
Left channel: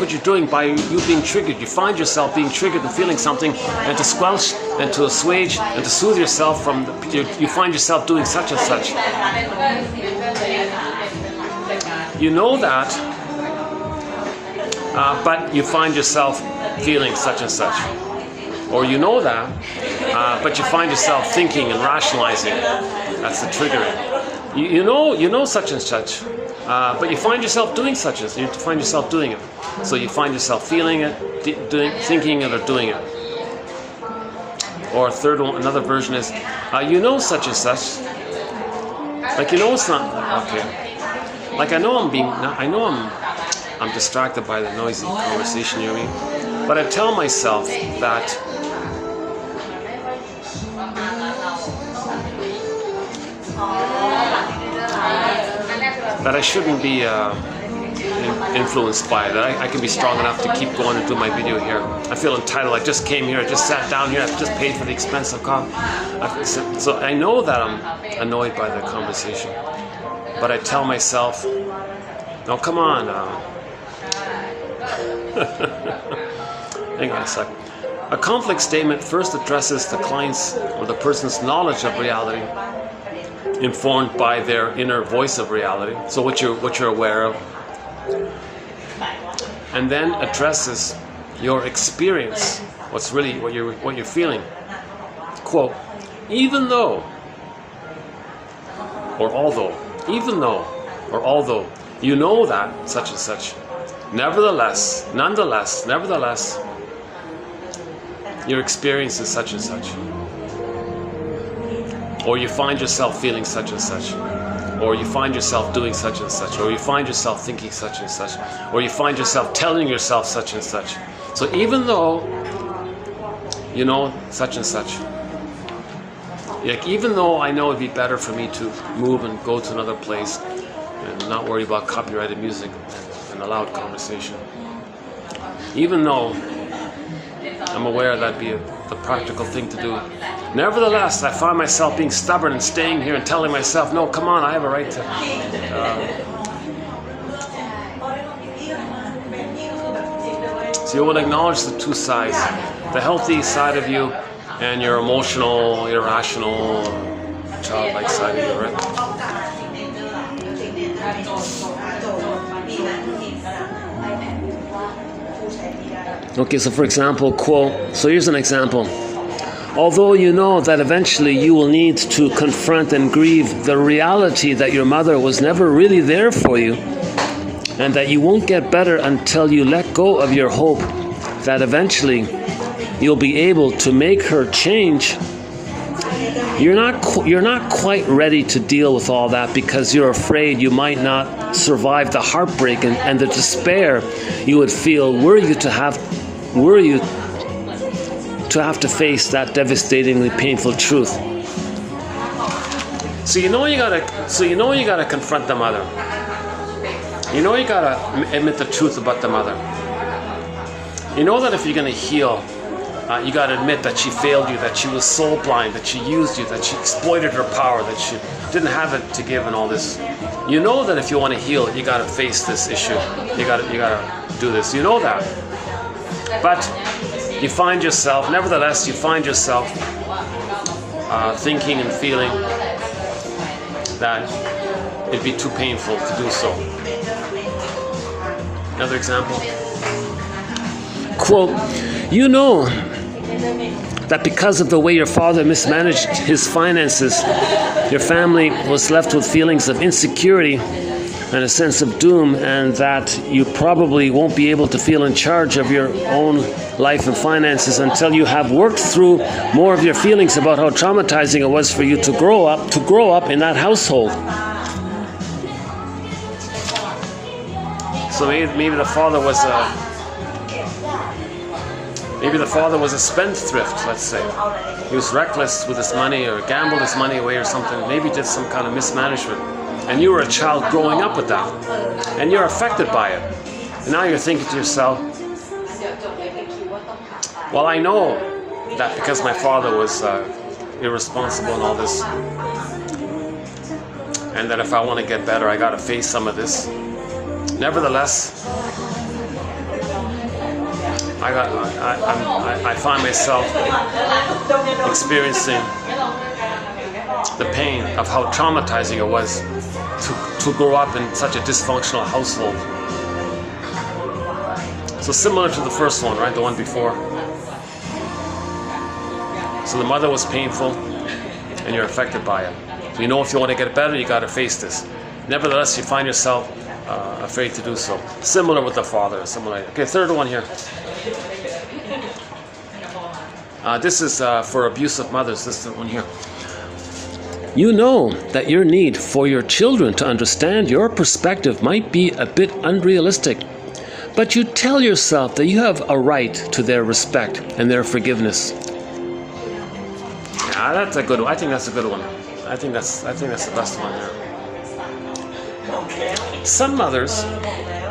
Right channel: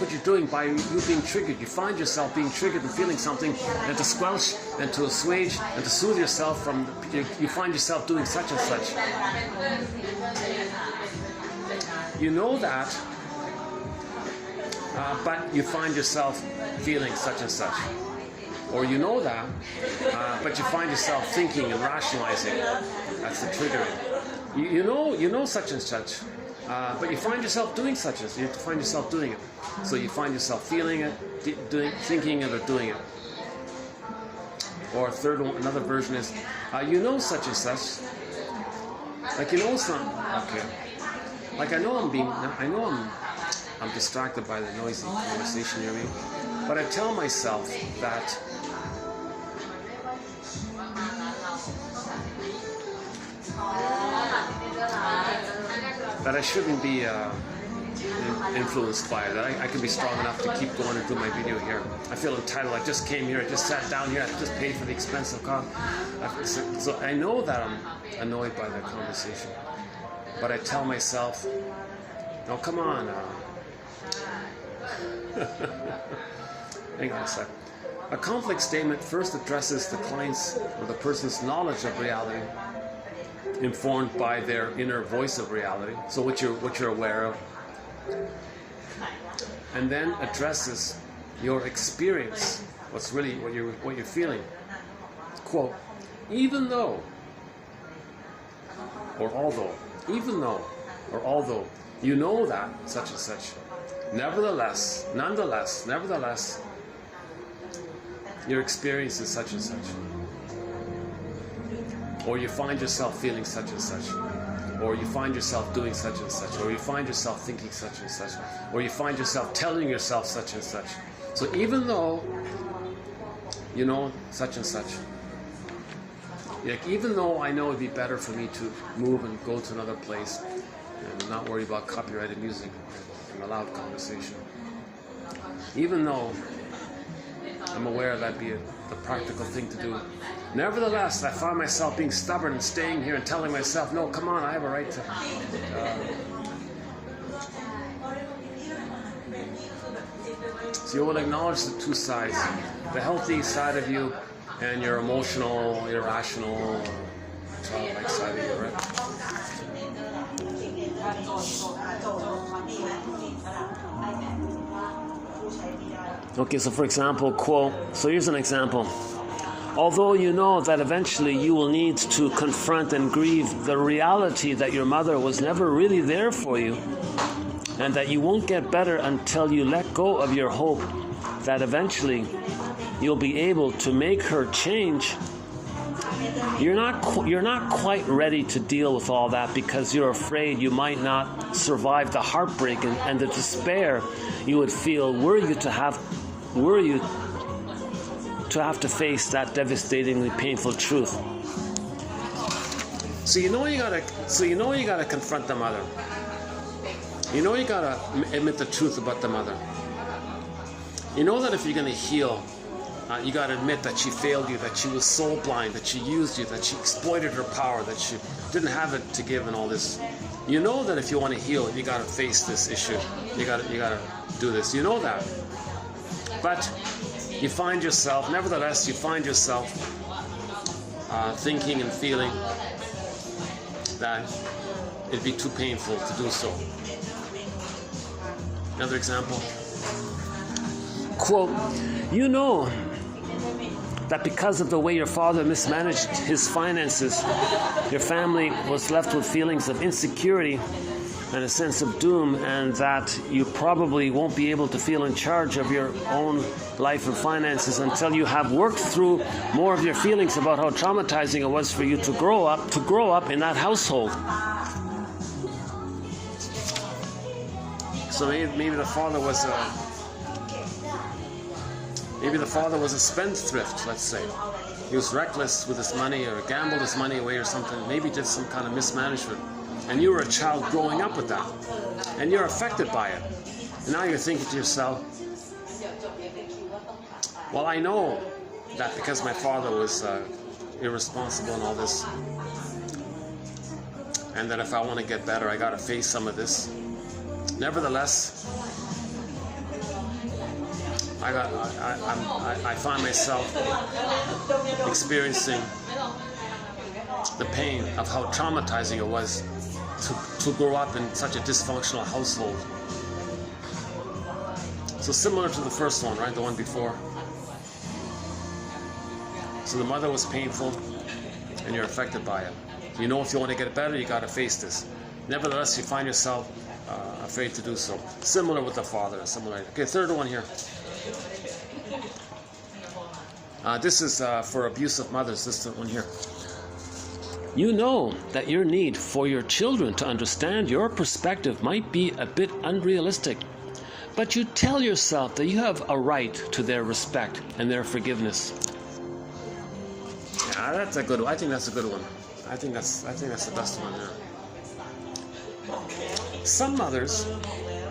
what you're doing by you being triggered. You find yourself being triggered and feeling something, and to squelch and to assuage and to soothe yourself from you find yourself doing such and such. You know that, but you find yourself feeling such and such. Or you know that, but you find yourself thinking and rationalizing. That's the triggering. You know such and such, but you find yourself doing such and such. You find yourself doing it. So you find yourself feeling it, thinking it, or doing it. Or third one, another version is, you know such and such. Like you know it's not okay. Like I know I'm distracted by the noisy conversation you're in, but I tell myself that I shouldn't be influenced by it. I can be strong enough to keep going and do my video here. I feel entitled. I just came here. I just sat down here. I just paid for the expensive coffee. So I know that I'm annoyed by the conversation. But I tell myself, no, come on. Hang on a sec. A conflict statement first addresses the client's or the person's knowledge of reality, informed by their inner voice of reality. So what you're aware of, and then addresses your experience. What's really what you're feeling. Quote: even though, or although, even though, or although you know that such and such, nevertheless, nonetheless, nevertheless, your experience is such and such. Or you find yourself feeling such and such. Or you find yourself doing such and such. Or you find yourself thinking such and such. Or you find yourself telling yourself such and such. So even though you know such and such, like even though I know it'd be better for me to move and go to another place and not worry about copyrighted music and a loud conversation, even though I'm aware that'd be the practical thing to do, nevertheless, I find myself being stubborn and staying here and telling myself, no, come on, I have a right to... So you want to acknowledge the two sides, the healthy side of you and your emotional, irrational, childlike side of you, right? Okay, so for example, quote, so here's an example. Although you know that eventually you will need to confront and grieve the reality that your mother was never really there for you, and that you won't get better until you let go of your hope that eventually you'll be able to make her change, you're not quite ready to deal with all that because you're afraid you might not survive the heartbreak and the despair you would feel were you to have to face that devastatingly painful truth. So you know you gotta confront the mother. You know you gotta admit the truth about the mother. You know that if you're gonna heal, you gotta admit that she failed you, that she was soul blind, that she used you, that she exploited her power, that she didn't have it to give, and all this. You know that if you want to heal, you gotta face this issue. You gotta do this. You know that. But you find yourself, nevertheless, thinking and feeling that it'd be too painful to do so. Another example. Quote, you know that because of the way your father mismanaged his finances, your family was left with feelings of insecurity and a sense of doom, and that you probably won't be able to feel in charge of your own life and finances until you have worked through more of your feelings about how traumatizing it was for you to grow up in that household. So maybe the father was a spendthrift, let's say. He was reckless with his money or gambled his money away or something. Maybe did some kind of mismanagement. And you were a child growing up with that. And you're affected by it. And now you're thinking to yourself, well, I know that because my father was irresponsible and all this, and that if I want to get better, I got to face some of this. Nevertheless, I find myself experiencing the pain of how traumatizing it was to grow up in such a dysfunctional household. So similar to the first one, right? The one before. So the mother was painful and you're affected by it. So you know if you want to get better, you got to face this. Nevertheless, you find yourself afraid to do so. Similar with the father. Okay, third one here. This is for abusive mothers. This is the one here. You know that your need for your children to understand your perspective might be a bit unrealistic, but you tell yourself that you have a right to their respect and their forgiveness. Yeah, that's a good one. I think that's a good one. I think that's the best one here. Some mothers,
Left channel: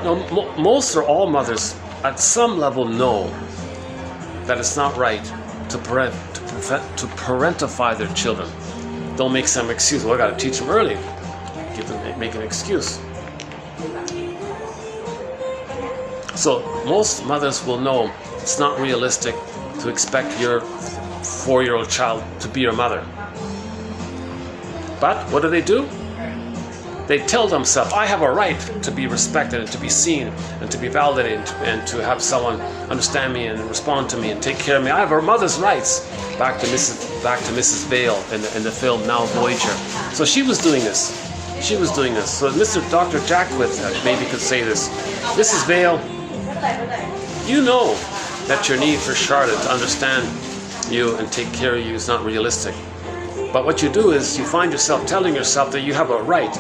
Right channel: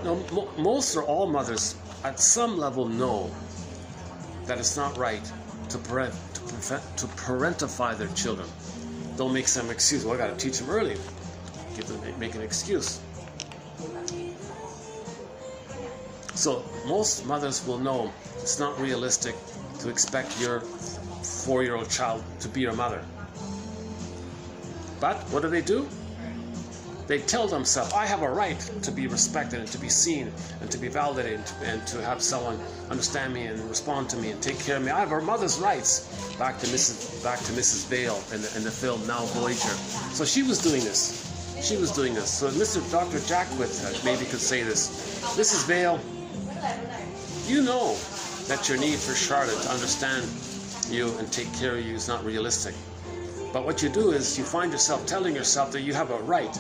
no, most or all mothers, at some level know that it's not right to parentify their children. Don't make some excuse. Well, I got to teach them early. Make an excuse. So most mothers will know it's not realistic to expect your 4-year-old child to be your mother. But what do? They tell themselves, I have a right to be respected and to be seen and to be validated and to have someone understand me and respond to me and take care of me. I have a mother's rights. Back to Mrs. Vale in the film Now Voyager. So she was doing this. So Dr. Jackwith maybe could say this. Mrs. Vale, you know that your need for Charlotte to understand you and take care of you is not realistic. But what you do is you find yourself telling yourself that you have a right.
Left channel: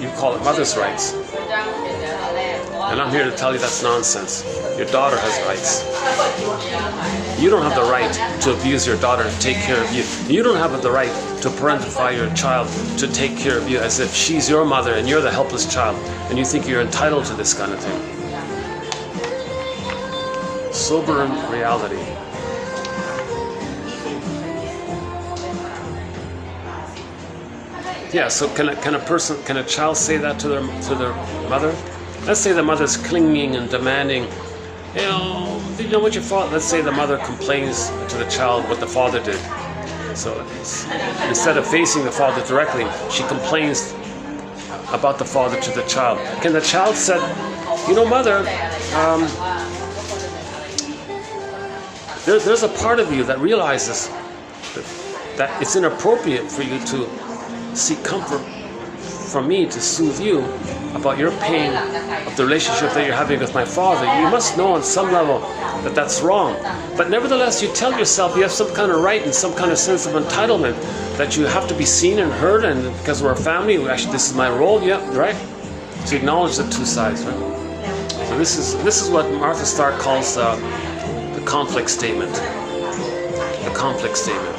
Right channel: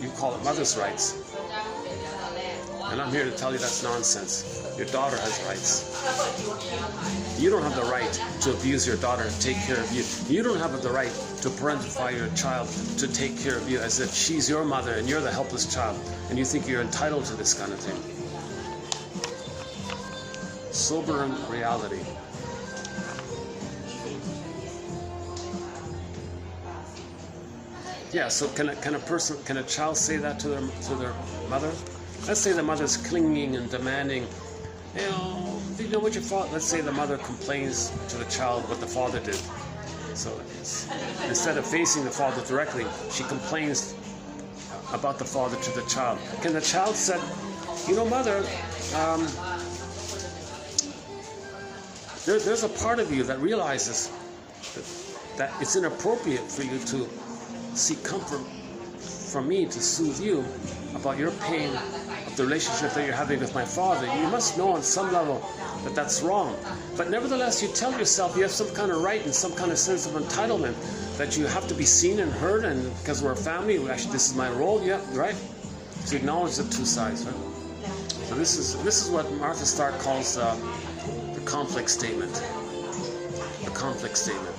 You call it mother's rights. And I'm here to tell you that's nonsense. Your daughter has rights. You don't have the right to abuse your daughter and take care of you. You don't have the right to parentify your child to take care of you as if she's your mother and you're the helpless child and you think you're entitled to this kind of thing. Sober reality. Yeah, so can a child say that to their mother? Let's say the mother's clinging and demanding, you know what your father, let's say the mother complains to the child what the father did. So instead of facing the father directly, she complains about the father to the child. Can the child say, mother, there's a part of you that realizes that it's inappropriate for you to seek comfort from me to soothe you about your pain of the relationship that you're having with my father. You must know on some level that that's wrong. But nevertheless, you tell yourself you have some kind of right and some kind of sense of entitlement that you have to be seen and heard, and because we're a family, actually this is my role, yeah, right? To acknowledge the two sides, right? So this is what Martha Stark calls the conflict statement. The conflict statement.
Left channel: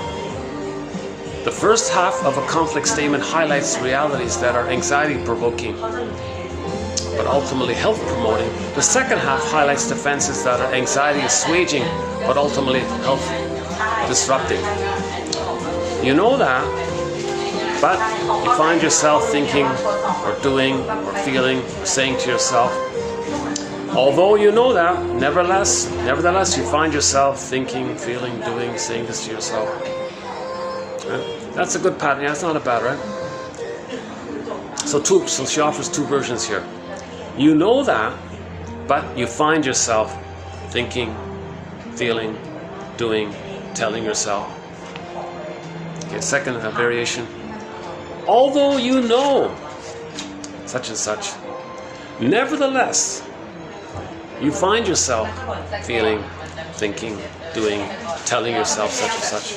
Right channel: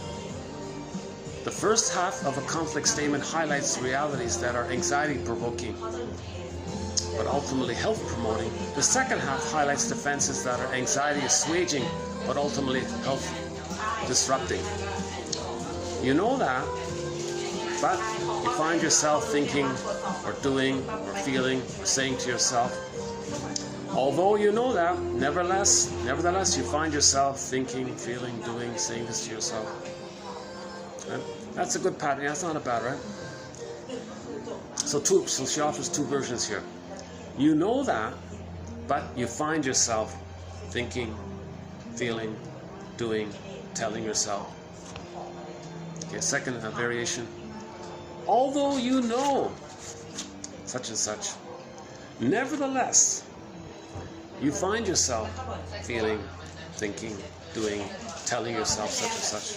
The first half of a conflict statement highlights realities that are anxiety-provoking, but ultimately health-promoting. The second half highlights defenses that are anxiety-assuaging, but ultimately health-disrupting. You know that, but you find yourself thinking or doing or feeling or saying to yourself, although you know that, nevertheless you find yourself thinking, feeling, doing, saying this to yourself. That's a good pattern. Yeah, that's not a bad, right? So she offers two versions here. You know that, but you find yourself thinking, feeling, doing, telling yourself. Okay, second variation. Although you know such and such, nevertheless, you find yourself feeling, thinking, doing, telling yourself such and such.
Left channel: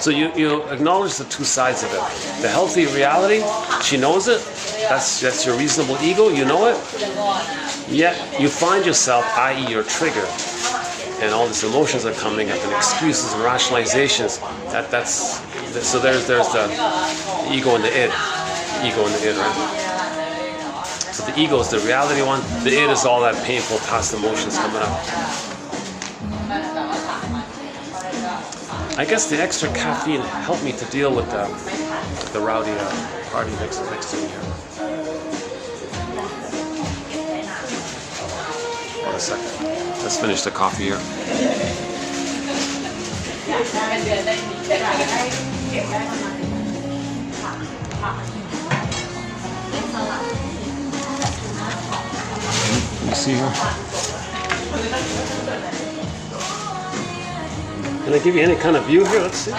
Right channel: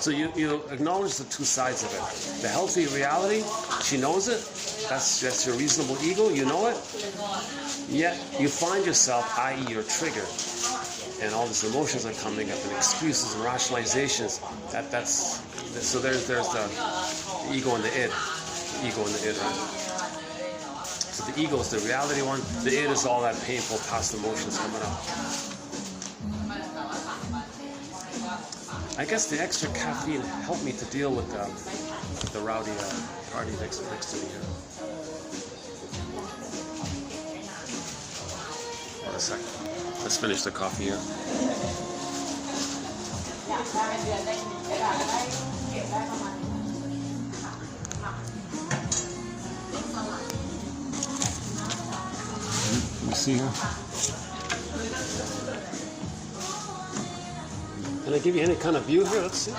So you acknowledge the two sides of it. The healthy reality, she knows it. That's your reasonable ego, you know it. Yet you find yourself, i.e. your trigger, and all these emotions are coming up, and excuses and rationalizations. So there's the ego and the id. Ego and the id, right? So the ego is the reality one. The id is all that painful past emotions coming up. I guess the extra caffeine helped me to deal with the rowdy party next to me here. Hold a second. Let's finish the coffee here. You see here? Can I give you any kind of view here? Let's see.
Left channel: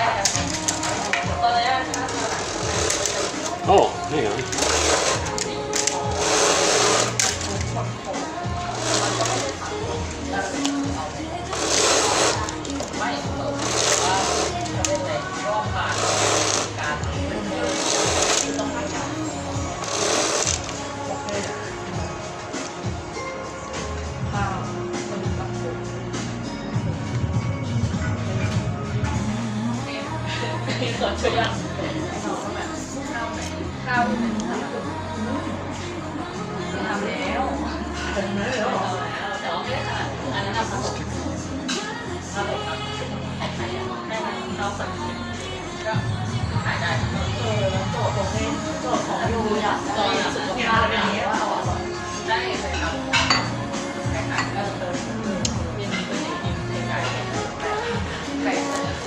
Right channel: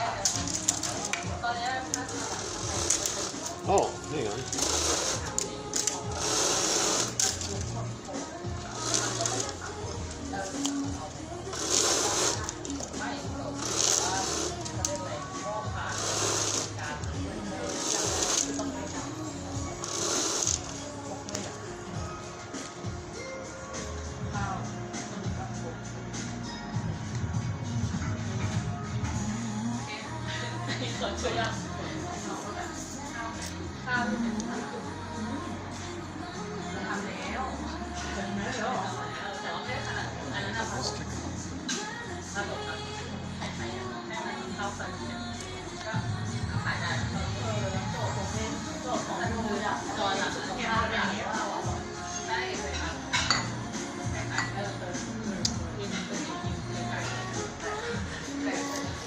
Oh, hang on.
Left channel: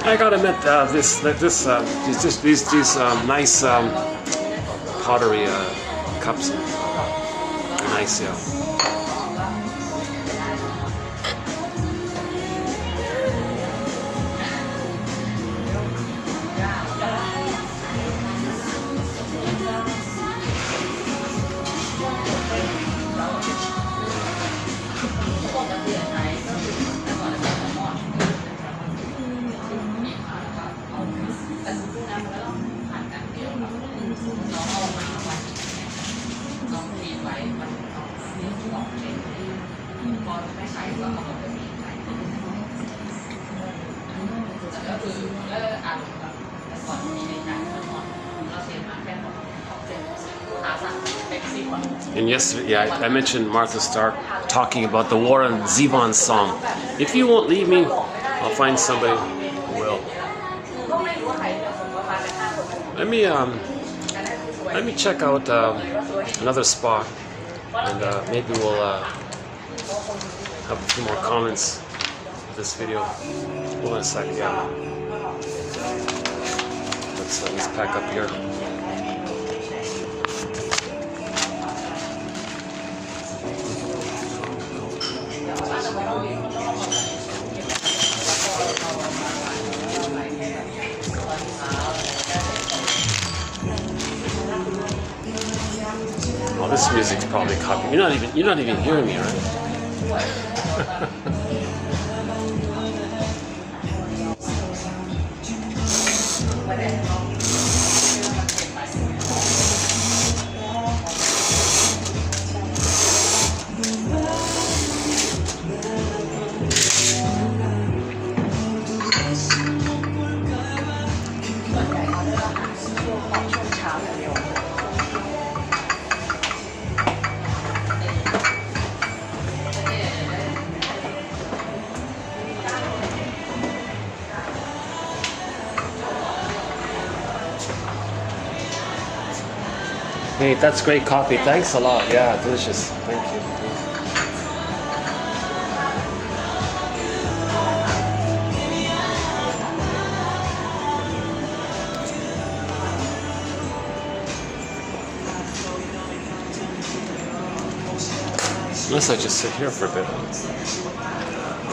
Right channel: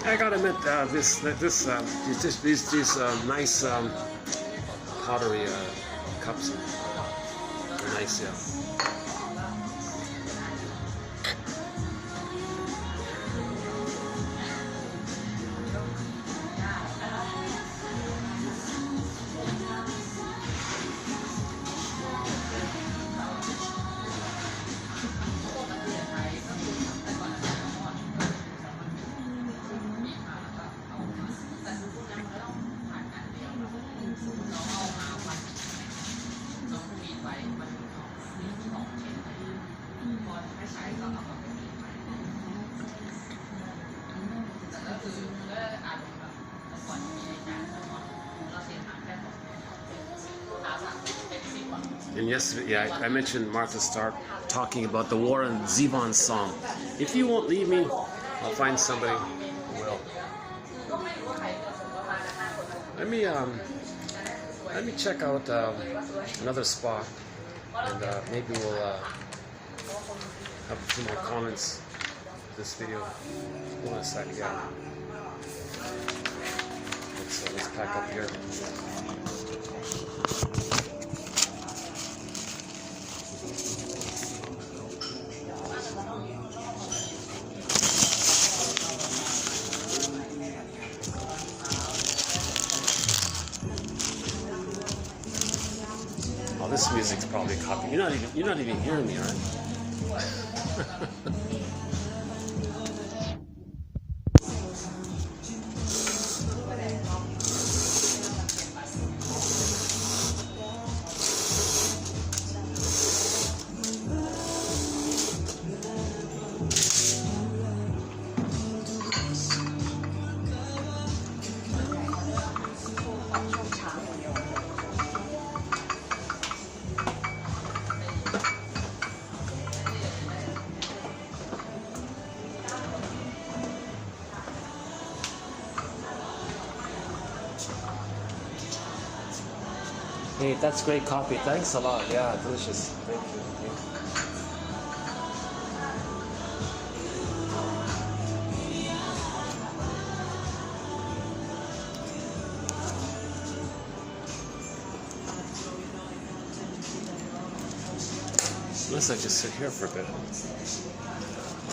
I gotta admit, these nice pottery cups, nice, yeah. And yesterday, yeah, I mentioned Martha Stark talking about the Warren Zevon song. If you won't leave me, I'll find somebody who will. Let me check out another spot, and maybe we'll have a few more comments of this video. Hold on a second, yeah. Let's pack up here. Oh, this music's probably copy. You're not even hearing me, right? Hey, that's great coffee. Thanks a lot. Yeah, delicious. Thank you. Unless I just sit here for a bit.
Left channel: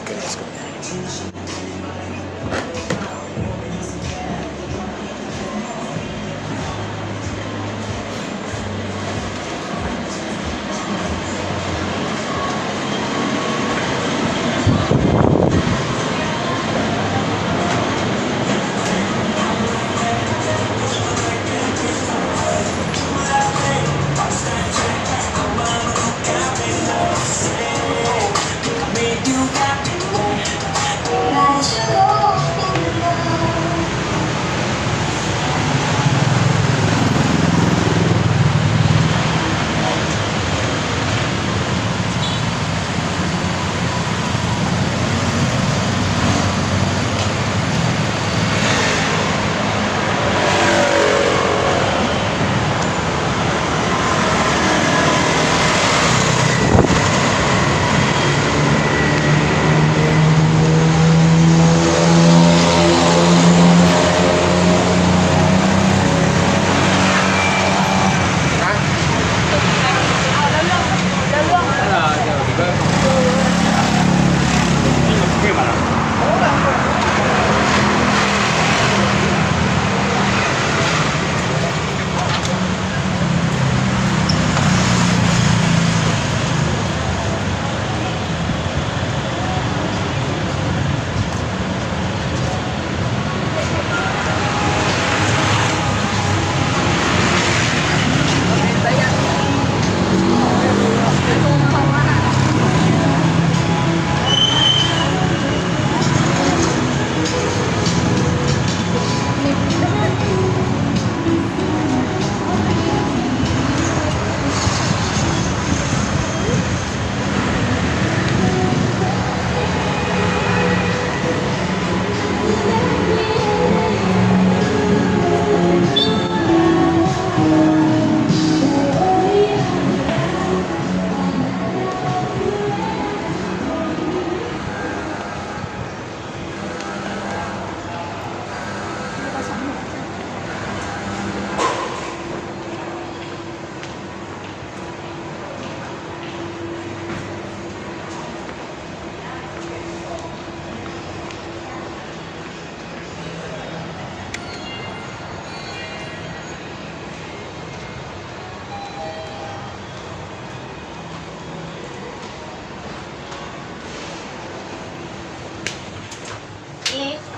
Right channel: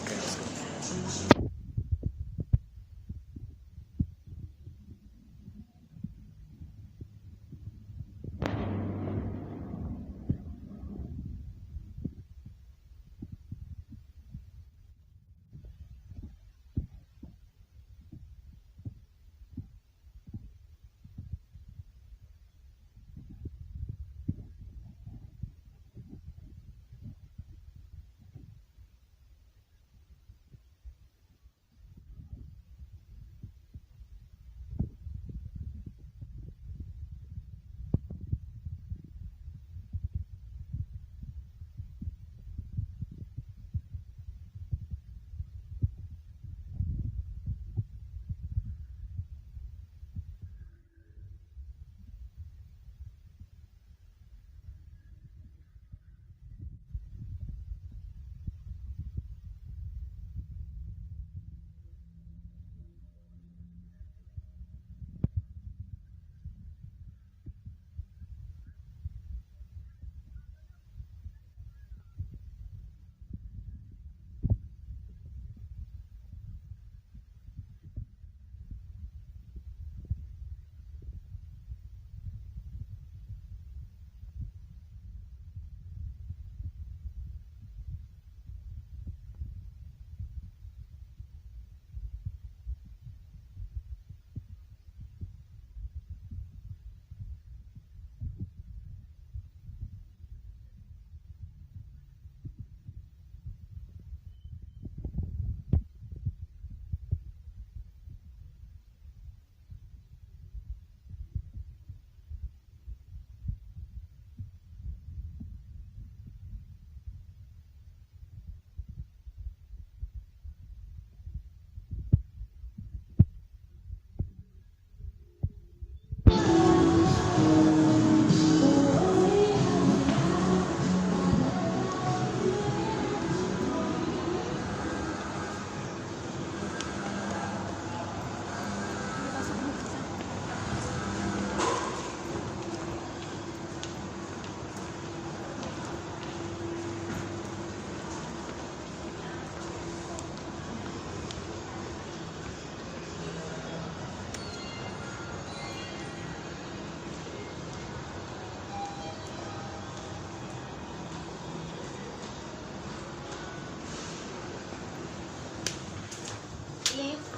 Okay, let's go.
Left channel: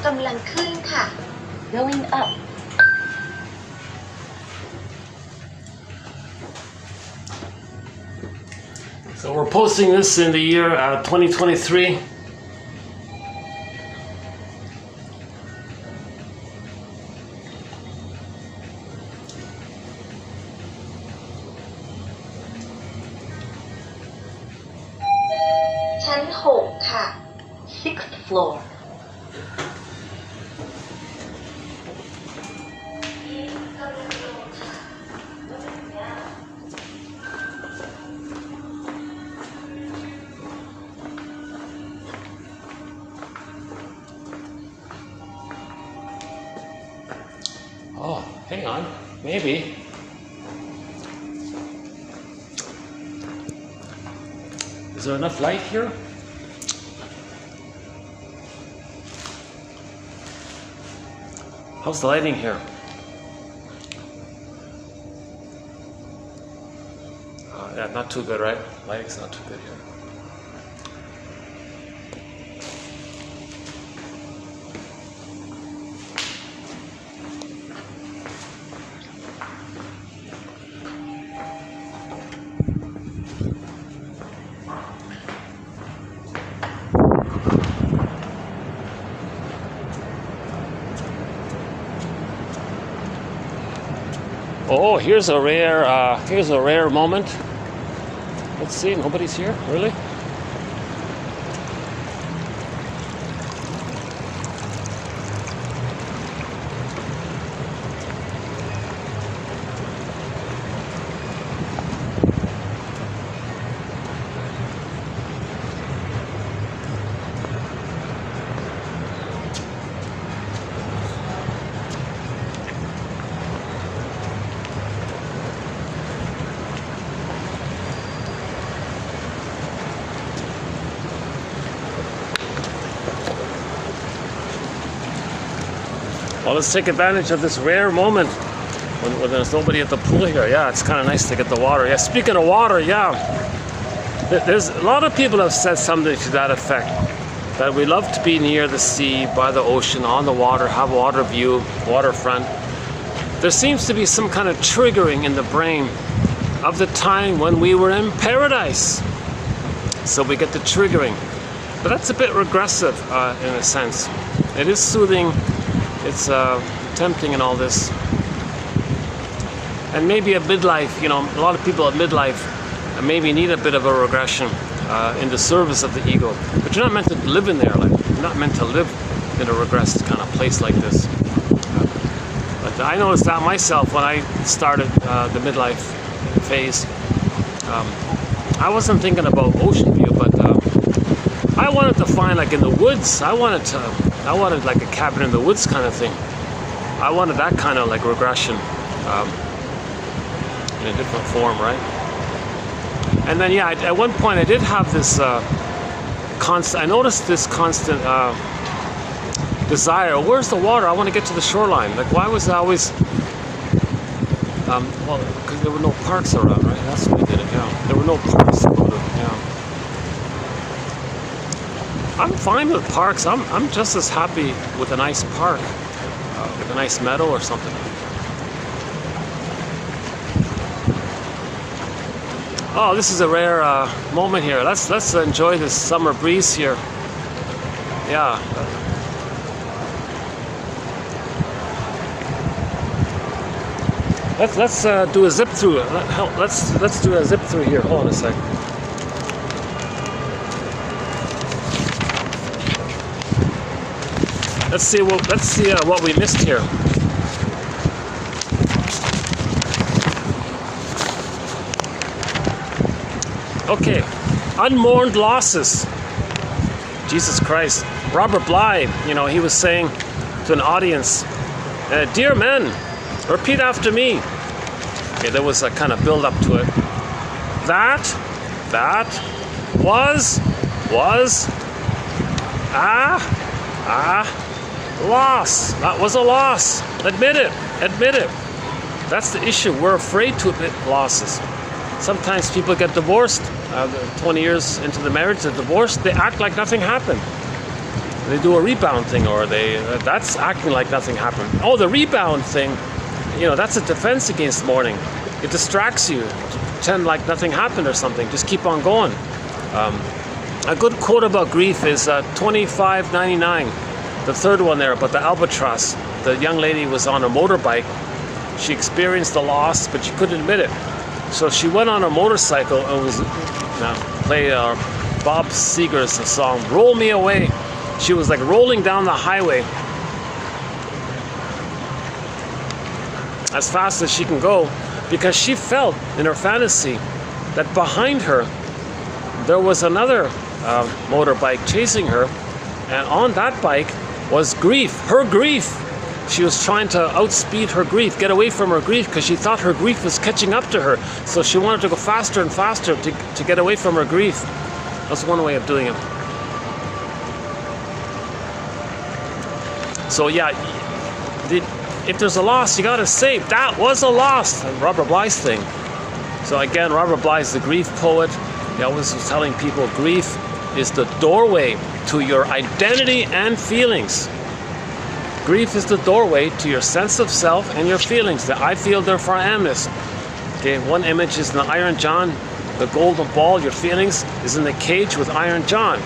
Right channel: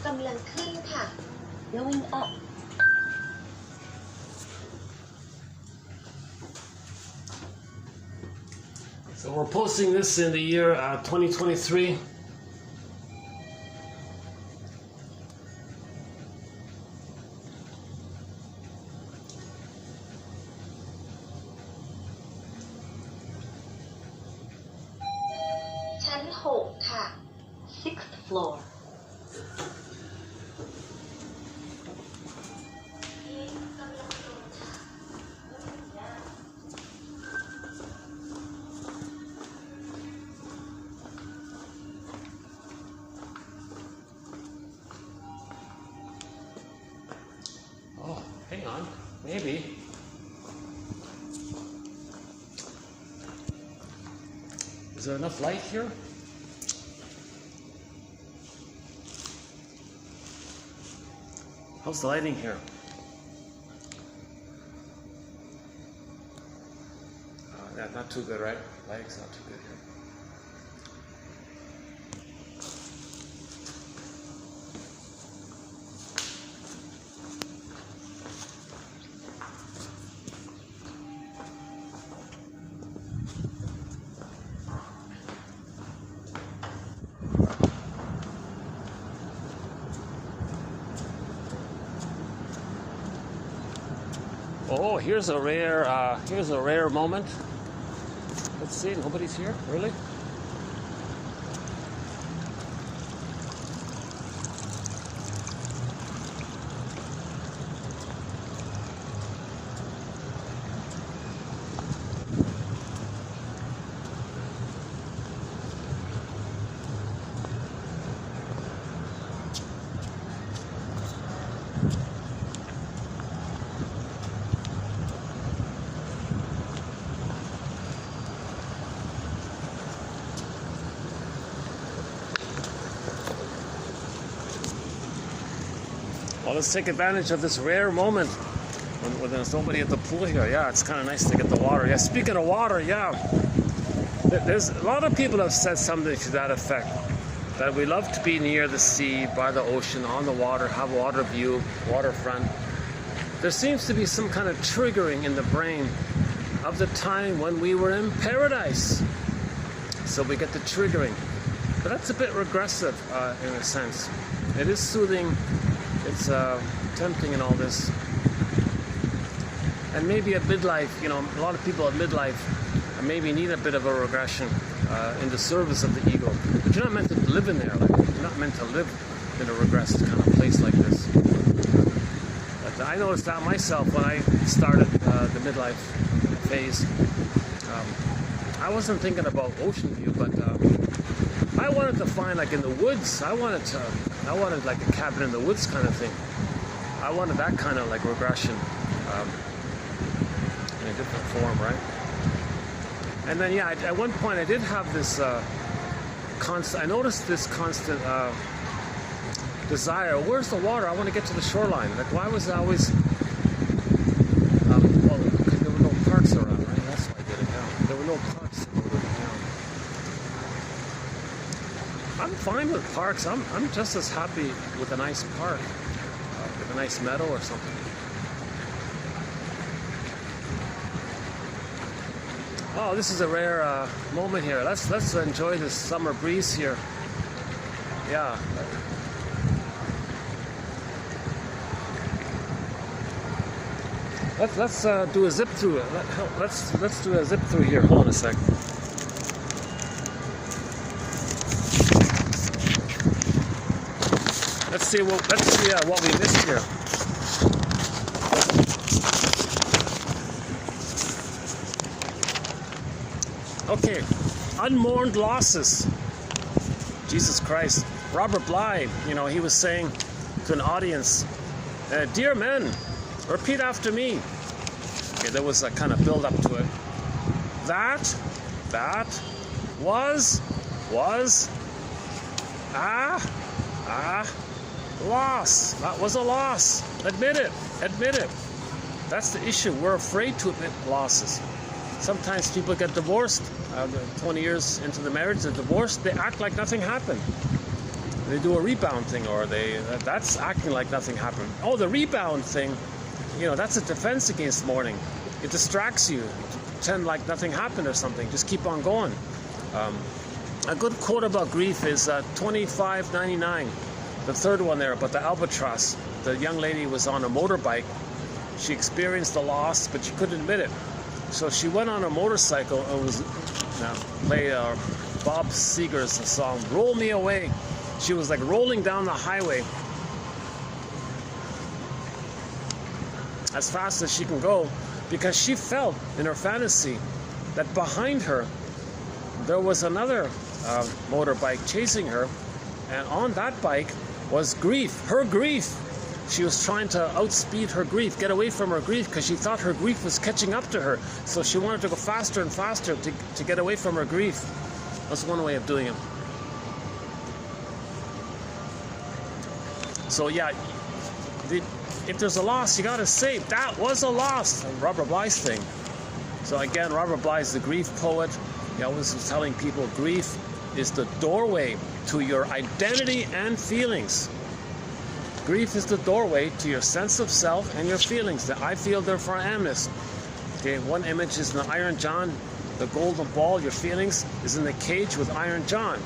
กำลังขึ้นค่ะ going up So we're posting this in the year 2023.ชั้น6ค่ะ sixth floor Oh, hang on. Maybe. Is there enough light here? How's the lighting here? Yeah, not too good, right? Lighting's not too good here. Oh, here's a rare moment. Let's see, nobody's here, really? Well, let's take advantage of this rare moment when there's nobody at the pool here. Yeah, it's kind of nice to get the water. Yeah, speaking of water, yeah, there's a lot of people have said something to that effect, that we love to be near the sea, by the ocean, on the water, have water view, waterfront. There seems to be some kind of triggering in the brain of the time when we were in paradise. So we get the triggering. But that's a bit regressive in a sense. It is soothing. It's tempting and all this. And maybe at midlife, you know, a lot of people at midlife maybe need a bit of a regression in the service of the ego. But you're not meant to live in there. Like, you're not meant to live in a regressed kind of place like this. But I noticed that myself when I started the midlife phase. I wasn't thinking about ocean view, but I wanted to find, like, in the woods. I wanted like a cabin in the woods kind of thing. I wanted that kind of like regression in a different form, right? And then yeah, at one point I did have this constant. I noticed this constant desire. Where's the water? I want to get to the shoreline. Like, why was I always? Well, because there were no parks around, right? That's what we did it. Yeah, there were no parks around. Yeah. I'm fine with parks. I'm just as happy with a nice park, with a nice meadow or something. Oh, this is a rare moment here. Let's enjoy this summer breeze here. Yeah. Let's do a zip through. Let's do a zip through here. Hold on a sec. Let's see what we missed here. Okay, unmourned losses. Jesus Christ. Robert Bly, you know, he was saying to an audience, "Dear men, repeat after me." Okay, there was a kind of build up to it. That was loss. That was a loss. Admit it. That's the issue. We're afraid to admit losses. Sometimes people get divorced. 20 years into the marriage, they're divorced. They act like nothing happened. they do a rebound thing, or that's acting like nothing happened. Oh, the rebound thing, that's a defense against mourning. It distracts you, pretend like nothing happened or something. Just keep on going. A good quote about grief is 2599, the third one there, about the albatross. The young lady was on a motorbike. She experienced the loss, but she couldn't admit it. So she went on a motorcycle and was play Bob Seger's song, "Roll Me Away." She was like rolling down the highway as fast as she can go, because she felt in her fantasy that behind her there was another motorbike chasing her, and on that bike was grief, her grief. She was trying to outspeed her grief, get away from her grief, because she thought her grief was catching up to her. So she wanted to go faster and faster to get away from her grief. That's one way of doing it. So yeah, if there's a loss, you gotta say, that was a loss. And Robert Bly's thing. So again, Robert Bly's the grief poet. He always was telling people grief is the doorway to your identity and feelings. Grief is the doorway to your sense of self and your feelings. That I feel, therefore I am this. Okay, one image is in the Iron John, the golden ball. Your feelings is in the cage with Iron John.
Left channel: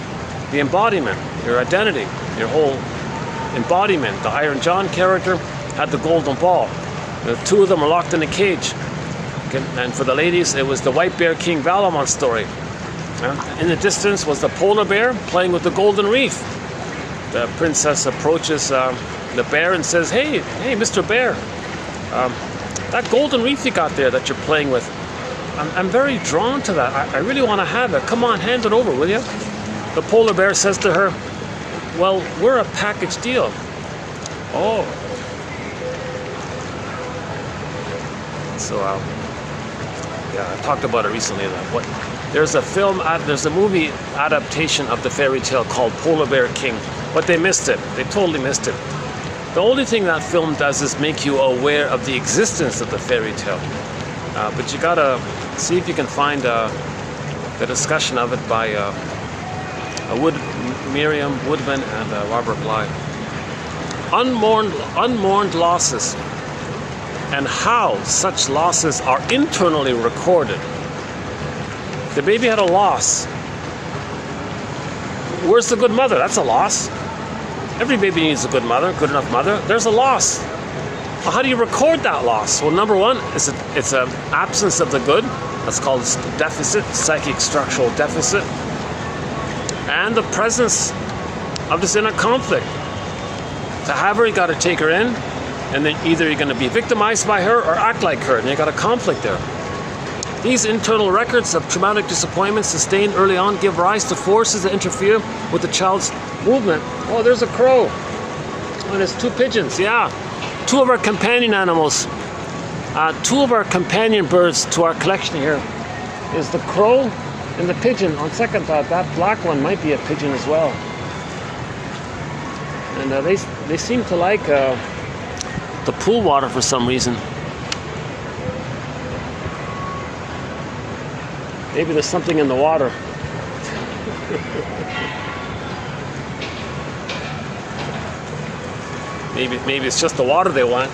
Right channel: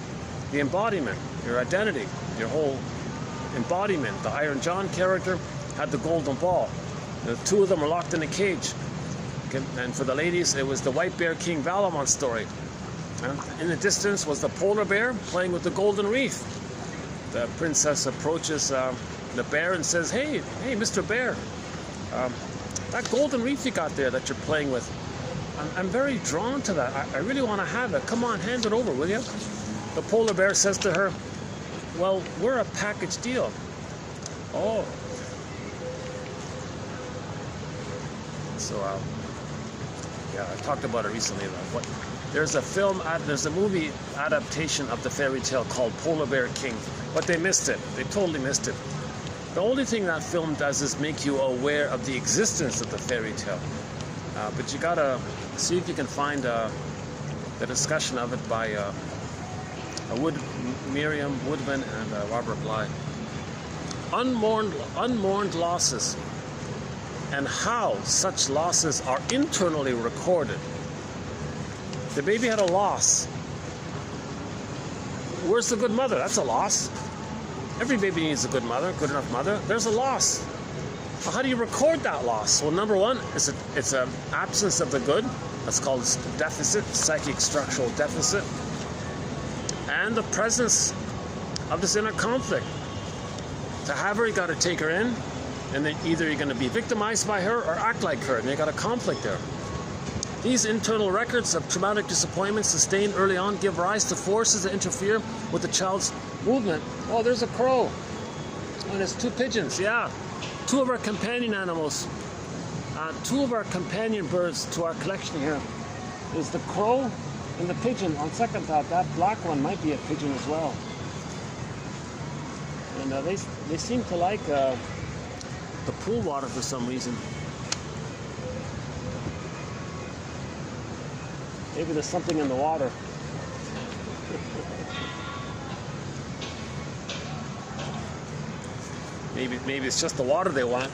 The embodiment, your identity, your whole embodiment. The Iron John character had the golden ball. The two of them are locked in a cage. Okay, and for the ladies, it was the White Bear King Valamont story. In the distance was the polar bear playing with the golden reef. The princess approaches the bear and says, hey, Mr. Bear, that golden reef you got there that you're playing with, I'm very drawn to that. I really want to have it. Come on, hand it over, will you? The polar bear says to her, well, we're a package deal. Oh. So, yeah, I talked about it recently. There's a movie adaptation of the fairy tale called Polar Bear King, but they missed it. They totally missed it. The only thing that film does is make you aware of the existence of the fairy tale. But you gotta see if you can find the discussion of it by Miriam Woodman and Robert Bly. Unmourned losses, and how such losses are internally recorded. The baby had a loss. Where's the good mother? That's a loss. Every baby needs a good mother, good enough mother. There's a loss. Well, how do you record that loss? Well, number one, it's an absence of the good. That's called deficit, psychic structural deficit. And the presence of this inner conflict. To have her, you got to take her in, and then either you're going to be victimized by her or act like her, and you got a conflict there. These internal records of traumatic disappointment sustained early on give rise to forces that interfere with the child's movement. Oh, there's a crow. Oh, there's two pigeons, yeah. Two of our companion animals. Two of our companion birds to our collection here is the crow and the pigeon. On second thought, that black one might be a pigeon as well. And they seem to like the pool water for some reason. Maybe there's something in the water. Maybe it's just the water they want,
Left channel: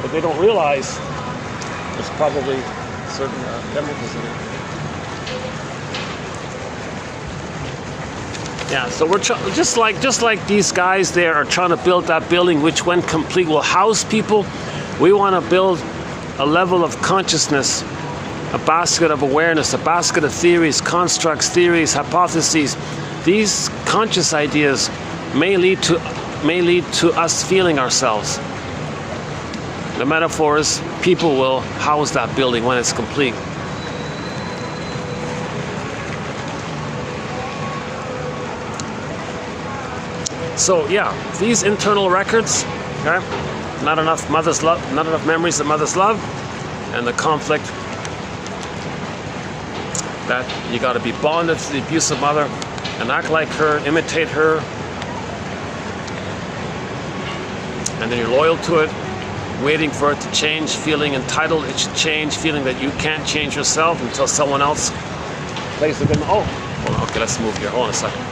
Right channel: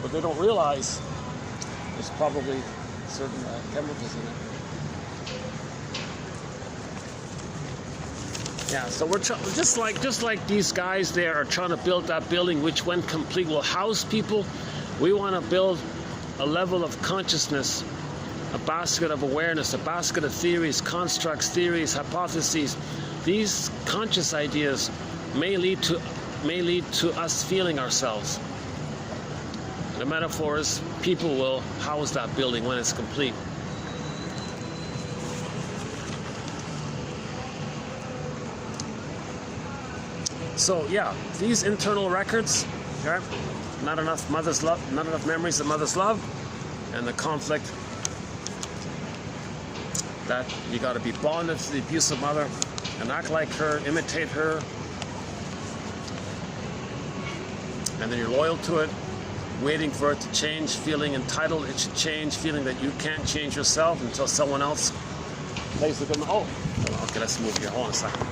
but they don't realize there's probably certain chemicals in it. Yeah, so we're just like these guys there are trying to build that building, which when complete will house people. We want to build a level of consciousness, a basket of awareness, a basket of theories, constructs, theories, hypotheses. These conscious ideas may lead to us feeling ourselves. The metaphor is people will house that building when it's complete. So yeah, these internal records, okay, not enough mother's love, not enough memories of mother's love, and the conflict that you got to be bonded to the abusive mother and act like her, imitate her, and then you're loyal to it, waiting for it to change, feeling entitled it should change, feeling that you can't change yourself until someone else plays the good. Oh, hold on, okay, let's move here. Hold on a second.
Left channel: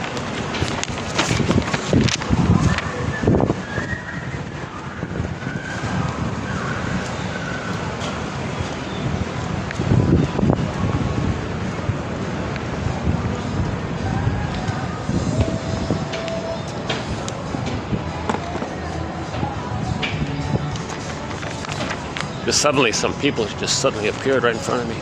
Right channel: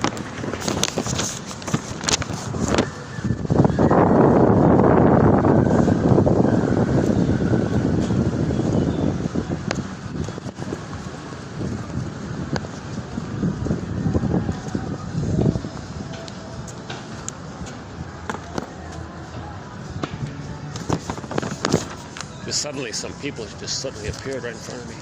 Just suddenly, some people just suddenly appeared right in front of me.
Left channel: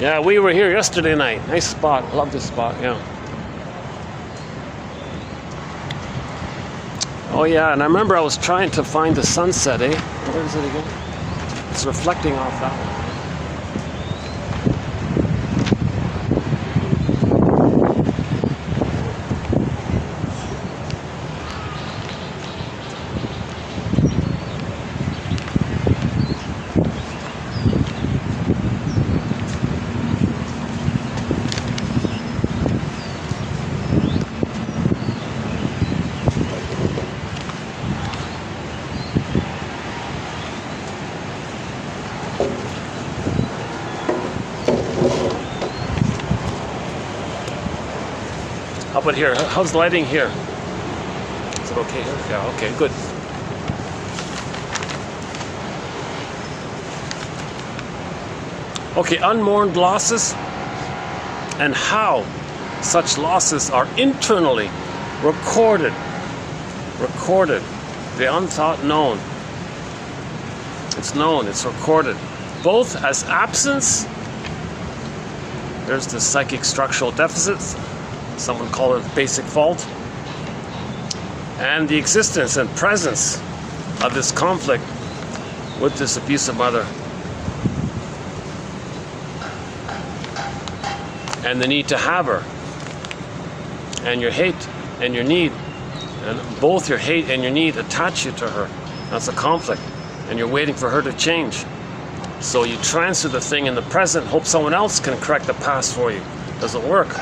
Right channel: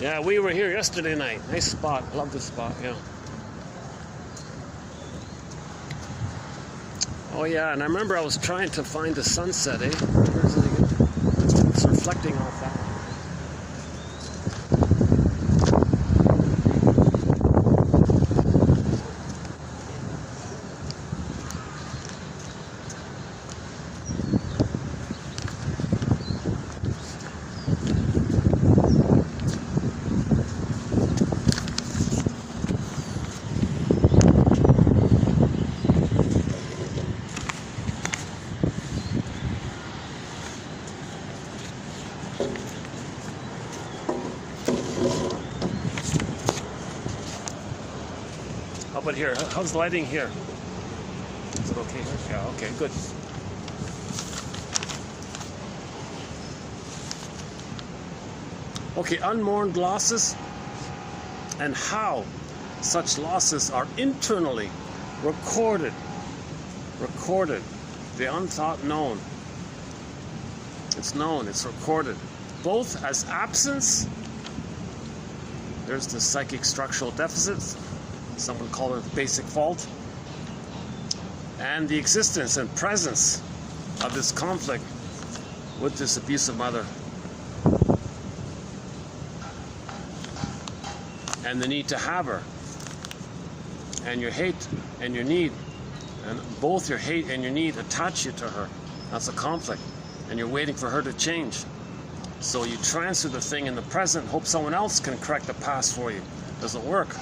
Yeah, we were here yesterday night. Nice spot. Love this spot, yeah. Oh yeah, and I remember I was trying to find the sunset, eh? Where is it again? It's reflecting off that one. How about here? How's the lighting here? Is it okay here? Yeah, okay, good. Okay, unmourned losses and how such losses are internally recorded. The unthought known. It's known, it's recorded. Both as absence, there's the psychic structural deficits, someone call it basic fault, and the existence and presence of this conflict with this abusive mother, and the need to have her, and your hate and your need, and both your hate and your need attach you to her. That's a conflict, and you're waiting for her to change. So you transfer the thing in the present, hope someone else can correct the past for you. Doesn't work.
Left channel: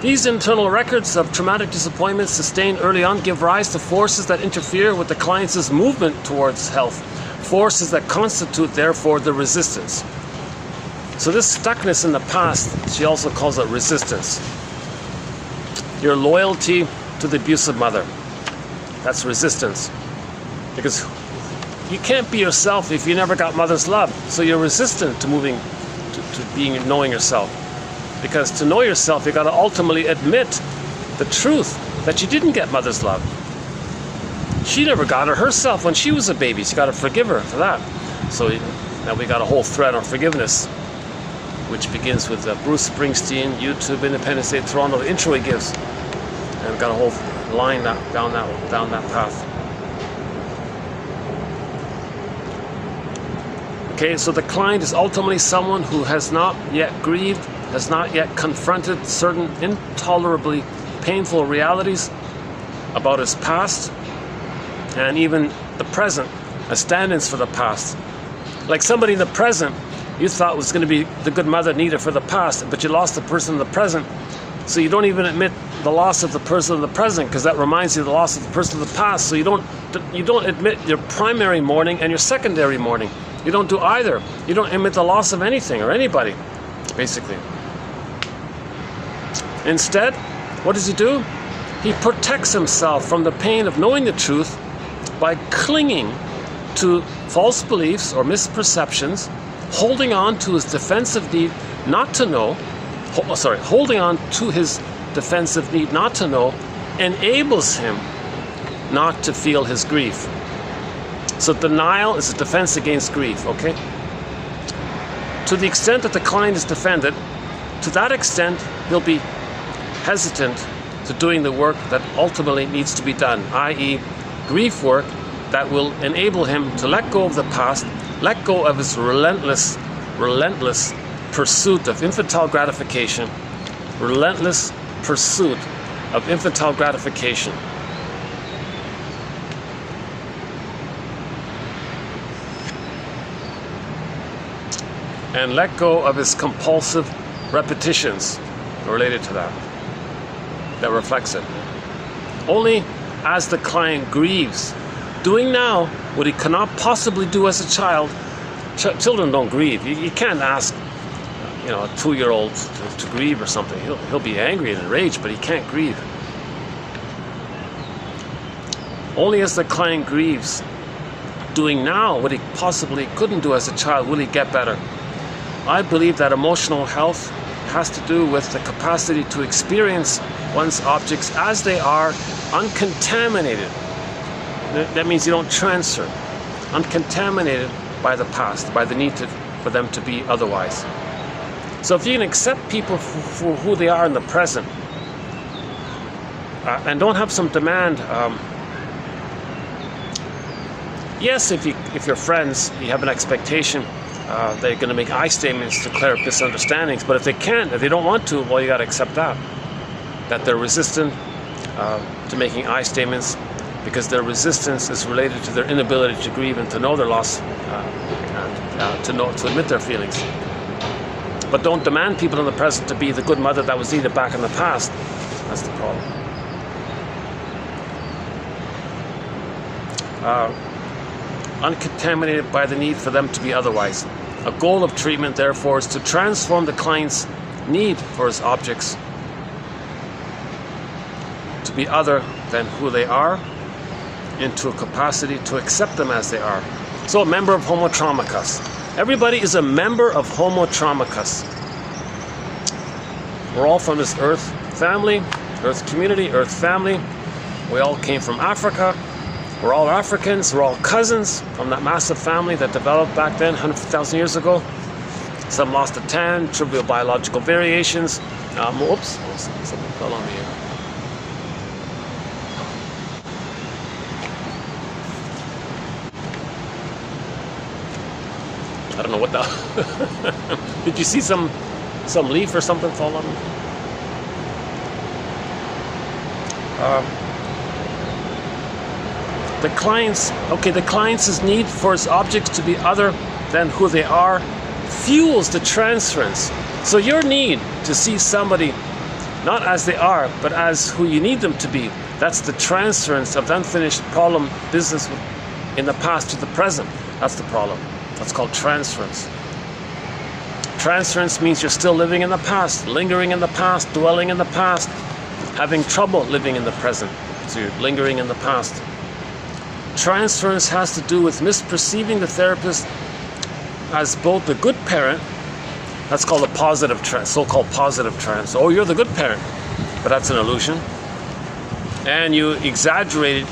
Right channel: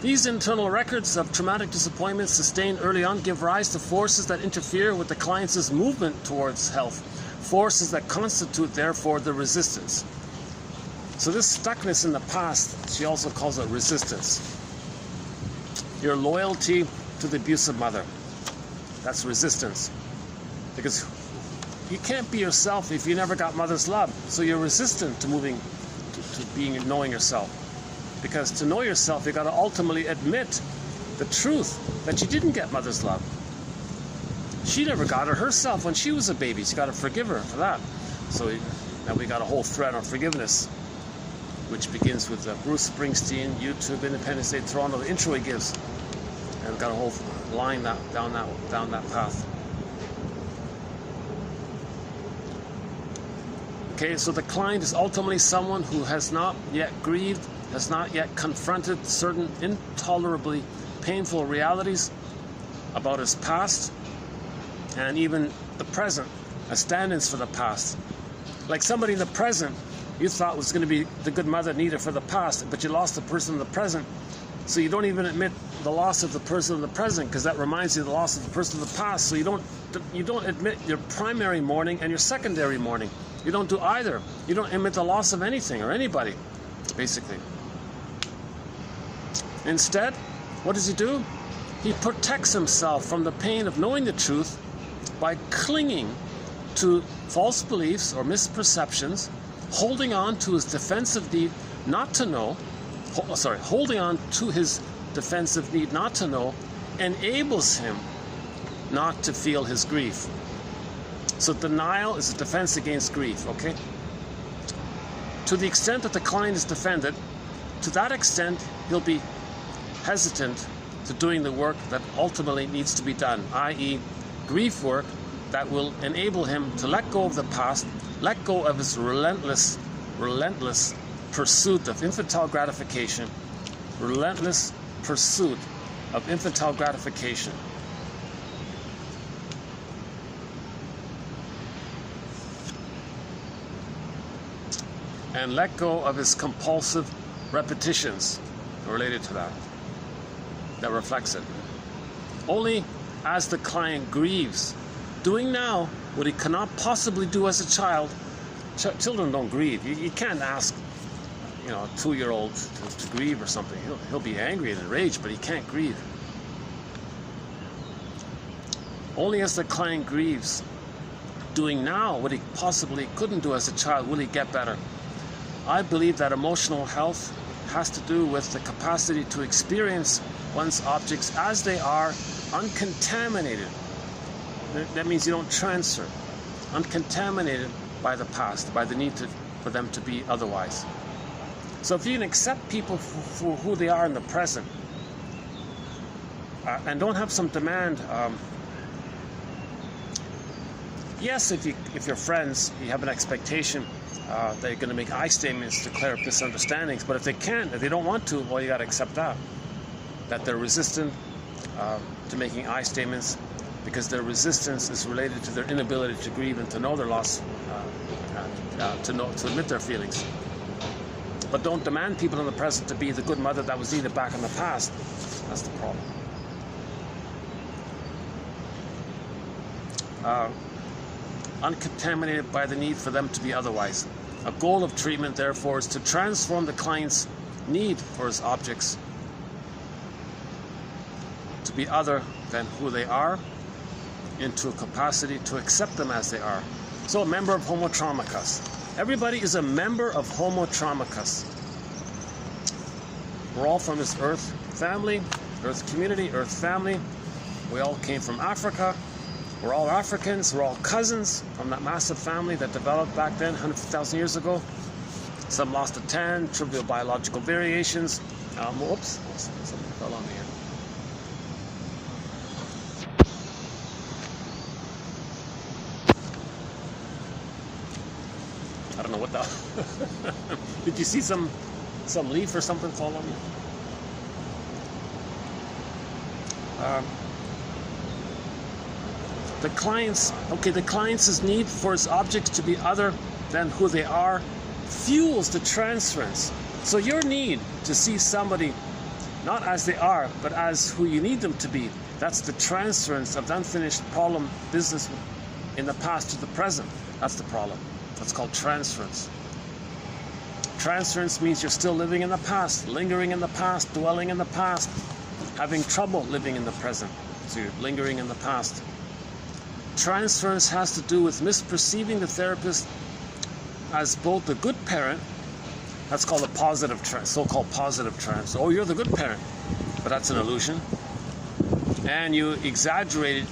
These internal records of traumatic disappointments sustained early on give rise to forces that interfere with the client's movement towards health, forces that constitute, therefore, the resistance. So this stuckness in the past, she also calls it resistance. Your loyalty to the abusive mother, that's resistance. Because you can't be yourself if you never got mother's love. So you're resistant to moving, to knowing yourself. Because to know yourself, you got to ultimately admit the truth that you didn't get mother's love. She never got it herself when she was a baby. So you got to forgive her for that. So now we got a whole thread on forgiveness, which begins with Bruce Springsteen, YouTube, Independence Day, Toronto, the intro he gives. And we've got a whole line down that path. Okay, so the client is ultimately someone who has not yet grieved, has not yet confronted certain intolerably painful realities about his past and even the present as stand-ins for the past. Like somebody in the present you thought was going to be the good mother needed for the past, but you lost the person in the present, so you don't even admit the loss of the person in the present because that reminds you of the loss of the person in the past. So you don't admit your primary mourning and your secondary mourning. You don't do either. You don't admit the loss of anything or anybody, basically. Instead, what does he do? He protects himself from the pain of knowing the truth by clinging to false beliefs or misperceptions, holding on to his defensive need not to know, holding on to his defensive need not to know enables him not to feel his grief. So denial is a defense against grief, okay? To the extent that the client is defended, to that extent he'll be hesitant to doing the work that ultimately needs to be done, i.e. grief work that will enable him to let go of the past, let go of his relentless pursuit of infantile gratification, relentless pursuit of infantile gratification. And let go of his compulsive repetitions related to that reflects it. Only as the client grieves, doing now what he cannot possibly do as a child. Children don't grieve. You can't ask, a 2-year-old to grieve or something. He'll be angry and enraged, but he can't grieve. Only as the client grieves, doing now what he possibly couldn't do as a child, will he get better. I believe that emotional health has to do with the capacity to experience one's objects as they are, uncontaminated. That means you don't transfer. Uncontaminated by the past, by the need for them to be otherwise. So if you can accept people for who they are in the present, and don't have some demand. Yes, if you're friends, you have an expectation they're going to make I statements to clear up misunderstandings. But if they can't, if they don't want to, well, you got to accept that they're resistant to making I statements, because their resistance is related to their inability to grieve and to know their loss, to admit their feelings. But don't demand people in the present to be the good mother that was needed back in the past. That's the problem. Uncontaminated by the need for them to be otherwise. A goal of treatment, therefore, is to transform the client's need for his objects to be other than who they are into a capacity to accept them as they are. So a member of Homo Traumacus. Everybody is a member of Homo Traumacus. We're all from this Earth family, Earth community, Earth family. We all came from Africa. We're all Africans. We're all cousins from that massive family that developed back then, 100,000 years ago. Some lost a tan, trivial biological variations. Oops, something fell on me here. I don't know what the... Did you see some leaf or something fall on me? The client's need for his objects to be other than who they are fuels the transference. So your need to see somebody not as they are, but as who you need them to be, that's the transference of the unfinished problem business in the past to the present. That's the problem. That's called transference. Transference means you're still living in the past, lingering in the past, dwelling in the past, having trouble living in the present. So you're lingering in the past. Transference has to do with misperceiving the therapist as both the good parent, that's called a positive trans, so-called positive trans. Oh, you're the good parent, but that's an illusion. And you exaggeratedly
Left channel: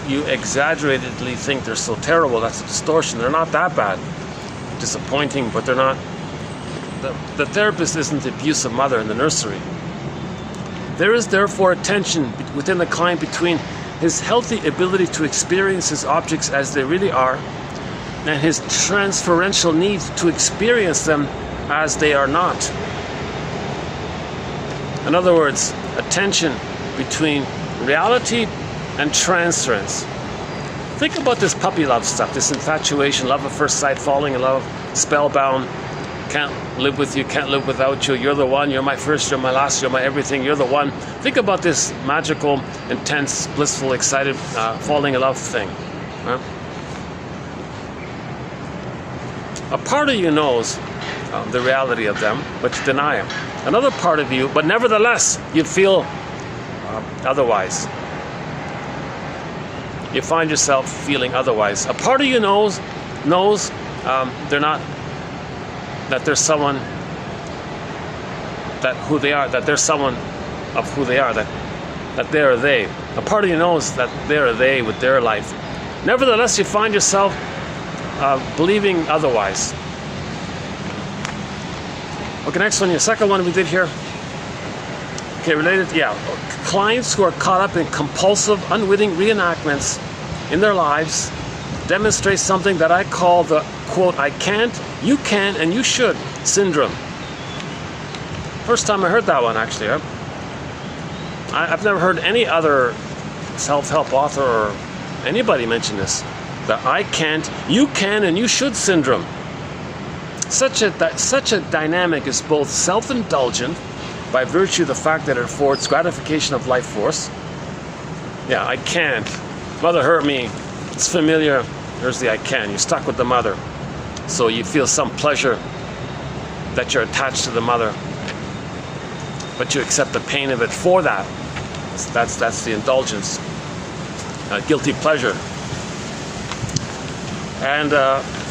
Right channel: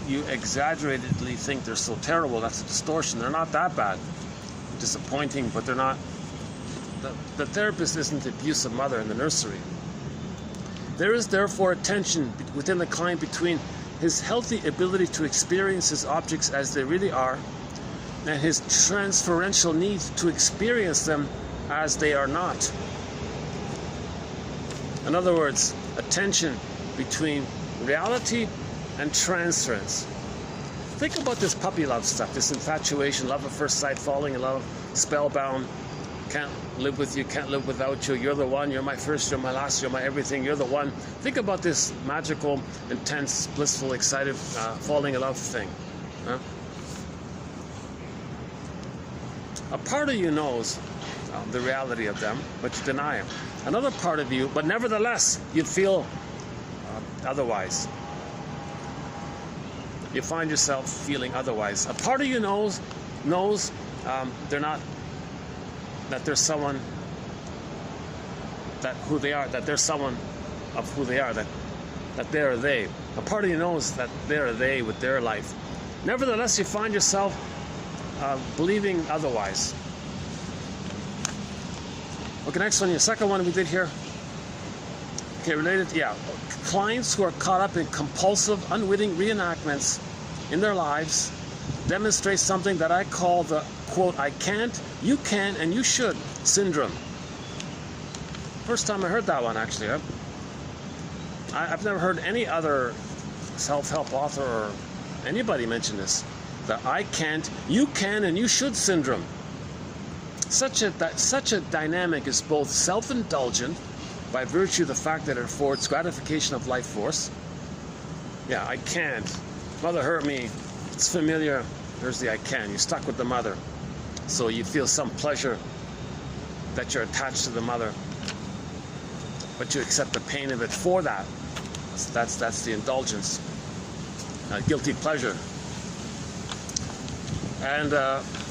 think they're so terrible. That's a distortion. They're not that bad. Disappointing, but they're not. The therapist isn't the abusive mother in the nursery. There is therefore a tension within the client between his healthy ability to experience his objects as they really are and his transferential need to experience them as they are not. In other words, a tension between reality and transference. Think about this puppy love stuff, this infatuation, love at first sight, falling in love, spellbound, can't live with you, can't live without you, you're the one, you're my first, you're my last, you're my everything, you're the one. Think about this magical, intense, blissful, excited, falling in love thing. Huh? A part of you knows the reality of them, but you deny them. Another part of you, but nevertheless, you feel otherwise. You find yourself feeling otherwise. A part of you knows they're not, that there's someone that who they are, that there's someone of who they are, that they're they. A part of you knows that they're they with their life. Nevertheless, you find yourself believing otherwise. Okay, next one, the second one we did here. Okay, related, yeah. Clients who are caught up in compulsive, unwitting reenactments in their lives demonstrate something that I call the, quote, I can't, you can, and you should syndrome. First time I heard that one, actually. I've never heard any other self-help author or anybody mention this. The I can't, you can, and you should syndrome. Such a dynamic is both self-indulgent by virtue of the fact that it affords gratification of life force. Yeah, I can't. Mother hurt me. It's familiar. Here's the I can. You're stuck with the mother. So you feel some pleasure that you're attached to the mother. But you accept the pain of it for that. That's the indulgence. Guilty pleasure. And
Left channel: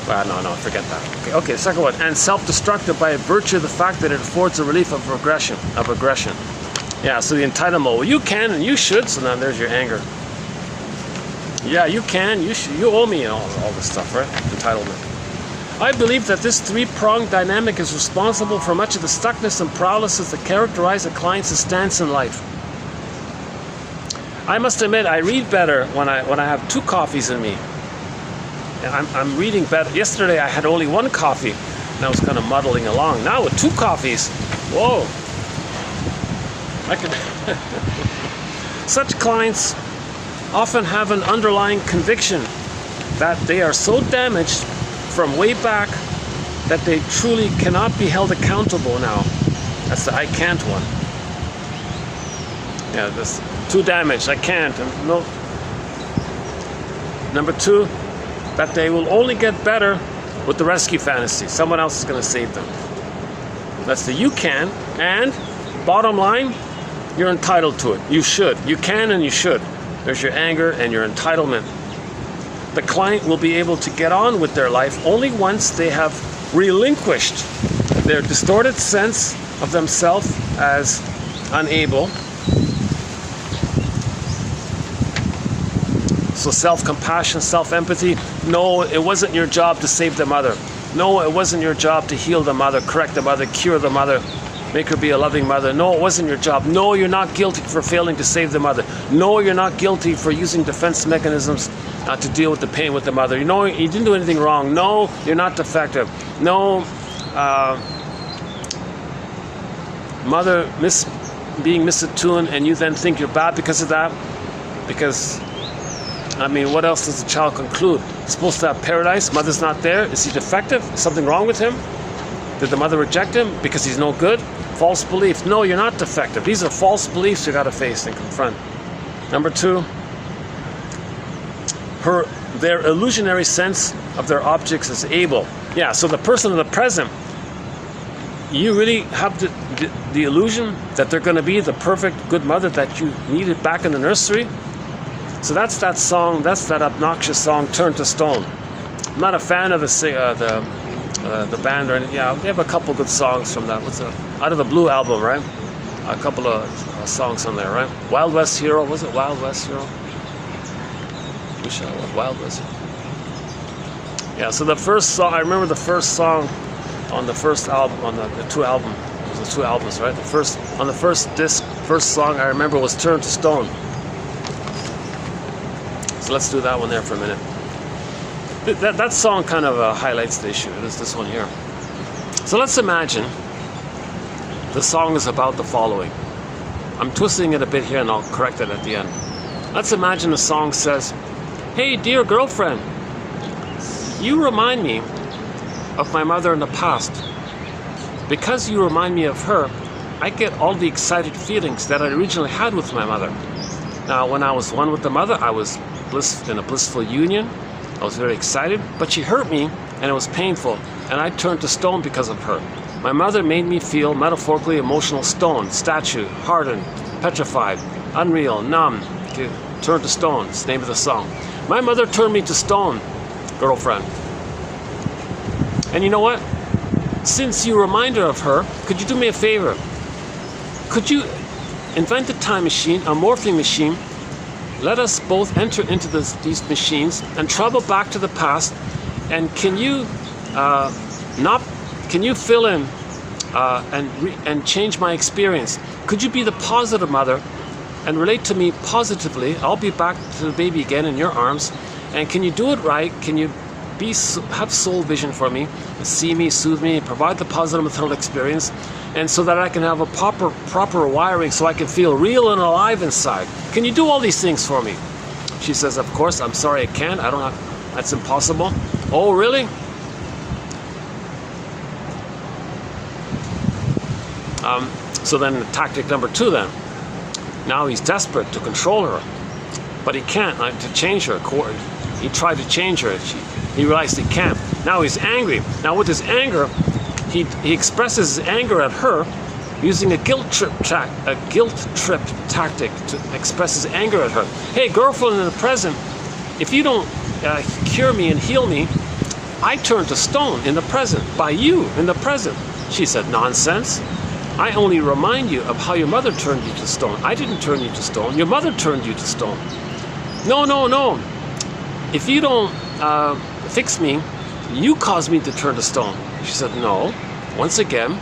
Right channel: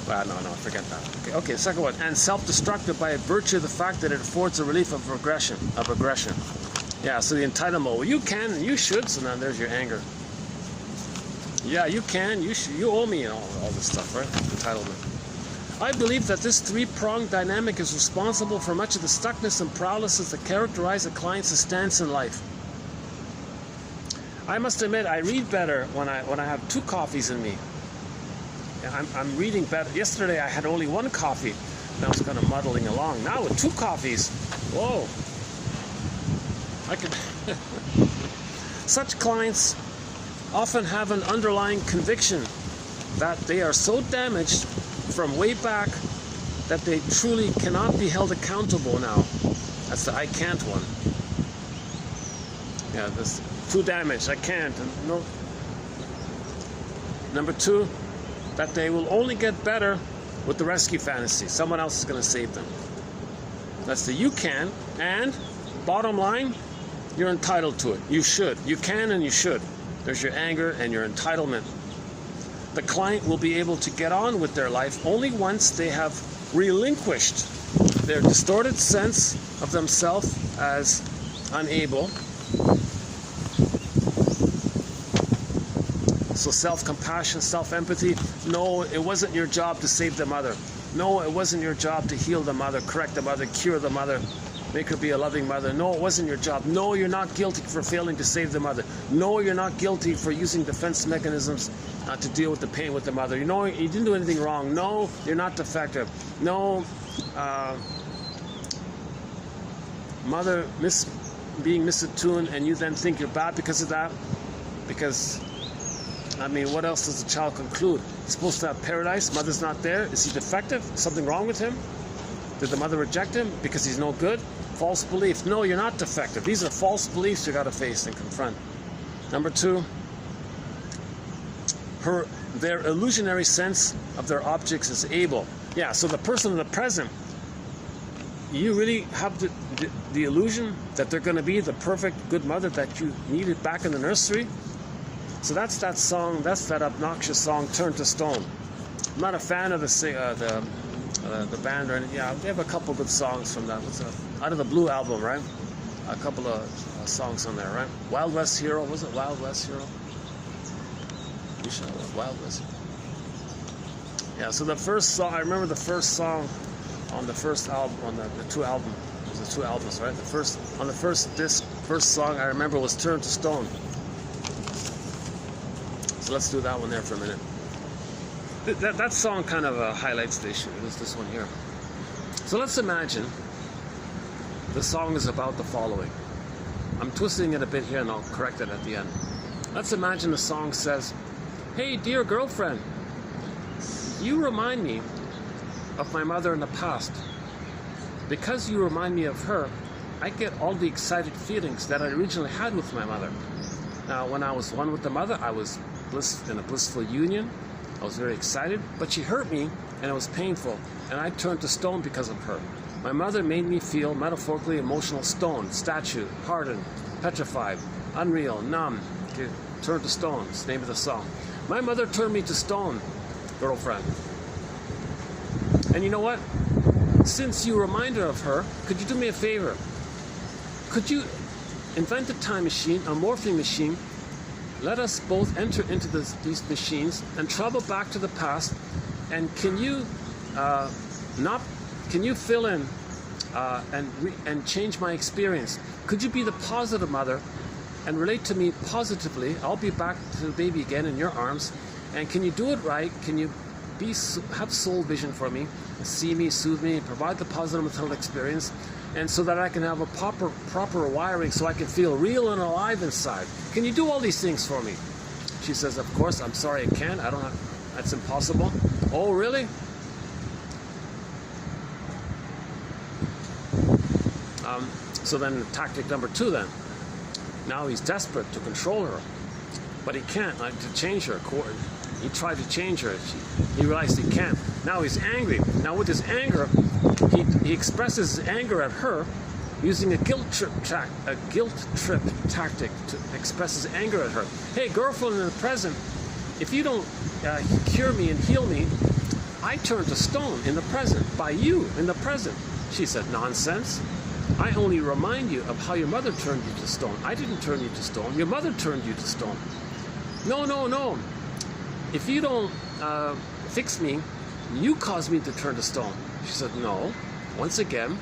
No, forget that. Okay, second one. And self-destructive by virtue of the fact that it affords a relief of aggression. Yeah, so the entitlement. Well, you can and you should. So now there's your anger. Yeah, you can. You should. You owe me all this stuff, right? Entitlement. I believe that this three-pronged dynamic is responsible for much of the stuckness and paralysis that characterize a client's stance in life. I must admit, I read better when I have 2 coffees in me. I'm reading better. Yesterday I had only 1 coffee and I was kind of muddling along. Now with 2 coffees, whoa! I could. Such clients often have an underlying conviction that they are so damaged from way back that they truly cannot be held accountable now. That's the I can't one. Yeah, this too damaged, I can't. And no. Number 2, that they will only get better with the rescue fantasy. Someone else is going to save them. That's the you can, and bottom line, you're entitled to it. You should. You can and you should. There's your anger and your entitlement. The client will be able to get on with their life only once they have relinquished their distorted sense of themselves as unable. So self-compassion, self-empathy. No, it wasn't your job to save the mother. No, it wasn't your job to heal the mother, correct the mother, cure the mother, make her be a loving mother. No, it wasn't your job. No, you're not guilty for failing to save the mother. No, you're not guilty for using defense mechanisms to deal with the pain with the mother. You know, you didn't do anything wrong. No, you're not defective. No, mother being misattuned and you then think you're bad because of that. Because, I mean, what else does the child conclude? He's supposed to have paradise. Mother's not there. Is he defective? Is something wrong with him? Did the mother reject him because he's no good? False belief. No, you're not defective. These are false beliefs you got to face and confront. Number 2, their illusionary sense of their objects as able. Yeah, so the person in the present, you really have the illusion that they're going to be the perfect good mother that you needed back in the nursery. So that's that song, that's that obnoxious song, Turn to Stone. I'm not a fan of the band or anything. Yeah, they have a couple good songs from that. Out of the Blue album, right? A couple of songs on there, right? Wild West Hero, was it Wild West Hero? Wild West. Yeah, so the first song, I remember the first song on the first album, on the 2 albums. It was the 2 albums, right? On the first disc, first song I remember was Turn to Stone. So let's do that one there for a minute. That song kind of highlights the issue. It is this one here. So let's imagine the song is about the following. I'm twisting it a bit here and I'll correct it at the end. Let's imagine the song says, "Hey, dear girlfriend, you remind me of my mother in the past. Because you remind me of her, I get all the excited feelings that I originally had with my mother. Now, when I was one with the mother, I was in a blissful union. I was very excited, but she hurt me and it was painful, and I turned to stone because of her. My mother made me feel metaphorically emotional stone, statue, hardened, petrified, unreal, numb. Okay, turn to stone, it's the name of the song. My mother turned me to stone, girlfriend. And you know what? Since you remind her of her, could you do me a favor? Could you invent a time machine, a morphing machine? Let us both enter into these machines and travel back to the past. And can you fill in and change my experience? Could you be the positive mother and relate to me positively? I'll be back to the baby again in your arms. And can you do it right? Can you have soul vision for me, see me, soothe me, provide the positive maternal experience, and so that I can have a proper wiring so I can feel real and alive inside? Can you do all these things for me? She says, of course. I'm sorry, I can't. That's impossible. Oh, really? So then tactic number 2 then. Now he's desperate to control her, but he can't, to change her. He tried to change her. He realized he can't. Now he's angry. Now with his anger, he expresses his anger at her using a guilt trip tactic to express his anger at her. Hey, girlfriend in the present, if you don't cure me and heal me, I turned to stone in the present, by you in the present. She said, nonsense. I only remind you of how your mother turned you to stone. I didn't turn you to stone. Your mother turned you to stone. No, no, no. If you don't fix me, you cause me to turn to stone. She said, no. Once again,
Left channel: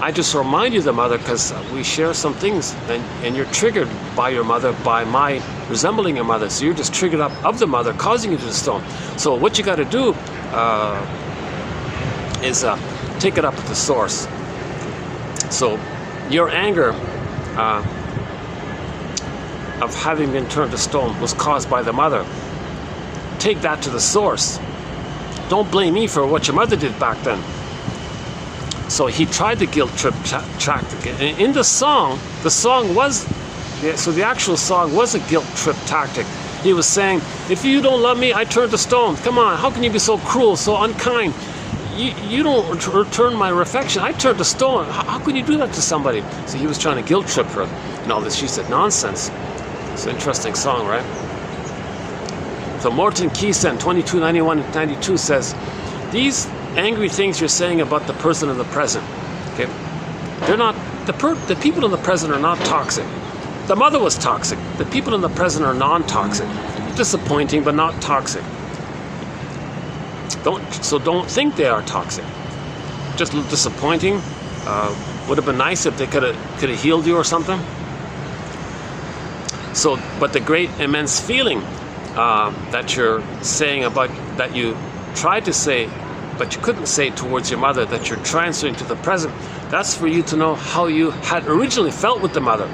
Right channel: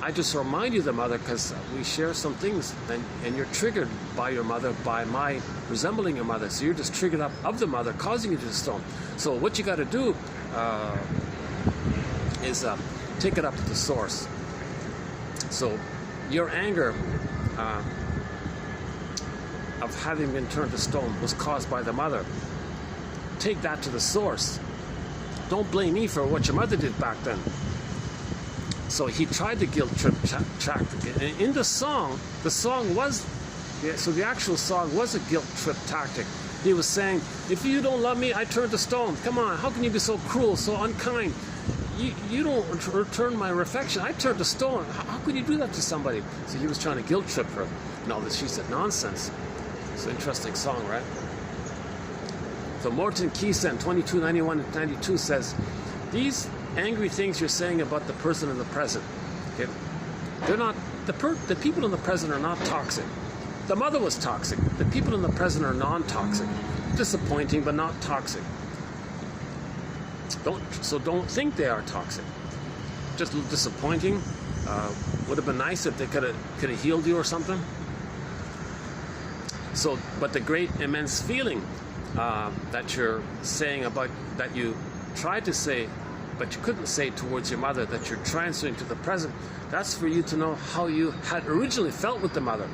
I just remind you of the mother because we share some things, and you're triggered by your mother, by my resembling your mother. So you're just triggered up of the mother, causing you to the stone. So what you got to do is take it up at the source. So your anger of having been turned to stone was caused by the mother. Take that to the source. Don't blame me for what your mother did back then. So he tried the guilt trip tactic. And in the song was, so the actual song was a guilt trip tactic. He was saying, if you don't love me, I turn to stone. Come on, how can you be so cruel, so unkind? You don't return my affection. I turn to stone. How can you do that to somebody? So he was trying to guilt trip her and all this. She said, nonsense. It's an interesting song, right? So Morton Keeson, 2291-92 says, these angry things you're saying about the person in the present, okay, they're not, the people in the present are not toxic. The mother was toxic. The people in the present are non-toxic. Disappointing, but not toxic. Don't think they are toxic. Just a little disappointing. Would have been nice if they could have healed you or something. So, but the great immense feeling that you're saying about, that you tried to say, but you couldn't say towards your mother, that you're transferring to the present, that's for you to know how you had originally felt with the mother.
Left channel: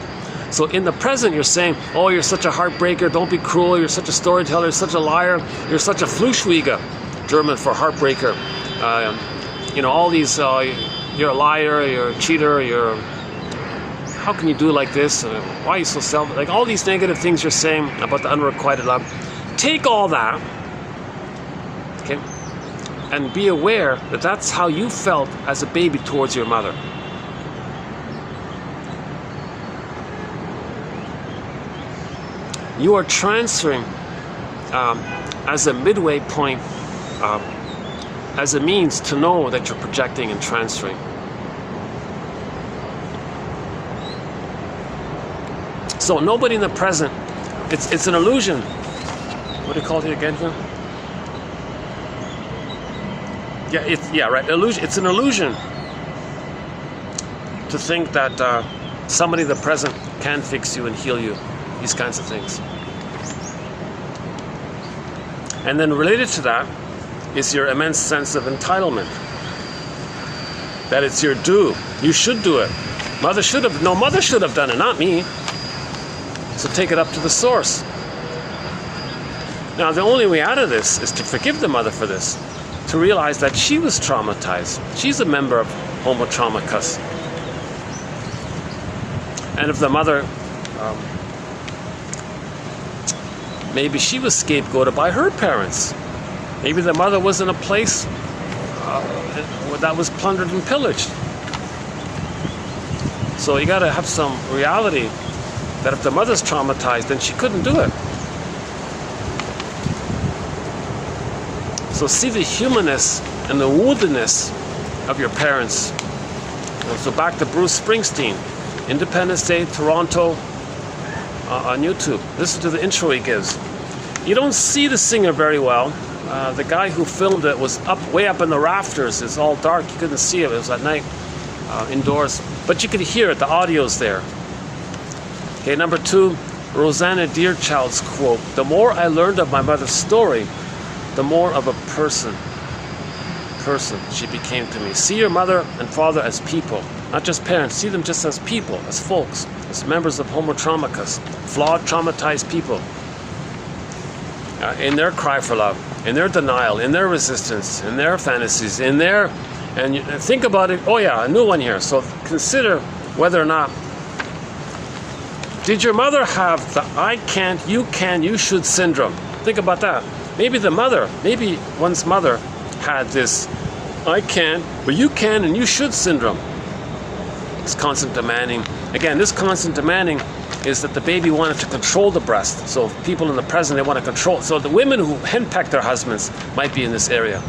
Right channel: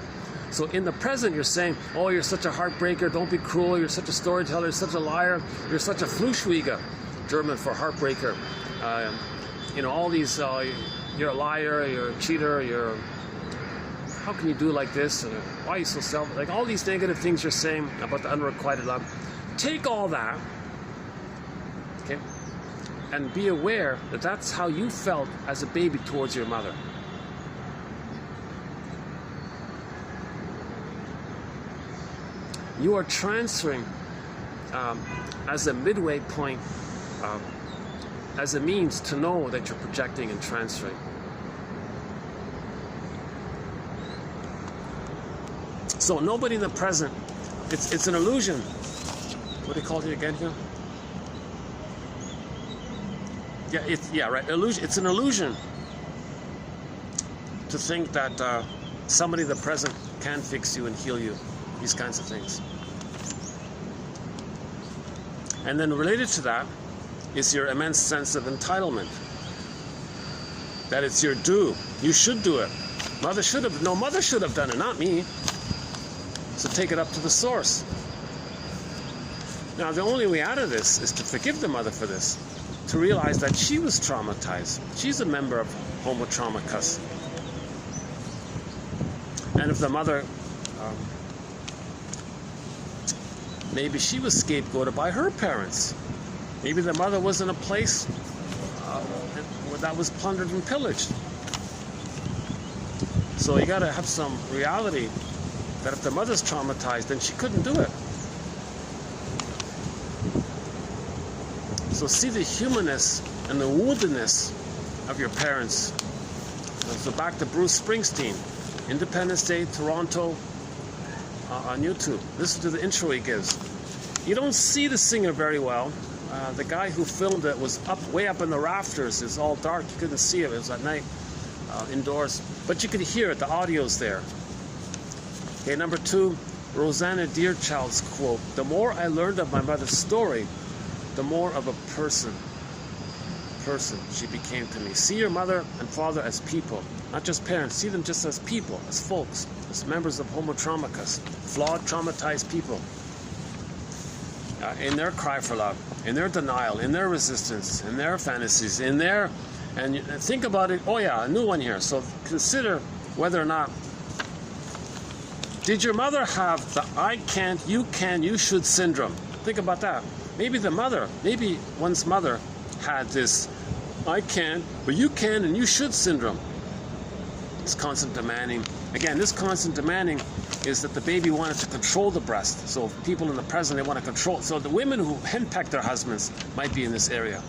So in the present, you're saying, oh, you're such a heartbreaker, don't be cruel, you're such a storyteller, you're such a liar, you're such a Fluschwieger, German for heartbreaker. You know, all these, you're a liar, you're a cheater, how can you do like this? Why are you so selfish? Like all these negative things you're saying about the unrequited love. Take all that, okay, and be aware that that's how you felt as a baby towards your mother. You are transferring as a midway point, as a means to know that you're projecting and transferring. So nobody in the present, it's an illusion. What do you call it again here? Yeah, right. Illusion. It's an illusion to think that somebody in the present can fix you and heal you. These kinds of things. And then related to that is your immense sense of entitlement. That it's your due. You should do it. Mother should have done it, not me. So take it up to the source. Now the only way out of this is to forgive the mother for this. To realize that she was traumatized. She's a member of Homo Traumacus. And if the mother maybe she was scapegoated by her parents. Maybe the mother was in a place that was plundered and pillaged. So you got to have some reality that if the mother's traumatized, then she couldn't do it. So see the humanness and the woundedness of your parents. So back to Bruce Springsteen, Independence Day, Toronto, on YouTube. Listen to the intro he gives. You don't see the singer very well. The guy who filmed it was way up in the rafters. It's all dark. You couldn't see it. It was at night, indoors. But you could hear it. The audio's there. Okay, number 2, Rosanna Deerchild's quote. The more I learned of my mother's story, the more of a person she became to me. See your mother and father as people, not just parents. See them just as people, as folks, as members of Homo Traumacus, flawed, traumatized people. In their cry for love, in their denial, in their resistance, in their fantasies, in their, and you think about it. Oh yeah, a new one here. So consider whether or not, did your mother have the I can't, you can, you should syndrome? Think about that. Maybe maybe one's mother had this I can, but you can and you should syndrome. It's constant demanding. Again, this constant demanding is that the baby wanted to control the breast. So people in the present, they want to control. So the women who henpeck their husbands might be in this area.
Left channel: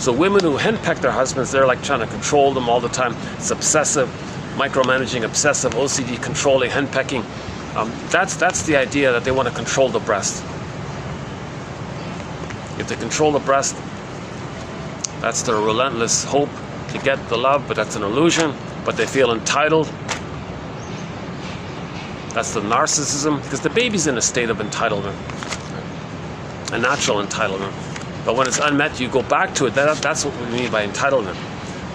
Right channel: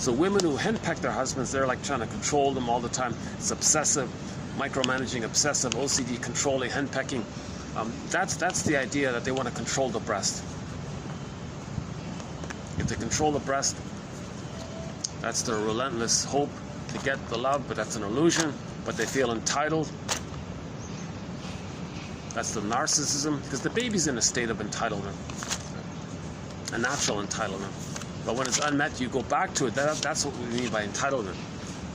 So women who henpeck their husbands, they're like trying to control them all the time. It's obsessive, micromanaging, obsessive, OCD, controlling, henpecking. That's the idea that they want to control the breast. If they control the breast, that's their relentless hope to get the love, but that's an illusion. But they feel entitled. That's the narcissism, because the baby's in a state of entitlement, a natural entitlement. But when it's unmet, you go back to it. That's what we mean by entitlement.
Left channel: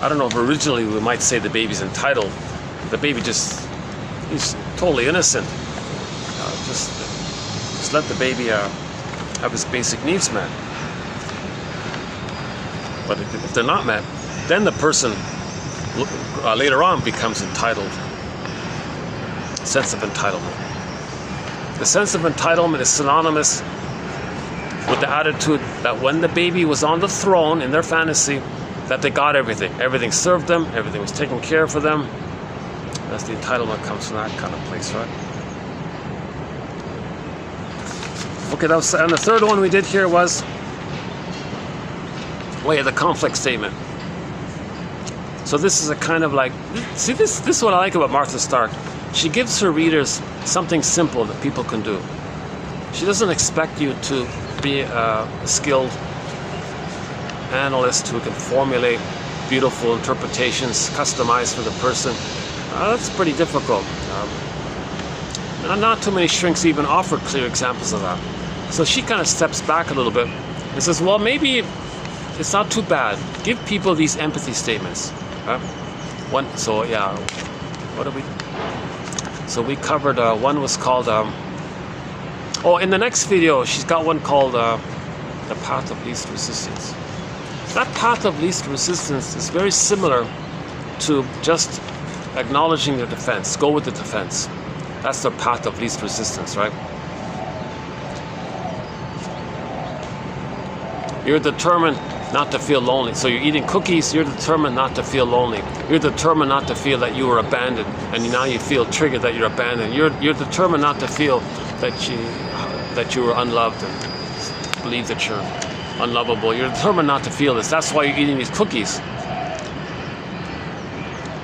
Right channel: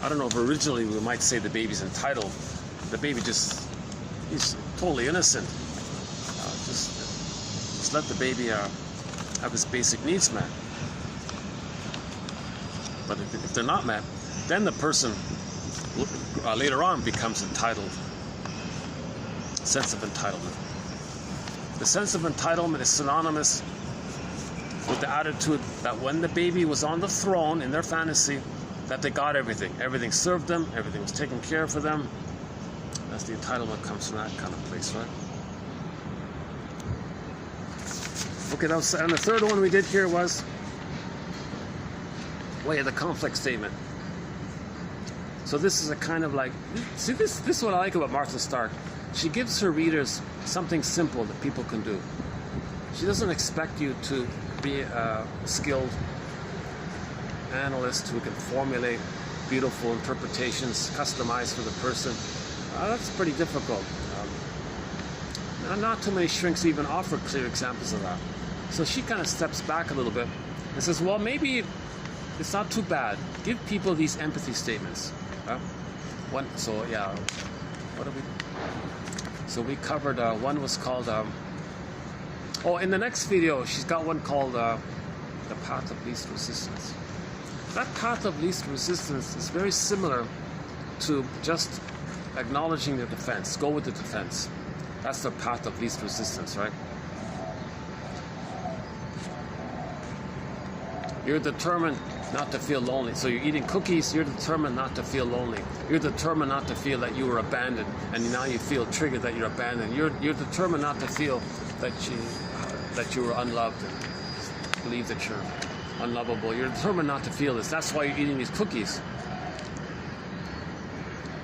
I don't know if originally we might say the baby's entitled. The baby he's totally innocent. Just let the baby have his basic needs met. But if they're not met, then the person later on becomes entitled. Sense of entitlement. The sense of entitlement is synonymous with the attitude that when the baby was on the throne in their fantasy, that they got everything. Everything served them, everything was taken care of for them. That's the entitlement comes from that kind of place, right? Okay, and the third one we did here was the conflict statement. So this is a kind of like, see, this is what I like about Martha Stark. She gives her readers something simple that people can do. She doesn't expect you to be a skilled analyst who can formulate beautiful interpretations customized for the person. That's pretty difficult. And not too many shrinks even offer clear examples of that. So she kind of steps back a little bit and says, well, maybe it's not too bad. Give people these empathy statements. Right? So we covered, one was called, in the next video, she's got one called the path of least resistance. That path of least resistance is very similar to just acknowledging their defense. Go with the defense. That's the path of least resistance, right? You're determined not to feel lonely. So you're eating cookies, you're determined not to feel lonely. You're determined not to feel that you were abandoned, and now you feel triggered that you're abandoned. You're determined not to feel that you were unloved and believe that you're unlovable. You're determined not to feel this. That's why you're eating these cookies.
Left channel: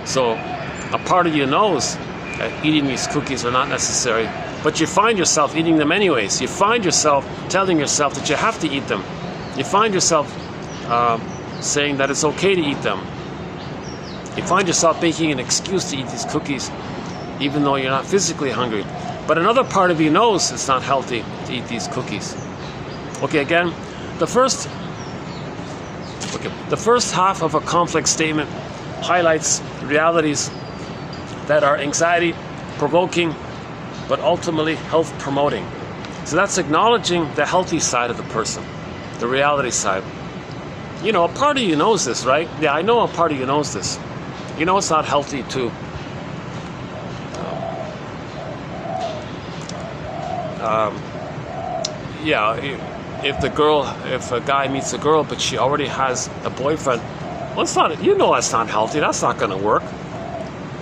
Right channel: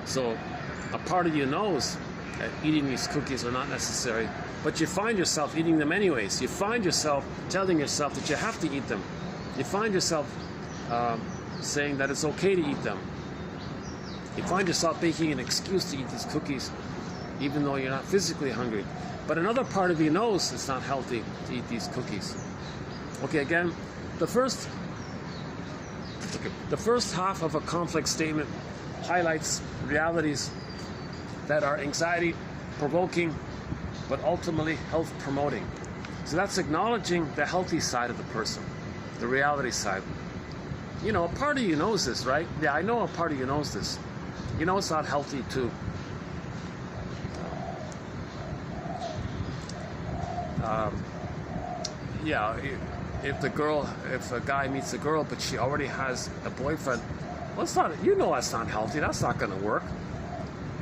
So a part of you knows that eating these cookies are not necessary, but you find yourself eating them anyways. You find yourself telling yourself that you have to eat them. You find yourself saying that it's okay to eat them. You find yourself making an excuse to eat these cookies, even though you're not physically hungry. But another part of you knows it's not healthy to eat these cookies. Okay, again, the first half of a conflict statement highlights realities that are anxiety-provoking, but ultimately health-promoting. So that's acknowledging the healthy side of the person, the reality side. You know, a part of you knows this, right? Yeah, I know a part of you knows this. You know it's not healthy to if a guy meets a girl but she already has a boyfriend, well, it's not, you know that's not healthy, that's not going to work.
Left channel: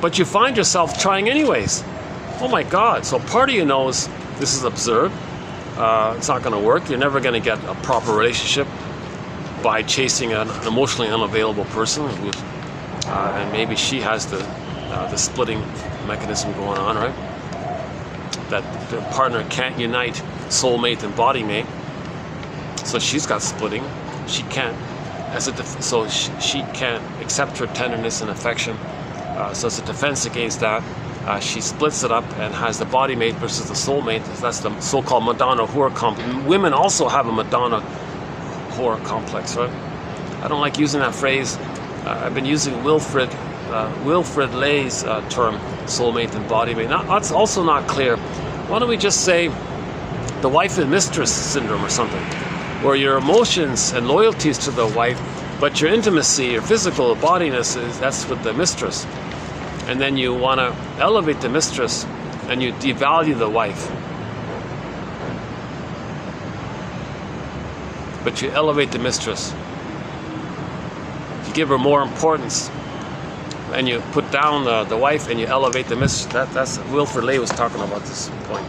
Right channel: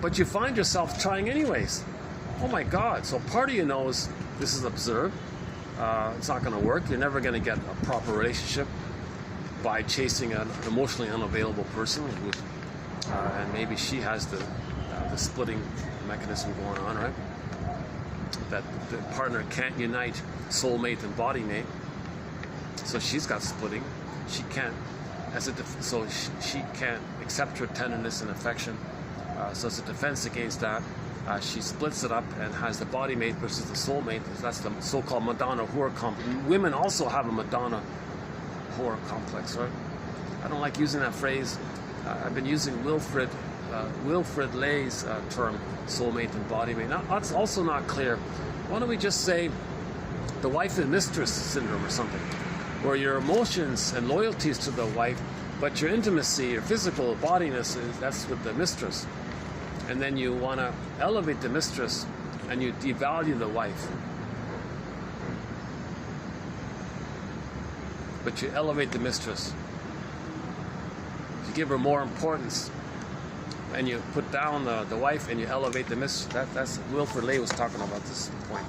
But you find yourself trying anyways. Oh my God, so part of you knows this is absurd. It's not going to work. You're never going to get a proper relationship by chasing an emotionally unavailable person who, and maybe she has the splitting mechanism going on, right? That the partner can't unite soulmate and body mate, so she's got splitting. She can't, she can't accept her tenderness and affection. So as a defense against that, she splits it up and has the body mate versus the soulmate. That's the so-called Madonna whore complex. Women also have a Madonna whore complex, right? I don't like using that phrase. I've been using Wilfrid Lay's term, soulmate and body mate. That's also not clear. Why don't we just say the wife and mistress syndrome or something, where your emotions and loyalties to the wife, but your intimacy, your physical bodiness, that's with the mistress. And then you want to elevate the mistress and you devalue the wife. But you elevate the mistress. You give her more importance. And you put down the wife and you elevate the mistress. That's Wilfrid Lay was talking about this point.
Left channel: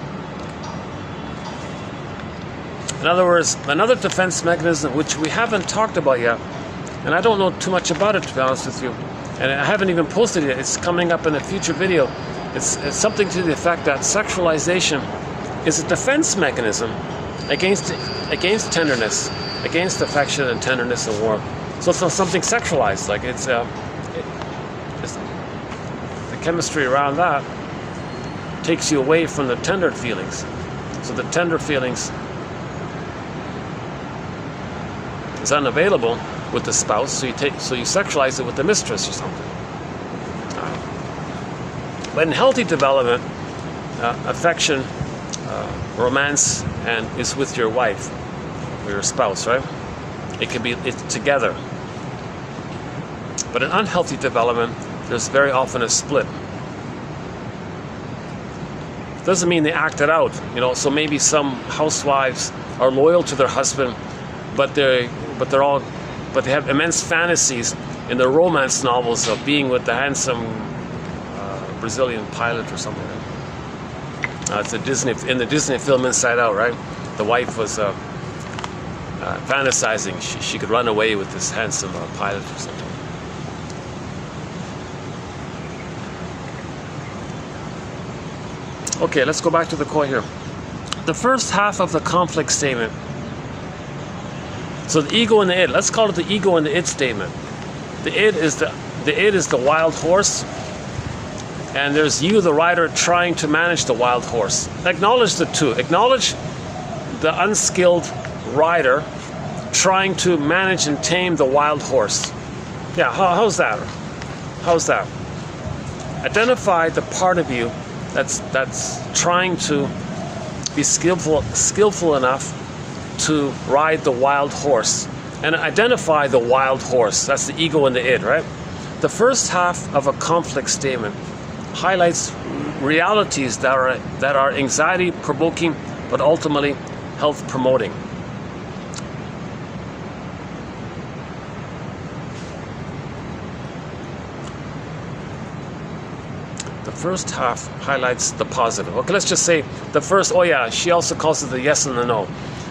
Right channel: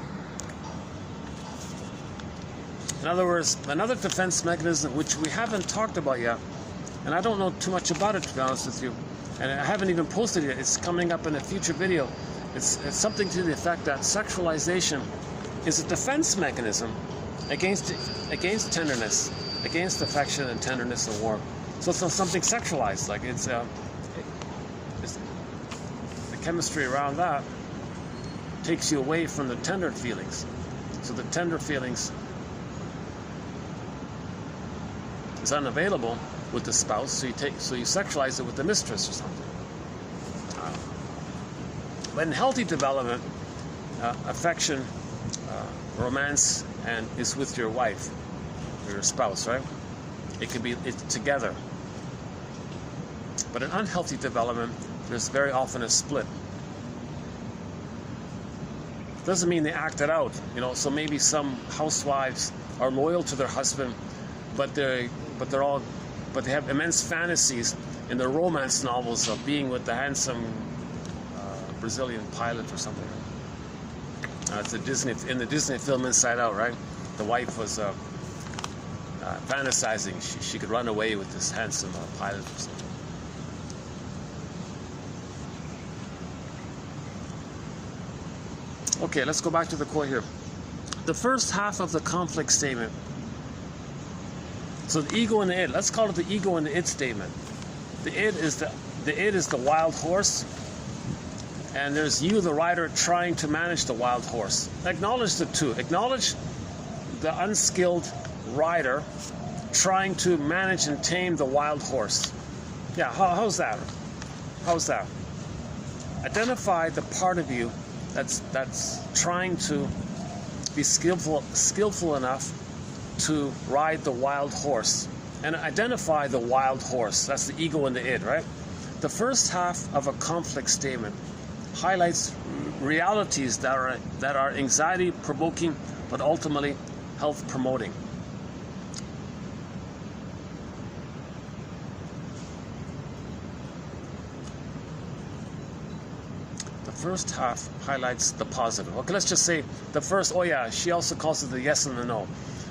In other words, another defense mechanism which we haven't talked about yet And I don't know too much about it, to be honest with you. And I haven't even posted it. It's coming up in a future video. It's something to the effect that sexualization is a defense mechanism against tenderness, against affection and tenderness and warmth. So it's not something sexualized. Like it's the chemistry around that takes you away from the tender feelings. So the tender feelings is unavailable with the spouse. So you sexualize it with the mistress or something. But in healthy development, affection, romance, and is with your wife or your spouse, right? It's together. But in unhealthy development, there's very often a split. Doesn't mean they act it out, So maybe some housewives are loyal to their husband, but they have immense fantasies in their romance novels of being with the handsome Brazilian pilot or something. It's in the Disney film Inside Out, right? The wife was fantasizing she could run away with this handsome pilot or something. Okay, let's go back to the quote here. The first half of the conflict statement. So the ego and the id. Let's call it the ego and the id statement. The id is the wild horse, and there's you, the rider, trying to manage the wild horse. Acknowledge the two. Acknowledge the unskilled rider trying to manage and tame the wild horse. Yeah, how's that? How's that? Identify the part of you that's trying to be skillful enough to ride the wild horse, and identify the wild horse. That's the ego and the id, right? The first half of a conflict statement highlights realities that are anxiety provoking, but ultimately health promoting. The first half highlights the positive. Okay, let's just say the first, she also calls it the yes and the no.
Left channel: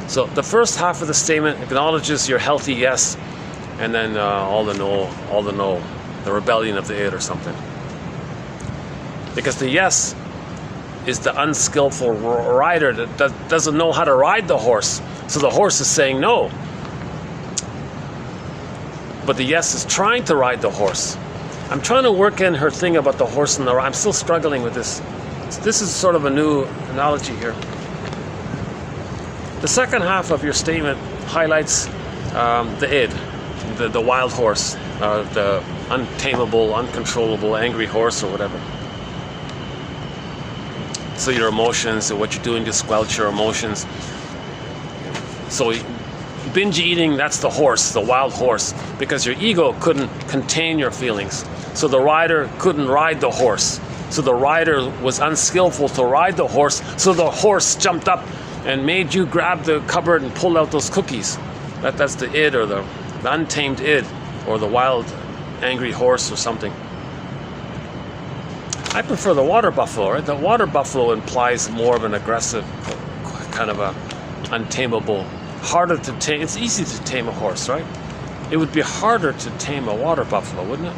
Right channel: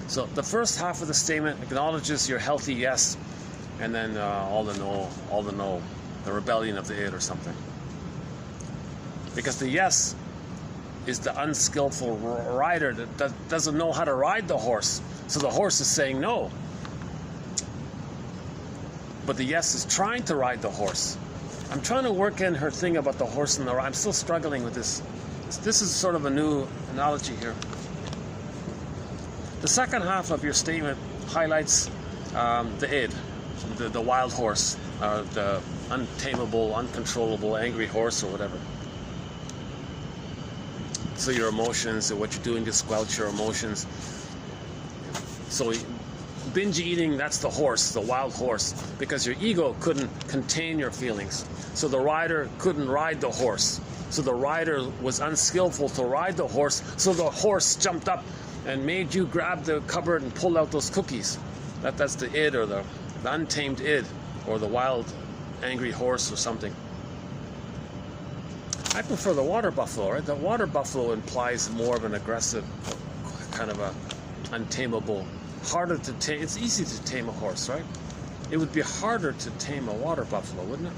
So the first half of the statement acknowledges your healthy yes, and then all the no, the rebellion of the id or something. Because the yes is the unskillful rider that doesn't know how to ride the horse. So the horse is saying no. But the yes is trying to ride the horse. I'm trying to work in her thing about the horse and the ride. I'm still struggling with this. This is sort of a new analogy here. The second half of your statement highlights the id, the wild horse, the untamable, uncontrollable, angry horse or whatever. So your emotions, what you're doing to squelch your emotions. So binge eating, that's the horse, the wild horse, because your ego couldn't contain your feelings. So the rider couldn't ride the horse. So the rider was unskillful to ride the horse. So the horse jumped up and made you grab the cupboard and pull out those cookies. That's the id, or the untamed id, or the wild, angry horse or something. I prefer the water buffalo, right? The water buffalo implies more of an aggressive, kind of a untamable, harder to tame. It's easy to tame a horse, right? It would be harder to tame a water buffalo, wouldn't it?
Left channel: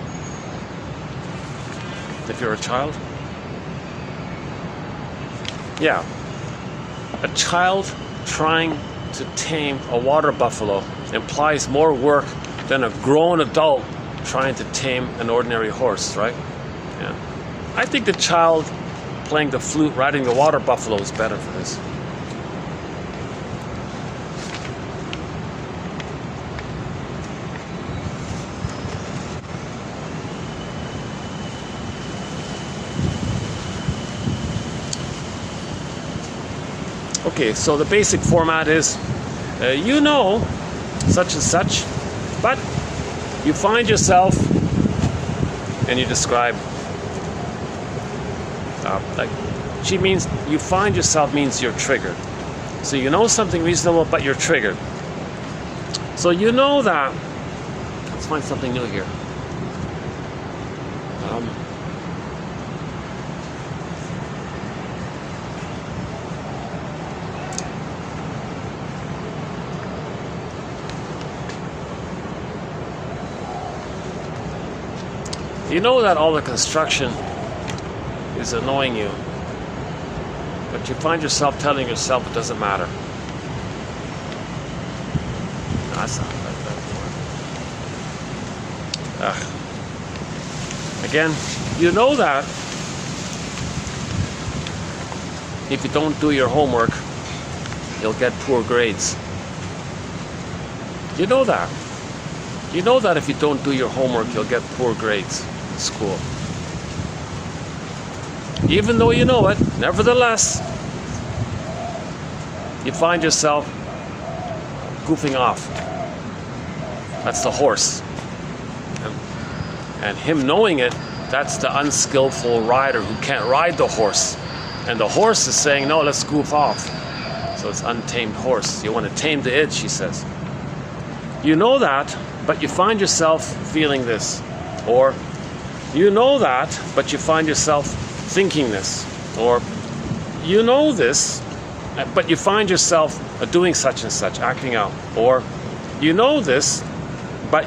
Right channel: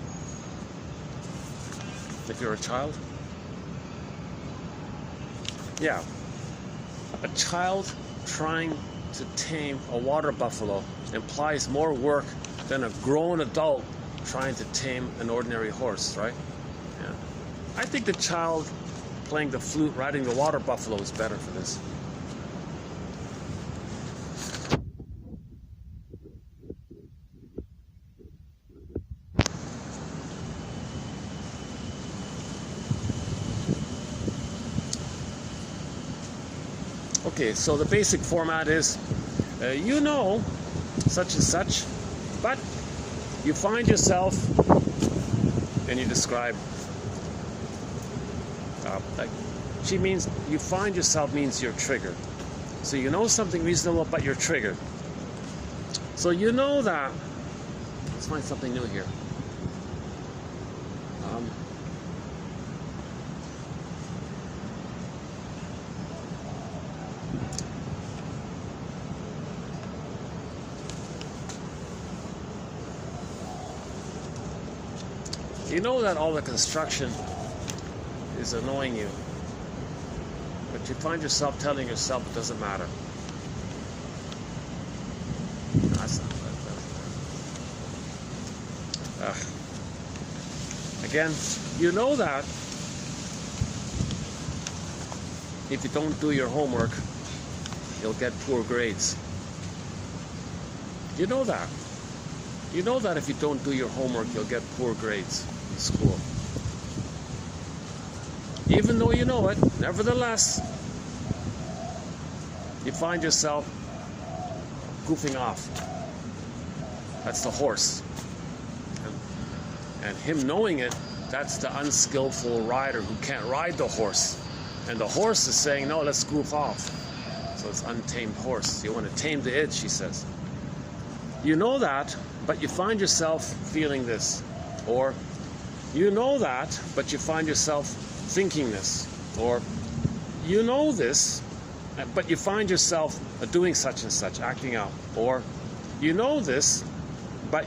If you're a child? Yeah. A child trying to tame a water buffalo implies more work than a grown adult trying to tame an ordinary horse, right? Yeah. I think the child playing the flute, riding the water buffalo is better for this. Okay, so the basic format is, such and such, but you find yourself, and you describe, she means, you find yourself means you're triggered. So you know something reasonable, but you're triggered. So you know that, let's find something new here. You know that all the construction is annoying you, but you find yourself telling yourself it doesn't matter. No, that's not like that. Again, you know that if you don't do your homework, you'll get poor grades. You know that. You know that if you don't do your homework, you'll get poor grades in school. Even though you know it, nevertheless, you find yourself goofing off. That's the horse. And him knowing it, that's the unskillful rider who can't ride the horse. And the horse is saying, no, let's goof off. So it's untamed horse. You want to tame the itch, he says. You know that, but you find yourself feeling this. Or you know that, but you find yourself thinking this. Or you know this, but you find yourself doing such and such, acting out. Or you know this, but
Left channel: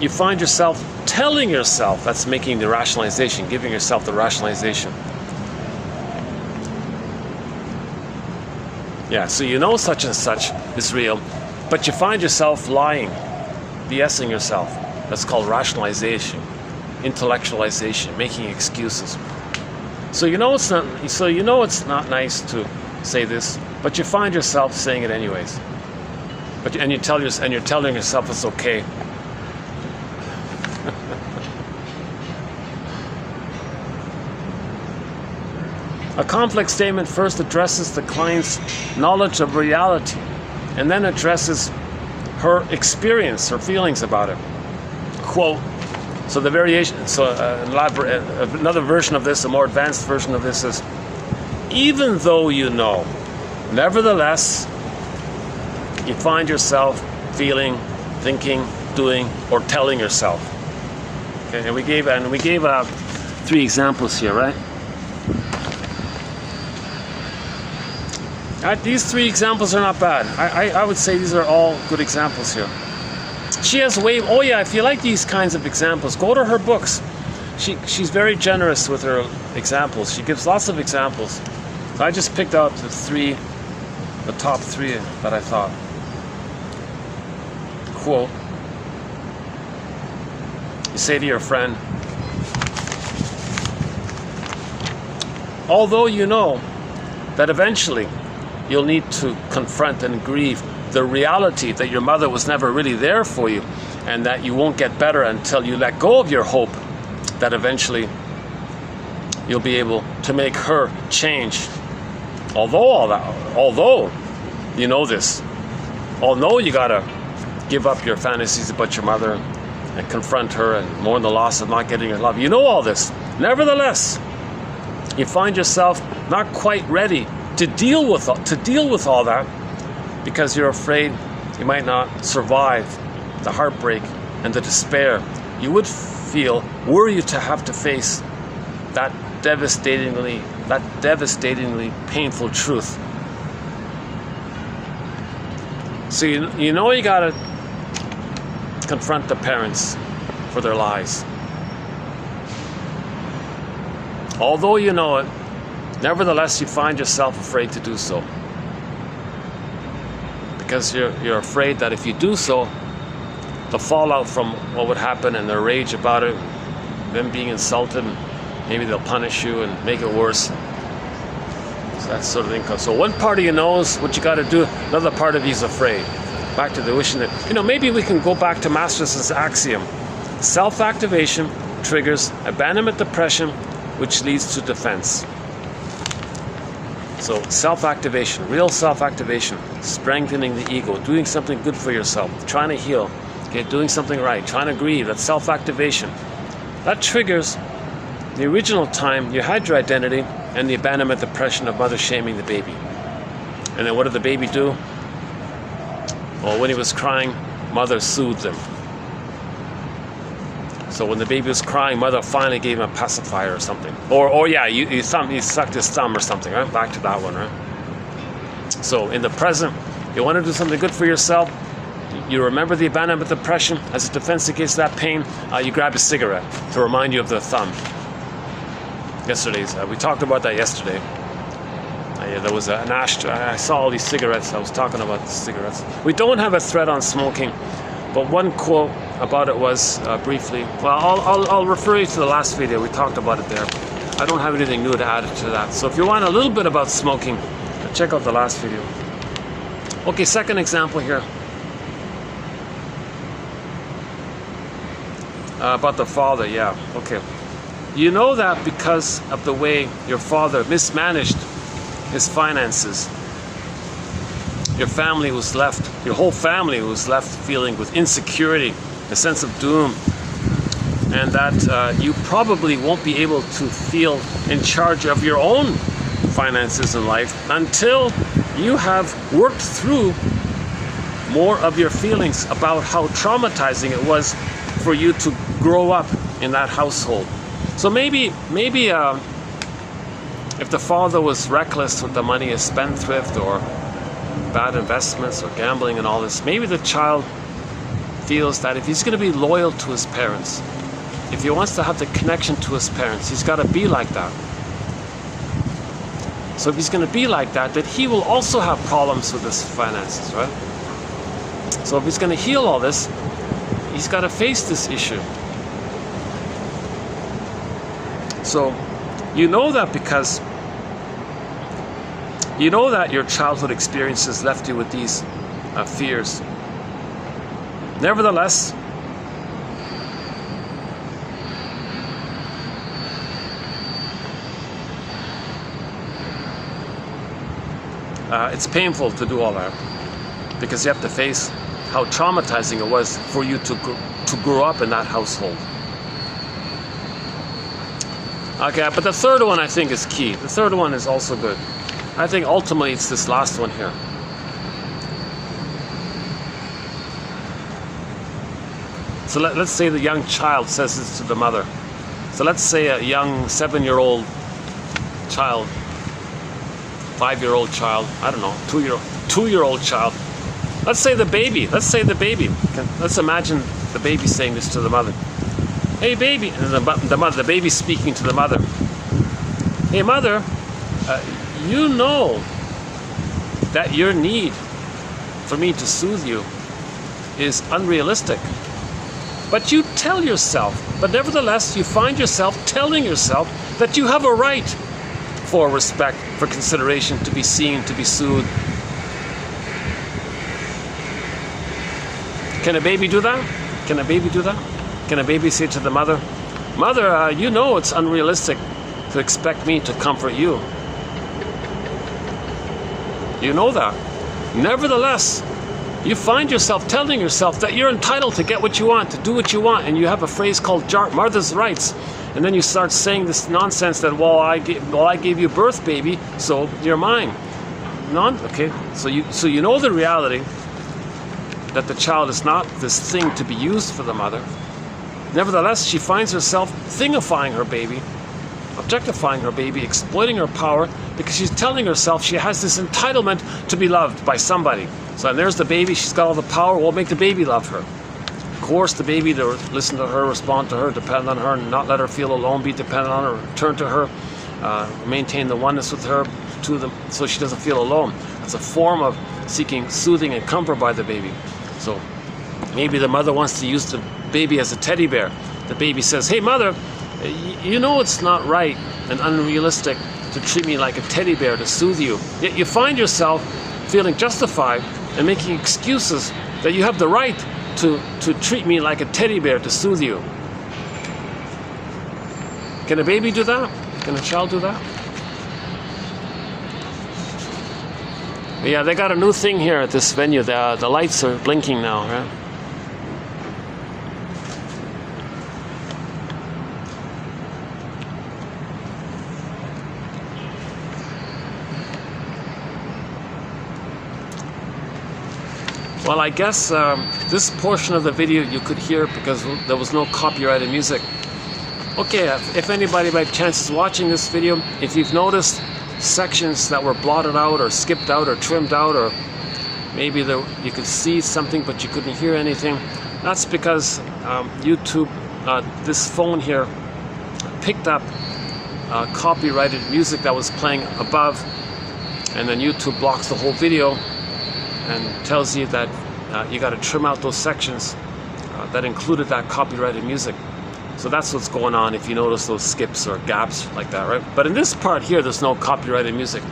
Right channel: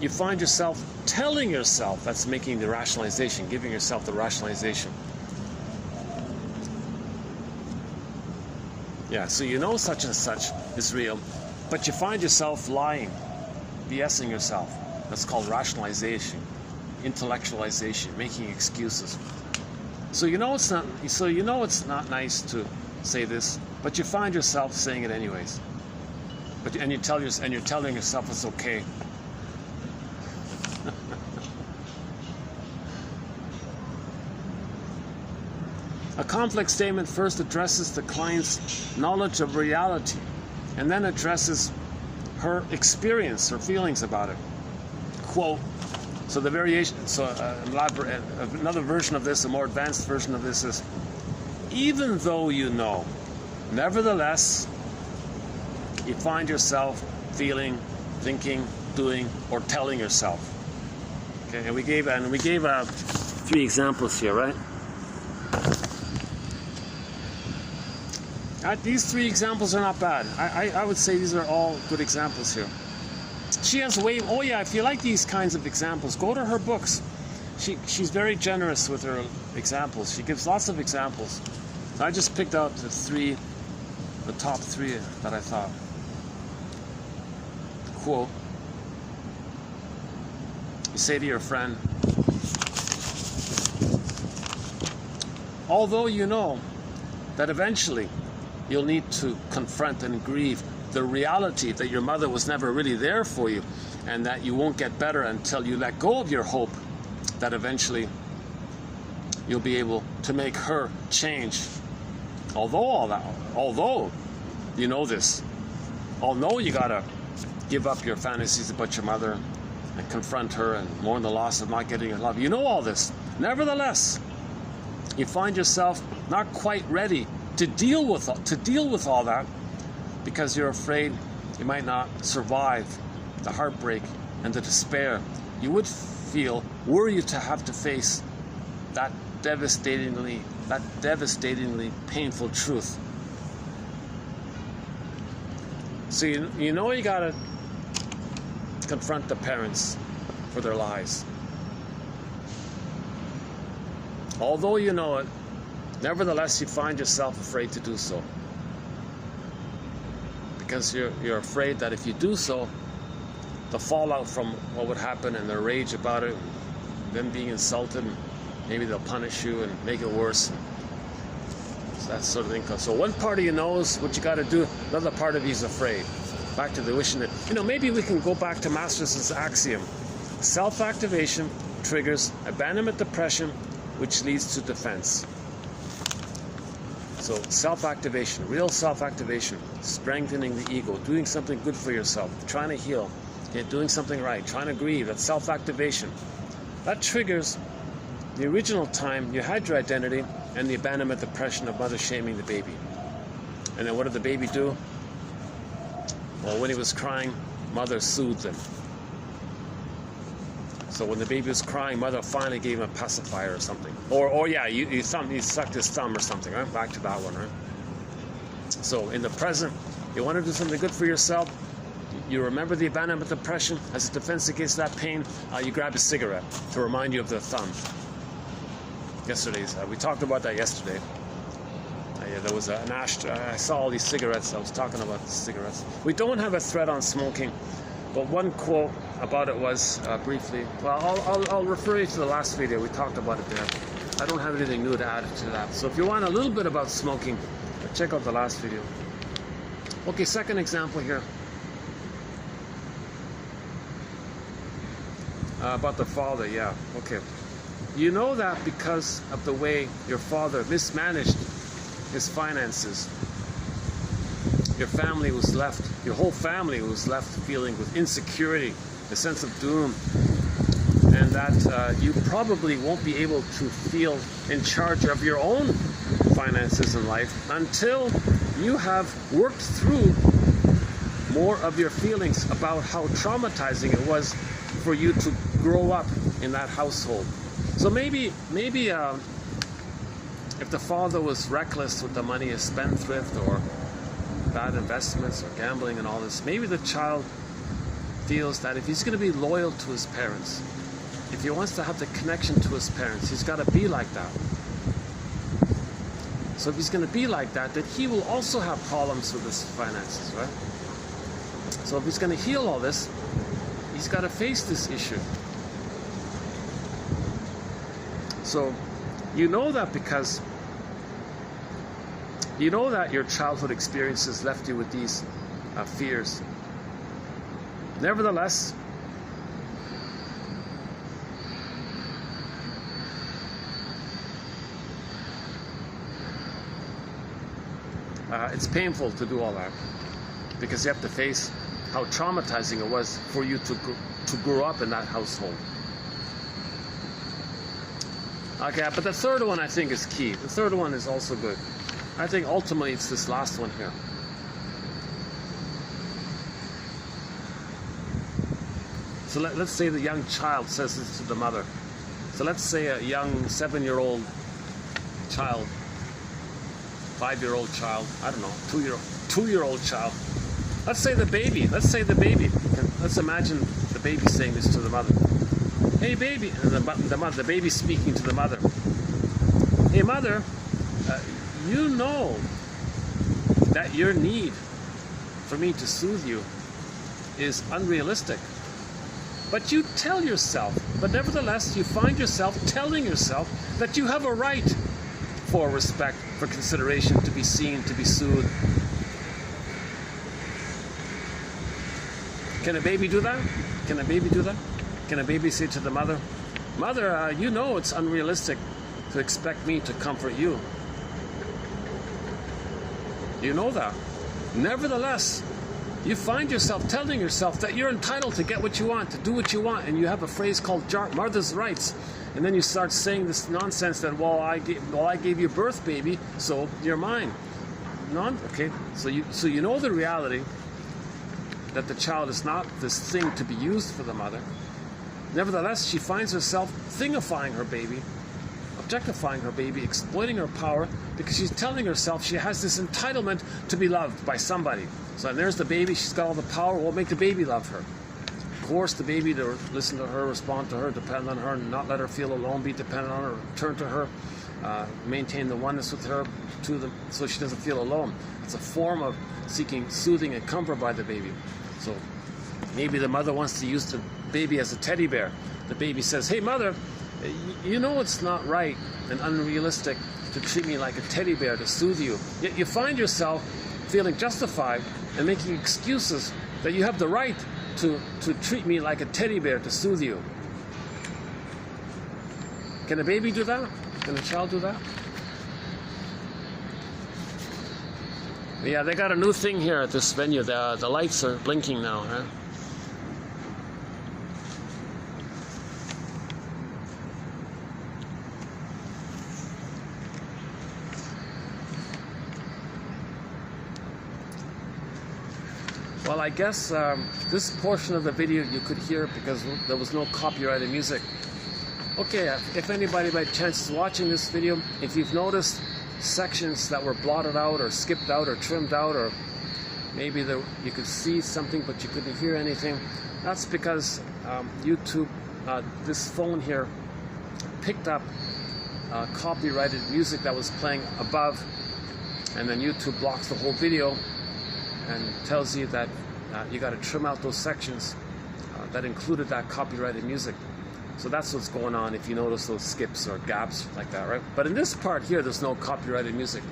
you find yourself telling yourself, that's making the rationalization, giving yourself the rationalization. Yeah, so you know such and such is real, but you find yourself lying, BSing yourself. That's called rationalization, intellectualization, making excuses. So you know it's not nice to say this, but you find yourself saying it anyways. And you're telling yourself it's okay. A complex statement first addresses the client's knowledge of reality and then addresses her experience, her feelings about it. Quote, so the variation, another version of this, a more advanced version of this is, even though you know, nevertheless, you find yourself feeling, thinking, doing, or telling yourself. Okay, and we gave 3 examples here, right? These 3 examples are not bad. I would say these are all good examples here. She has oh yeah, if you like these kinds of examples, go to her books. She's very generous with her examples. She gives lots of examples. So I just picked out the top 3 that I thought. Quote, you say to your friend, although you know that eventually you'll need to confront and grieve the reality that your mother was never really there for you, and that you won't get better until you let go of your hope that eventually you'll be able to make her change. Although you know this, although you gotta give up your fantasies about your mother and confront her and mourn the loss of not getting her love, you know all this. Nevertheless, you find yourself not quite ready to deal with all that because you're afraid you might not survive the heartbreak and the despair you would feel were you to have to face that devastatingly painful truth. So you know you gotta confront the parents for their lies. Although you know it, nevertheless, you find yourself afraid to do so. Because you're afraid that if you do so, the fallout from what would happen and their rage about it, them being insulted, maybe they'll punish you and make it worse. So that sort of thing. So one part of you knows what you got to do, another part of you is afraid. Back to the wishing that, maybe we can go back to Masterson's axiom. Self-activation triggers abandonment depression, which leads to defense. So self-activation, real self-activation, strengthening the ego, doing something good for yourself, trying to heal, doing something right, trying to grieve, that's self-activation. That triggers the original time you had your identity and the abandonment depression of mother shaming the baby. And then what did the baby do? Well, when he was crying, mother soothed him. So when the baby was crying, mother finally gave him a pacifier or something. Or yeah, you sucked his thumb or something, right? Back to that one, right? So in the present, you want to do something good for yourself, you remember the abandonment depression as a defense against that pain. You grab a cigarette to remind you of the thumb. Yesterday's we talked about that yesterday. There was an ashtray. I saw all these cigarettes. I was talking about the cigarettes. We don't have a thread on smoking, but one quote about it was briefly. Well, I'll refer you to the last video. We talked about it there. I don't have anything new to add to that. So if you want a little bit about smoking, check out the last video. Okay, second example here. About the father, yeah, okay. You know that because of the way your father mismanaged his finances, your family was left, your whole family was left feeling with insecurity, a sense of doom, and that you probably won't be able to feel in charge of your own finances in life until you have worked through more of your feelings about how traumatizing it was for you to grow up in that household. So maybe if the father was reckless with the money, a spendthrift, or bad investments or gambling and all this, maybe the child feels that if he's going to be loyal to his parents, if he wants to have the connection to his parents, he's got to be like that. So if he's going to be like that, that he will also have problems with his finances, right? So if he's going to heal all this, he's got to face this issue. So you know that because you know that your childhood experiences left you with these fears. Nevertheless, it's painful to do all that because you have to face how traumatizing it was for you to grow up in that household. Okay, but the third one I think is key. The third one is also good. I think ultimately it's this last one here. So let's say the young child says this to the mother. So let's say a young 7-year-old child, 5-year-old child, I don't know, 2-year-old child. Let's say the baby. Let's imagine the baby saying this to the mother. Hey baby, and the baby speaking to the mother. Hey mother, you know that your need for me to soothe you is unrealistic. But you tell yourself, but nevertheless you find yourself telling yourself that you have a right for respect, for consideration, to be seen, to be soothed. Can a baby do that? Can a baby do that? Can a baby say to the mother, Mother, you know it's unrealistic to expect me to comfort you. You know that. Nevertheless, you find yourself telling yourself that you're entitled to get what you want, to do what you want, and you have a phrase called Mother's rights. And then you start saying this nonsense that, well, I gave you birth, baby, so you're mine. Okay, so you know the reality that the child is not this thing to be used for the mother. Nevertheless, she finds herself thingifying her baby, objectifying her baby, exploiting her power, because she's telling herself she has this entitlement to be loved by somebody. So and there's the baby, she's got all the power, we'll make the baby love her. Coerce the baby to listen to her, respond to her, depend on her, not let her feel alone, be dependent on her, turn to her, maintain the oneness with her so she doesn't feel alone. It's a form of seeking soothing and comfort by the baby. So maybe the mother wants to use the baby as a teddy bear. The baby says, hey mother, you know it's not right and unrealistic to treat me like a teddy bear to soothe you. Yet you find yourself feeling justified and making excuses that you have the right to treat me like a teddy bear to soothe you. Can a baby do that? Can a child do that? Yeah, they got a new thing here at this venue. The lights are blinking now, right? Well, I guess this portion of the video you could hear because there was no copyrighted music. Okay, if anybody by chance is watching this video, if you've noticed sections that were blotted out or skipped out or trimmed out or maybe you could see something but you couldn't hear anything. That's because YouTube, this phone here, picked up copyrighted music that was playing above, and then YouTube blocks the whole video and tells you that you got to trim out those sections that included that copyrighted music. So that's what's going on if you notice those skips or gaps like that, right? But in this part here, there's no copyrighted music.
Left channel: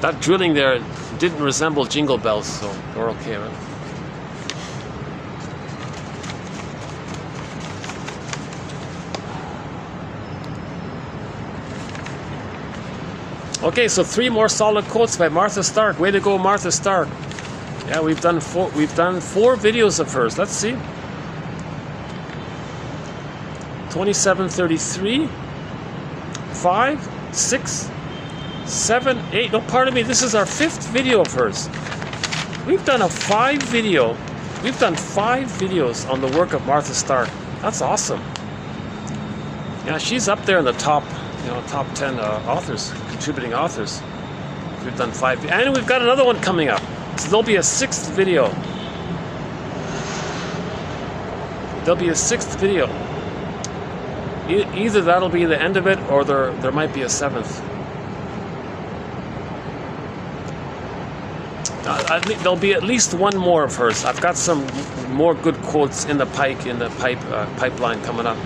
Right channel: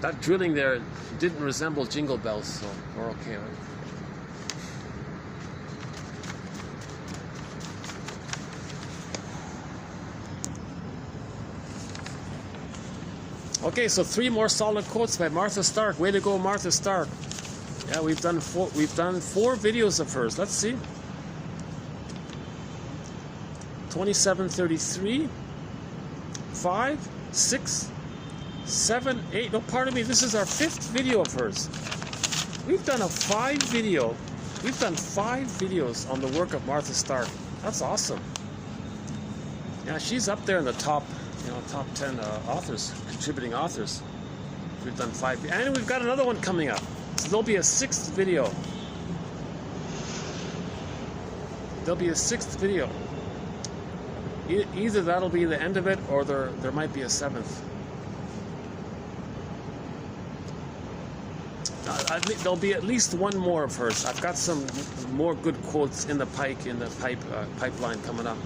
That drilling there didn't resemble jingle bells, so we're okay, right? Okay, so 3 more solid quotes by Martha Stark. Way to go, Martha Stark. Yeah, we've done four videos of hers. Let's see. 2733, 5, 6, 7, 8. No, pardon me. This is our 5th video of hers. We've done a 5 video. We've done 5 videos on the work of Martha Stark. That's awesome. Yeah, she's up there in the top, top 10 authors, contributing authors. We've done 5, and we've got another one coming up. So there'll be a 6th video. There'll be a 6th video. Either that'll be the end of it, or there might be a 7th. I think there'll be at least one more of hers. I've got some more good quotes in the pipeline coming up.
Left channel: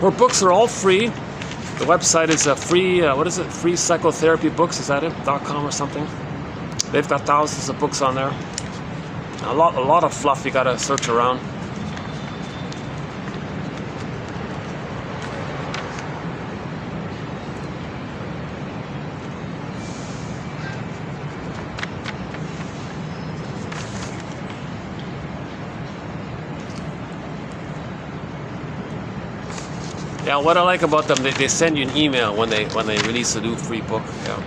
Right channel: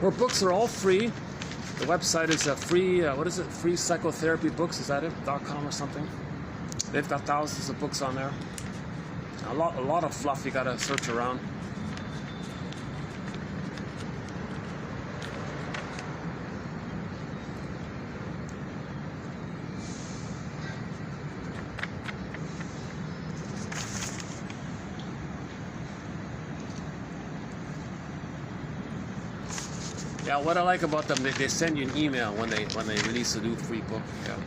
Her books are all free. The website is a free, Free Psychotherapy Books, is that it? .com or something. They've got thousands of books on there. A lot of fluff you gotta search around. Yeah, what I like about them, they send you an email when they release a new free book. Yeah.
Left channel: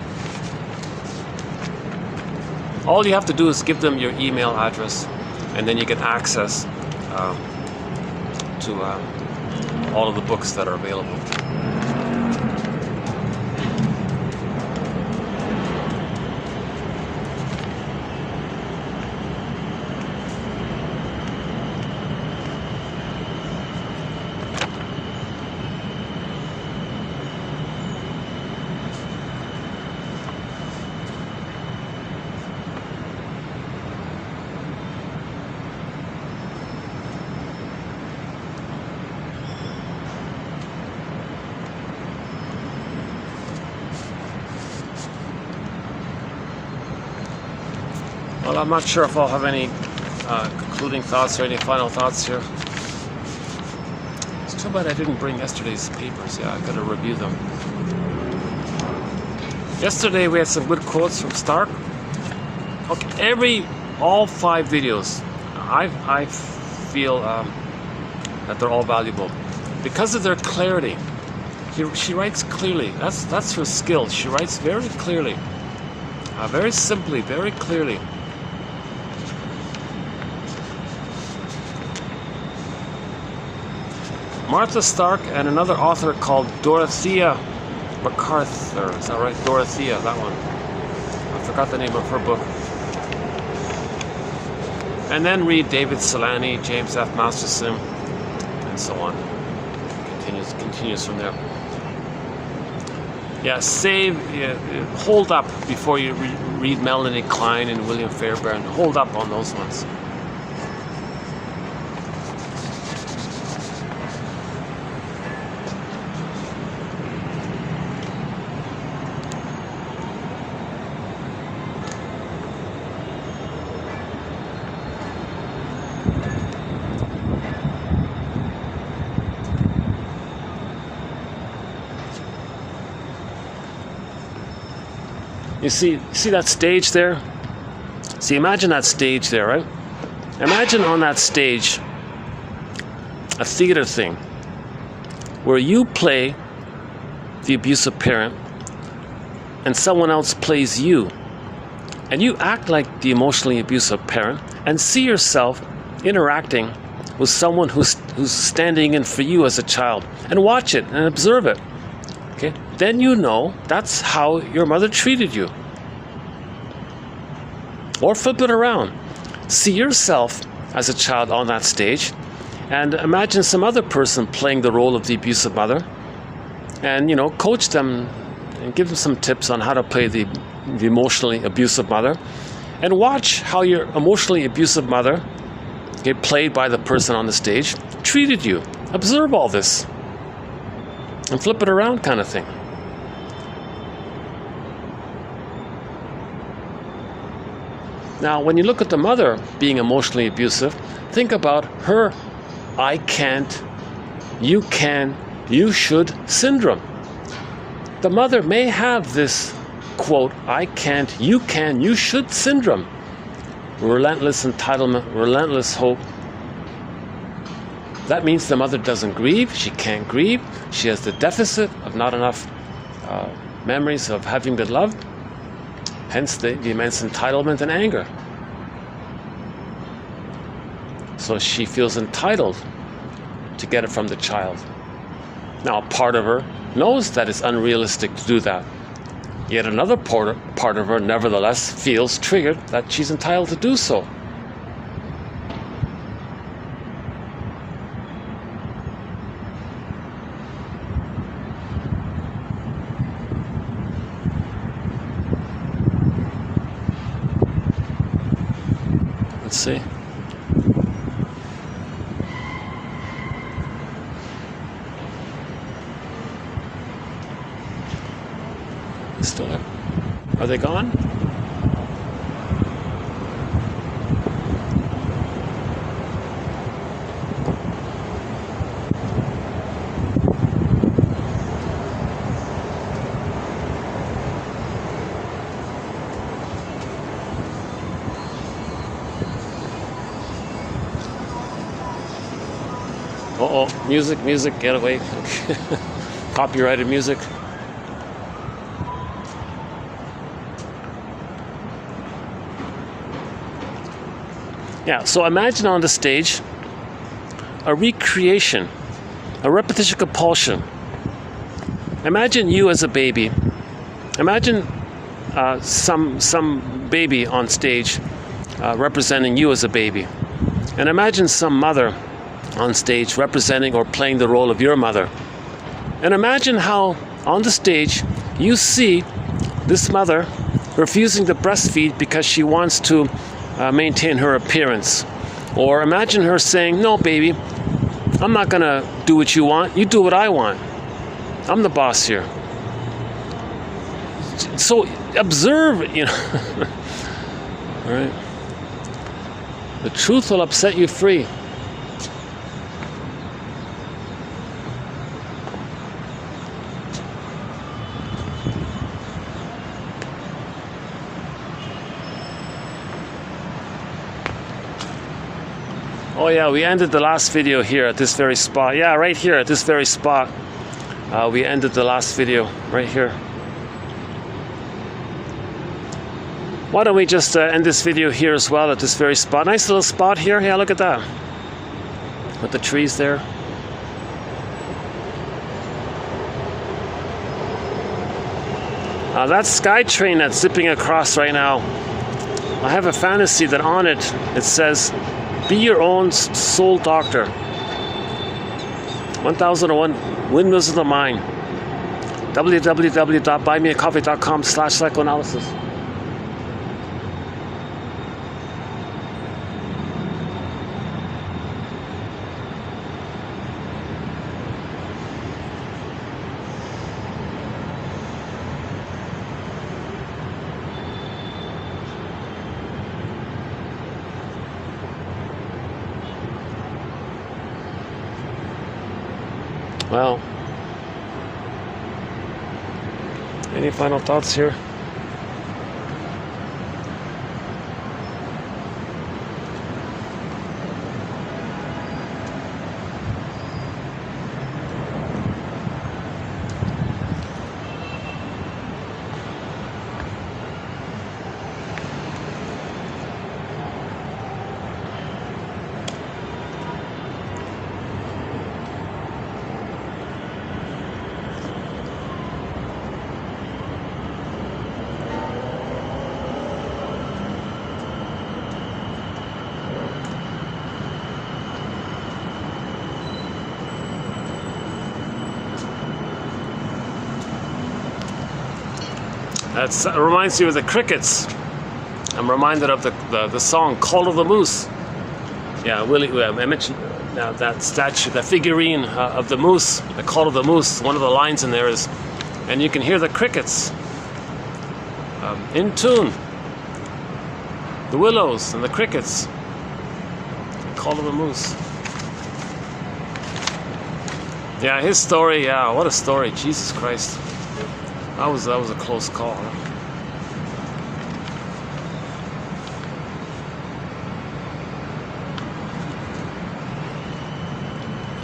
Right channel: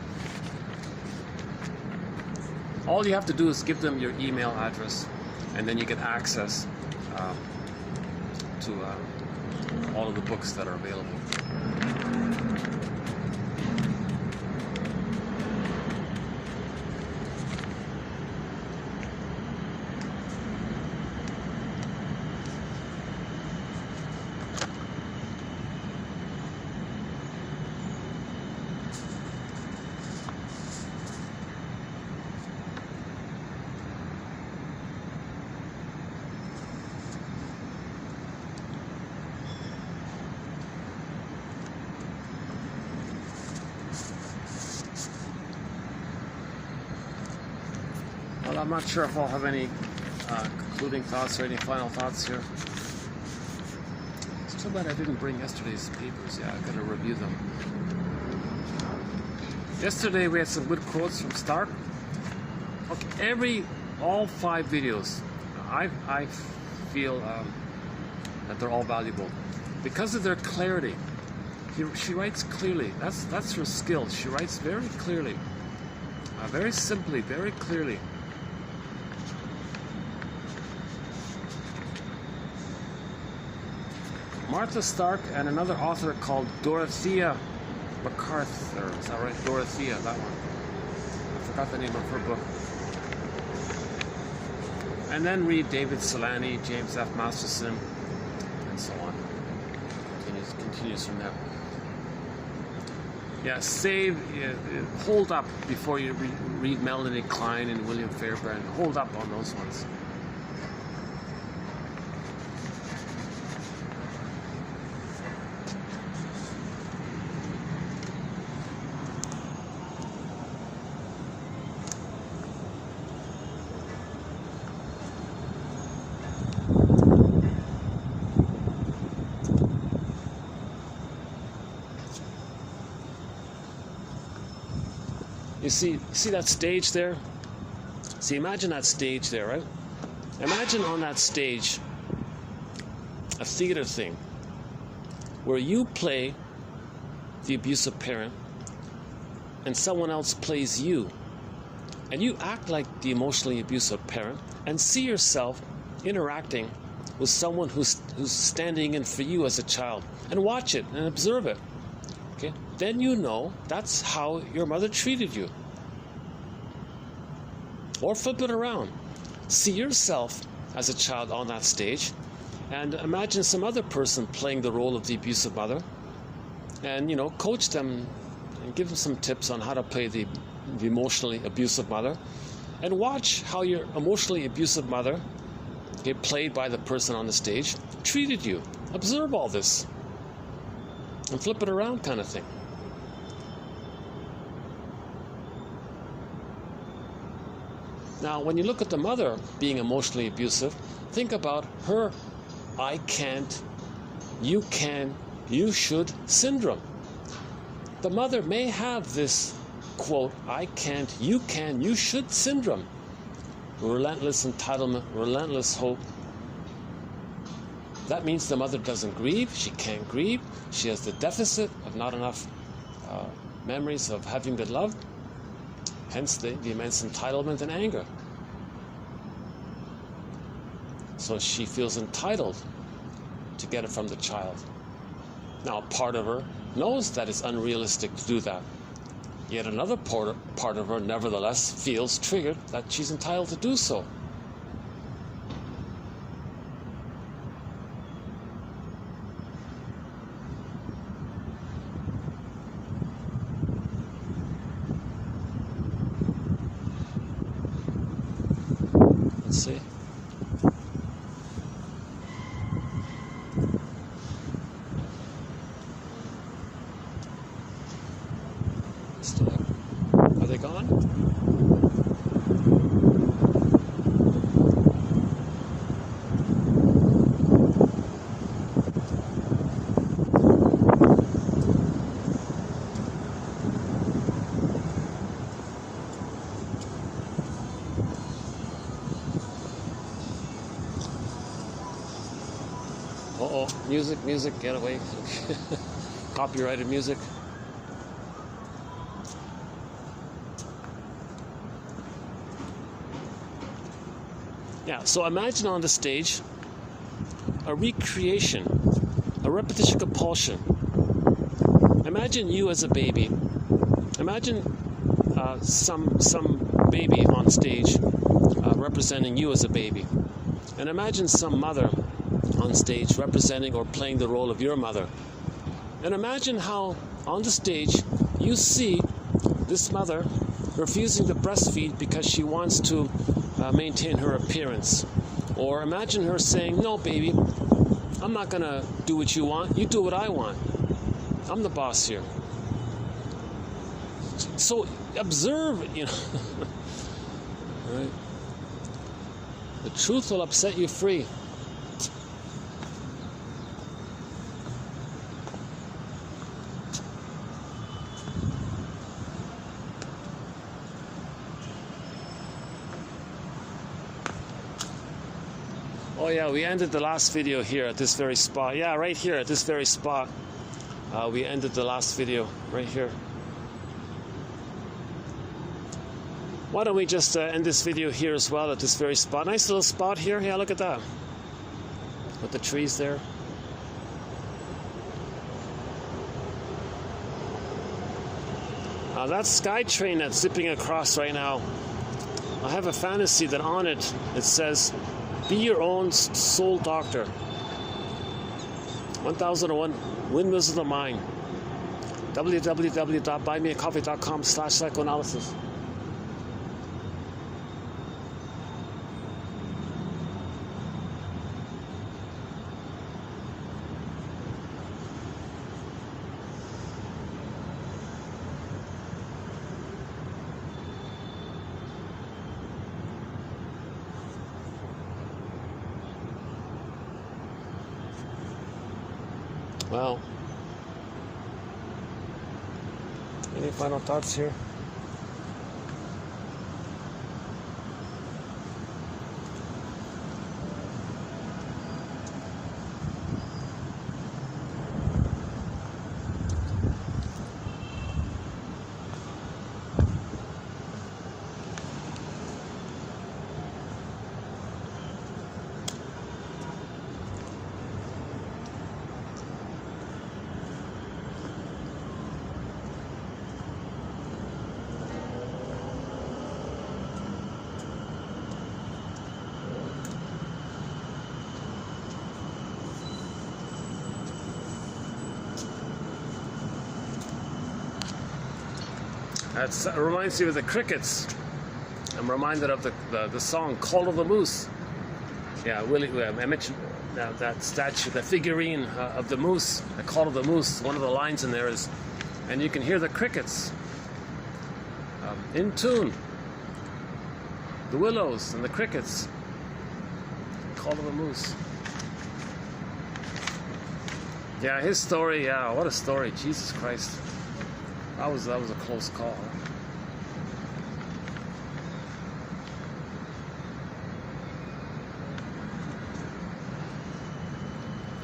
All you have to do is give them your email address, and then you get access to all of the books that are available. Well, I'm not sure if I'll have any concluding thoughts or any final thoughts here. It's too bad I didn't bring yesterday's papers. Yeah, I gotta review them. Yesterday we had some good quotes from Stark. Okay, all 5 videos, I feel that they're all valuable because of their clarity. She writes clearly. That's her skill. She writes very clearly, very simply, very clearly. Martha Stark and another author called Dorothea MacArthur. Is that right? Dorothea, that one. I forgot the name of her book. And then read David Solani, James F. Masterson, and so on. Continues from there. Yeah, hold up before you read Melanie Klein and William Fairbairn. Hold up on those ones. You see that stage there? See, imagine that stage there, right? Imagine on that stage a theater thing where you play the abusive parent and someone else plays you. And you act like the emotionally abusive parent and see yourself interacting with someone who's standing in for you as a child. And watch it and observe it. then you know that's how your mother treated you. Or flip it around. See yourself as a child on that stage, and imagine some other person playing the role of the abusive mother, and coach them and give them some tips on how to play the emotionally abusive mother, and watch how your emotionally abusive mother, played by the person on the stage, treated you. Observe all this and flip it around, kind of thing. Now, when you look at the mother being emotionally abusive, think about her I can't, you can, you should syndrome. The mother may have this, quote, I can't, you should syndrome. Relentless entitlement, relentless hope. That means the mother doesn't grieve, she can't grieve, she has the deficit of not enough memories of having been loved, hence the immense entitlement and anger. So she feels entitled to get it from the child. Now, part of her knows that it's unrealistic to do that. Yet another part of her nevertheless feels triggered that she's entitled to do so. Let's see. Still there? Are they gone? Uh-oh, music, get away. Copyrighted music. Yeah, so imagine on the stage a recreation, a repetition compulsion. Imagine you as a baby. Imagine some baby on stage representing you as a baby. And imagine some mother on stage representing or playing the role of your mother. And imagine how on the stage you see this mother refusing to breastfeed because she wants to maintain her appearance. Or imagine her saying, no, baby, I'm not going to do what you want. You do what I want. I'm the boss here. So observe, All right? The truth will upset you free. Oh yeah, we ended the last video here at this very spot. Yeah, right here at this very spot. We ended the last video right here. Why don't we just end this video here as well at this very spot. Nice little spot here. Yeah, look at that. With the trees there. That SkyTrain that's zipping across right now, I have a fantasy that on it, it says, be your own soul doctor. 1001 Windmills of the Mind. www.buymeacoffee.com/psychoanalysis. Well, any final thoughts here? It reminds you of the crickets. I'm reminded of the song Call of the Moose. Yeah, I mentioned that statue, that figurine of the moose, the Call of the Moose. One of the lines in there is, and you can hear the crickets in tune. The willows and the crickets. Call of the Moose. Yeah, his story, yeah, what a story. Jesus Christ. That was a close call. Huh?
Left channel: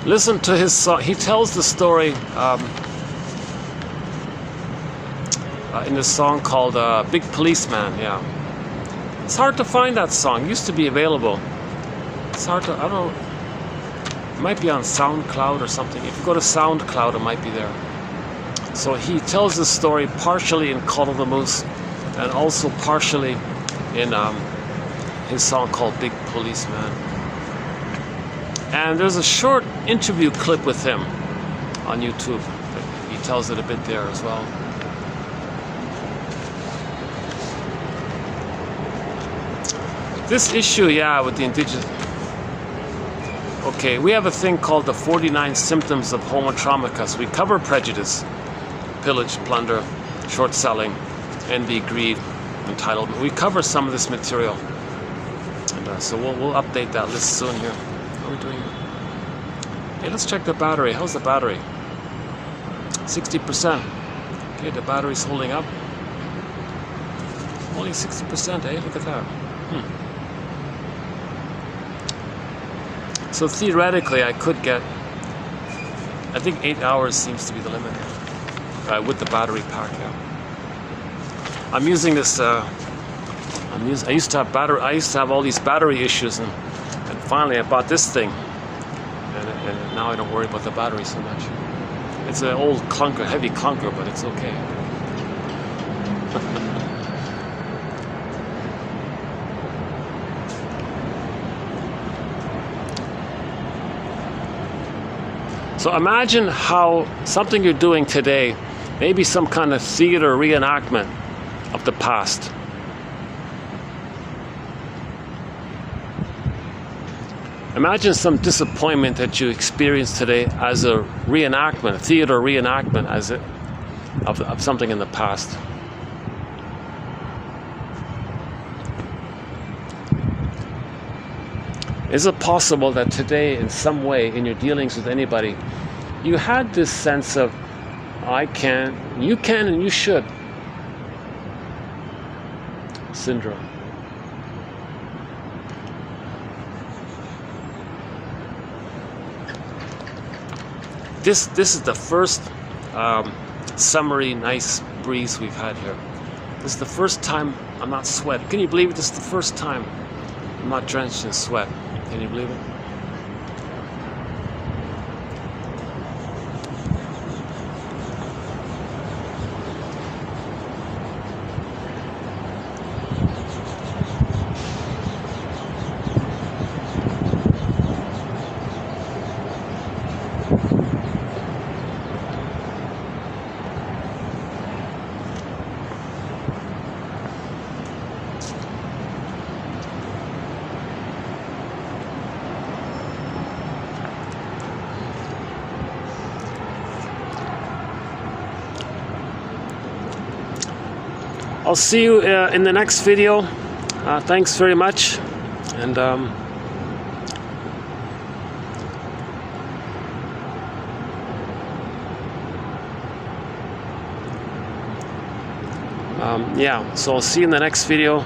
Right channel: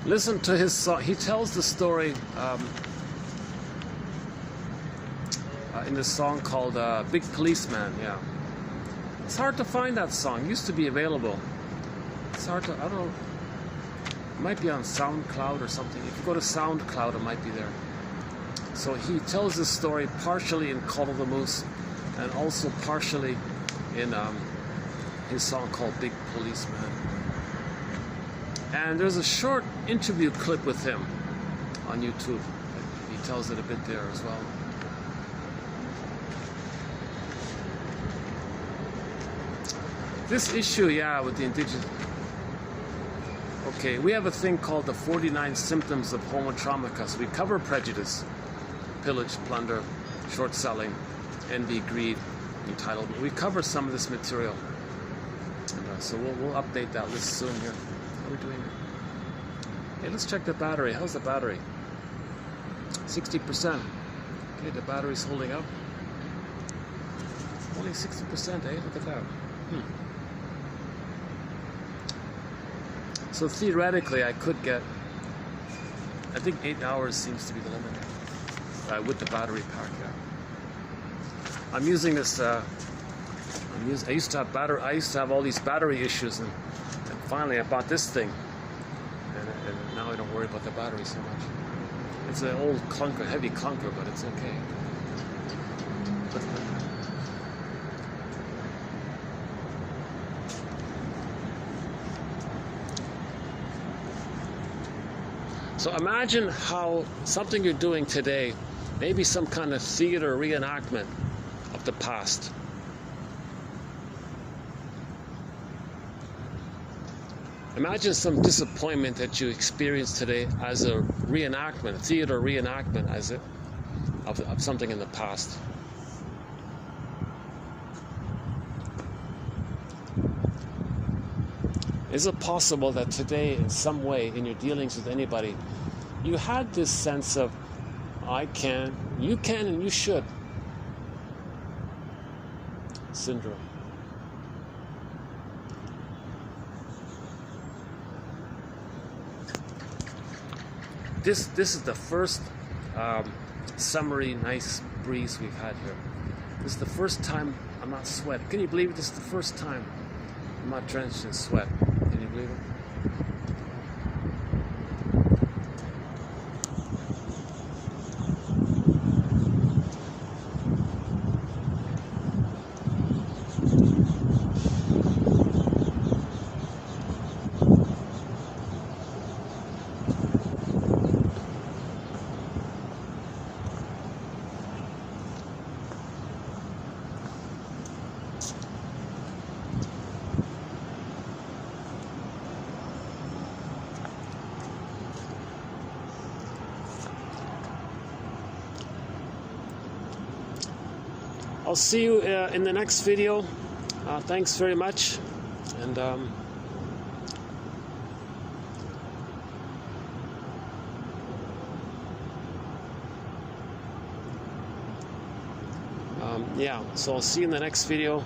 Listen to his song. He tells the story in a song called Big Policeman, yeah. It's hard to find that song. It used to be available. It's hard to, I don't know, it might be on SoundCloud or something. If you go to SoundCloud, it might be there. So he tells the story partially in Call of the Moose and also partially in his song called Big Policeman. And there's a short interview clip with him on YouTube. He tells it a bit there as well. This issue, yeah, with the indigenous... Okay, we have a thing called the 49 Symptoms of Homo Traumicus. We cover prejudice, pillage, plunder, short selling, envy, greed, entitlement. We cover some of this material. And so we'll update that list soon here. How are we doing? Hey, let's check the battery. How's the battery? 60%. Okay, the battery's holding up. Only 60%, eh? Look at that. So theoretically, I could get, I think 8 hours seems to be the limit with the battery pack. Yeah. I'm using this. I used to have all these battery issues, and finally I bought this thing, and now I don't worry about the battery so much. It's an old clunker, heavy clunker, but it's okay. So imagine how something you're doing today, maybe some kind of theater reenactment of the past. Imagine some disappointment that you experienced today as a reenactment, a theater reenactment of something in the past. Is it possible that today, in some way, in your dealings with anybody, you had this sense of, I can, you can, and you should syndrome? This is the first summery, nice breeze we've had here. This is the first time I'm not sweating. Can you believe it? This is the first time I'm not drenched in sweat. Can you believe it? I'll see you in the next video. Thanks very much, and yeah, so I'll see you in the next video.